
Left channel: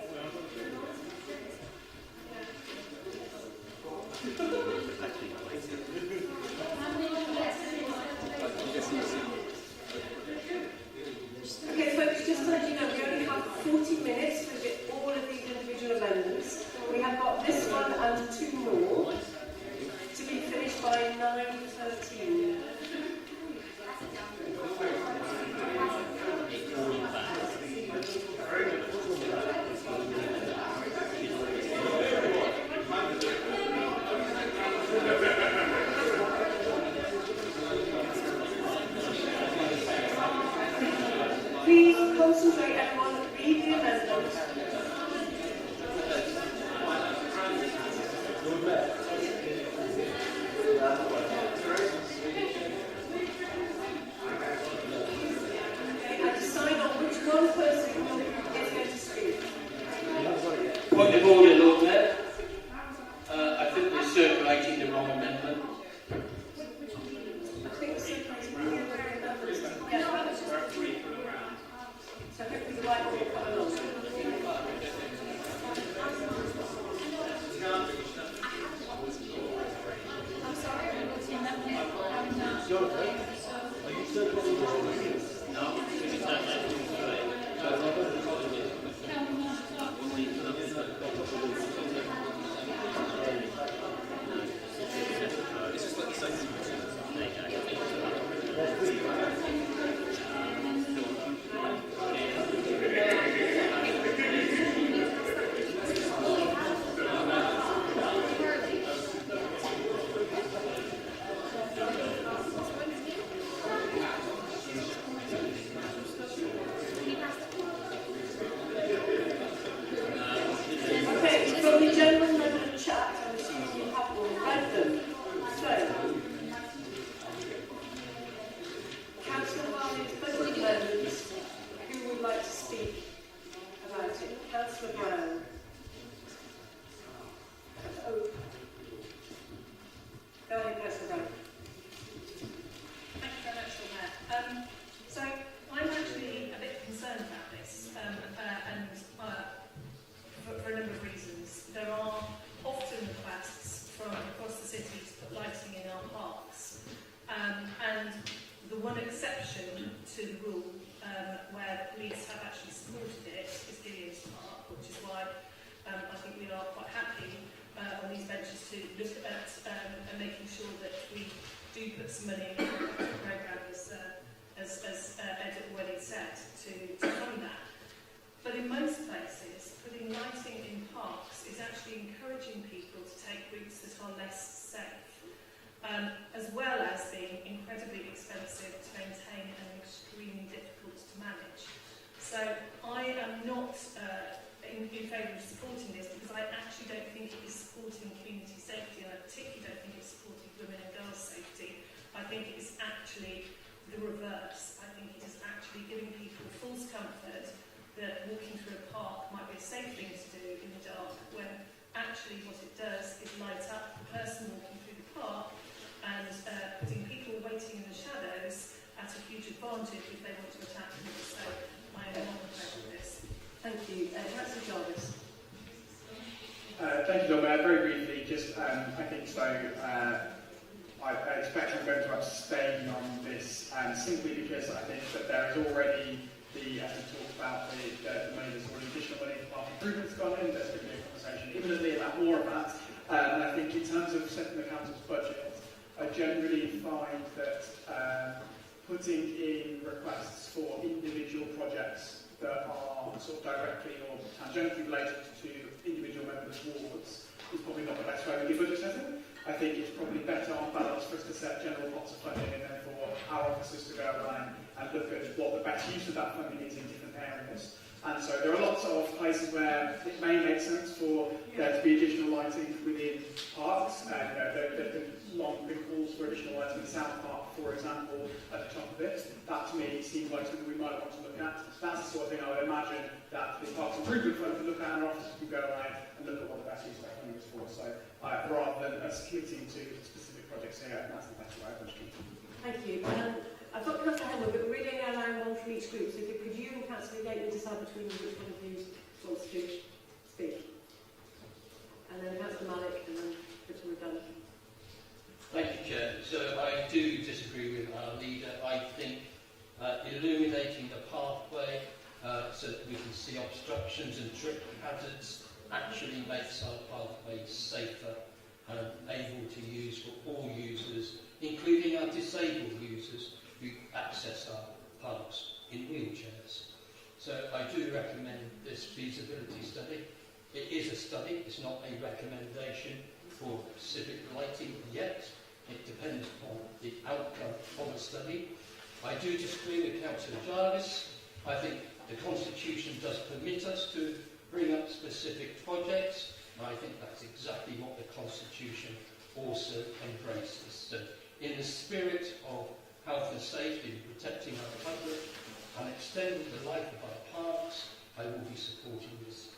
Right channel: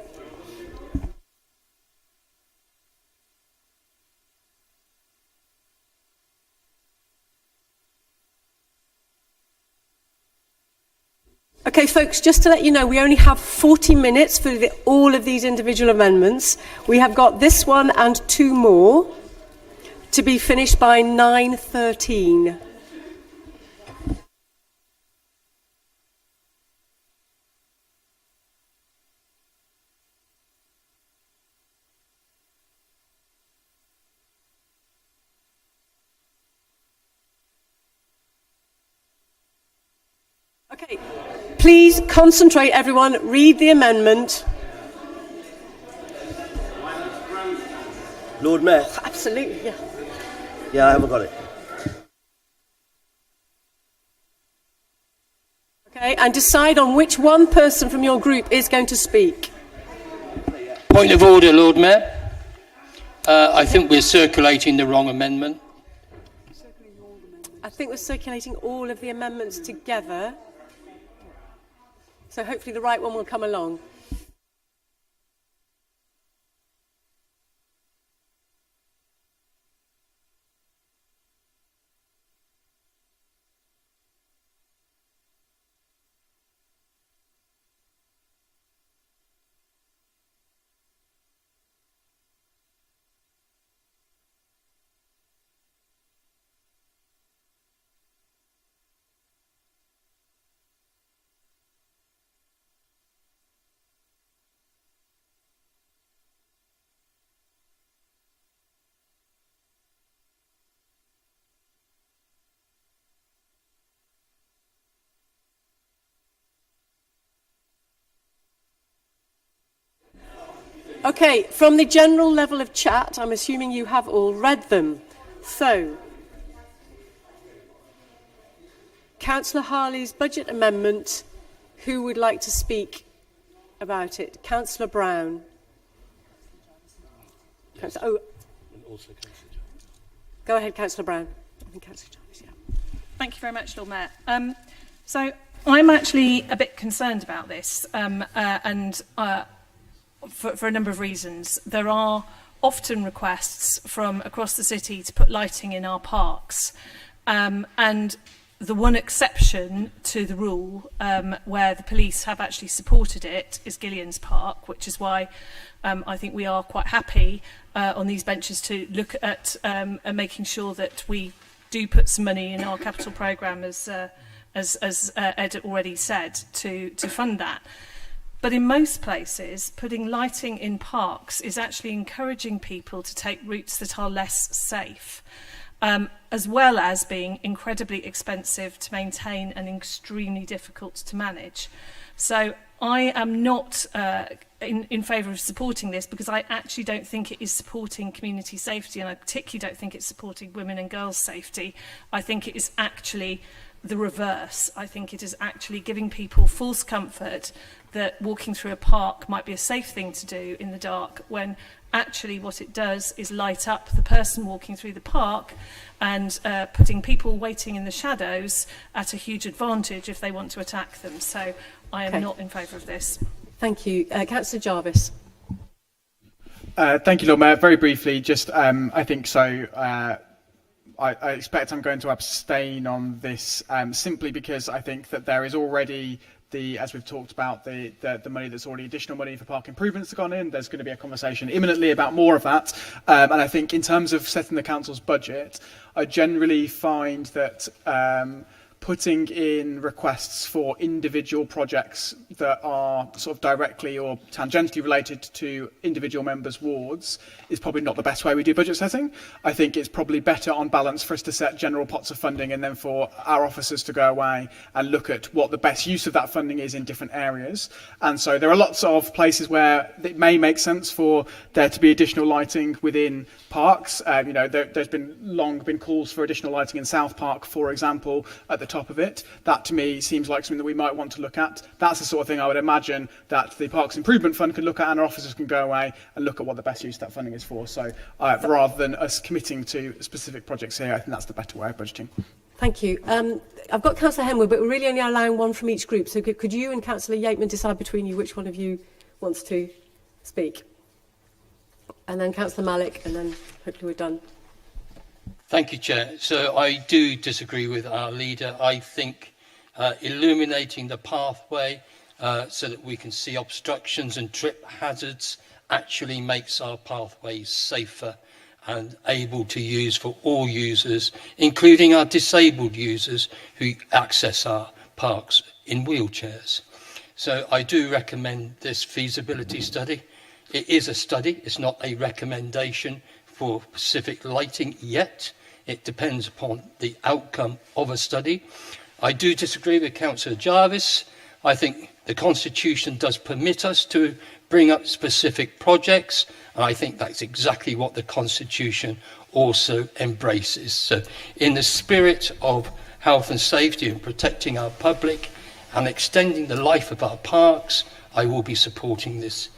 Okay, folks, just to let you know, we only have 40 minutes for all of these individual amendments. We have got this one and 2 more to be finished by 9:13. Please concentrate, everyone. Read the amendment. Lord Mayor. Absolutely, yeah. Yeah, I haven't got it. Okay, and decide on which one person from your group is going to speak. Point of order, Lord Mayor. I think we're circulating the wrong amendment. I think we're circulating all of the amendments together. So hopefully the right one will come along. Okay, from the general level of chat, I'm assuming you have all read them. So, Councillor Harley's budget amendment, who would like to speak about it? Councillor Brown. Go ahead, Councillor Brown. Thank you very much, Lord Mayor. So I'm actually a bit concerned about this, for a number of reasons. There are often requests from across the city to put lighting in our parks, and the one exception to the rule where the police have actually supported it is Gillian's Park, which is why I think we are quite happy on these benches to look at making sure that we do put some money in our capital programme, as Ed already said, to fund that. But in most places, putting lighting in parks is actually encouraging people to take routes that are less safe, as well as being incredibly expensive to maintain and extremely difficult to manage. So I am not in favour of supporting this, because I actually don't think it is supporting community safety, and I particularly don't think it's supporting women and girls' safety. I think it is actually the reverse. I think it is actually giving people false comfort that walking through a park might be a safe thing to do in the dark, when actually what it does is light up the person walking through the park and putting people waiting in the shadows at a huge advantage if they want to attack them. So I am not in favour of this. Thank you. Councillor Jarvis. Thank you, Lord Mayor. Very briefly, just I think so. I expect I'm going to abstain on this simply because I think that there is already as we've talked about, the money that's already additional money for park improvements has gone in. There's going to be a conversation imminently about more of that. And I think in terms of setting the council's budget, I generally find that putting in requests for individual projects that are sort of directly or tangentially related to individual members' wards is probably not the best way we do budget setting. I think it's probably better on balance for us to set general pots of funding and then for our officers to go away and look at what the best use of that funding is in different areas. And so there are lots of places where it may make sense for there to be additional lighting within parks. There's been long been calls for additional lighting in South Park, for example, at the top of it. That to me seems like something that we might want to look at. That's the sort of thing I would imagine that the Parks Improvement Fund could look at, and our officers can go away and look at what the best use of that funding is for. So rather than us committing to specific projects here, I think that's the better way of budgeting. Thank you. I've got Councillor Henwood, but we're really only allowing one from each group. So could you and Councillor Yateman decide between you which one of you wants to speak? And then Councillor Malik, and then hopefully we're done. Thank you, Chair. So I do disagree with our leader. I think illuminating the pathway so that we can see obstructions and trip hazards actually makes our pathways safer and able to use for all users, including our disabled users who access our parks in wheelchairs. So I do recommend this feasibility study. It is a study, it's not a recommendation for specific lighting yet. It depends upon the outcome of a study. I do disagree with Councillor Jarvis. I think the Constitution does permit us to bring up specific projects, and I think that's exactly what the Constitution also embraces. So in the spirit of health and safety and protecting our public and extending the life of our parks, I will be supporting this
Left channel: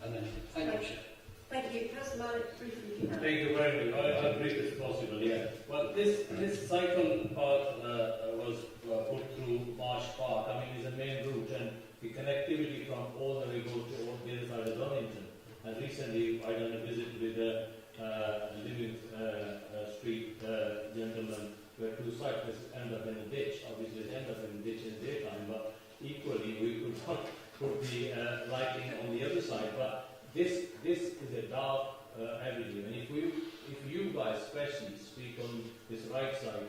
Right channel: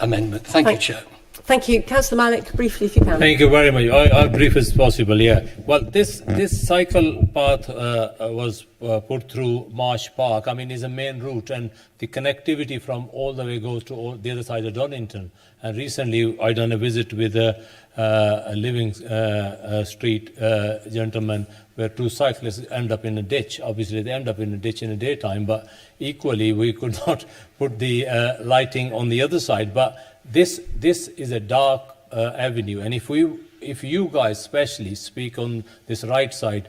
amendment. Thank you, Chair. Thank you. Councillor Malik, briefly if you can. Thank you very much. I'll brief as possible, yeah. Well, this cycle path was put through Marsh Park. I mean, it's a main route, and the connectivity from all the way goes to the other side of Donington. And recently, I done a visit with a living street gentleman where two cyclists end up in a ditch. Obviously, they end up in a ditch in the daytime, but equally, we could not put the lighting on the other side. But this is a dark avenue, and if you guys especially speak on this right side,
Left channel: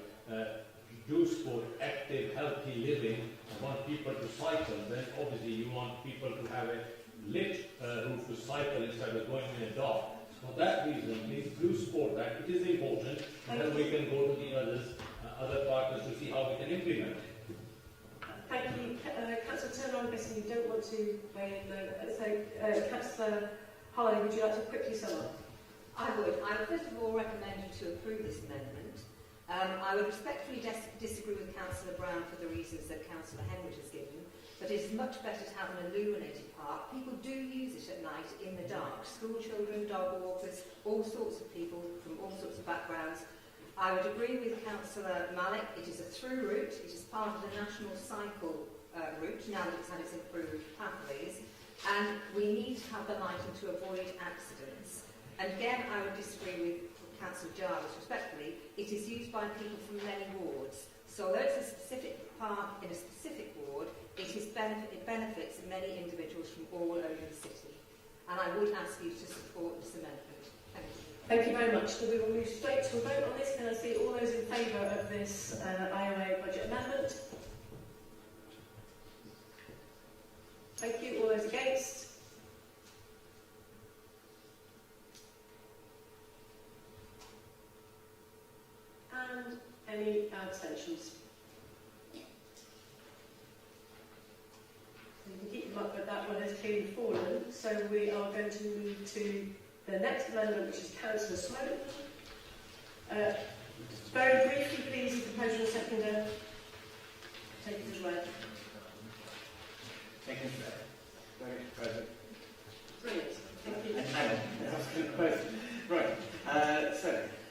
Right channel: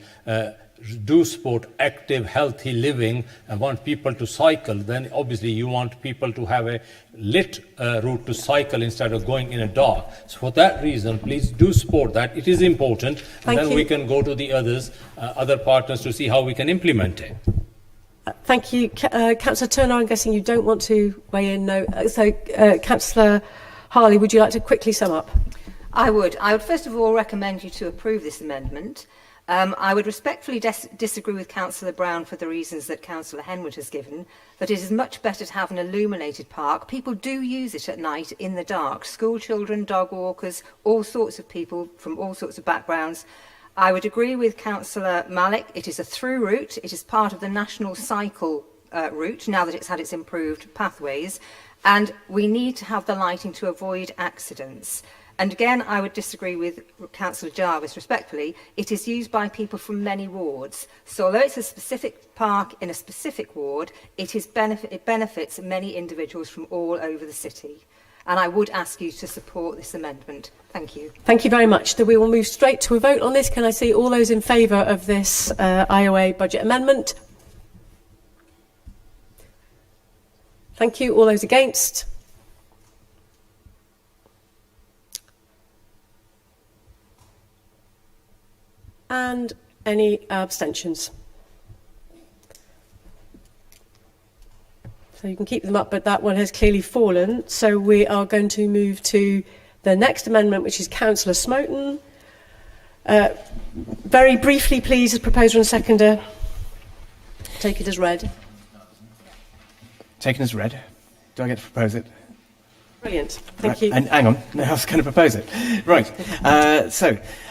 do support active, healthy living and want people to cycle, then obviously you want people to have a lit route to cycle instead of going in a dark. So for that reason, please do support that. It is important, and then we can go to the other partners to see how we can implement it. Thank you. Councillor Turner, I'm guessing you don't want to weigh in, no. So, Councillor Harley, would you like to quickly sum up? I would first of all recommend you to approve this amendment. I would respectfully disagree with Councillor Brown for the reasons that Councillor Henwood has given, that it is much better to have an illuminated park. People do use it at night in the dark. School children, dog walkers, all sorts of people from all sorts of backgrounds. I would agree with Councillor Malik. It is a through route. It is part of the national cycle route now that it's had its improved pathways. And we need to have the lighting to avoid accidents. And again, I would disagree with Councillor Jarvis respectfully. It is used by people from many wards. So although it's a specific park in a specific ward, it benefits many individuals from all over the city. And I would ask you to support this amendment. Thank you. Thank you very much. We will move straight to a vote on this. Can I see all those in favour of this IOA budget amendment? Thank you. All those against? And any abstentions? So you can keep them up, but that one has clearly fallen. So we are going to move to the next amendment, which is Councillor Smoten. Very briefly, please, as proposer and seconder, take it as read. Taken as read. Do I get to propose it? Brilliant. Thank you. And hang on, no, I was going to propose it. Right.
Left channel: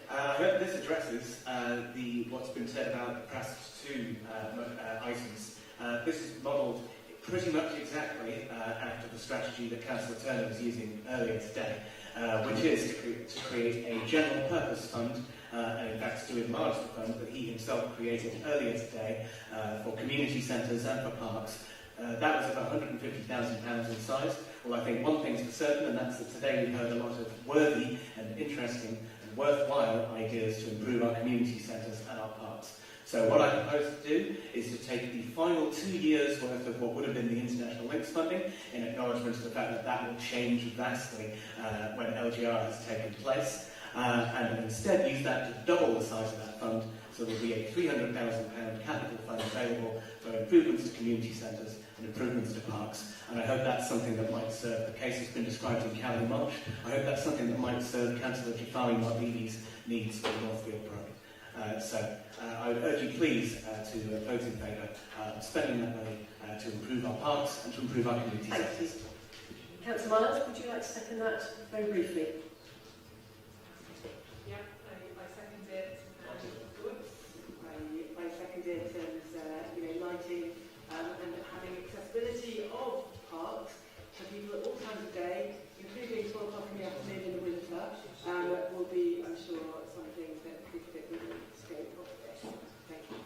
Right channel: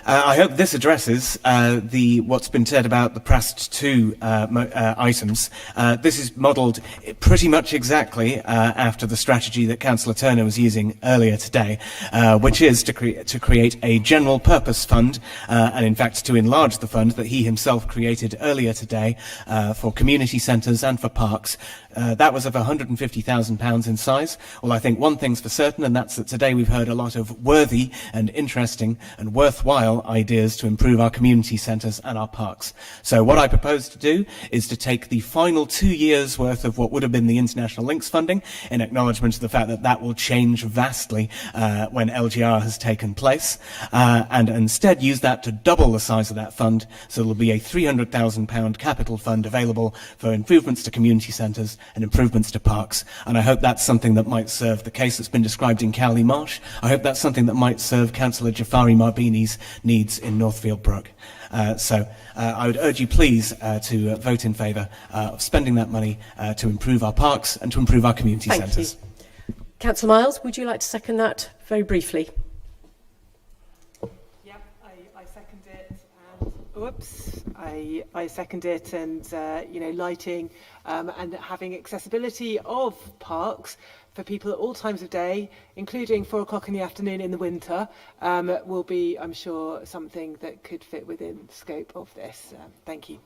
I hope this addresses what's been said about the PRAST 2 items. This is modelled pretty much exactly after the strategy that Councillor Turner was using earlier today, which is to create a general purpose fund, and in fact to enlarge the fund that he himself created earlier today for community centres and for parks. That was of £150,000 in size. Well, I think one thing's for certain, and that's that today we've heard a lot of worthy and interesting and worthwhile ideas to improve our community centres and our parks. So what I propose to do is to take the final 2 years' worth of what would have been the International Links funding, in acknowledgement of the fact that that will change vastly when LGR has taken place, and instead use that to double the size of that fund, so there will be a £300,000 capital fund available for improvements to community centres and improvements to parks. And I hope that's something that might serve the case that's been described in Cowley Marsh. I hope that's something that might serve Councillor Jafari Marbini's needs in Northfield Brook. I would urge you please to vote in favour of spending that money to improve our parks and to improve our community centres. Councillor Miles, would you like to second that very briefly? Yeah, I second it. Whoops. I second it, and lighting and having accessibility of parks for people at all times of day, including 4 o'clock in the afternoon in the winter, will be, I'm sure, something that could fit within the scope of this. Thank you.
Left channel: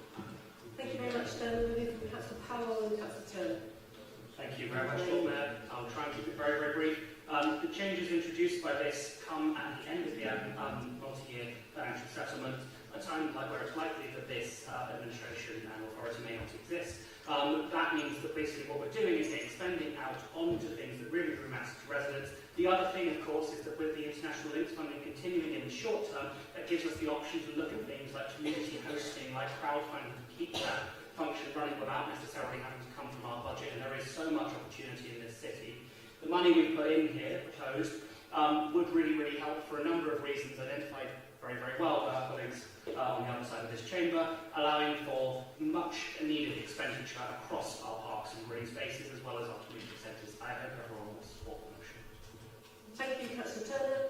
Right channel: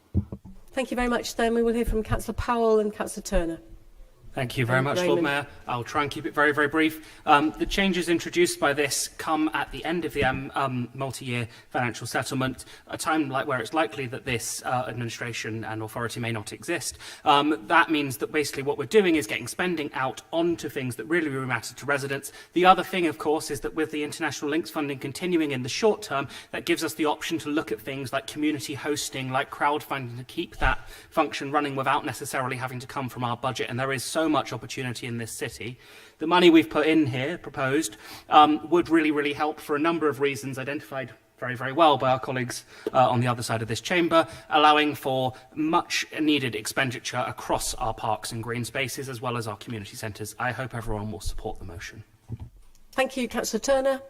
Thank you very much. Then we will hear from Councillor Powell and Councillor Turner. Thank you very much, Lord Mayor. I'll try and keep it very, very brief. The changes introduced by this come at the end of the multi-year financial settlement, a time where it's likely that this administration and authority may not exist. That means that basically what we're doing is getting spending out onto things that really, really matter to residents. The other thing, of course, is that with the international links funding continuing in the short term, that gives us the option to look at things like community hosting, like crowdfunding, to keep that function running without necessarily having to come from our budget, and there is so much opportunity in this city. The money we've put in here, proposed, would really, really help for a number of reasons identified very, very well by our colleagues on the other side of this chamber, allowing for much needed expenditure across our parks and green spaces as well as our community centres. I hope everyone will support the motion. Thank you, Councillor Turner.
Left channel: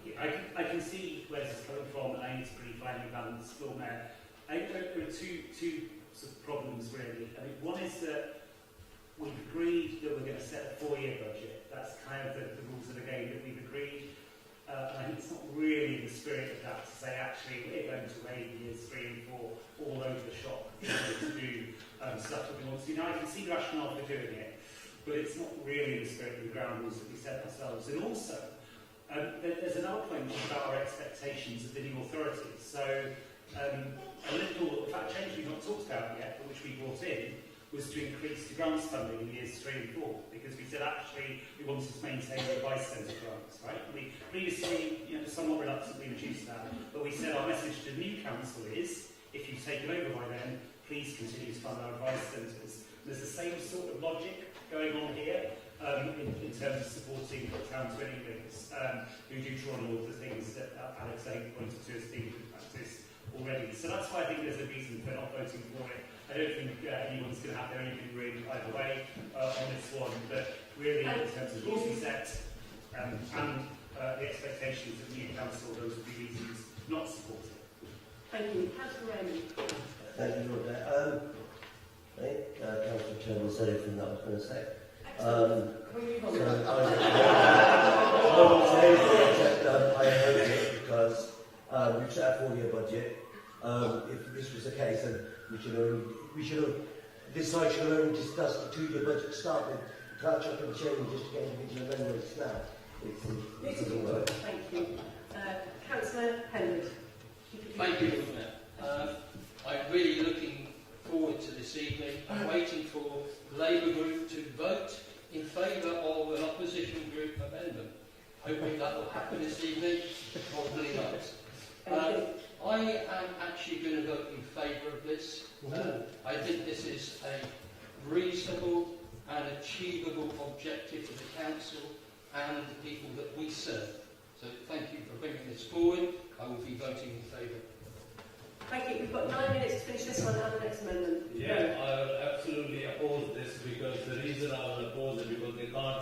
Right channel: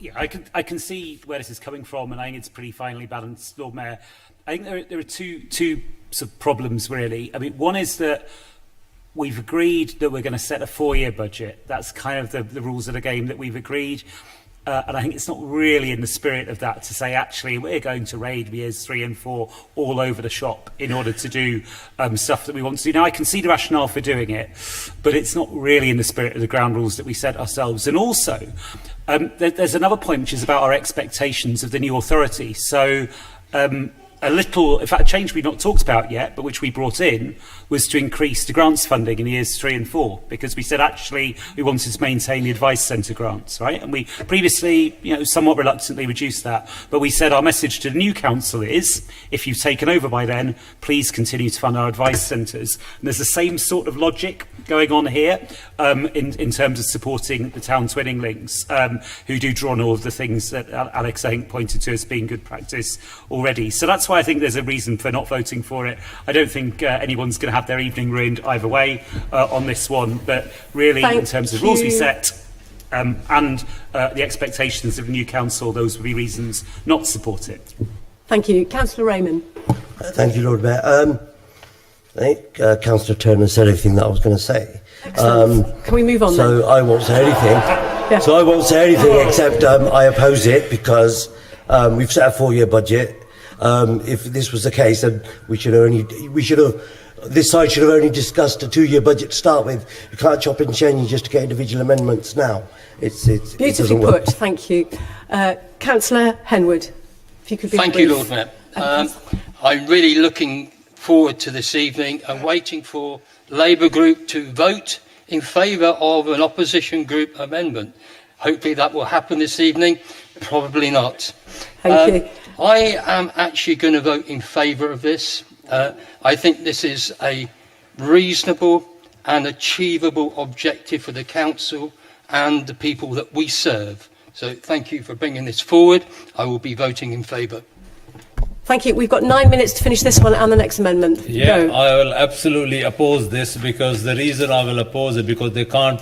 Yeah, I can see where this is coming from, and I think it's pretty finely balanced, Lord Mayor. I think there are two sort of problems, really. I mean, one is that we've agreed that we're going to set a 4-year budget. That's kind of the rules of the game that we've agreed. And I think it's not really in the spirit of that to say, actually, we're going to raid years 3 and 4 all over the shop in order to do stuff that we want to do. Now, I can see the rationale for doing it, but it's not really in the spirit of the ground rules that we set ourselves. And also, there's another point, which is about our expectations of the new authority. So, in fact, a change we've not talked about yet, but which we brought in, was to increase the grants funding in years 3 and 4, because we said actually we wanted to maintain the advice centre grants, right? And we previously, somewhat reluctantly reduced that, but we said our message to the new council is, if you've taken over by then, please continue to fund our advice centres. And there's the same sort of logic going on here in terms of supporting the town twinning links, who do draw on all of the things that Alex, I think, pointed to as being good practice already. So that's why I think there's a reason for not voting for it. I don't think anyone's going to have their evening ruined either way on this one, but really in terms of rules we set and the expectations of the new council, those would be reasons not to support it. Thank you. Councillor Raymond. Thank you, Lord Mayor. I think Councillor Turner said everything that I was going to say. Can we move on so then? I won't say anything. Yeah. So I won't say anything except I oppose it because we've set a 4-year budget. If this was the case, then this side should have only discussed a 2-year budget to start with. You can't chop and change just to get individual amendments now. Beautifully put. Thank you. Councillor Henwood, if you could be Thank you, Lord Mayor. I'm really looking forward to this evening and waiting for Labour Group to vote in favour of an opposition group amendment. Hopefully that will happen this evening. Probably not. Thank you. I am actually going to vote in favour of this. I think this is a reasonable and achievable objective for the council and the people that we serve. So thank you for bringing this forward. I will be voting in favour. Thank you. We've got 9 minutes to finish this one and the next amendment. Yeah, Go. I will absolutely oppose this, because the reason I will oppose it, because they can't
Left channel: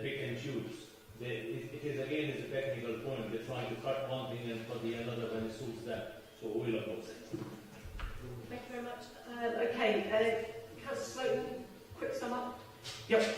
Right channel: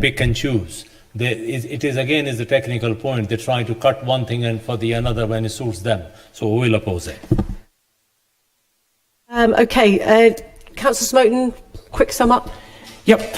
pick and choose. It is a technical point. They're trying to cut one thing and for the another when it suits them. So we will oppose it. Thank you very much. Okay, Councillor Smoten, quick sum up. Yep.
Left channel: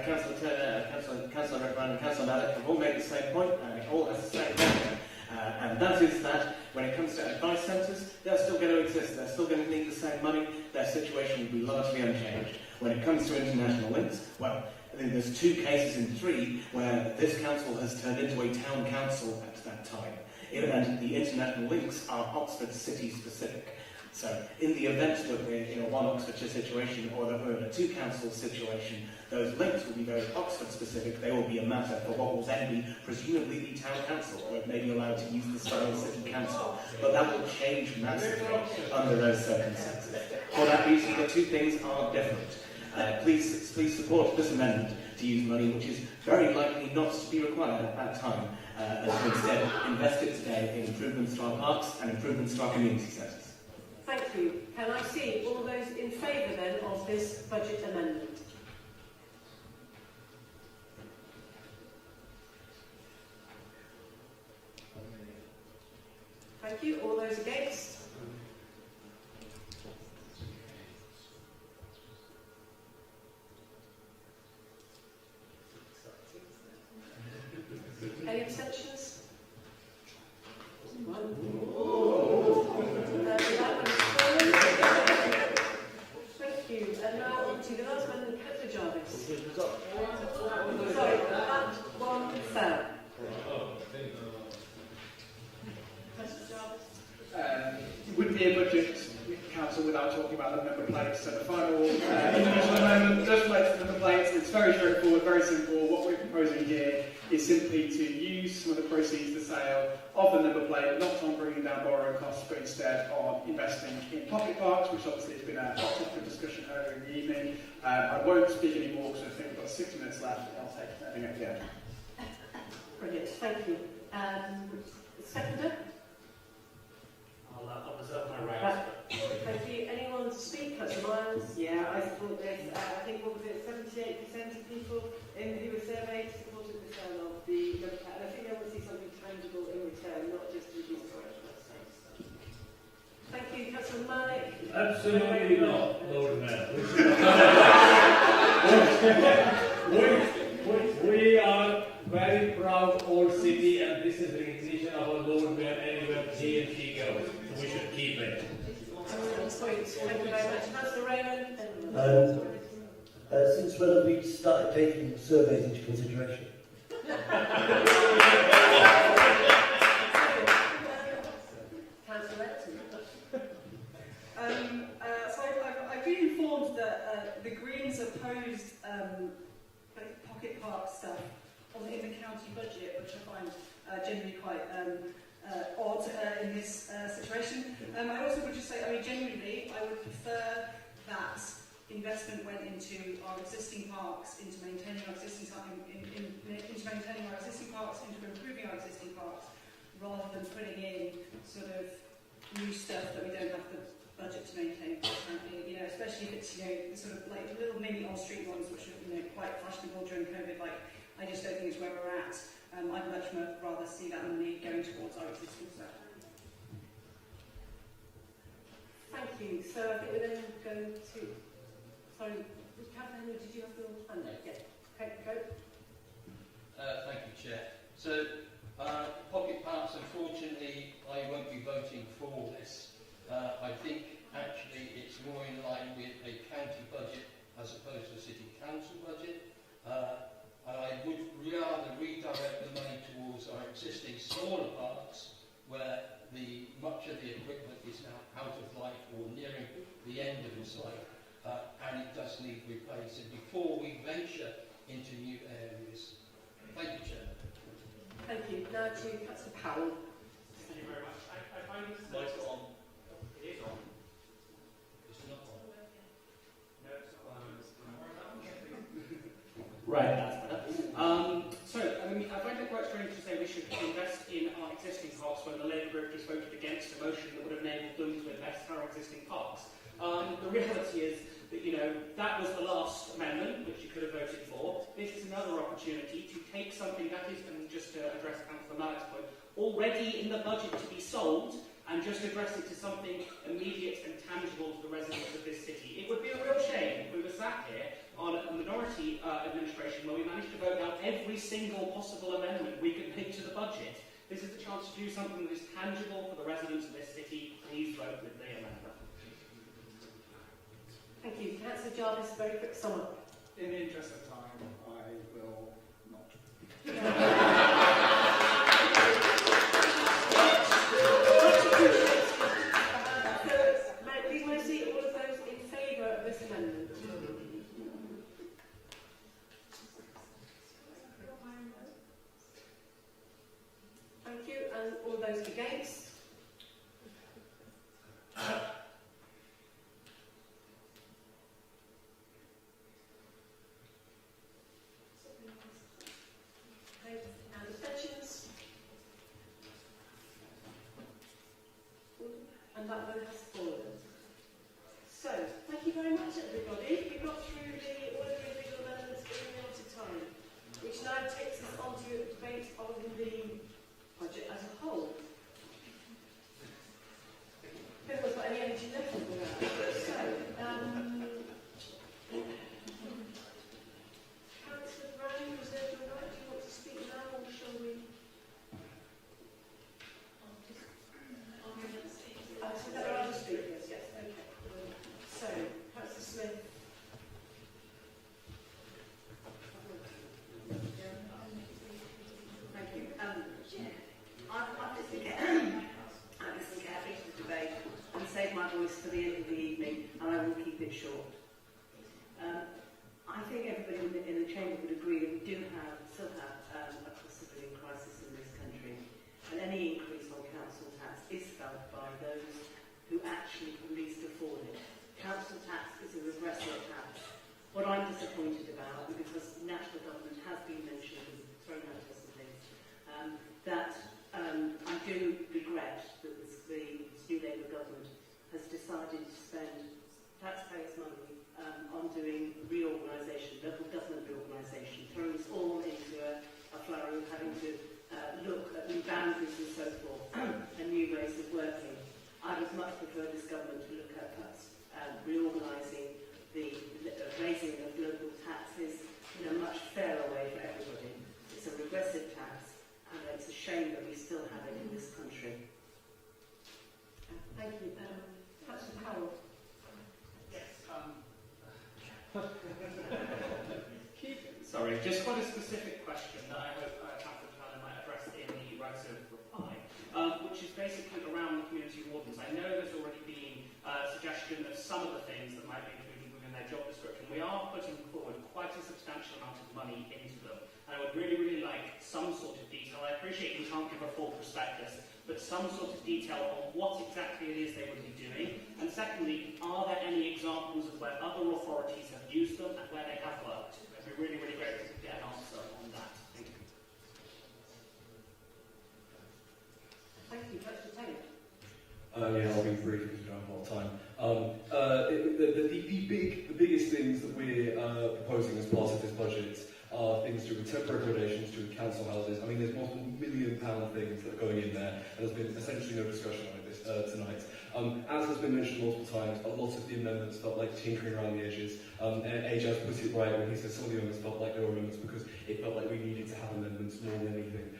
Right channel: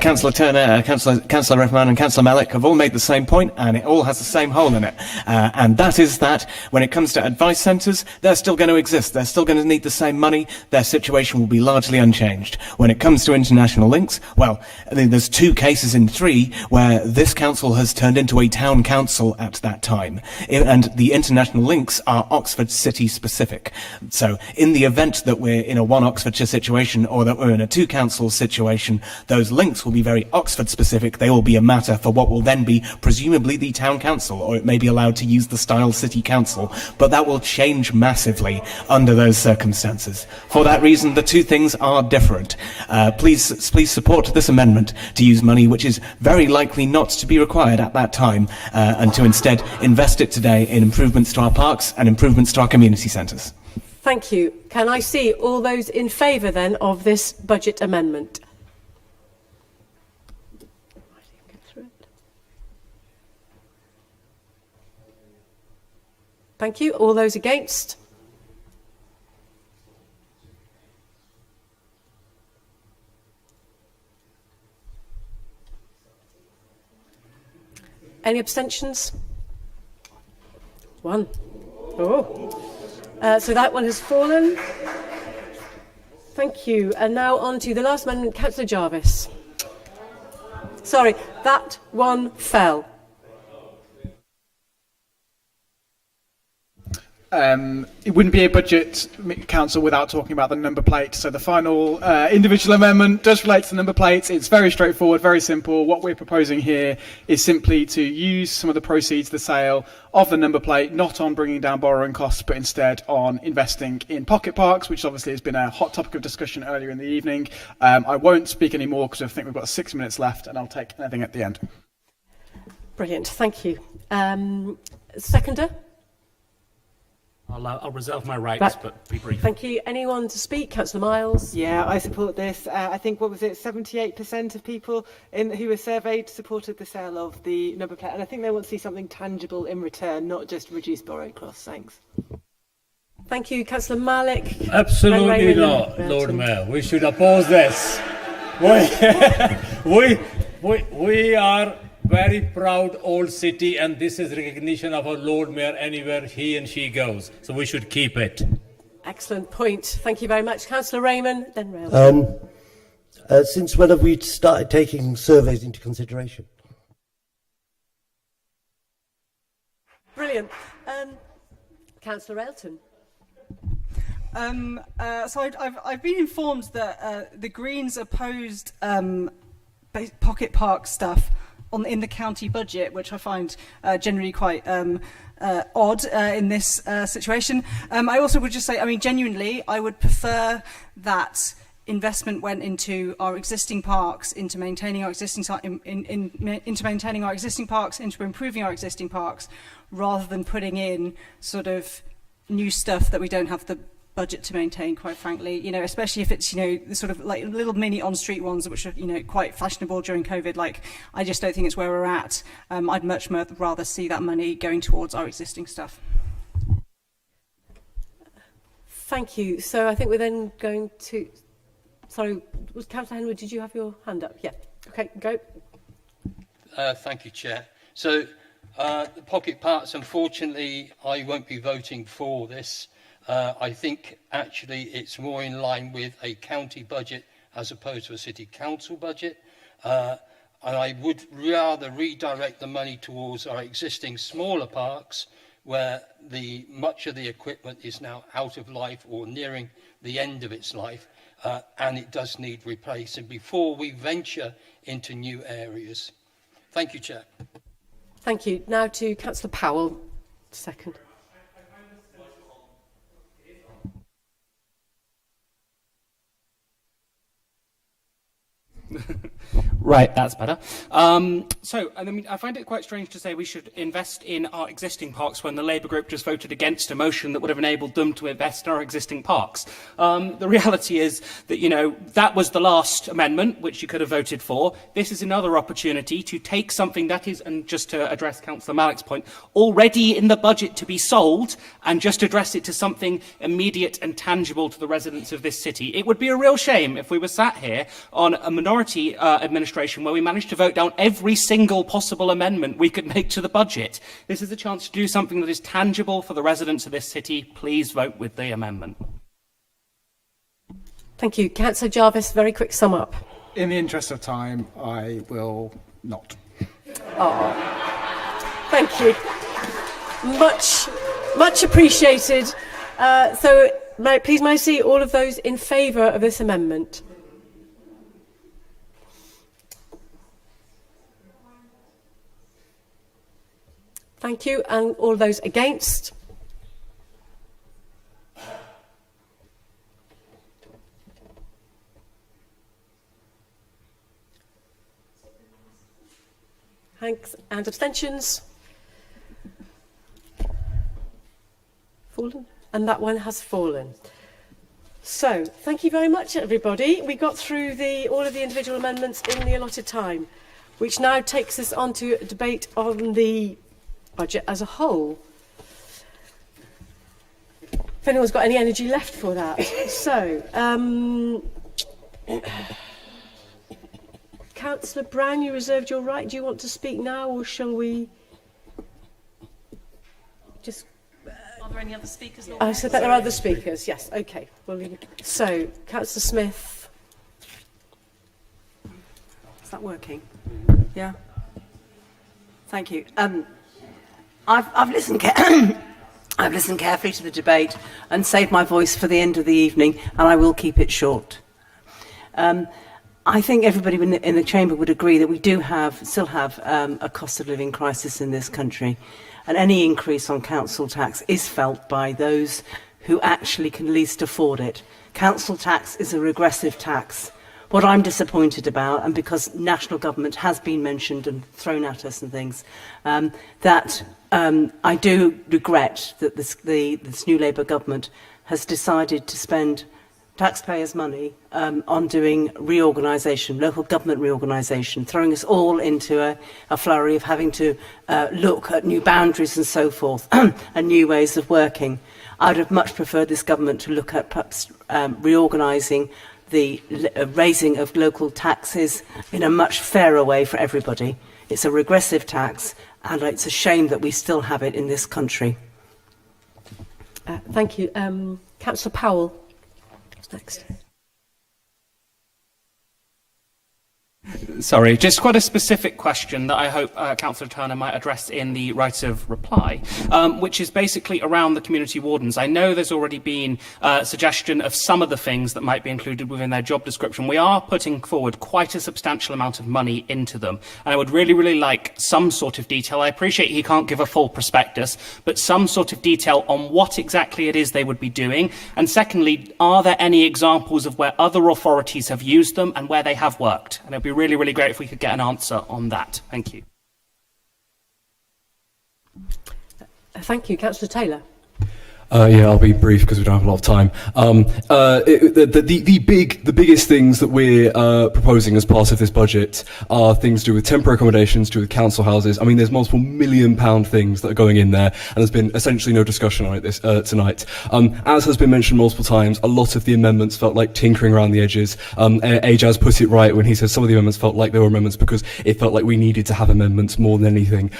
Councillor Turner, Councillor Reffman and Councillor Malik have all made the same point, and it all has the same hole in it. And that is that when it comes to advice centres, they're still going to exist. They're still going to need the same money. Their situation will be largely unchanged. When it comes to international links, well, I mean, there's 2 cases in 3 where this council has turned into a town council at that time. And the international links are Oxford City specific. So in the event that we're in a 1 Oxfordshire situation or that we're in a 2 council situation, those links will be very Oxford specific. They will be a matter for what will then be presumably the town council, or it may be allowed to use the style city council, but that will change massively under those circumstances. For that reason, the 2 things are different. Please support this amendment to use money which is very likely not to be required at that time, and to instead invest it today in improvements to our parks and improvements to our community centres. Thank you. Can I see all those in favour then of this budget amendment? Thank you. All those against? Any abstentions? 1. Oh. So that one has fallen. Thank you. And now on to the last amendment, Councillor Jarvis. Sorry, that one fell. It wouldn't be a budget council without talking about the number plate. So the final individual amendment does relate to the number plates. It's very straightforward, very simple. What we're proposing here is simply to use some of the proceeds of the sale of the number plate, not on bringing down borrowing costs, but instead on investing in pocket parks, which obviously has been a hot topic of discussion earlier in the evening. I won't speak any more because I think we've got 6 minutes left, and I'll take anything at the end. Brilliant, thank you. Seconder? I'll reserve my rights, Right. but be brief. Thank you. Anyone to speak? Councillor Miles? Yeah, I support this. I think, what was it, 78% of people who were surveyed supported the sale of the number plate. And I think they want to see something tangible in return, not just reduced borrowing costs. Thanks. Thank you. Councillor Malik? Absolutely not, Lord Mayor. We should oppose this. We are very proud old city, and this is recognition of our Lord Mayor anywhere he and she goes. So we should keep it. Excellent point. Thank you very much. Councillor Raymond, then Rail. Since when have we started taking surveys into consideration? Brilliant. Councillor Elton? So I've been informed that the Greens opposed pocket park stuff in the county budget, which I find generally quite odd in this situation. I also would just say, I mean, genuinely, I would prefer that investment went into our existing parks, into maintaining our existing into maintaining our existing parks, into improving our existing parks, rather than putting in sort of new stuff that we don't have the budget to maintain, quite frankly, you know, especially if it's, you know, the sort of like little mini on-street ones, which are, you know, quite fashionable during COVID. Like, I just don't think it's where we're at. I'd much rather see that money going towards our existing stuff. Thank you. So I think we're then going to... Sorry, was Councillor Henwood, did you have your hand up? Yeah. Okay, go. Thank you, Chair. So, the pocket parks, unfortunately, I won't be voting for this. I think actually it's more in line with a county budget as opposed to a city council budget. And I would rather redirect the money towards our existing smaller parks where much of the equipment is now out of life or nearing the end of its life, and it does need replacing before we venture into new areas. Thank you, Chair. Thank you. Now to Councillor Powell, second. Right, that's better. I find it quite strange to say we should invest in our existing parks when the Labour group just voted against a motion that would have enabled them to invest in our existing parks. The reality is that, you know, that was the last amendment which you could have voted for. This is another opportunity to take something that is, and just to address Councillor Malik's point, already in the budget to be sold, and just address it to something immediate and tangible to the residents of this city. It would be a real shame if we were sat here on a minority administration where we managed to vote down every single possible amendment we could make to the budget. This is a chance to do something that is tangible for the residents of this city. Please vote with the amendment. Thank you. Councillor Jarvis, very quick sum up. In the interest of time, I will not. Thank you. Much appreciated. So please may I see all of those in favour of this amendment? Thank you. And all those against? Thanks. And abstentions? Fallen? And that one has fallen. So, thank you very much, everybody. We got through all of the individual amendments in the allotted time, which now takes us on to a debate on the budget as a whole. If anyone's got any energy left for that. So, Councillor Brown, you reserved your right. Do you want to speak now, or shall we just... Are there there any other speakers? I said that there are other speakers. Yes. Okay. We'll leave it. So, Councillor Smith. Is that working? Yeah. Thank you. I've listened. I've listened carefully to the debate and saved my voice for the end of the evening, and I will keep it short. I think everybody in the chamber would agree that we still have a cost of living crisis in this country, and any increase on council tax is felt by those who actually can least afford it. Council tax is a regressive tax. What I'm disappointed about, and because national government has been mentioned and thrown at us and things, I do regret that this new Labour government has decided to spend taxpayers' money on doing reorganisation, local government reorganisation, throwing us all into a flurry of having to look at new boundaries and so forth, and new ways of working. I would have much preferred this government to look at perhaps reorganising the raising of local taxes in a much fairer way for everybody. It's a regressive tax, and it's a shame that we still have it in this country. Thank you. Councillor Powell. Next. Sorry, just quite a specific question that I hope Councillor Turner might address in the right of reply, which is basically around the community wardens. I know there's already been a suggestion of some of the things that might be included within their job description. We are putting forward quite a substantial amount of money into them, and I would really, really like some sort of detail. I appreciate he can't give a full prospectus, but some sort of detail on what exactly it is they would be doing. And secondly, are there any examples of where other authorities have used them and where they have worked? And it would be really, really great if we could get an answer on that. Thank you. Thank you. Councillor Taylor. Yeah, I'll be brief because we don't have a lot of time. The biggest things that we're proposing as part of this budget are things to do with temporary accommodations, to do with council houses. I mean, there's multiple £1 million things that are going in there, and there's been essentially no discussion on it tonight. As has been mentioned multiple times, a lot of the amendments felt like tinkering around the edges. Ajaz put it right when he said some of the amendments felt like they were amendments because it felt like we needed to have amendments more than anything.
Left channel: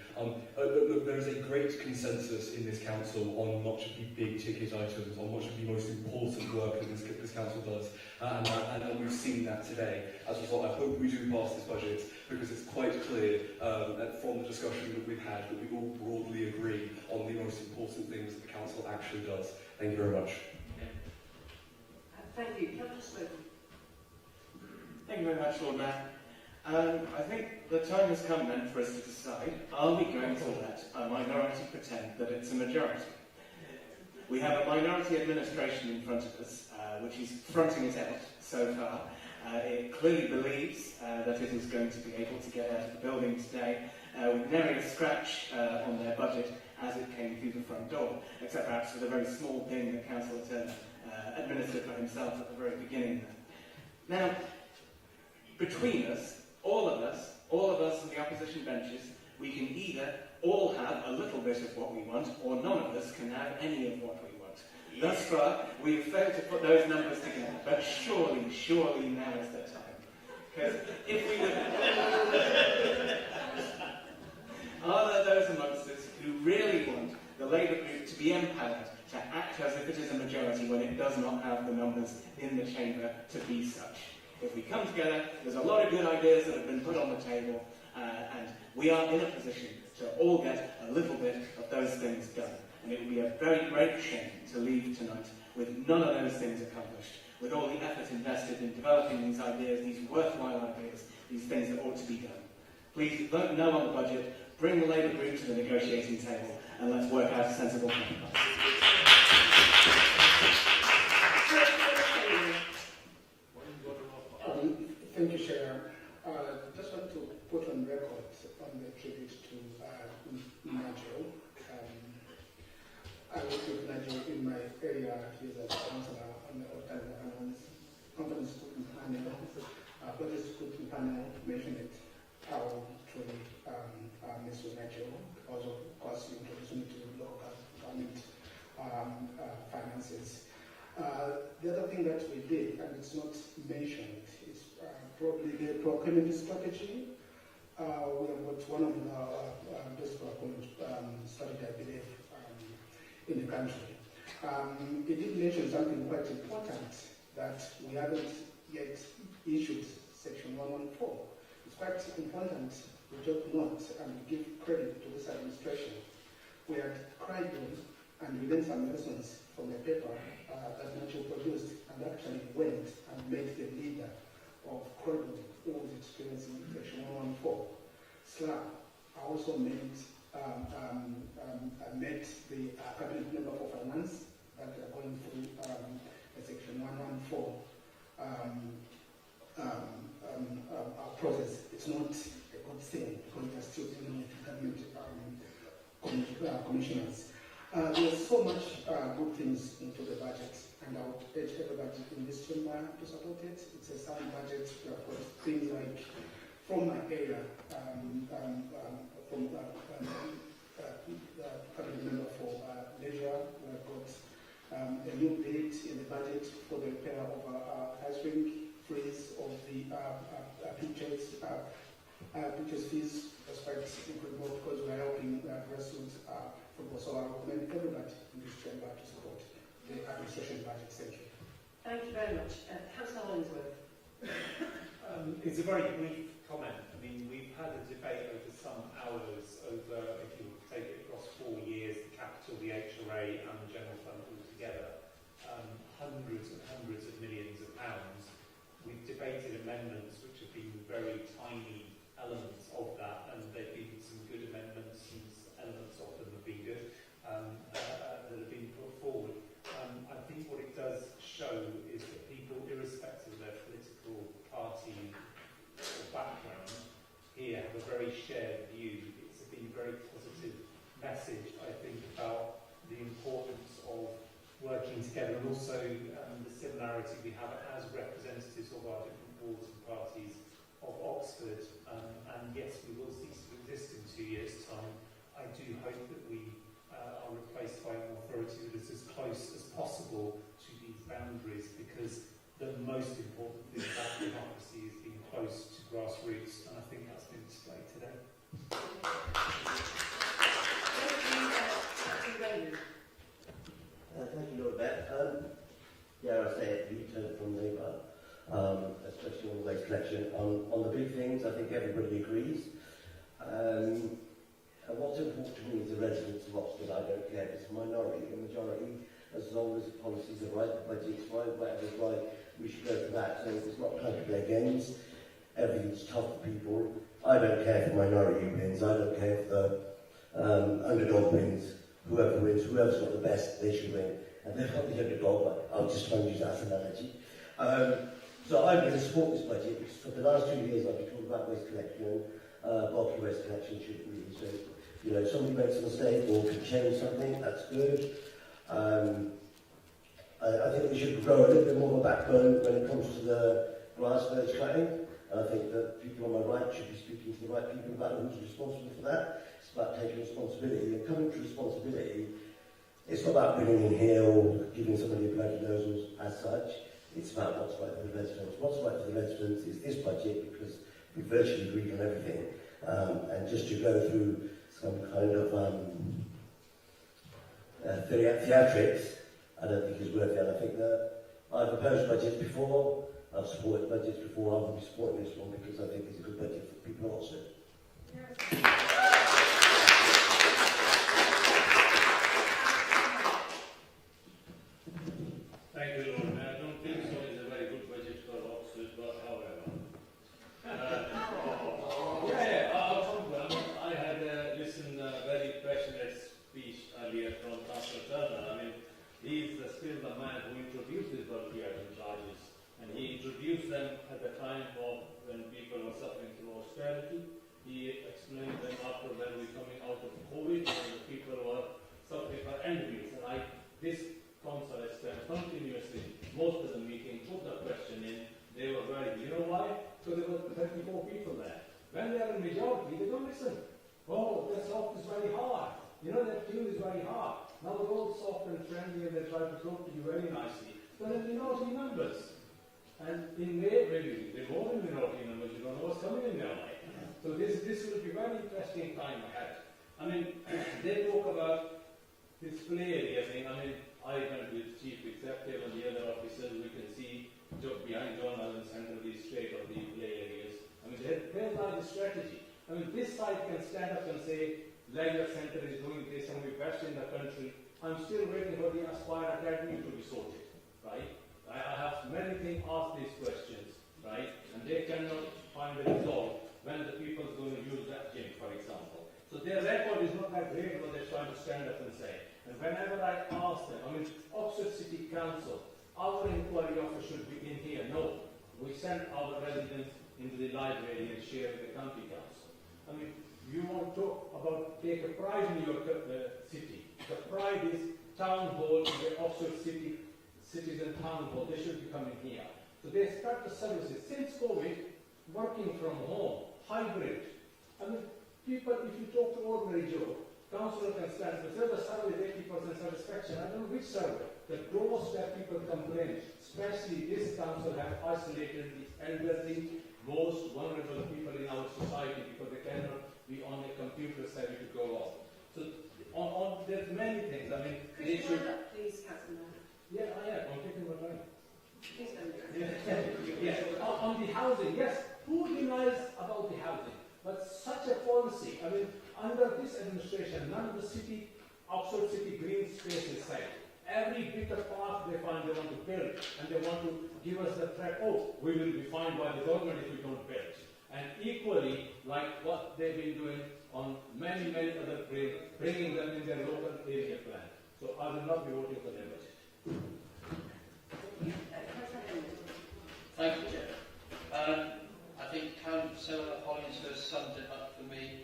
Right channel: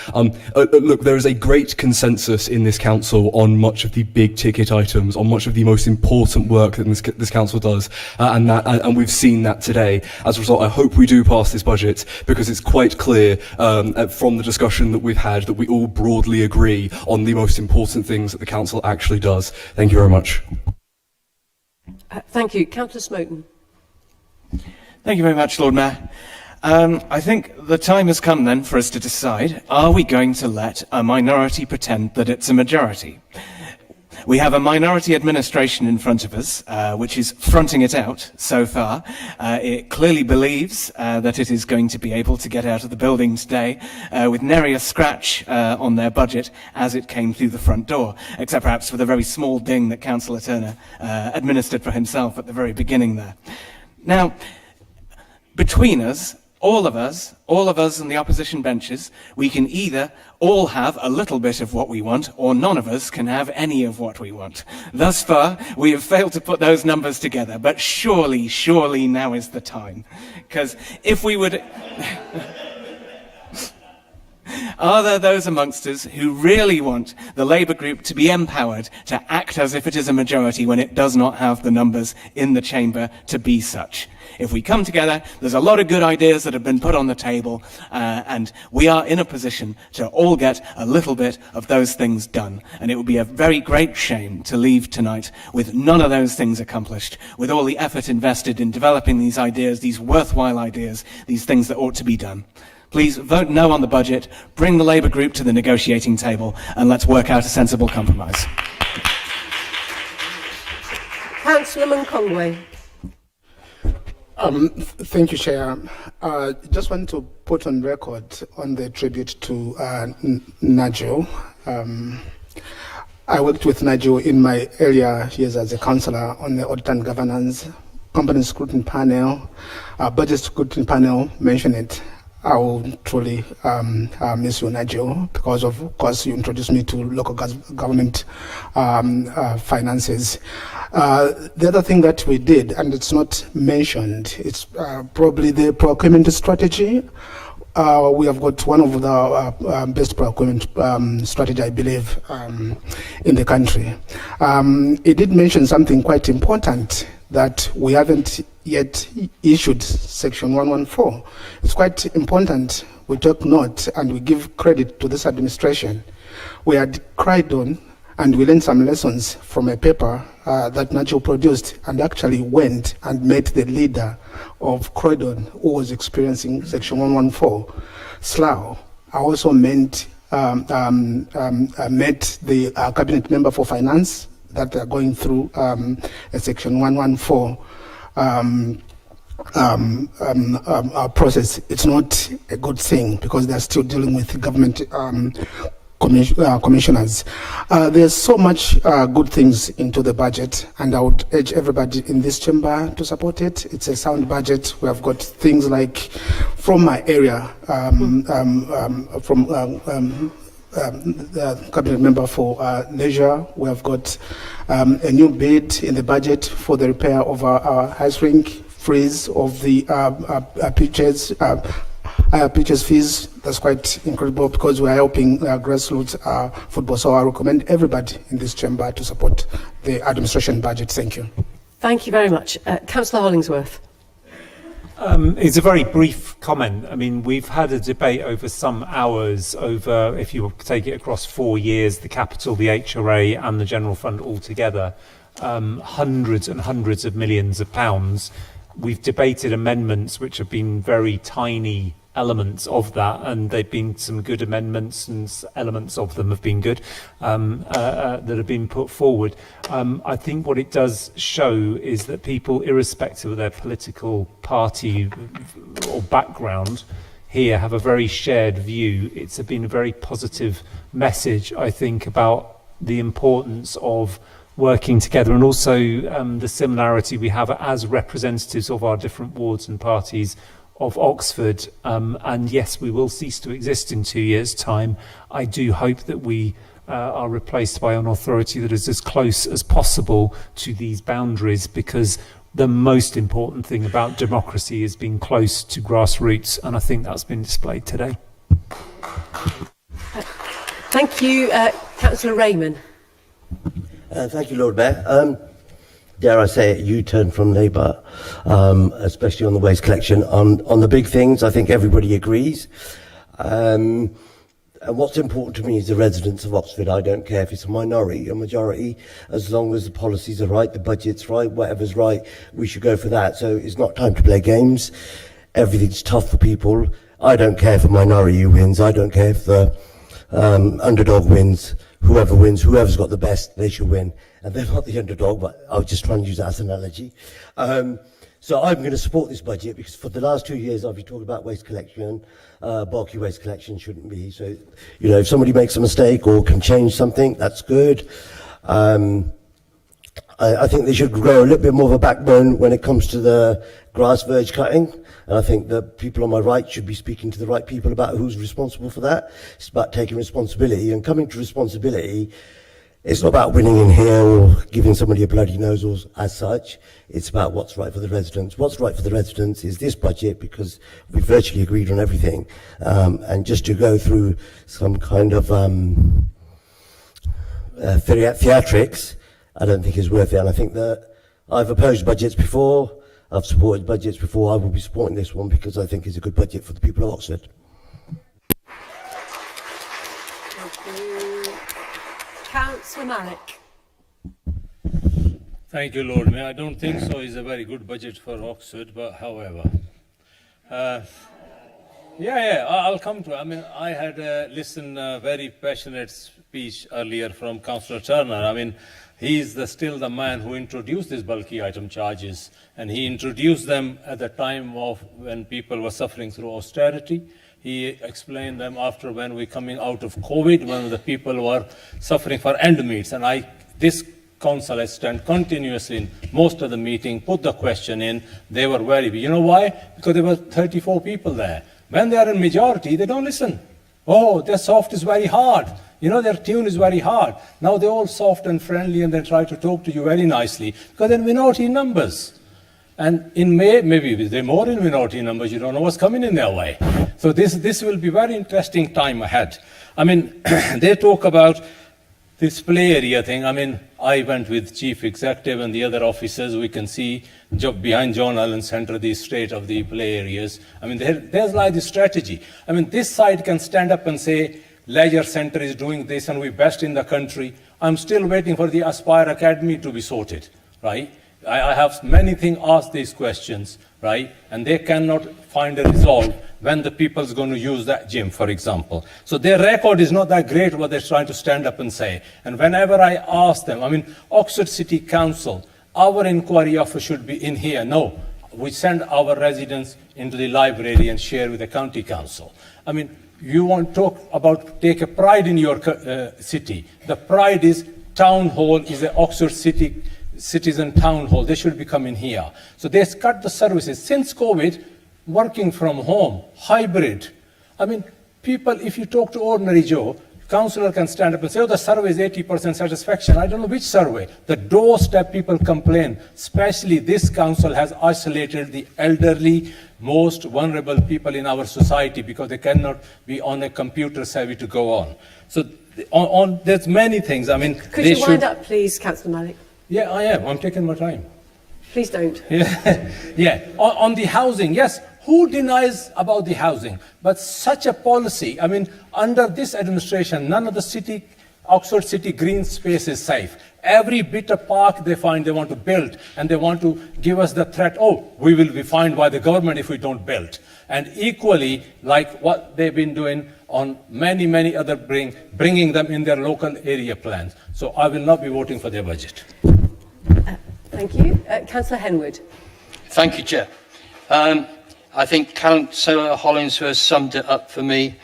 Look, there is a great consensus in this council on much of the big ticket items, on much of the most important work that this council does, and we've seen that today. As a result, I hope we do pass this budget, because it's quite clear from the discussion that we've had that we all broadly agree on the most important things that the council actually does. Thank you very much. Thank you. Councillor Smoten. Thank you very much, Lord Mayor. I think the time has come then for us to decide, are we going to let a minority pretend that it's a majority? We have a minority administration in front of us, which is fronting it out so far. It clearly believes that it is going to be able to get out of the building today with nary a scratch on their budget as it came through the front door, except perhaps for the very small ding that Councillor Turner administered for himself at the very beginning there. Now, between us, all of us on the opposition benches, we can either all have a little bit of what we want, or none of us can have any of what we want. Thus far, we have failed to put those numbers together, but surely now is the time. Because if we would... Are there those amongst us who really want the Labour group to be empowered to act as if it is a majority when it does not have the numbers in the chamber to be such? If we come together, there's a lot of good ideas that have been put on the table, and we are in a position to all get a little bit of those things done. And it would be a very great shame to leave tonight with none of those things accomplished, with all the effort invested in developing these ideas, these worthwhile ideas, these things that ought to be done. Please vote no on the budget, bring the Labour group to the negotiating table, and let's work out a sensible compromise. Councillor Conway. Thank you, Chair. Just want to put on record on the tribute to Nigel. I worked with Nigel in my earlier years as a councillor on the Audit and Governance, Company Scrutiny Panel, Budget Scrutiny Panel, mention it. I will truly miss you, Nigel, because of course you introduced me to local government finances. The other thing that we did, and it's not mentioned, it's probably the procurement strategy. we have got one of the best procurement strategy, I believe, in the country. It did mention something quite important, that we haven't yet issued Section 114. It's quite important we take note and we give credit to this administration. We had cried on and we learned some lessons from a paper that Nacho produced, and actually went and met the leader of Croydon who was experiencing Section 114. Slough. I also met the cabinet member for finance that are going through a Section 114 process. It's not a good thing because they're still dealing with government commissioners. There's so much good things into the budget, and I would urge everybody in this chamber to support it. It's a sound budget. We have got things like, from my area, from the cabinet member for leisure, we have got a new bid in the budget for the repair of our ice rink, freeze of the pitches, pitches fees. That's quite incredible because we are helping grassroots football. So I recommend everybody in this chamber to support the administration budget. Thank you. Thank you very much. Councillor Hollingsworth. It's a very brief comment. I mean, we've had a debate over some hours over, if you take it across 4 years, the capital, the HRA and the general fund altogether, hundreds and hundreds of millions of pounds. We've debated amendments which have been very tiny elements of that, and they've been some good amendments, and elements of them have been good that have been put forward. I think what it does show is that people, irrespective of their political party or background, here have a very shared view. It's been a very positive message, I think, about the importance of working together, and also the similarity we have as representatives of our different wards and parties of Oxford. And yes, we will cease to exist in 2 years' time. I do hope that we are replaced by an authority that is as close as possible to these boundaries, because the most important thing about democracy is being close to grassroots, and I think that's been displayed today. Thank you, Councillor Raymond. Thank you, Lord Mayor. Dare I say it, U-turn from Labour, especially on the waste collection. On the big things, I think everybody agrees. And what's important to me is the residents of Oxford. I don't care if it's a minority or majority, as long as the policies are right, the budget's right, whatever's right, we should go for that. So it's not time to play games. Everything's tough for people. I don't care if a minority wins. I don't care if the underdog wins. Whoever wins, whoever's got the best, they should win. And they're not the underdog, but I was just trying to use that as an analogy. So I'm going to support this budget because for the last 2 years I've been talking about waste collection. Bulky waste collection shouldn't be. So, you know, if somebody makes a mistake or can change something, that's good. I think they should grow a little bit more of a backbone when it comes to the grass verge cutting. And I think that people on my right should be speaking to the right people about who's responsible for that. It's about taking responsibility and coming to responsibility. It's not about winning in here or giving somebody a bloody nose or as such. It's about what's right for the residents. What's right for the residents is this budget, because we virtually agreed on everything. And just to go through some kind of theatrics, I don't think is worth it. And I think that I've opposed budgets before. I've supported budgets before. I will be supporting this one because I think it's a good budget for the people of Oxford. Thank you, Lord Mayor. I don't think so. It's a very good budget for Oxford, but however. I'll come to it. I mean, I had listened a very passionate speech earlier from Councillor Turner. I mean, he's still the man who introduced these bulky item charges, and he introduced them at the time of when people were suffering through austerity. He explained them after when we're coming out of COVID, when the people were suffering for end meets. And this council has stand continuously in most of the meeting, put the question in. They were very, you know why? Because there were 34 people there. When they are in majority, they don't listen. Oh, their soft is very hard. You know, their tune is very hard. Now they're all soft and friendly and they try to talk to you very nicely because they're minority numbers. And in May, maybe they're more in minority numbers, you don't know what's coming in their way. So this will be very interesting time ahead. I mean, they talk about this play area thing. I mean, I went with Chief Executive and the other officers. We can see behind John Allen Centre the state of the play areas. I mean, there's like the strategy. I mean, this side can stand up and say, Leisure Centre is doing this and we're best in the country. I'm still waiting for the Aspire Academy to be sorted, right? I have many things asked these questions, right? And they cannot find a resolve when the people's going to use that gym, for example. So their record is not that great what they're trying to stand up and say. And whenever I ask them, I mean, Oxford City Council, our inquiry office should be in here. No, we send our residents into the library and share with the county council. I mean, you want to talk about take a pride in your city. The pride is town hall, is the Oxford City Citizen Town Hall. They should be coming here. So they cut the services. Since COVID, working from home, hybrid. I mean, people, if you talk to ordinary Joe, councillor can stand up and say, oh, the survey is 80% satisfaction. I don't know which survey. The doorstep people complain. Especially this council has isolated the elderly, most vulnerable people in our society because they cannot be on a computer savvy to go on. So there's many things. I mean, could you wind up, please, Councillor Malik? Yeah, I am. I'm taking my time. Please don't. Yeah. On the housing, yes. Who denies about the housing? But such a policy, I mean, under this administration, none of the Oxford City green space is safe. Every bit of park they find they want to build, and they want to give us the threat, oh, we will be fined by the government if we don't build. And equally, like what they've been doing on many other bringing them in their local area plans. So I will not be voting for their budget. Thank you. Councillor Henwood. Thank you, Chair. I think Councillor Hollingsworth summed it up for me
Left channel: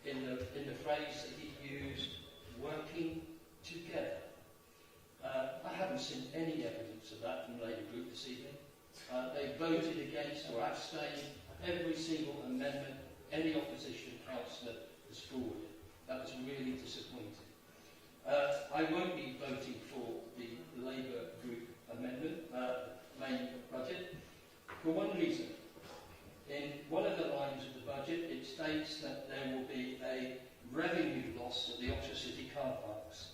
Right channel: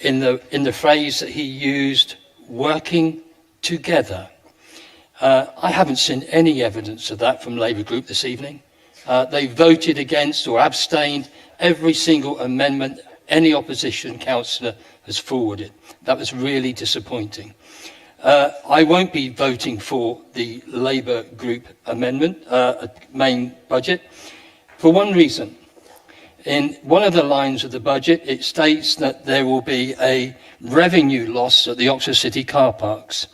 in the phrase that he used, working together. I haven't seen any evidence of that from Labour Group this evening. They voted against or abstained every single amendment any opposition councillor has forwarded. That was really disappointing. I won't be voting for the Labour Group amendment, main budget, for one reason. In one of the lines of the budget, it states that there will be a revenue loss at the Oxford City car parks,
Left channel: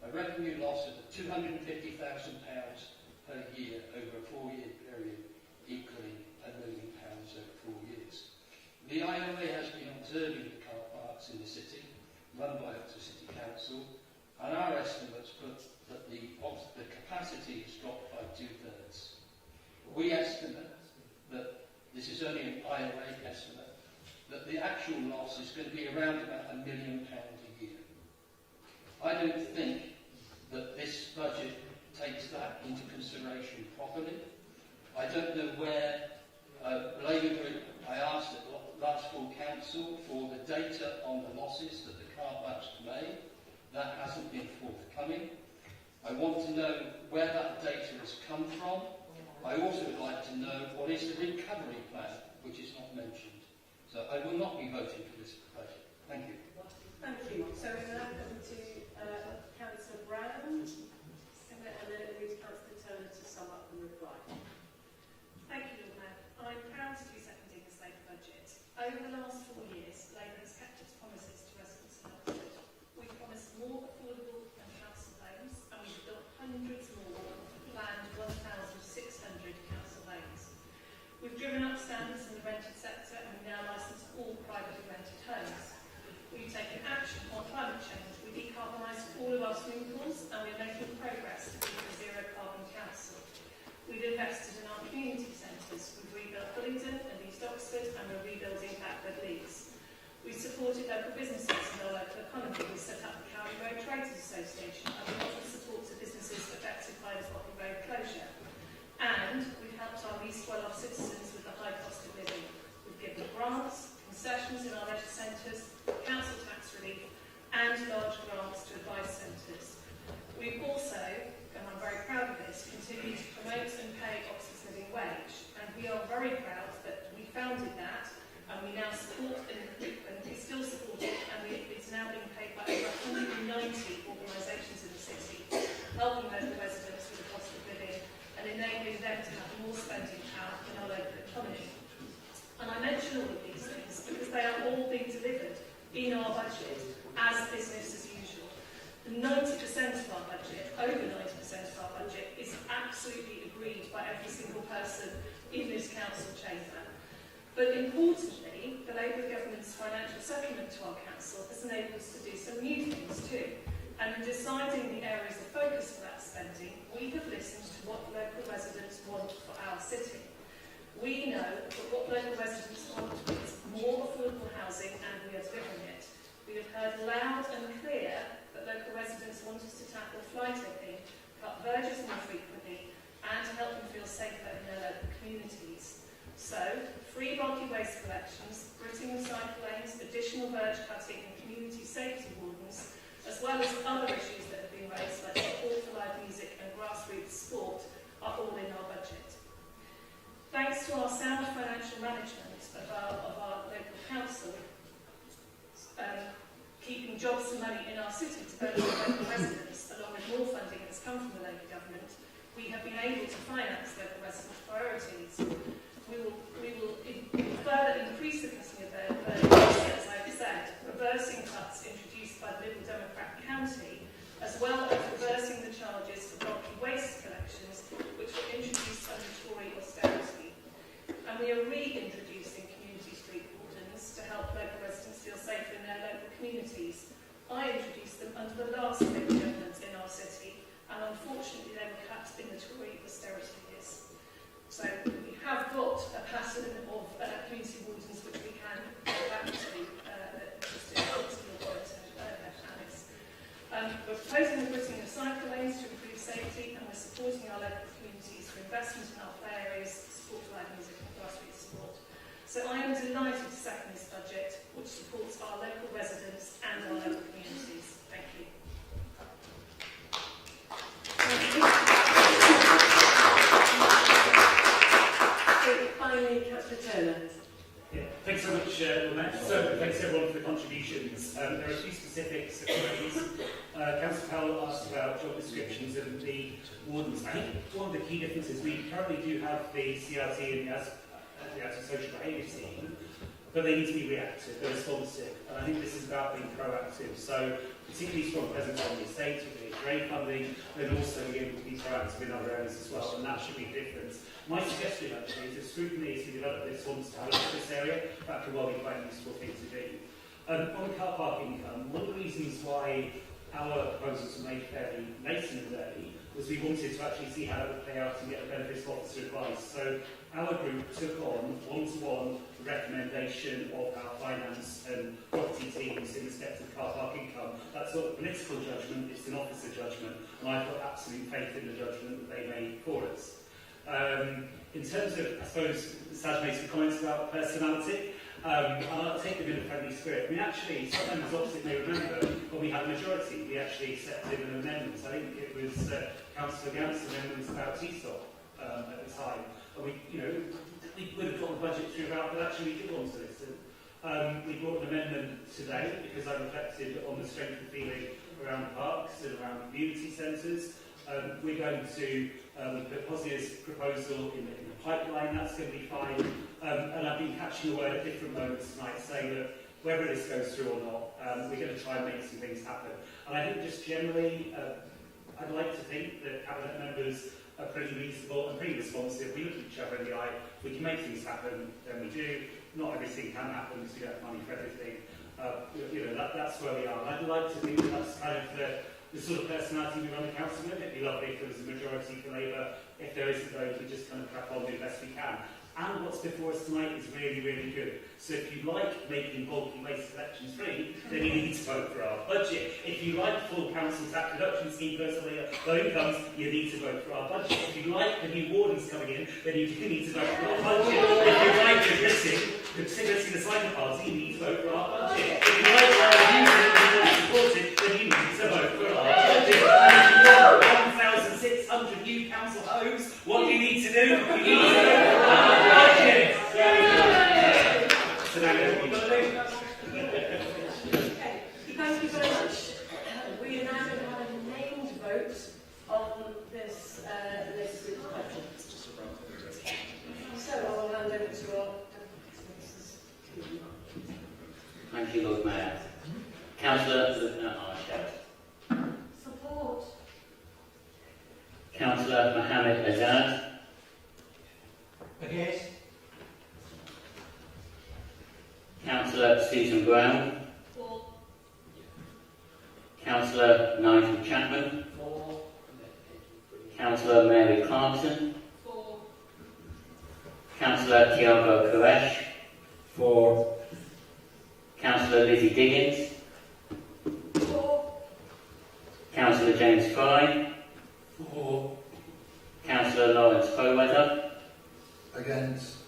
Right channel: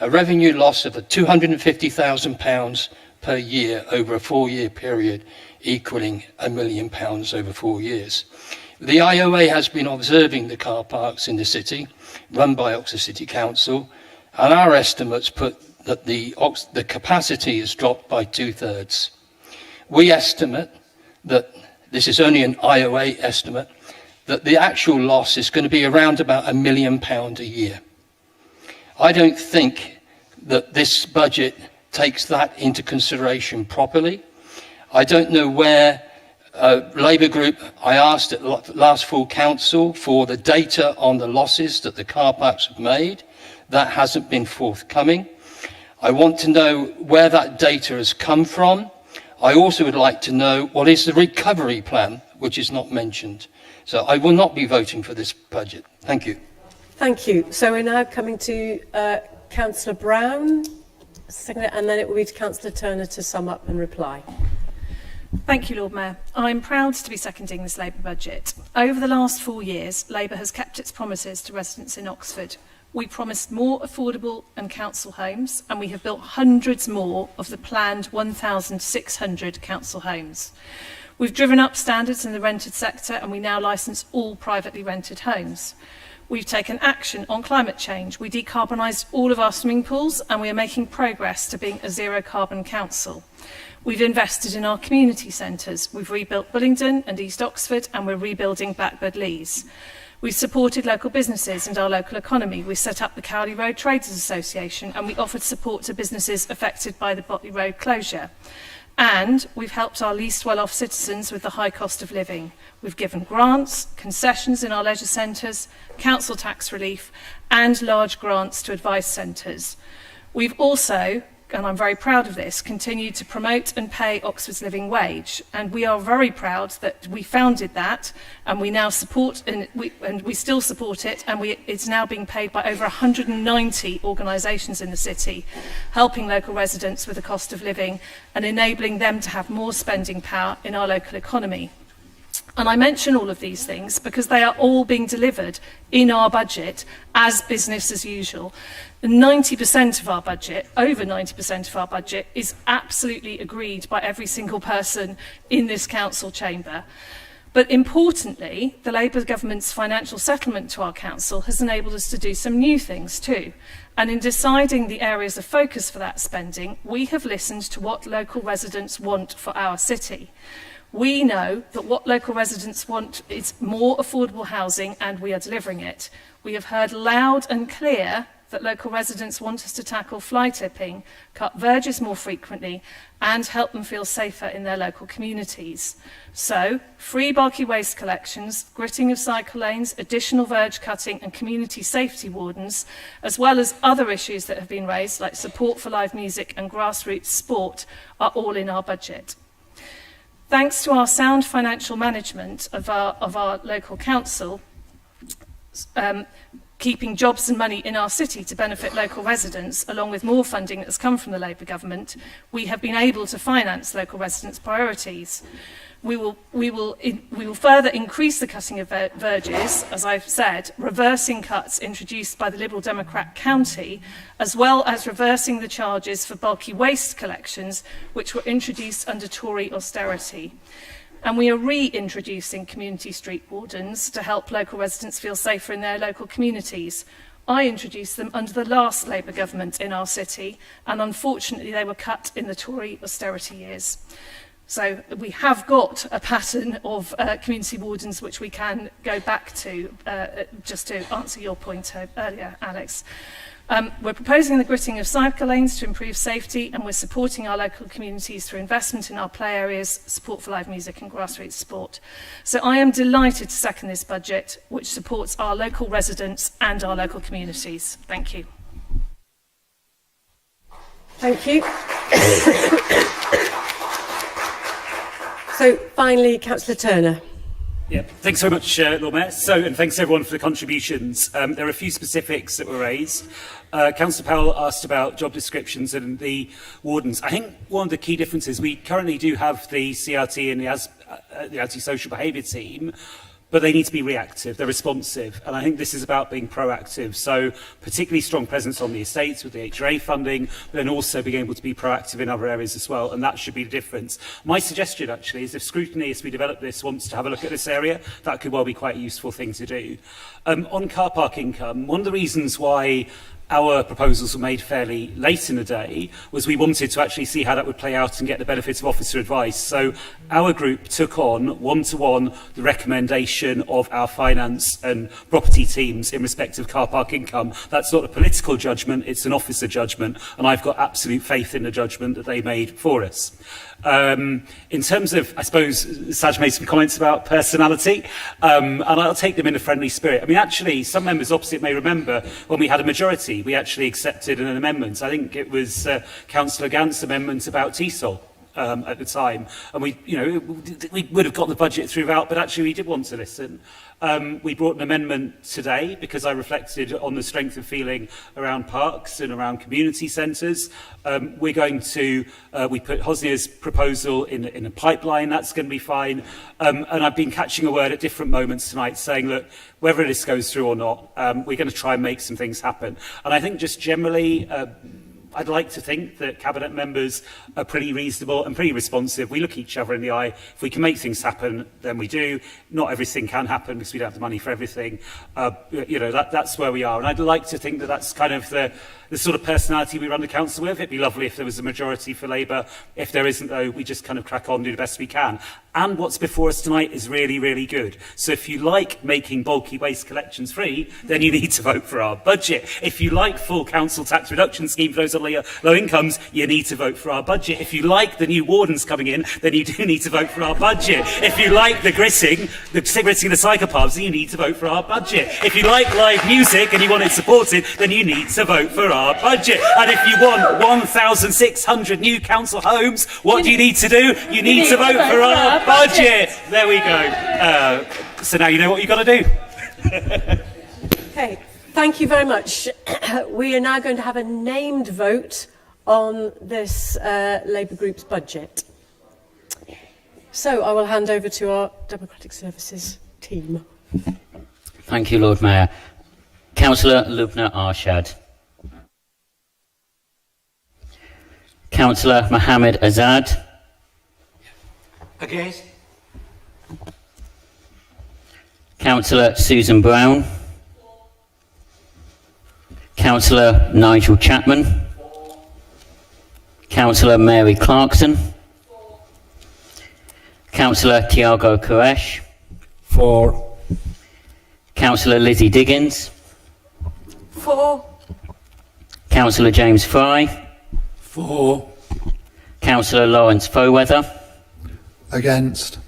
a revenue loss of £250,000 per year over a 4-year period, equaling £1 million over 4 years. The IOA has been observing the car parks in the city, run by Oxford City Council, and our estimates put that the capacity has dropped by 2/3. We estimate that, this is only an IOA estimate, that the actual loss is going to be around about £1 million a year. I don't think that this budget takes that into consideration properly. I don't know where Labour Group, I asked at last full council for the data on the losses that the car parks have made. That hasn't been forthcoming. I want to know where that data has come from. I also would like to know what is the recovery plan, which is not mentioned. So I will not be voting for this budget. Thank you. Thank you. So we're now coming to Councillor Brown, and then it will be to Councillor Turner to sum up and reply. Thank you, Lord Mayor. I'm proud to be seconding this Labour budget. Over the last 4 years, Labour has kept its promises to residents in Oxford. We promised more affordable and council homes, and we have built hundreds more of the planned 1,600 council homes. We've driven up standards in the rented sector, and we now licence all privately rented homes. We've taken action on climate change. We decarbonised all of our swimming pools, and we are making progress to being a zero-carbon council. We've invested in our community centres. We've rebuilt Bullingdon and East Oxford, and we're rebuilding Blackbird Leys. We've supported local businesses and our local economy. We set up the Cowley Road Traders Association, and we offered support to businesses affected by the Botley Road closure. And we've helped our least well-off citizens with the high cost of living. We've given grants, concessions in our leisure centres, council tax relief, and large grants to advice centres. We've also and I'm very proud of this, continue to promote and pay Oxford's living wage. And we are very proud that we founded that, and we now support, and we still support it, and it's now being paid by over 190 organisations in the city, helping local residents with the cost of living and enabling them to have more spending power in our local economy. And I mention all of these things because they are all being delivered in our budget as business as usual. 90% of our budget, over 90% of our budget, is absolutely agreed by every single person in this council chamber. But importantly, the Labour government's financial settlement to our council has enabled us to do some new things too. And in deciding the areas of focus for that spending, we have listened to what local residents want for our city. We know that what local residents want is more affordable housing, and we are delivering it. We have heard loud and clear that local residents want us to tackle fly tipping, cut verges more frequently, and help them feel safer in their local communities. So, free bulky waste collections, gritting of cycle lanes, additional verge cutting and community safety wardens, as well as other issues that have been raised like support for live music and grassroots sport, are all in our budget. Thanks to our sound financial management of our local council, keeping jobs and money in our city to benefit local residents, along with more funding that has come from the Labour government, we have been able to finance local residents' priorities. We will further increase the cutting of verges, as I've said, reversing cuts introduced by the Liberal Democrat county, as well as reversing the charges for bulky waste collections, which were introduced under Tory austerity. And we are reintroducing community street wardens to help local residents feel safer in their local communities. I introduced them under the last Labour government in our city, and unfortunately they were cut in the Tory austerity years. So we have got a pattern of community wardens which we can go back to, just to answer your point earlier, Alex. We're proposing the gritting of cycle lanes to improve safety, and we're supporting our local communities through investment in our play areas, support for live music and grassroots sport. So I am delighted to second this budget, which supports our local residents and our local communities. Thank you. Thank you. So finally, Councillor Turner. Yeah, thanks very much, Lord Mayor. And thanks everyone for the contributions. There are a few specifics that were raised. Councillor Powell asked about job descriptions and the wardens. I think one of the key differences, we currently do have the CRT and the anti-social behaviour team, but they need to be reactive, they're responsive, and I think this is about being proactive. So particularly strong presence on the estates with the HRA funding, but then also being able to be proactive in other areas as well, and that should be the difference. My suggestion actually is if Scrutiny, as we develop this, wants to have a look at this area, that could well be quite a useful thing to do. On car park income, one of the reasons why our proposals were made fairly late in the day was we wanted to actually see how that would play out and get the benefits of officer advice. So our group took on one-to-one the recommendation of our finance and property teams in respect of car park income. That's not a political judgment, it's an officer judgment, and I've got absolute faith in the judgment that they made for us. In terms of, I suppose, Saj made some comments about personality, and I'll take them in a friendly spirit. I mean, actually, some members opposite may remember when we had a majority, we actually accepted an amendment. I think it was Councillor Gant's amendment about TESOL at the time, and we would have got the budget throughout, but actually we did want to listen. We brought an amendment today because I reflected on the strength of feeling around parks and around community centres. We're going to, we put Hosnia's proposal in a pipeline, that's going to be fine. And I've been catching a word at different moments tonight saying, look, whether this goes through or not, we're going to try and make some things happen. And I think just generally, I'd like to think that Cabinet members are pretty reasonable and pretty responsive. We look each other in the eye. If we can make things happen, then we do. Not everything can happen because we don't have the money for everything. That's where we are. And I'd like to think that that's kind of the sort of personality we run the council with. It'd be lovely if there was a majority for Labour. If there isn't, though, we just kind of crack on and do the best we can. and what's before us tonight is really, really good. So if you like making bulky waste collections free, then you need to vote for our budget. If you like full council tax reduction scheme for those on low incomes, you need to vote for our budget. If you like the new wardens coming in, then you do need to vote for our budget. If you like the gritting the psychopubs, then you need to vote for our budget. If you like live music and you want it supported, then you need to vote for our budget. And if you want 1,600 new council homes, what do you need to do? You need to vote for our budget. There we go. So now you know what you've got to do. Okay, thank you very much. We are now going to have a named vote on this Labour Group's budget. So I will hand over to our Democratic Services team. Thank you, Lord Mayor. Councillor Lubna Arshad. Support. Councillor Mohammed Azad. Against. Councillor Susan Brown. Councillor Nigel Chapman. Councillor Mary Clarkson. Councillor Tiago Koresh. For. Councillor Lizzie Diggins. For. Councillor James Fry. For. Councillor Lawrence Foweather. Against.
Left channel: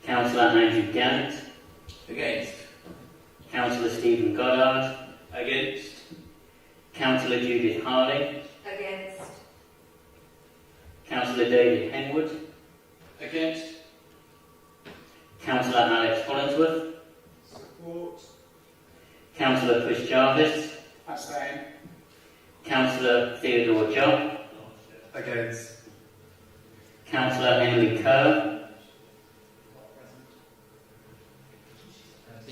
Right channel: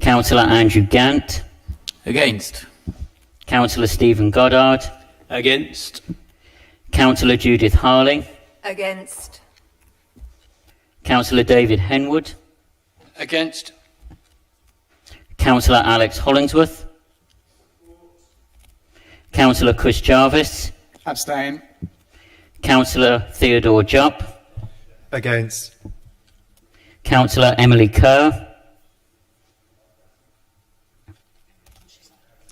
Councillor Andrew Gant. Against. Councillor Stephen Goddard. Against. Councillor Judith Harling. Against. Councillor David Henwood. Against. Councillor Alex Hollingsworth. Councillor Chris Jarvis. Abstain. Councillor Theodore Jupp. Against. Councillor Emily Kerr.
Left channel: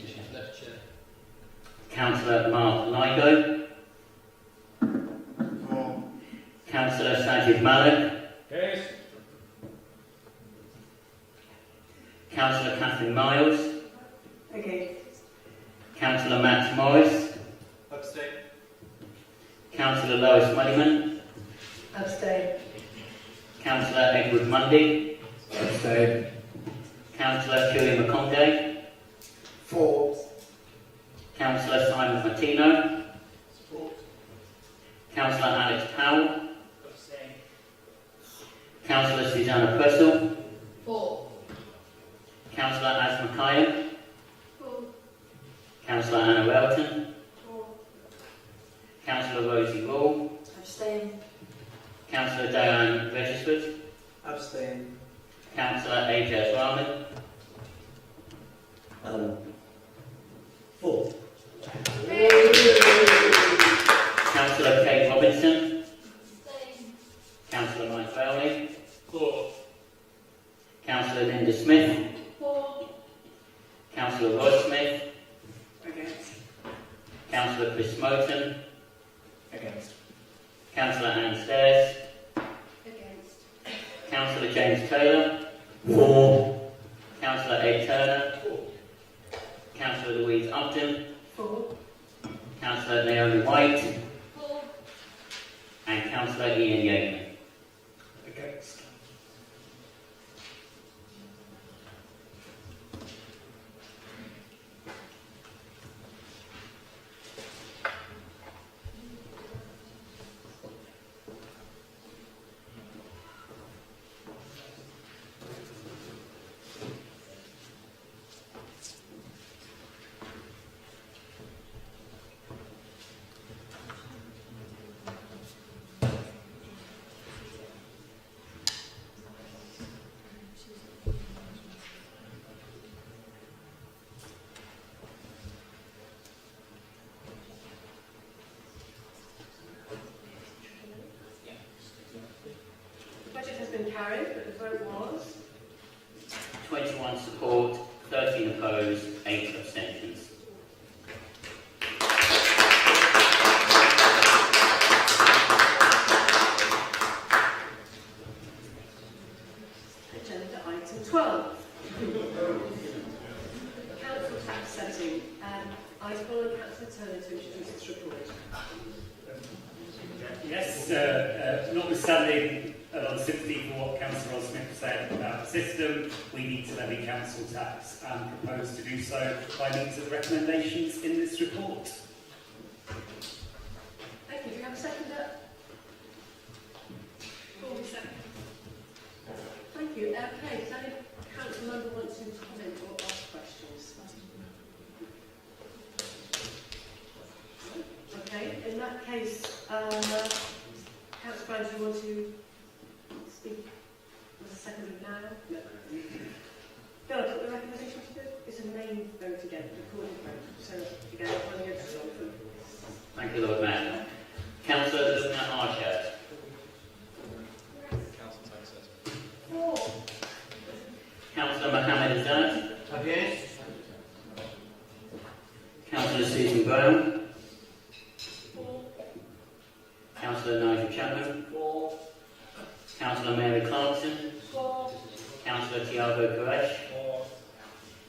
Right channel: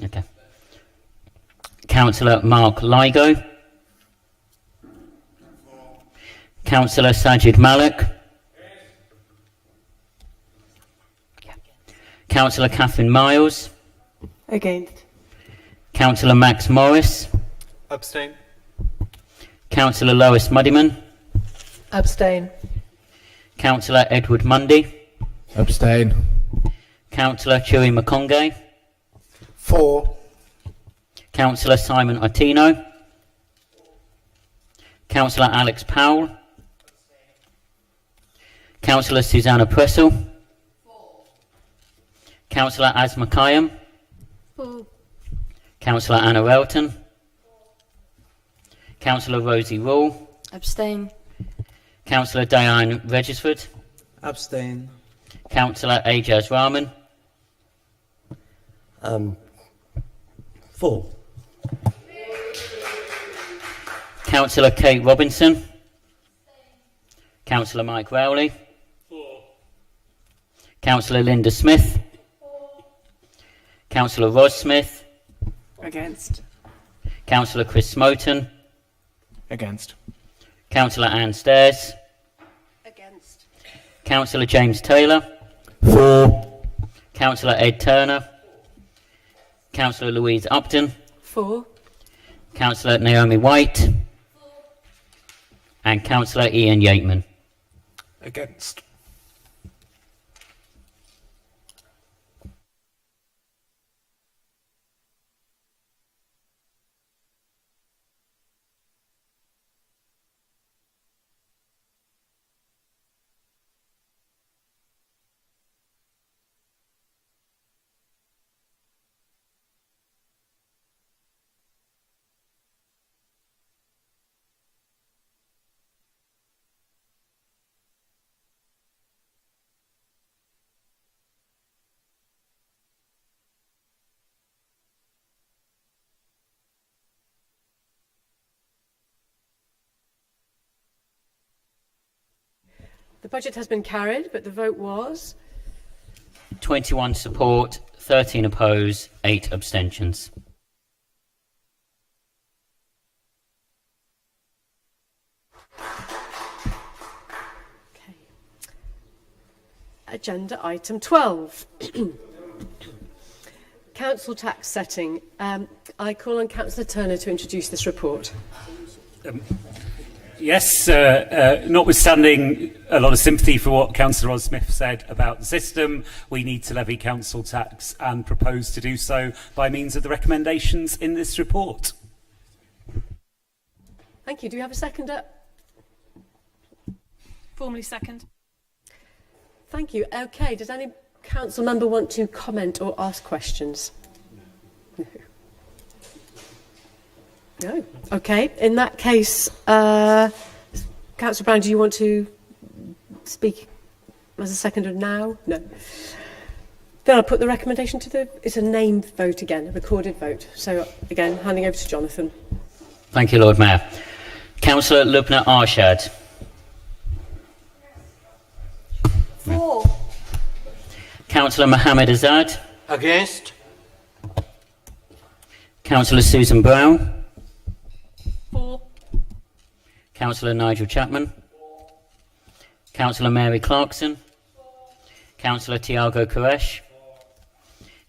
Okay. Councillor Mark Ligo. Councillor Sajid Malik. Councillor Catherine Miles. Against. Councillor Max Morris. Abstain. Councillor Lois Muddyman. Abstain. Councillor Edward Mundy. Abstain. Councillor Chewy Makonge. For. Councillor Simon Ottino. Councillor Alex Powell. Councillor Susanna Pressel. Councillor Asma Kayam. Councillor Anna Elton. Councillor Rosie Rule. Abstain. Councillor Diane Regisford. Abstain. Councillor Ajaz Rahman. For. Councillor Kate Robinson. Councillor Mike Rowley. Councillor Linda Smith. Councillor Ros Smith. Against. Councillor Chris Smoten. Against. Councillor Anne Stairs. Against. Councillor James Taylor. For. Councillor Ed Turner. Councillor Louise Upton. For. Councillor Naomi White. And Councillor Ian Yateman. Against. The budget has been carried, but the vote was 21 support, 13 oppose, 8 abstentions. agenda item 12. Council tax setting. I call on Councillor Turner to introduce this report. Yes, notwithstanding a lot of sympathy for what Councillor Ross Smith said about the system, we need to levy council tax and propose to do so by means of the recommendations in this report. Thank you. Do you have a seconder? Formally second. Thank you. Okay, does any council member want to comment or ask questions? No. Okay, in that case, Councillor Brown, do you want to speak as a seconder now? No. Then I'll put the recommendation to the... It's a named vote again, a recorded vote. So, again, handing over to Jonathan. Thank you, Lord Mayor. Councillor Lubna Arshad. For. Councillor Mohammed Azad. Against. Councillor Susan Brown. For. Councillor Nigel Chapman. For. Councillor Mary Clarkson. For. Councillor Tiago Koresh.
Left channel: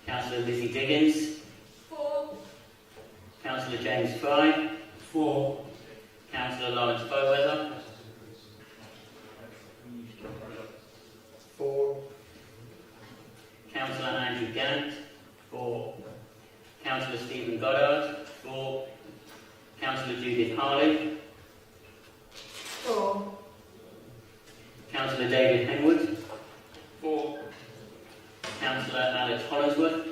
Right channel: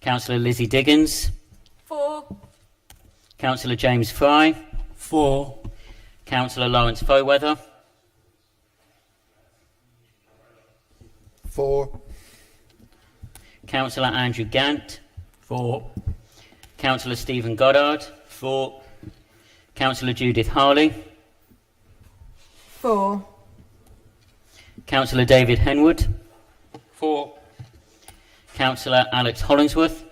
Councillor Lizzie Diggins. For. Councillor James Fry. For. Councillor Lawrence Foweather. For. Councillor Andrew Gant. For. Councillor Stephen Goddard. For. Councillor Judith Harley. For. Councillor David Henwood. For. Councillor Alex Hollingsworth.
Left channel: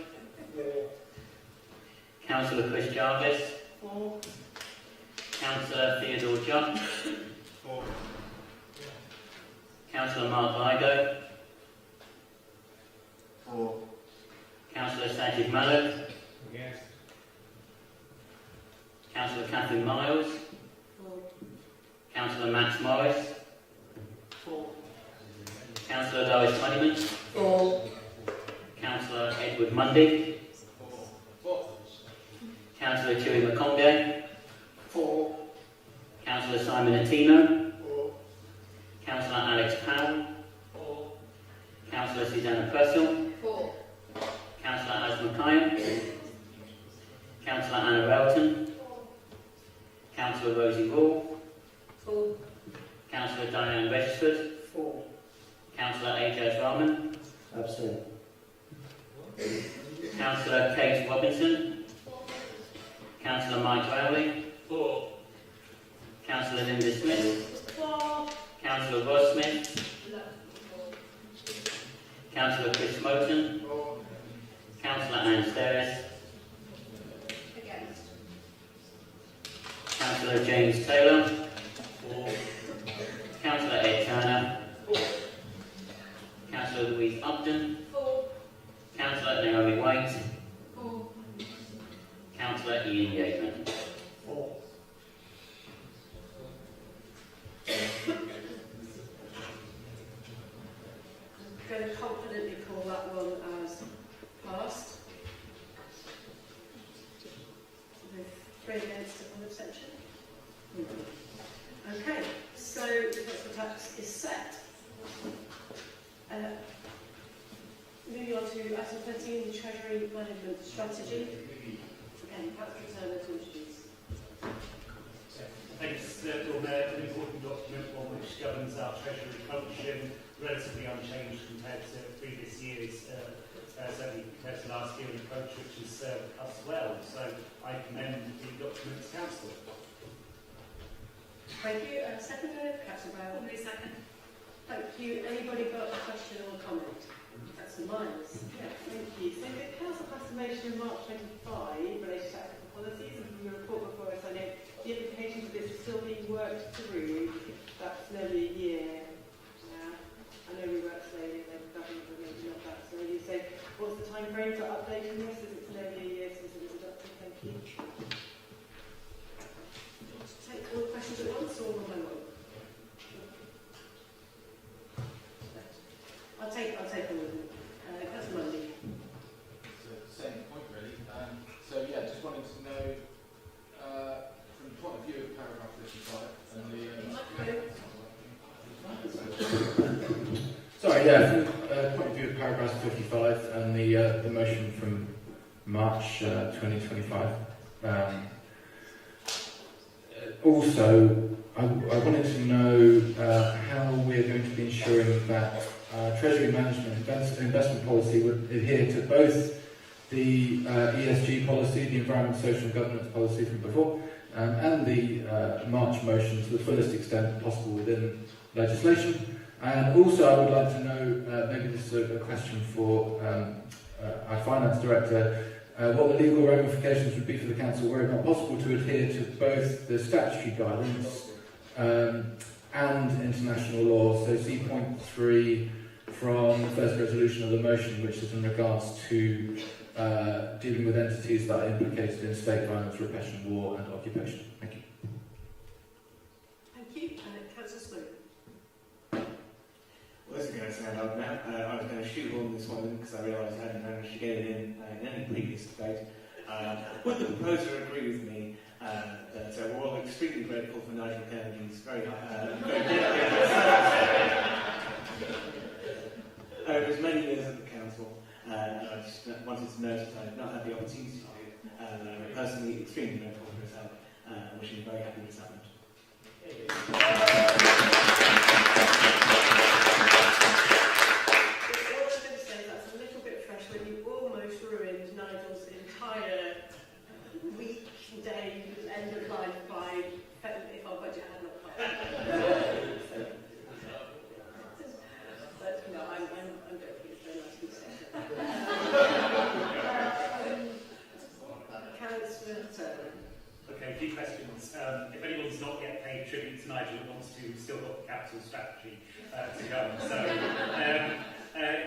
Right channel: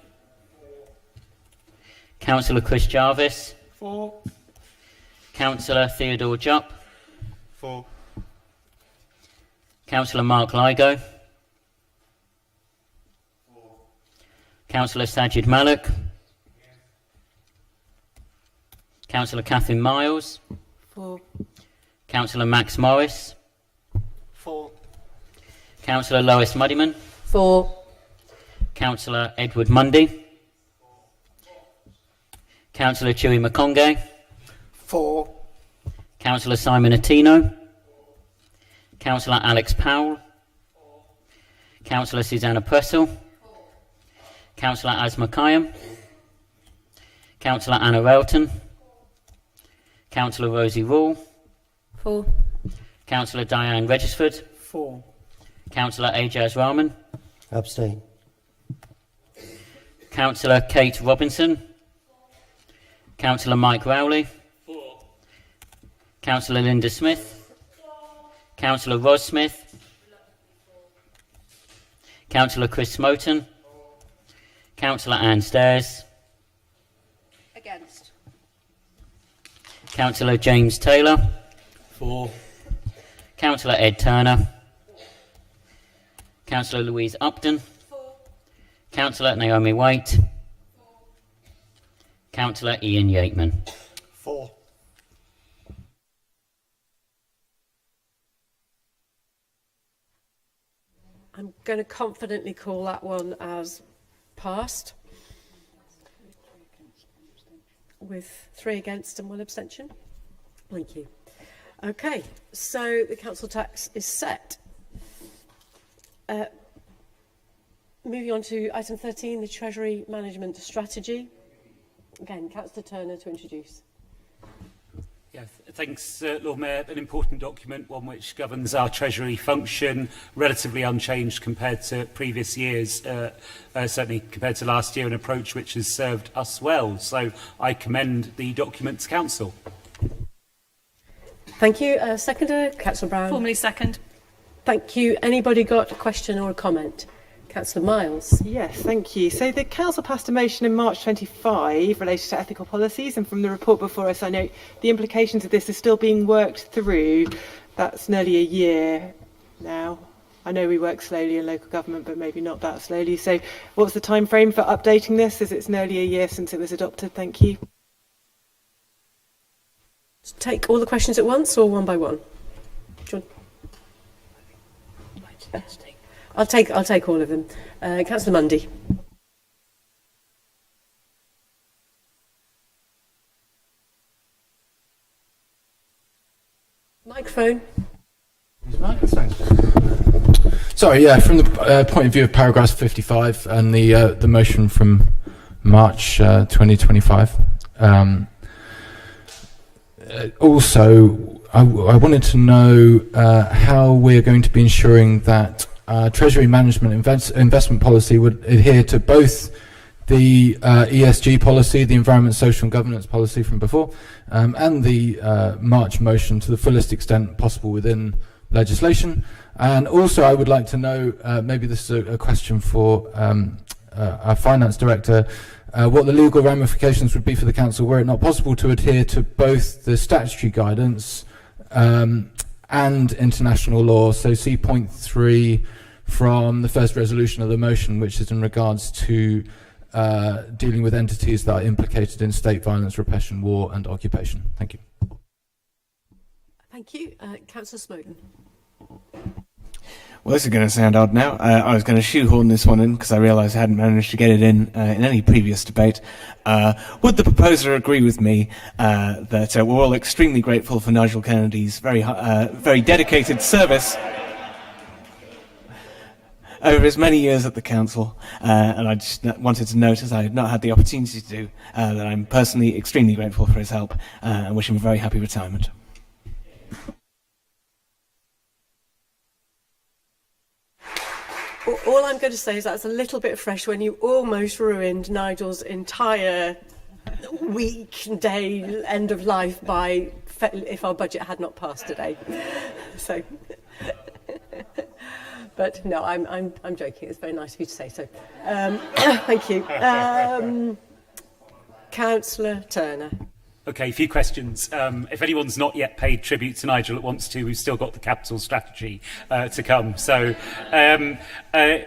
Councillor Chris Jarvis. For. Councillor Theodore Jupp. For. Councillor Mark Ligo. For. Councillor Sajid Malik. Councillor Catherine Miles. For. Councillor Max Morris. For. Councillor Lois Muddyman. For. Councillor Edward Mundy. Councillor Chewy Makonge. For. Councillor Simon Attino. Councillor Alex Powell. Councillor Susanna Pressel. Councillor Asma Kayam. Councillor Anna Relton. Councillor Rosie Rule. For. Councillor Diane Regisford. For. Councillor Ajaz Rahman. Abstain. Councillor Kate Robinson. Councillor Mike Rowley. Councillor Linda Smith. Councillor Ros Smith. Councillor Chris Smoten. Councillor Anne Stairs. Against. Councillor James Taylor. For. Councillor Ed Turner. Councillor Louise Upton. Councillor Naomi White. Councillor Ian Yateman. For. I'm going to confidently call that one as passed, with 3 against and 1 abstention. Thank you. Okay, so the council tax is set. Moving on to item 13, the Treasury Management Strategy. Again, Councillor Turner to introduce. Yeah, thanks, Lord Mayor. An important document, one which governs our Treasury function, relatively unchanged compared to previous years, certainly compared to last year, an approach which has served us well. So I commend the document to Council. Thank you. Seconder, Councillor Brown. Formally second. Thank you. Anybody got a question or a comment? Councillor Miles. Yes, thank you. So the Council passed a motion in March 25 related to ethical policies, and from the report before us, I know the implications of this are still being worked through. That's nearly a year now. I know we work slowly in local government, but maybe not that slowly. So what's the time frame for updating this, as it's nearly a year since it was adopted? Thank you. Take all the questions at once or one by one? I'll take all of them. Councillor Mundy. Microphone. Sorry, yeah, from the point of view of paragraph 55 and the motion from March 2025. Also, I wanted to know how we're going to be ensuring that Treasury management investment policy would adhere to both the ESG policy, the environment, social and governance policy from before, and the March motion to the fullest extent possible within legislation. And also I would like to know, maybe this is a question for our finance director, what the legal ramifications would be for the council were it not possible to adhere to both the statutory guidance and international law. So see point 3 from the first resolution of the motion, which is in regards to dealing with entities that are implicated in state violence, repression, war and occupation. Thank you. Thank you. Councillor Smoten. Well, this is going to sound odd now. I was going to shoehorn this one in because I realised I hadn't managed to get it in any previous debate. Would the proposer agree with me that we're all extremely grateful for Nigel Kennedy's very dedicated service over his many years at the council, and I just wanted to note, as I have not had the opportunity to do, that I'm personally extremely grateful for his help and wish him a very happy retirement. All I'm going to say is that's a little bit fresh when you almost ruined Nigel's entire week, day, end of life by if our budget had not passed today. So, but no, I'm joking. It's very nice of you to say so. Thank you. Councillor Turner. Okay, a few questions. If anyone's not yet paid tribute to Nigel that wants to, we've still got the capital strategy to come. So, and I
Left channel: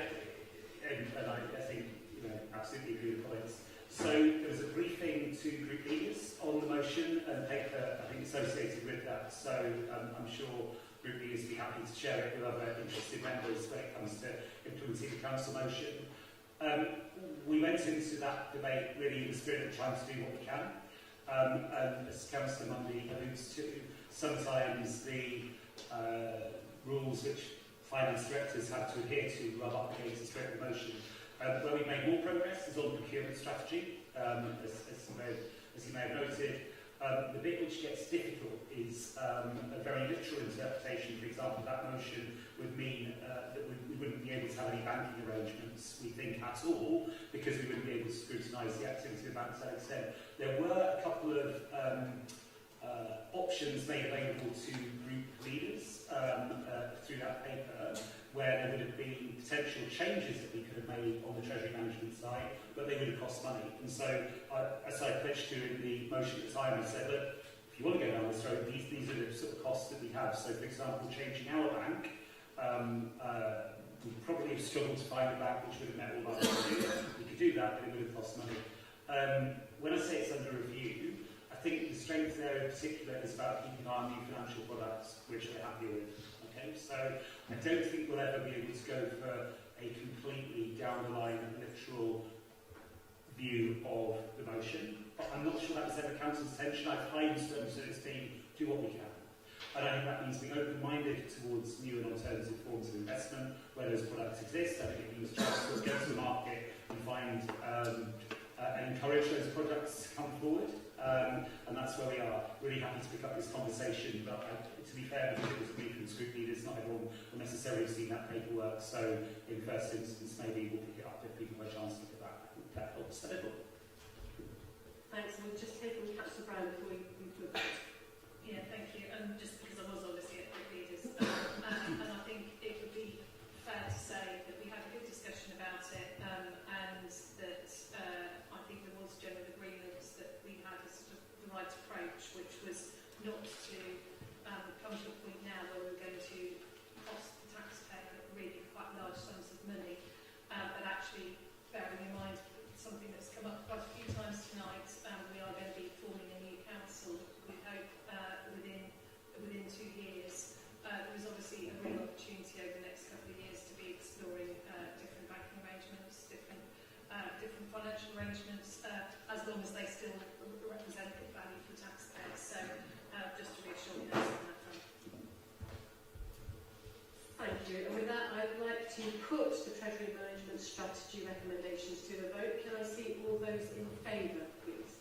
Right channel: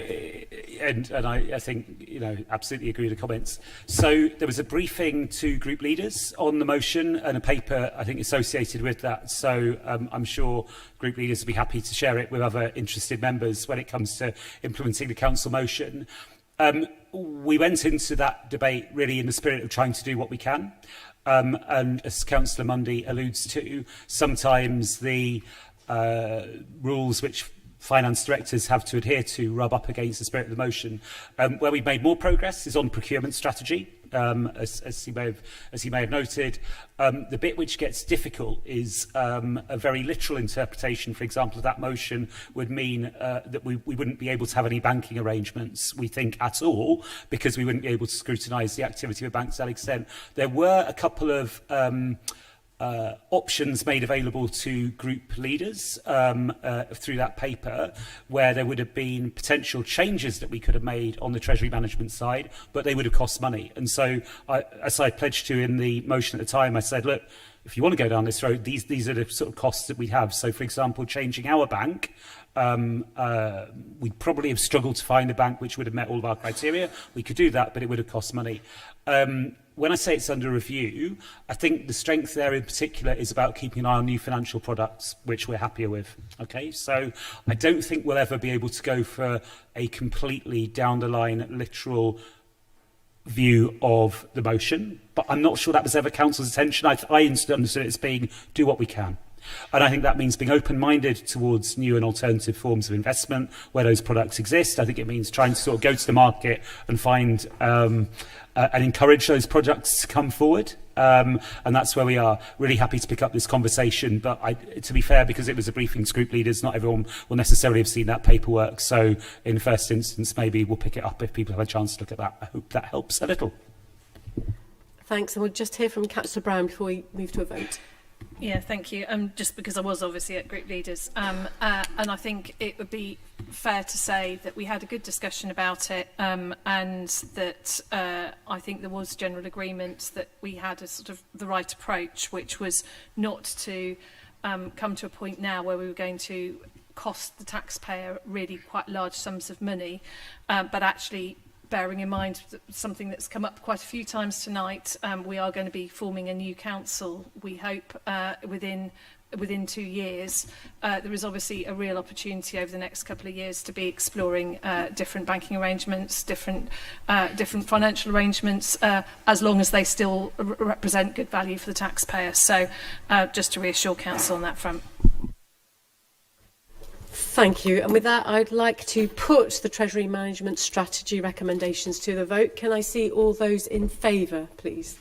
think, you know, absolutely agree with the comments. So there was a briefing to group leaders on the motion and a paper, I think, associated with that. So I'm sure group leaders will be happy to share it with other interested members when it comes to implementing the council motion. We went into that debate really in the spirit of trying to do what we can. And as Councillor Mundy alludes to, sometimes the rules which finance directors have to adhere to rub up against the spirit of the motion. Where we've made more progress is on procurement strategy, as he may have noted. The bit which gets difficult is a very literal interpretation. For example, that motion would mean that we wouldn't be able to have any banking arrangements, we think, at all, because we wouldn't be able to scrutinise the activity of banks to that extent. There were a couple of options made available to group leaders through that paper, where there would have been potential changes that we could have made on the Treasury management side, but they would have cost money. And so, as I pledged to in the motion at the time, I said, look, if you want to go down this road, these are the sort of costs that we have. So, for example, changing our bank, we'd probably have struggled to find a bank which would have met all of our criteria. We could do that, but it would have cost money. When I say it's under review, I think the strength there in particular is about keeping an eye on new financial products, which we're happier with. Okay, so I don't think we'll ever be able to go for a completely down the line, literal view of the motion, but I'm not sure that was ever council's intention. I understood it as being do what we can. And I think that means being open-minded towards new and alternative forms of investment where those products exist. I think it means trying to sort of go to the market and find and encourage those products to come forward. And that's where we are. Really happy to pick up this conversation. But to be fair, because it was a briefing to group leaders, not everyone will necessarily have seen that paperwork. So in the first instance, maybe we'll pick it up if people have a chance to look at that. I hope that helps a little. Thanks. And we'll just hear from Councillor Brown before we move to a vote. Yeah, thank you. Just because I was obviously at group leaders, and I think it would be fair to say that we had a good discussion about it, and that I think there was general agreement that we had a sort of the right approach, which was not to come to a point now where we were going to cost the taxpayer really quite large sums of money, but actually bearing in mind something that's come up quite a few times tonight, we are going to be forming a new council, we hope, within 2 years. There is obviously a real opportunity over the next couple of years to be exploring different banking arrangements, different financial arrangements, as long as they still represent good value for the taxpayer. So just to reassure council on that front. Thank you. And with that, I'd like to put the Treasury Management Strategy recommendations to the vote. Can I see all those in favour, please?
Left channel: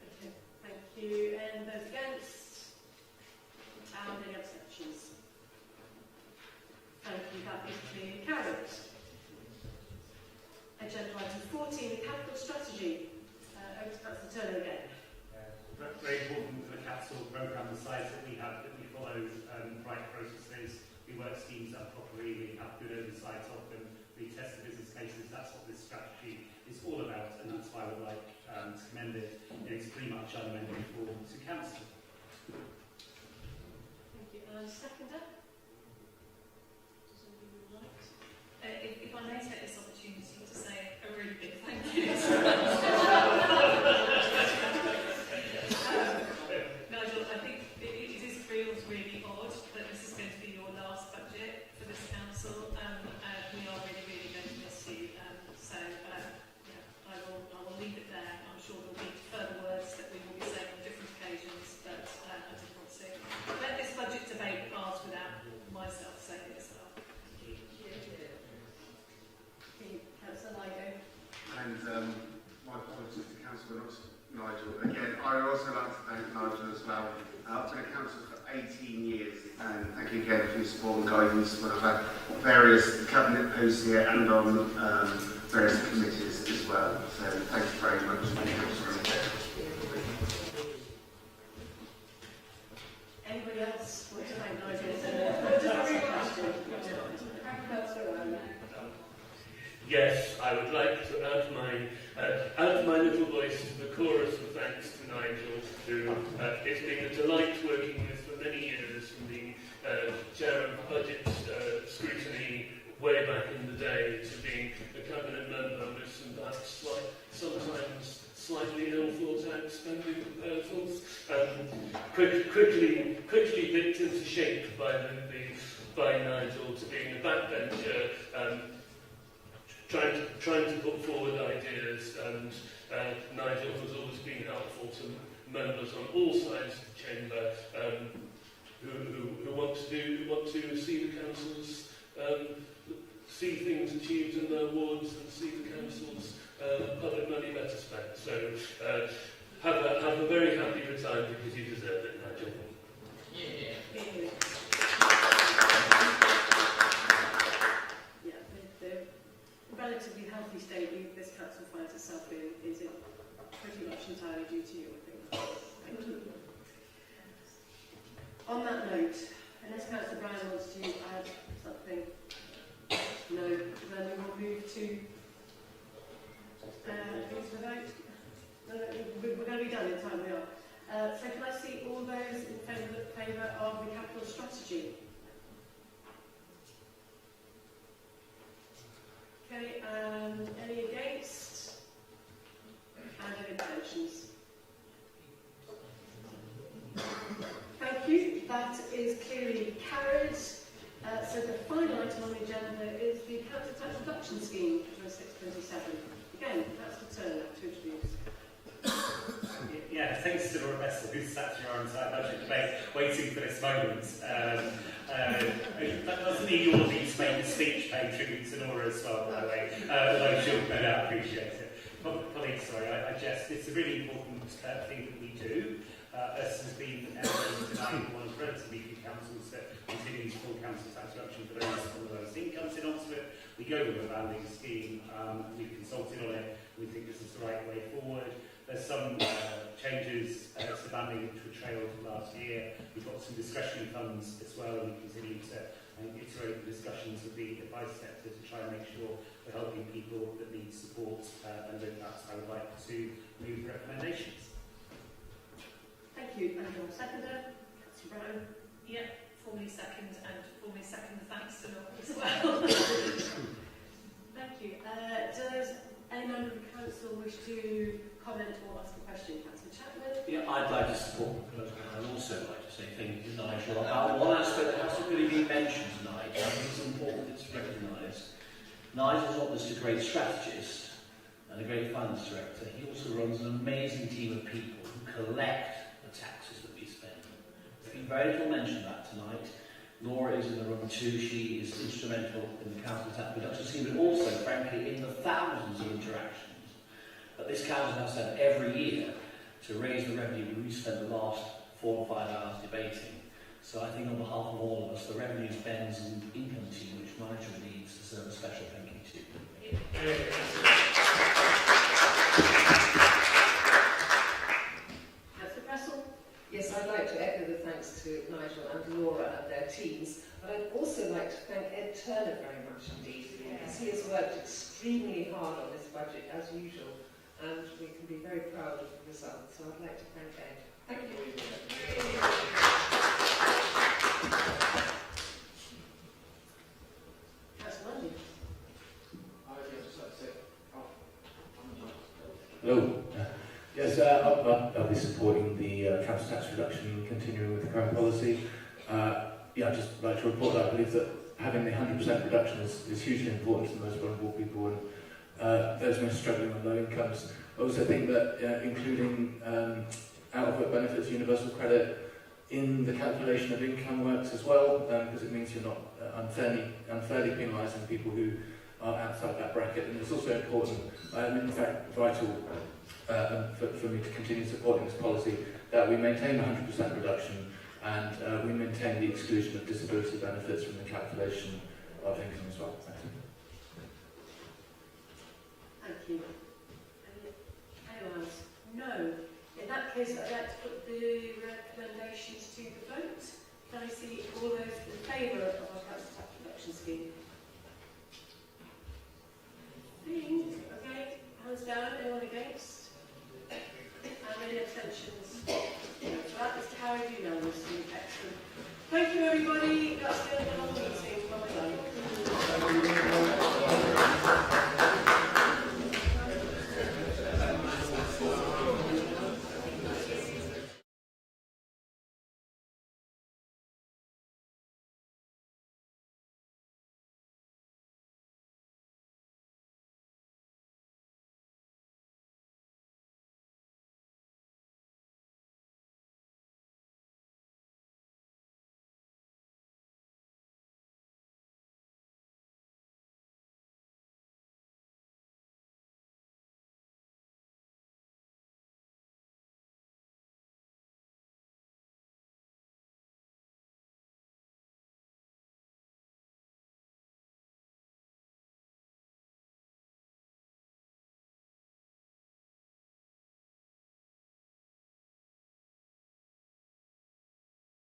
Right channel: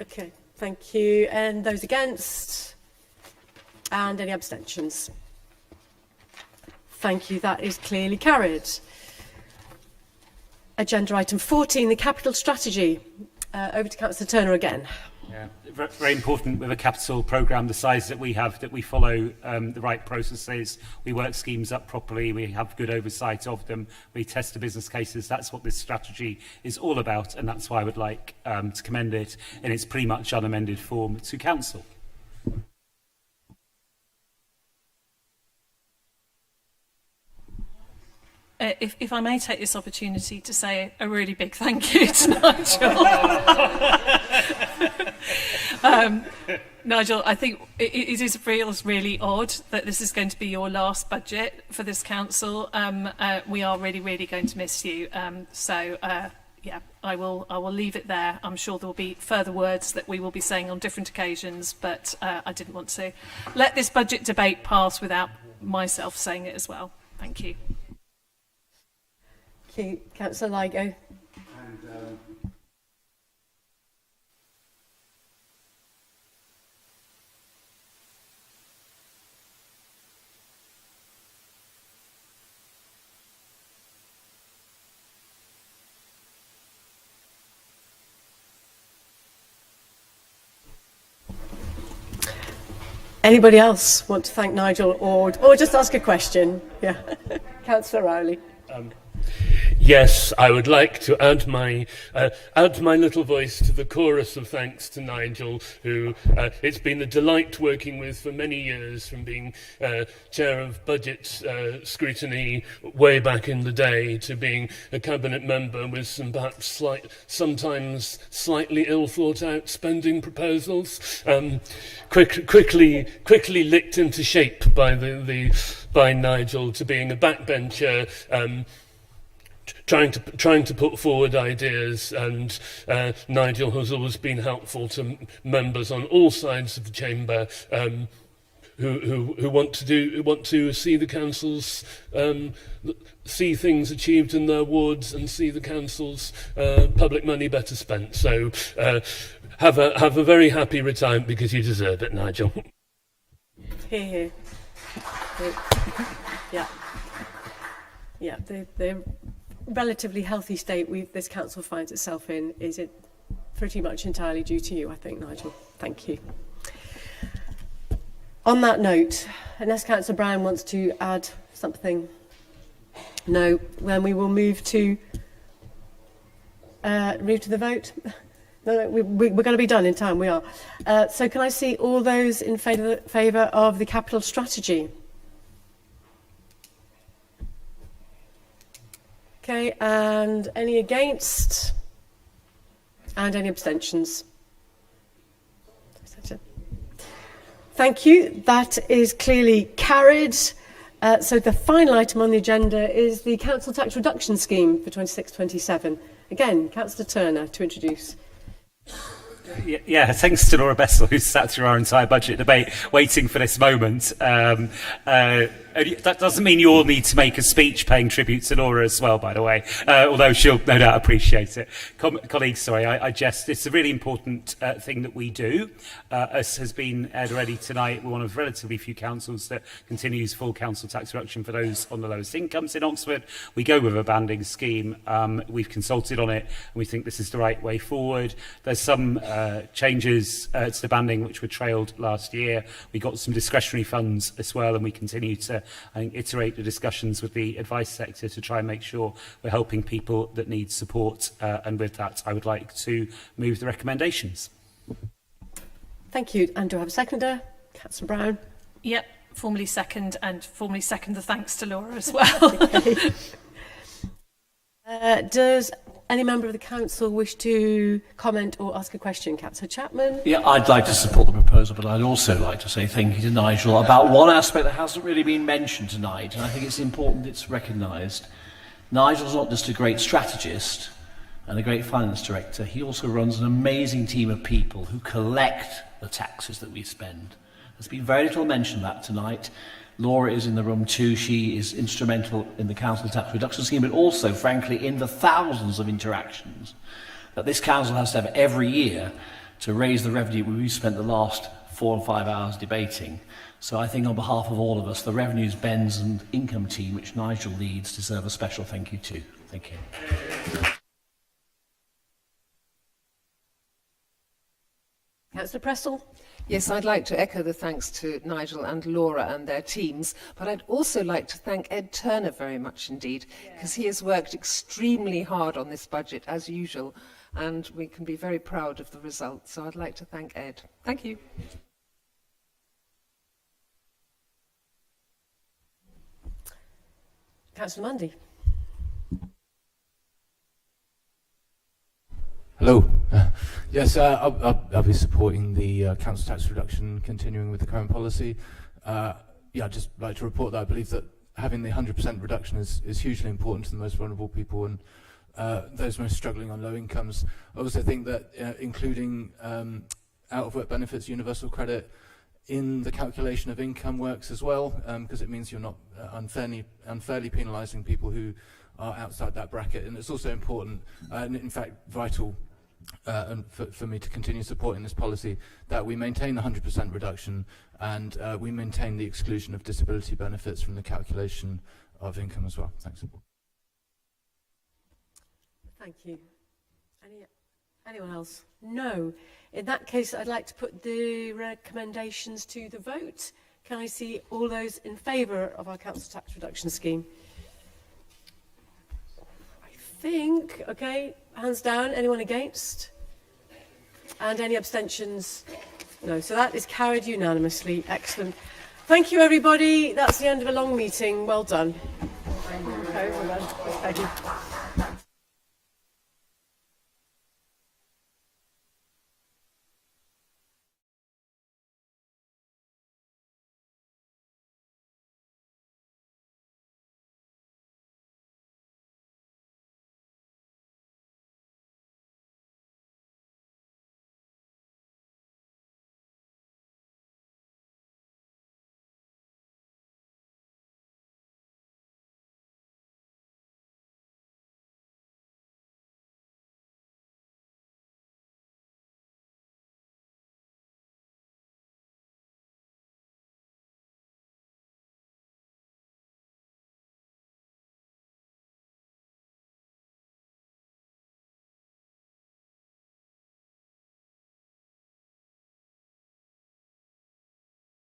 Okay, thank you. And those against? And any abstentions? Thank you, that is clearly carried. Agenda item 14, the capital strategy. Over to Councillor Turner again. Yeah, very important with a capital programme the size that we have, that we follow the right processes, we work schemes up properly, we have good oversight of them, we test the business cases. That's what this strategy is all about, and that's why I would like to commend it in its pretty much unamended form to Council. If I may take this opportunity to say a really big thank you to Nigel. Nigel, I think it feels really odd that this is going to be your last budget for this council. We are really, really going to miss you. Yeah, I will leave it there. I'm sure there will be further words that we will be saying on different occasions, but I didn't want to let this budget debate pass without myself saying it as well. Thank you. Councillor Ligo. And my apologies to Councillor Nigel. Again, I would also like to thank Nigel as well. I've been a councillor for 18 years, and thank you again for your support and guidance when I've had various cabinet posts here and on various committees as well. So thank you very much. Anybody else want to thank Nigel or just ask a question? Yeah, Councillor Rowley. Yes, I would like to add my little voice to the chorus of thanks to Nigel, who it's been a delight working with for many years, from being chair of budget scrutiny way back in the day to being a cabinet member with some perhaps sometimes slightly ill thought out spending proposals, quickly licked into shape by Nigel to being a backbencher. Trying to put forward ideas, and Nigel has always been helpful to members on all sides of the chamber who want to see the councils see things achieved in their wards and see the council's public money better spent. So have a very happy retirement, because you deserve it, Nigel. Hear, hear. Yeah, the relatively healthy state this council finds itself in is it pretty much entirely due to you, I think, Nigel. Thank you. On that note, unless Councillor Brown wants to add something, no, then we will move to the vote. No, we're going to be done in time. We are. So can I see all those in favour of the capital strategy? Okay, and any against? And any abstentions? Thank you. That is clearly carried. So the final item on the agenda is the council tax reduction scheme for 26-27. Again, Councillor Turner to introduce. Yeah, thanks to Laura Bessel, who's sat through our entire budget debate, waiting for this moment. That doesn't mean you all need to make a speech paying tribute to Laura as well, by the way, although she'll no doubt appreciate it. Colleagues, sorry, I jest. It's a really important thing that we do. As has been aired already tonight, we're one of relatively few councils that continues full council tax reduction for those on the lowest incomes in Oxford. We go with a banding scheme. We've consulted on it, and we think this is the right way forward. There's some changes to the banding which were trailed last year. We got some discretionary funds as well, and we continue to, I think, iterate the discussions with the advice sector to try and make sure we're helping people that need support. And with that, I would like to move the recommendations. Thank you. And do I have a seconder? Councillor Brown. Yep, formally second, and formally second the thanks to Laura as well. Thank you. Does any member of the council wish to comment or ask a question? Councillor Chapman? Yeah, I'd like to support the proposal, but I'd also like to say thank you to Nigel about one aspect that hasn't really been mentioned tonight, and I think it's important it's recognised. Nigel's not just a great strategist and a great finance director, he also runs an amazing team of people who collect the taxes that we spend. There's been very little mention of that tonight, Laura is in the room too. She is instrumental in the council tax reduction scheme, but also, frankly, in the thousands of interactions that this council has to have every year to raise the revenue we've spent the last 4 or 5 hours debating. So I think on behalf of all of us, the Revenues, Bends and Income team, which Nigel leads, deserve a special thank you too. Thank you. Councillor Pressel. Yes, I'd like to echo the thanks to Nigel and Laura and their teams, but I'd also like to thank Ed Turner very much indeed, because he has worked extremely hard on this budget, as usual, and we can be very proud of the result. So I'd like to thank Ed. Thank you. Councillor Mundy. Hello. Yes, I'll be supporting the council tax reduction, continuing with the current policy. I'd just like to report that I believe that having the 100% reduction is hugely important to the most vulnerable people and those most struggling on low incomes. I also think that including out-of-work benefits, universal credit, in the calculation of income works as well, because it means you're not unfairly penalising people who are outside that bracket. And it's also important, and in fact vital, for me to continue supporting this policy, that we maintain the 100% reduction and we maintain the exclusion of disability benefits from the calculation of income as well. Thanks. Thank you. Anyone else? No. In that case, I'd like to put the recommendations to the vote. Can I see all those in favour of our council tax reduction scheme? I think, okay, hands down. Anyone against? And any abstentions? No. So that is carried unanimously. Excellent. Thank you, everybody. That's the end of a long meeting. Well done. Thank you.